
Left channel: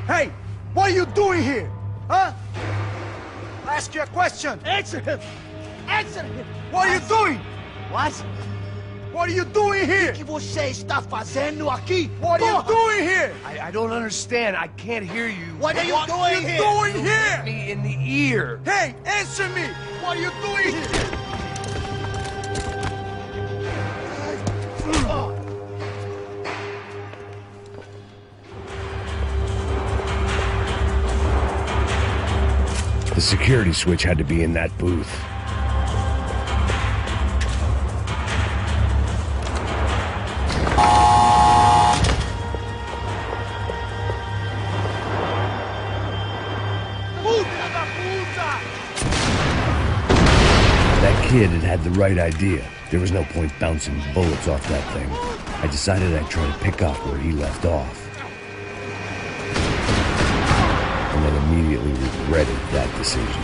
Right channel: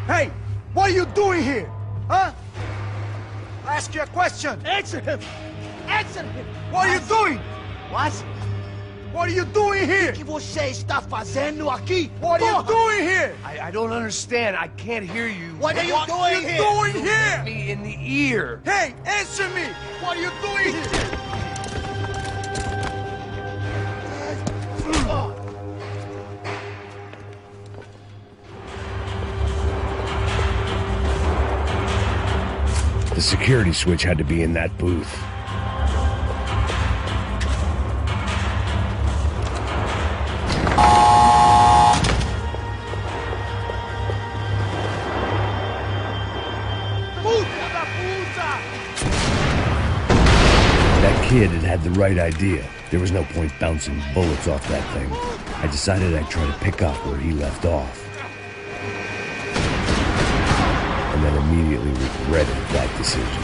Hey, what are you doing here? Huh? I ask you a question. Answer him! Answer him! What are you doing? What? What are you doing here? O que você está fazendo aqui? What are you doing here? I don't understand. I can't hear you. What are you doing here? What are you doing here? Hit me in the ear. Hey, answer me! What are you doing here? The security switch had to be in that booth. That kid had the right idea. There was no point bouncing bullets off that thing. I decided I'd try to pick up where he left off. And then immediately regretted that decision.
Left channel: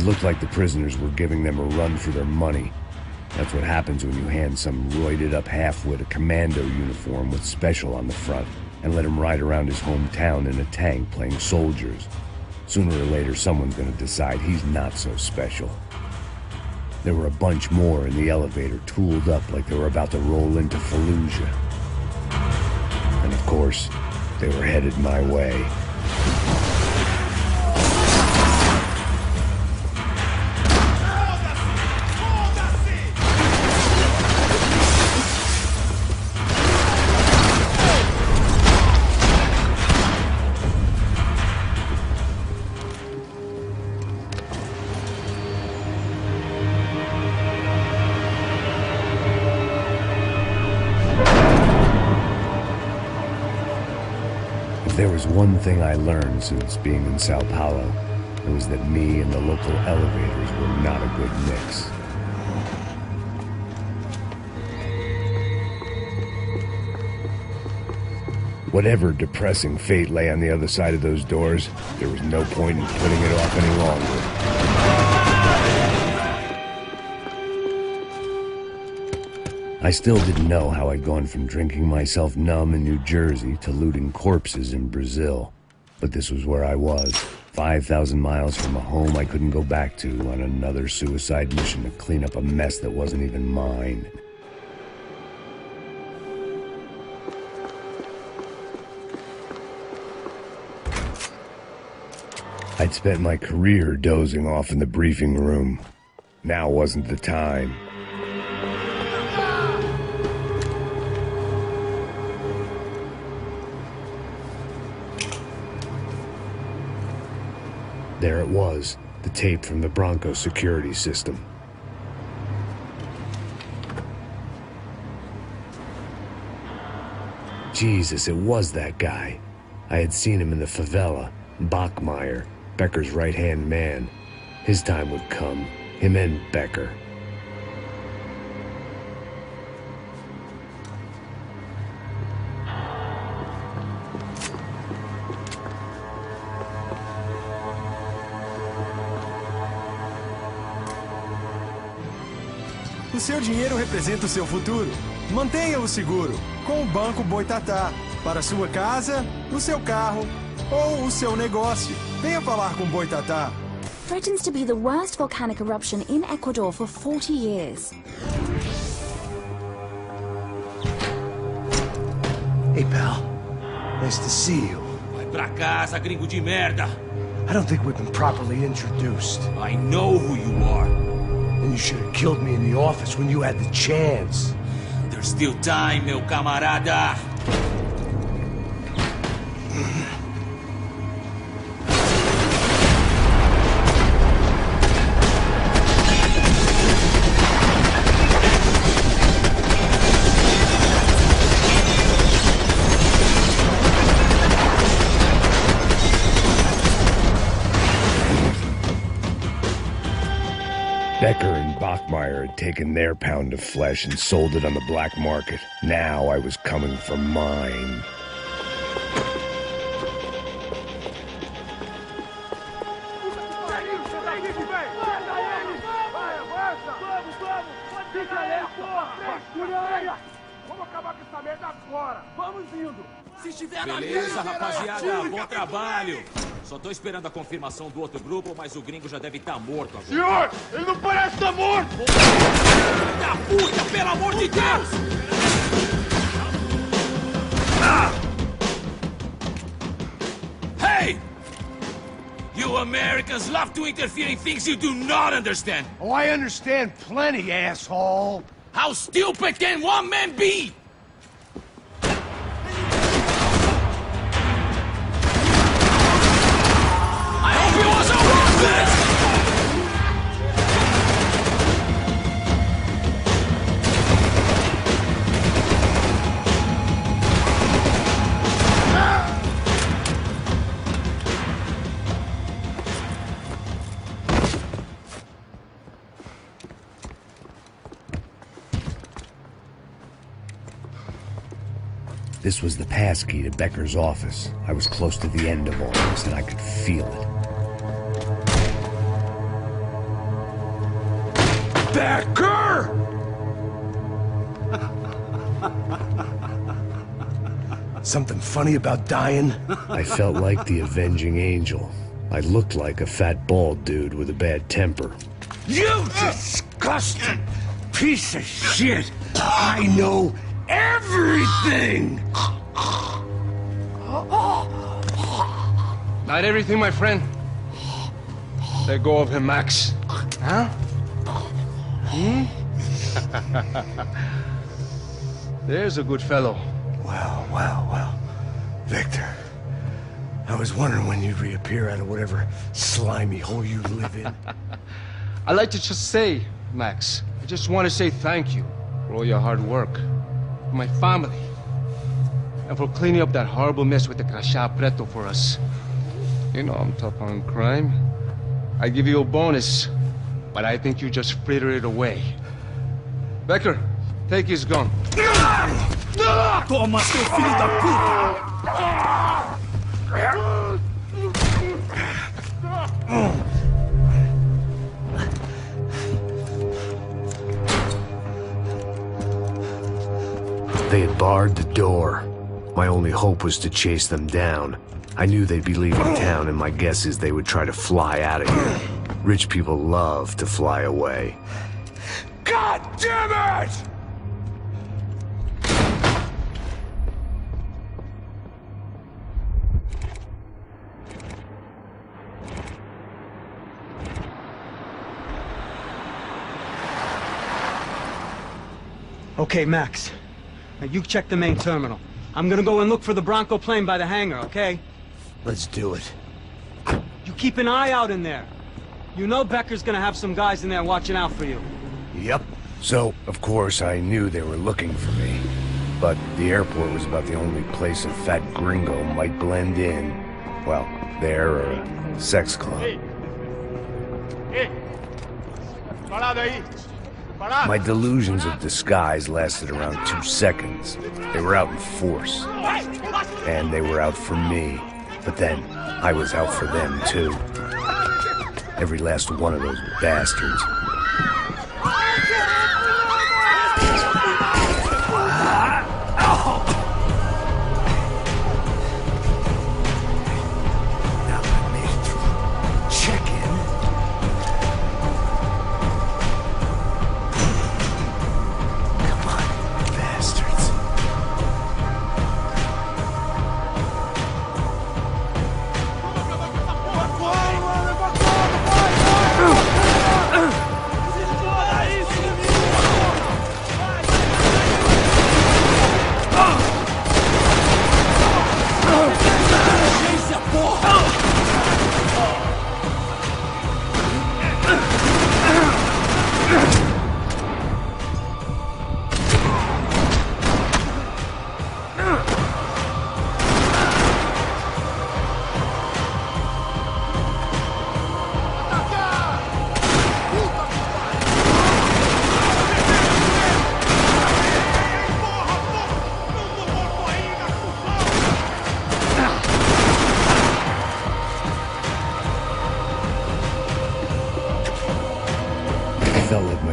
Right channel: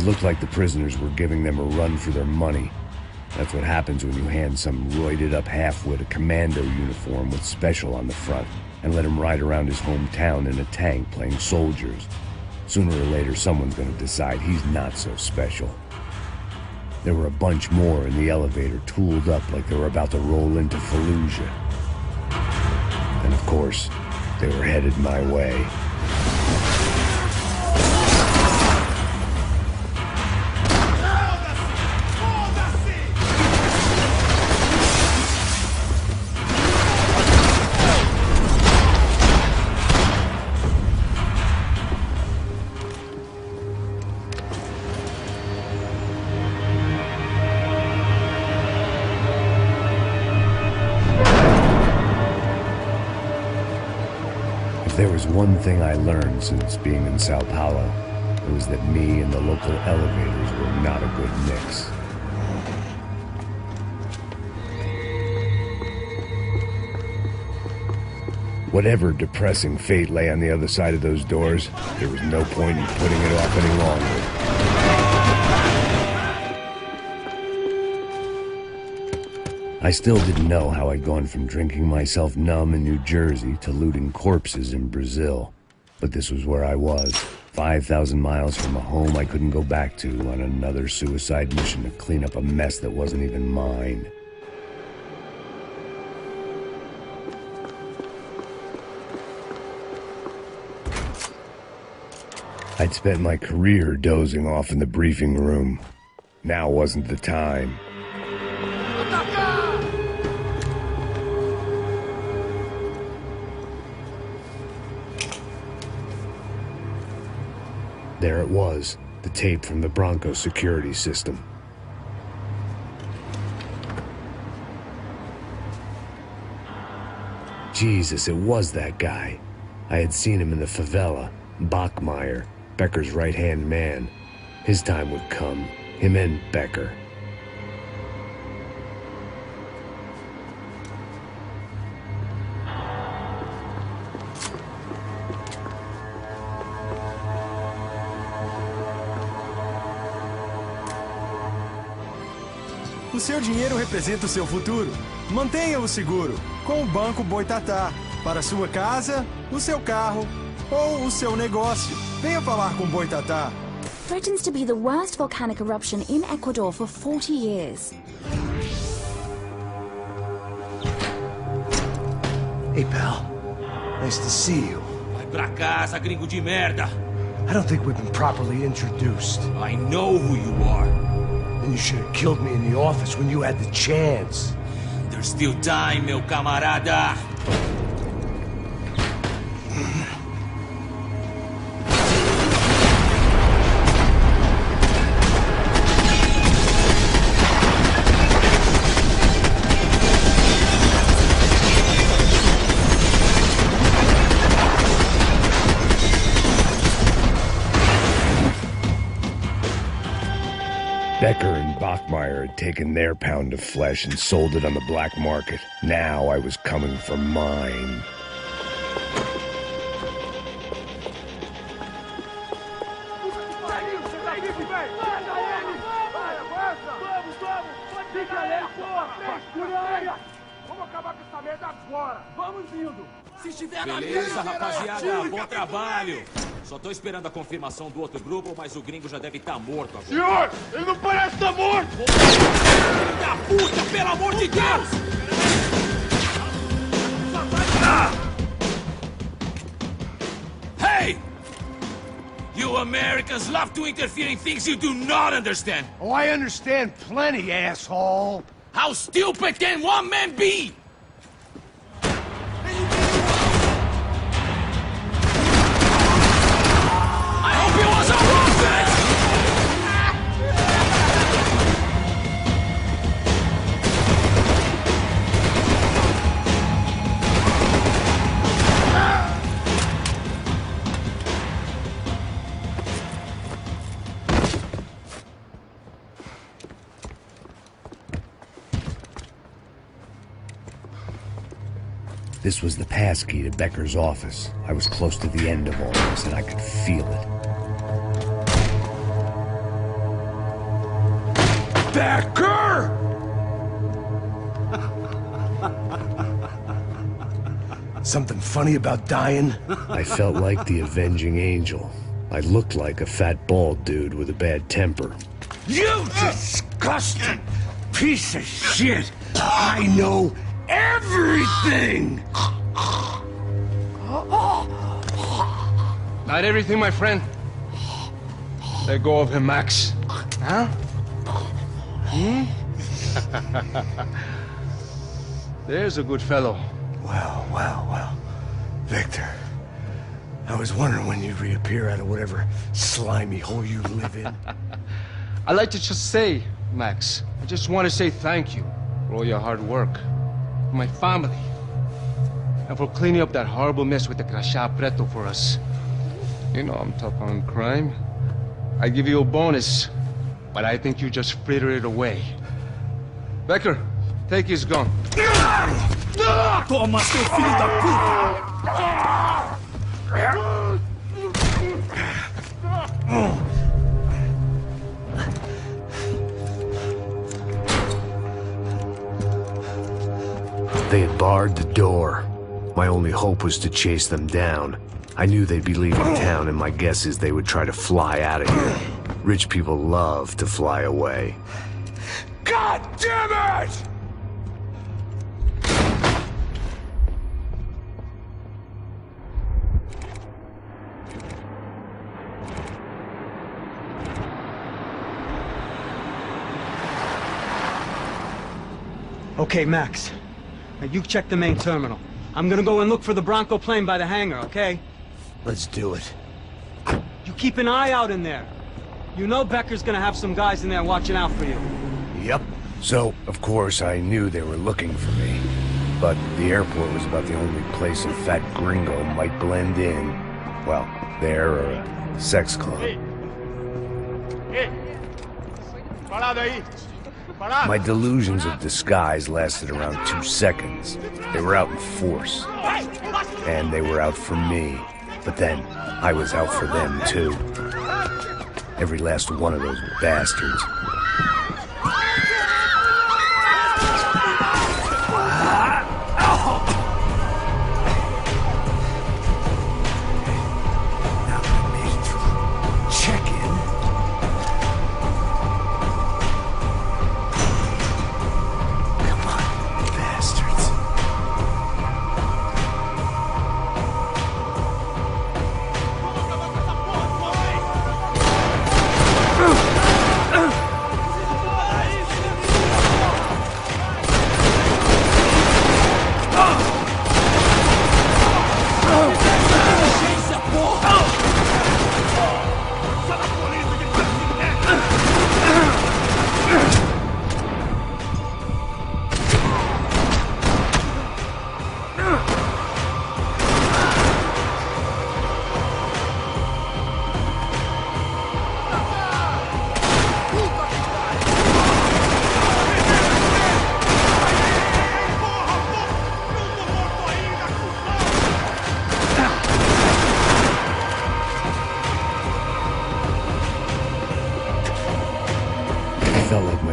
It looked like the prisoners were giving them a run for their money. That's what happens when you hand some roided-up halfwit a commando uniform with special on the front and let him ride around his hometown in a tank playing soldiers. Sooner or later, someone's gonna decide he's not so special. There were a bunch more in the elevator, tooled up like they were about to roll into Fallujah. And of course, they were headed my way. If there was one thing I learned since being in São Paulo, it was that me and the local elevators were not a good mix. Whatever depressing fate lay on the other side of those doors, there was no point in putting it off any longer. I still didn't know how I'd gone from drinking myself numb in New Jersey to looting corpses in Brazil. But this was where I was, 5,000 miles from a home I couldn't go back to, on another suicide mission to clean up a mess that wasn't even mine. I'd spent my career dozing off in the briefing room. Now wasn't the time. There it was, the tape from the Bronco security system. Jesus, it was that guy. I had seen him in the favela, Bachmeyer, Becker's right-hand man. His time would come, him and Becker. O seu dinheiro representa o seu futuro. Mantenha-o seguro com o Banco Boitatá. Para sua casa, o seu carro ou o seu negócio. Venha falar com Boitatá. Threatens to be the worst volcanic eruption in Ecuador for 40 years. Hey, pal. Nice to see you. Vai pra casa, gringo de merda. I don't think we've been properly introduced. I know who you are. And you should have killed me in the office when you had the chance. There's still time, meu camarada. Becker and Bachmeyer had taken their pound of flesh and sold it on the black market. Now I was coming for mine. Vamos acabar com essa merda agora! Vamos indo! Se estiver beleza, rapaziada, bom trabalho! Só tô esperando a confirmação do outro grupo, mas o gringo já deve estar morto agora. Senhor, ele não parece estar morto! Filho da puta, pelo amor de Deus! Hey! You Americans love to interfere in things you do not understand! Oh, I understand plenty, asshole! How stupid can one man be? I hope it wasn't worth it! This was the passkey to Becker's office. I was close to the end of all this, and I could feel it. Becker! Something funny about dying? I felt like the avenging angel. I looked like a fat bald dude with a bad temper. You disgusting piece of shit! I know everything! Not everything, my friend. Let go of him, Max. Huh? Hmm? There's a good fellow. Well. Victor, I was wondering when you'd reappear out of whatever slimy hole you live in. I'd like to just say, Max, I just want to say thank you for all your hard work, for my family, and for cleaning up that horrible mess with the Crachá Preto for us. You know I'm tough on crime. I give you a bonus, but I think you just fritter it away. Becker, take his gun. Toma, seu filho da puta! They had barred the door. My only hope was to chase them down. I knew they'd be leaving town, and my guess is they would try to fly out of here. Rich people love to fly away. God damn it! Okay, Max. Now you check the main terminal. I'm gonna go and look for the Bronco plane by the hangar, okay? Let's do it. You keep an eye out in there. You know Becker's gonna have some guys in there watching out for you. Yep. So, of course, I knew they were looking for me. But the airport was about the only place a fat gringo might blend in. Well, there or a sex club. My delusions of disguise lasted around 2 seconds. They were out in force. And they were out for me. But then, I was out for them, too. Every last one of those bastards.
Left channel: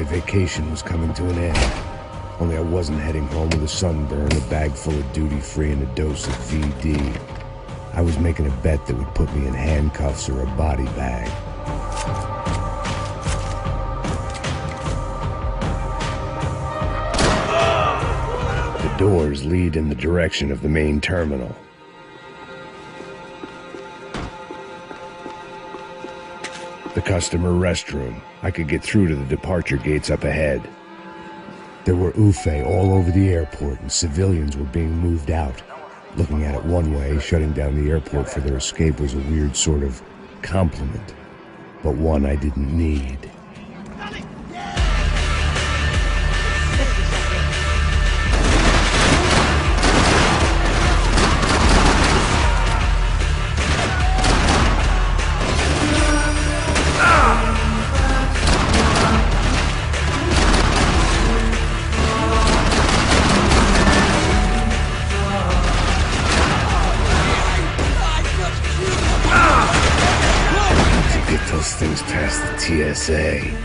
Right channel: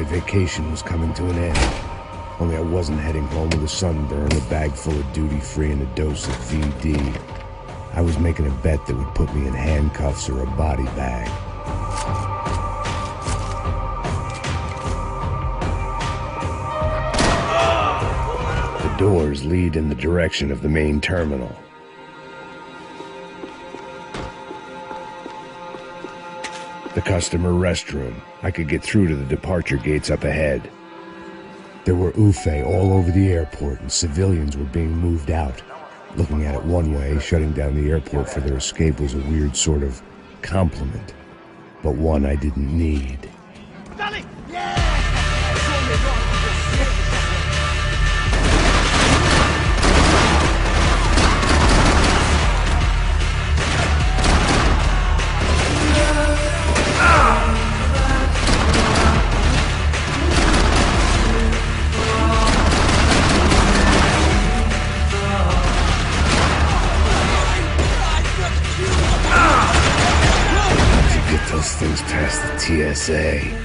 Vacation was coming to an end. Only I wasn't heading home with a sunburn, a bag full of duty-free, and a dose of VD. I was making a bet that would put me in handcuffs or a body bag. The doors lead in the direction of the main terminal. The customer restroom. I could get through to the departure gates up ahead. There were UFE all over the airport, and civilians were being moved out. Looking at it one way, shutting down the airport for their escape was a weird sort of compliment, but one I didn't need. Those things past the TSA.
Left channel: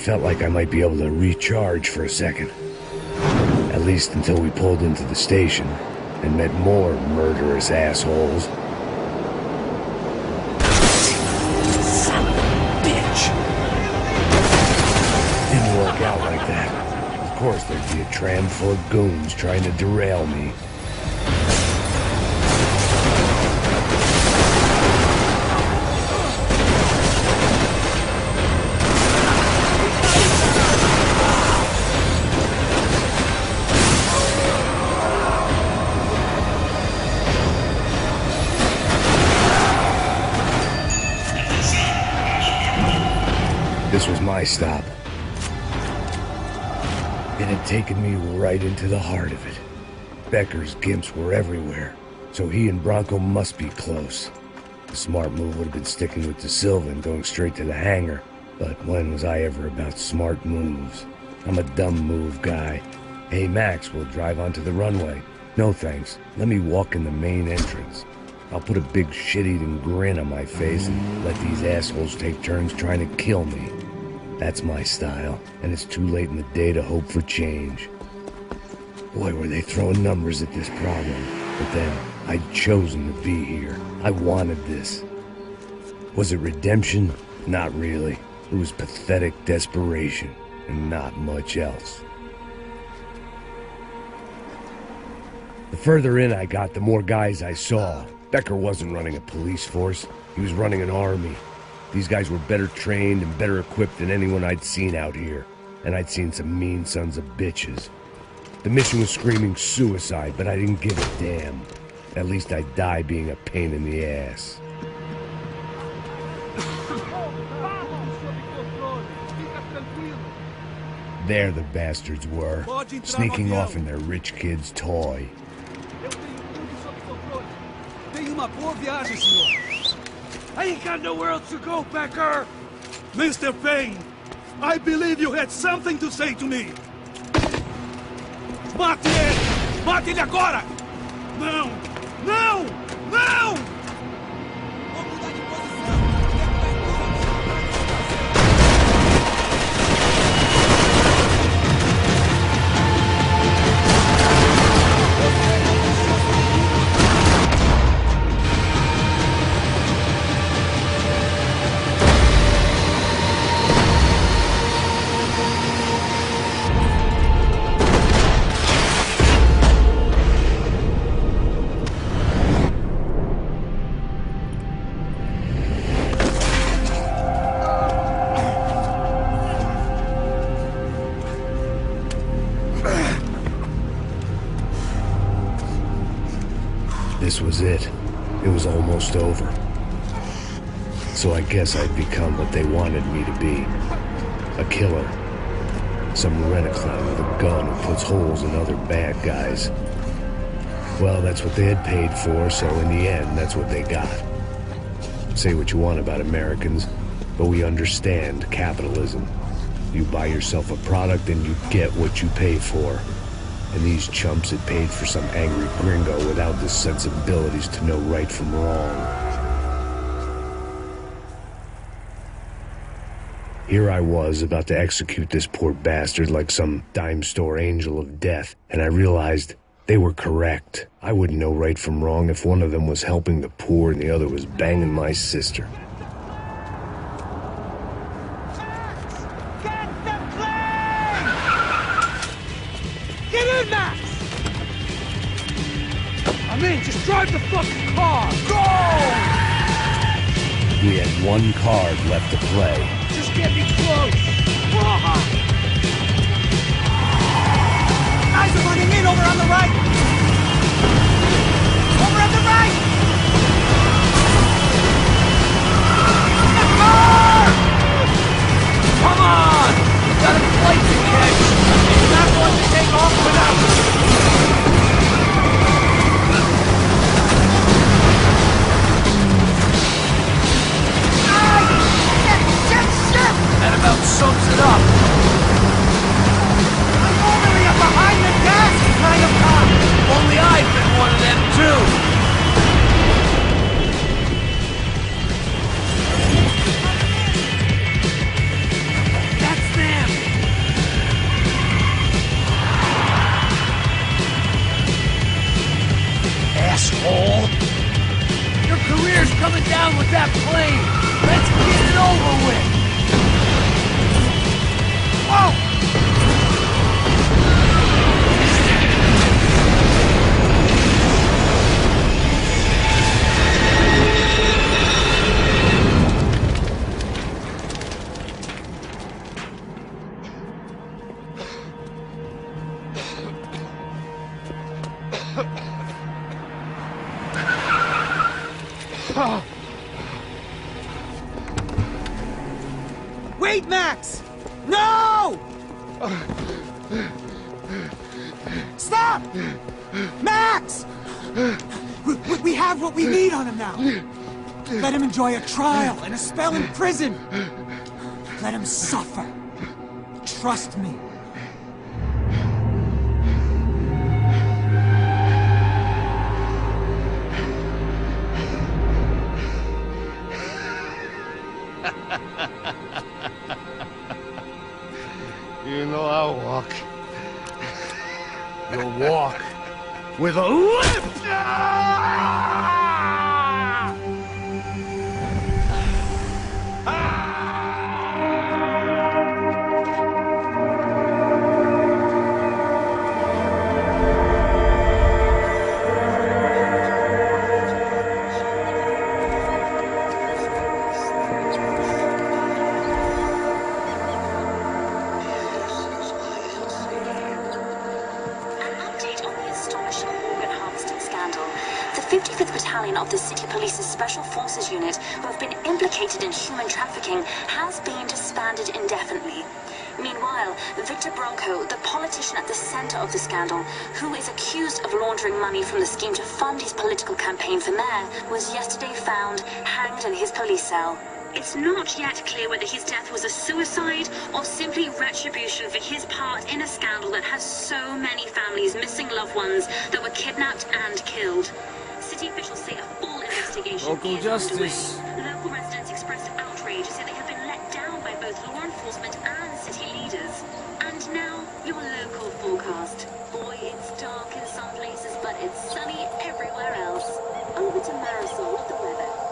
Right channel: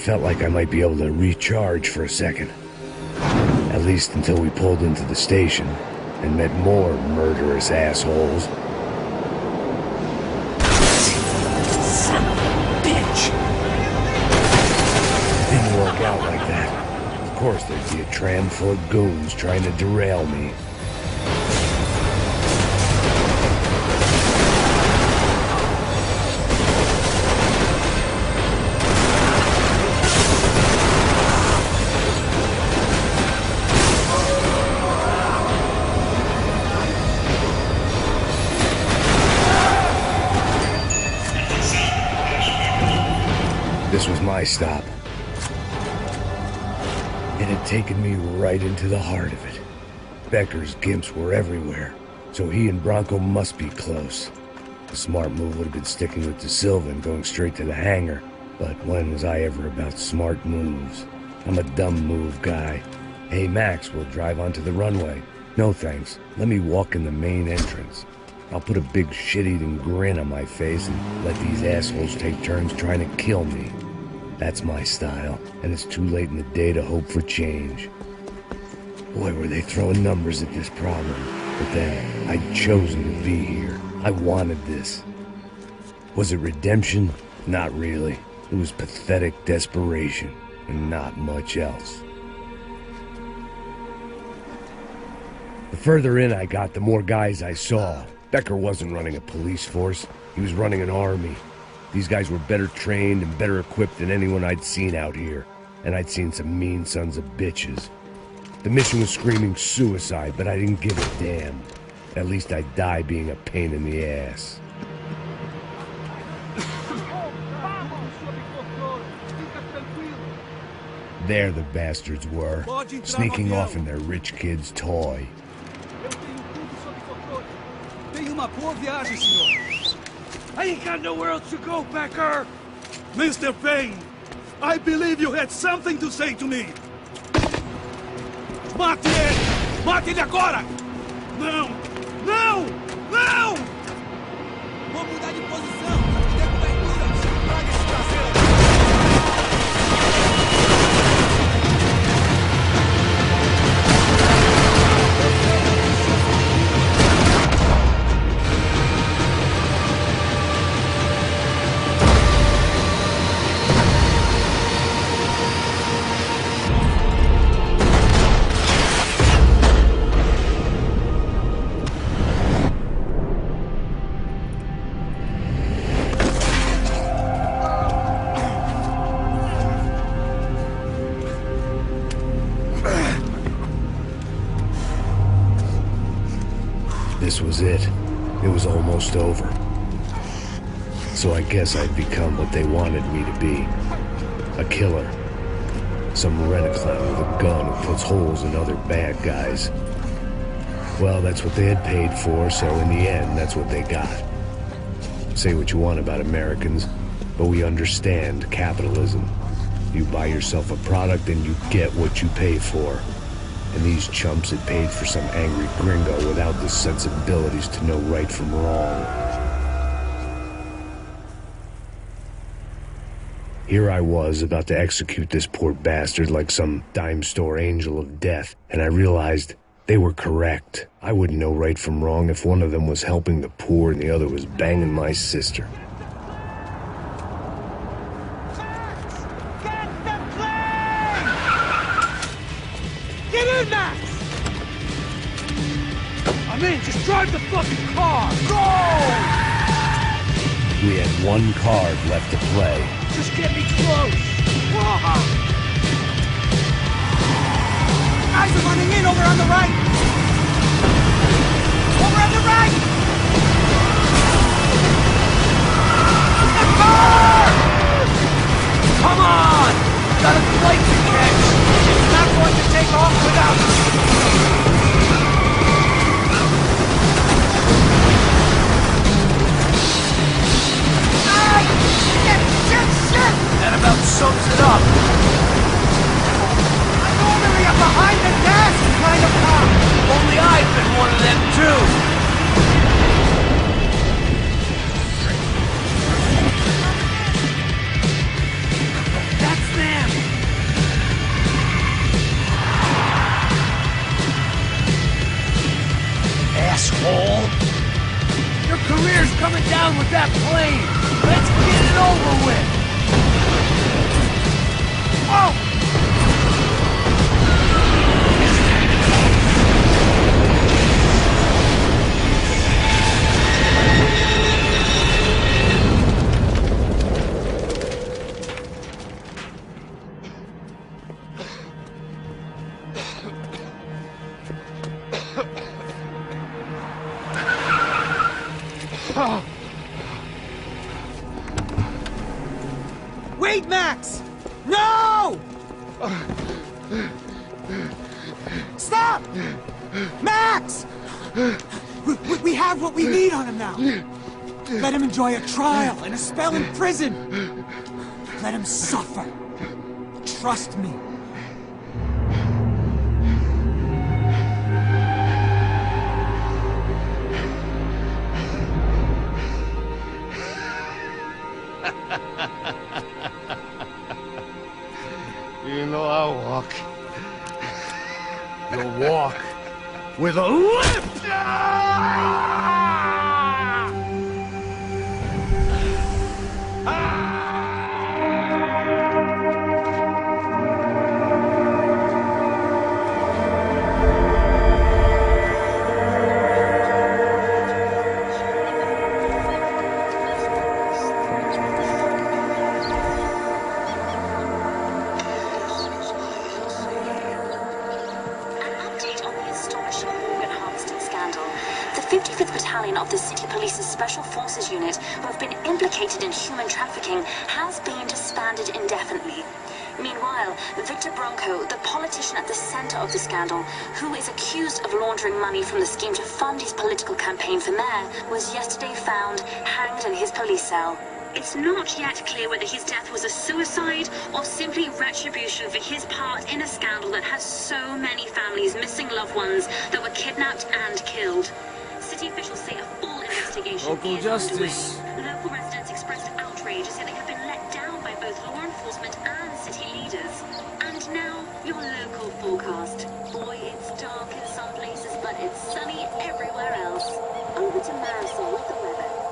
felt like I might be able to recharge for a second. At least until we pulled into the station and met more murderous assholes. Son of a bitch! Didn't work out like that. Of course there'd be a tram full of goons trying to derail me. This was my stop. It had taken me right into the heart of it. Becker's gimps were everywhere, so he and Bronco must be close. The smart move would have been sticking with De Silva and going straight to the hangar, but when was I ever about smart moves? I'm a dumb move guy. Hey Max, we'll drive onto the runway. No thanks, let me walk in the main entrance. I'll put a big shit-eating grin on my face and let these assholes take turns trying to kill me. That's my style, and it's too late in the day to hope for change. Boy, were they throwing numbers at this problem. But then, I'd chosen to be here. I wanted this. Was it redemption? Not really. It was pathetic desperation, and not much else. The further in I got, the more guys I saw. Becker wasn't running a police force. He was running an army. These guys were better trained and better equipped than anyone I'd seen out here. And I'd seen some mean sons of bitches. The mission was screaming suicide, but I didn't give a damn. At least I'd die being a pain in the ass. There the bastards were, sneaking off in their rich kid's toy. I ain't got nowhere else to go, Becker! Mr. Payne, I believe you had something to say to me! Mate ele! Mate ele agora! Não! Não! Não! Vou mudar de posição! Me dê cobertura! Traga esse traseiro! This was it. It was almost over. So I guess I'd become what they wanted me to be. A killer. Some rent-a-clown with a gun who puts holes in other bad guys. Well, that's what they had paid for, so in the end, that's what they got. Say what you want about Americans, but we understand capitalism. You buy yourself a product and you get what you pay for. And these chumps had paid for some angry gringo without the sensibilities to know right from wrong. Here I was, about to execute this poor bastard like some dime store angel of death, and I realized they were correct. I wouldn't know right from wrong if one of them was helping the poor and the other was banging my sister. Get in, Max! I'm in, just drive the fucking car! Go! We had one card left to play. Just get me close! Guys are running in over on the right! Over on the right! Come on! Gotta fight this thing! Not going to take off without... That about sums it up. I'm normally up behind the deck trying to pop. down with that plane. Let's get it over with. Oh! Wait, Max! No! Stop! Max! We have what we need on him now. Let him enjoy a trial and a spell in prison. Let him suffer. Trust me. You know I'll walk. You'll walk with a limp! The 55th Battalion of the City Police's Special Forces Unit, who have been implicated in human trafficking, has been disbanded indefinitely. Meanwhile, Victor Bronco, the politician at the center of the scandal, who is accused of laundering money from the scheme to fund his political campaign for mayor, was yesterday found hanged in his police cell. It's not yet clear whether his death was a suicide or simply retribution for his part in a scandal that has so many families missing loved ones that were kidnapped and killed. City officials say a full investigation Local is justice. underway. Local residents expressed outrage, say they have been let down by both law enforcement and city leaders. And now, your local forecast. Boy, it's dark in some places, but it's sunny everywhere else. Over to Marisol with the weather.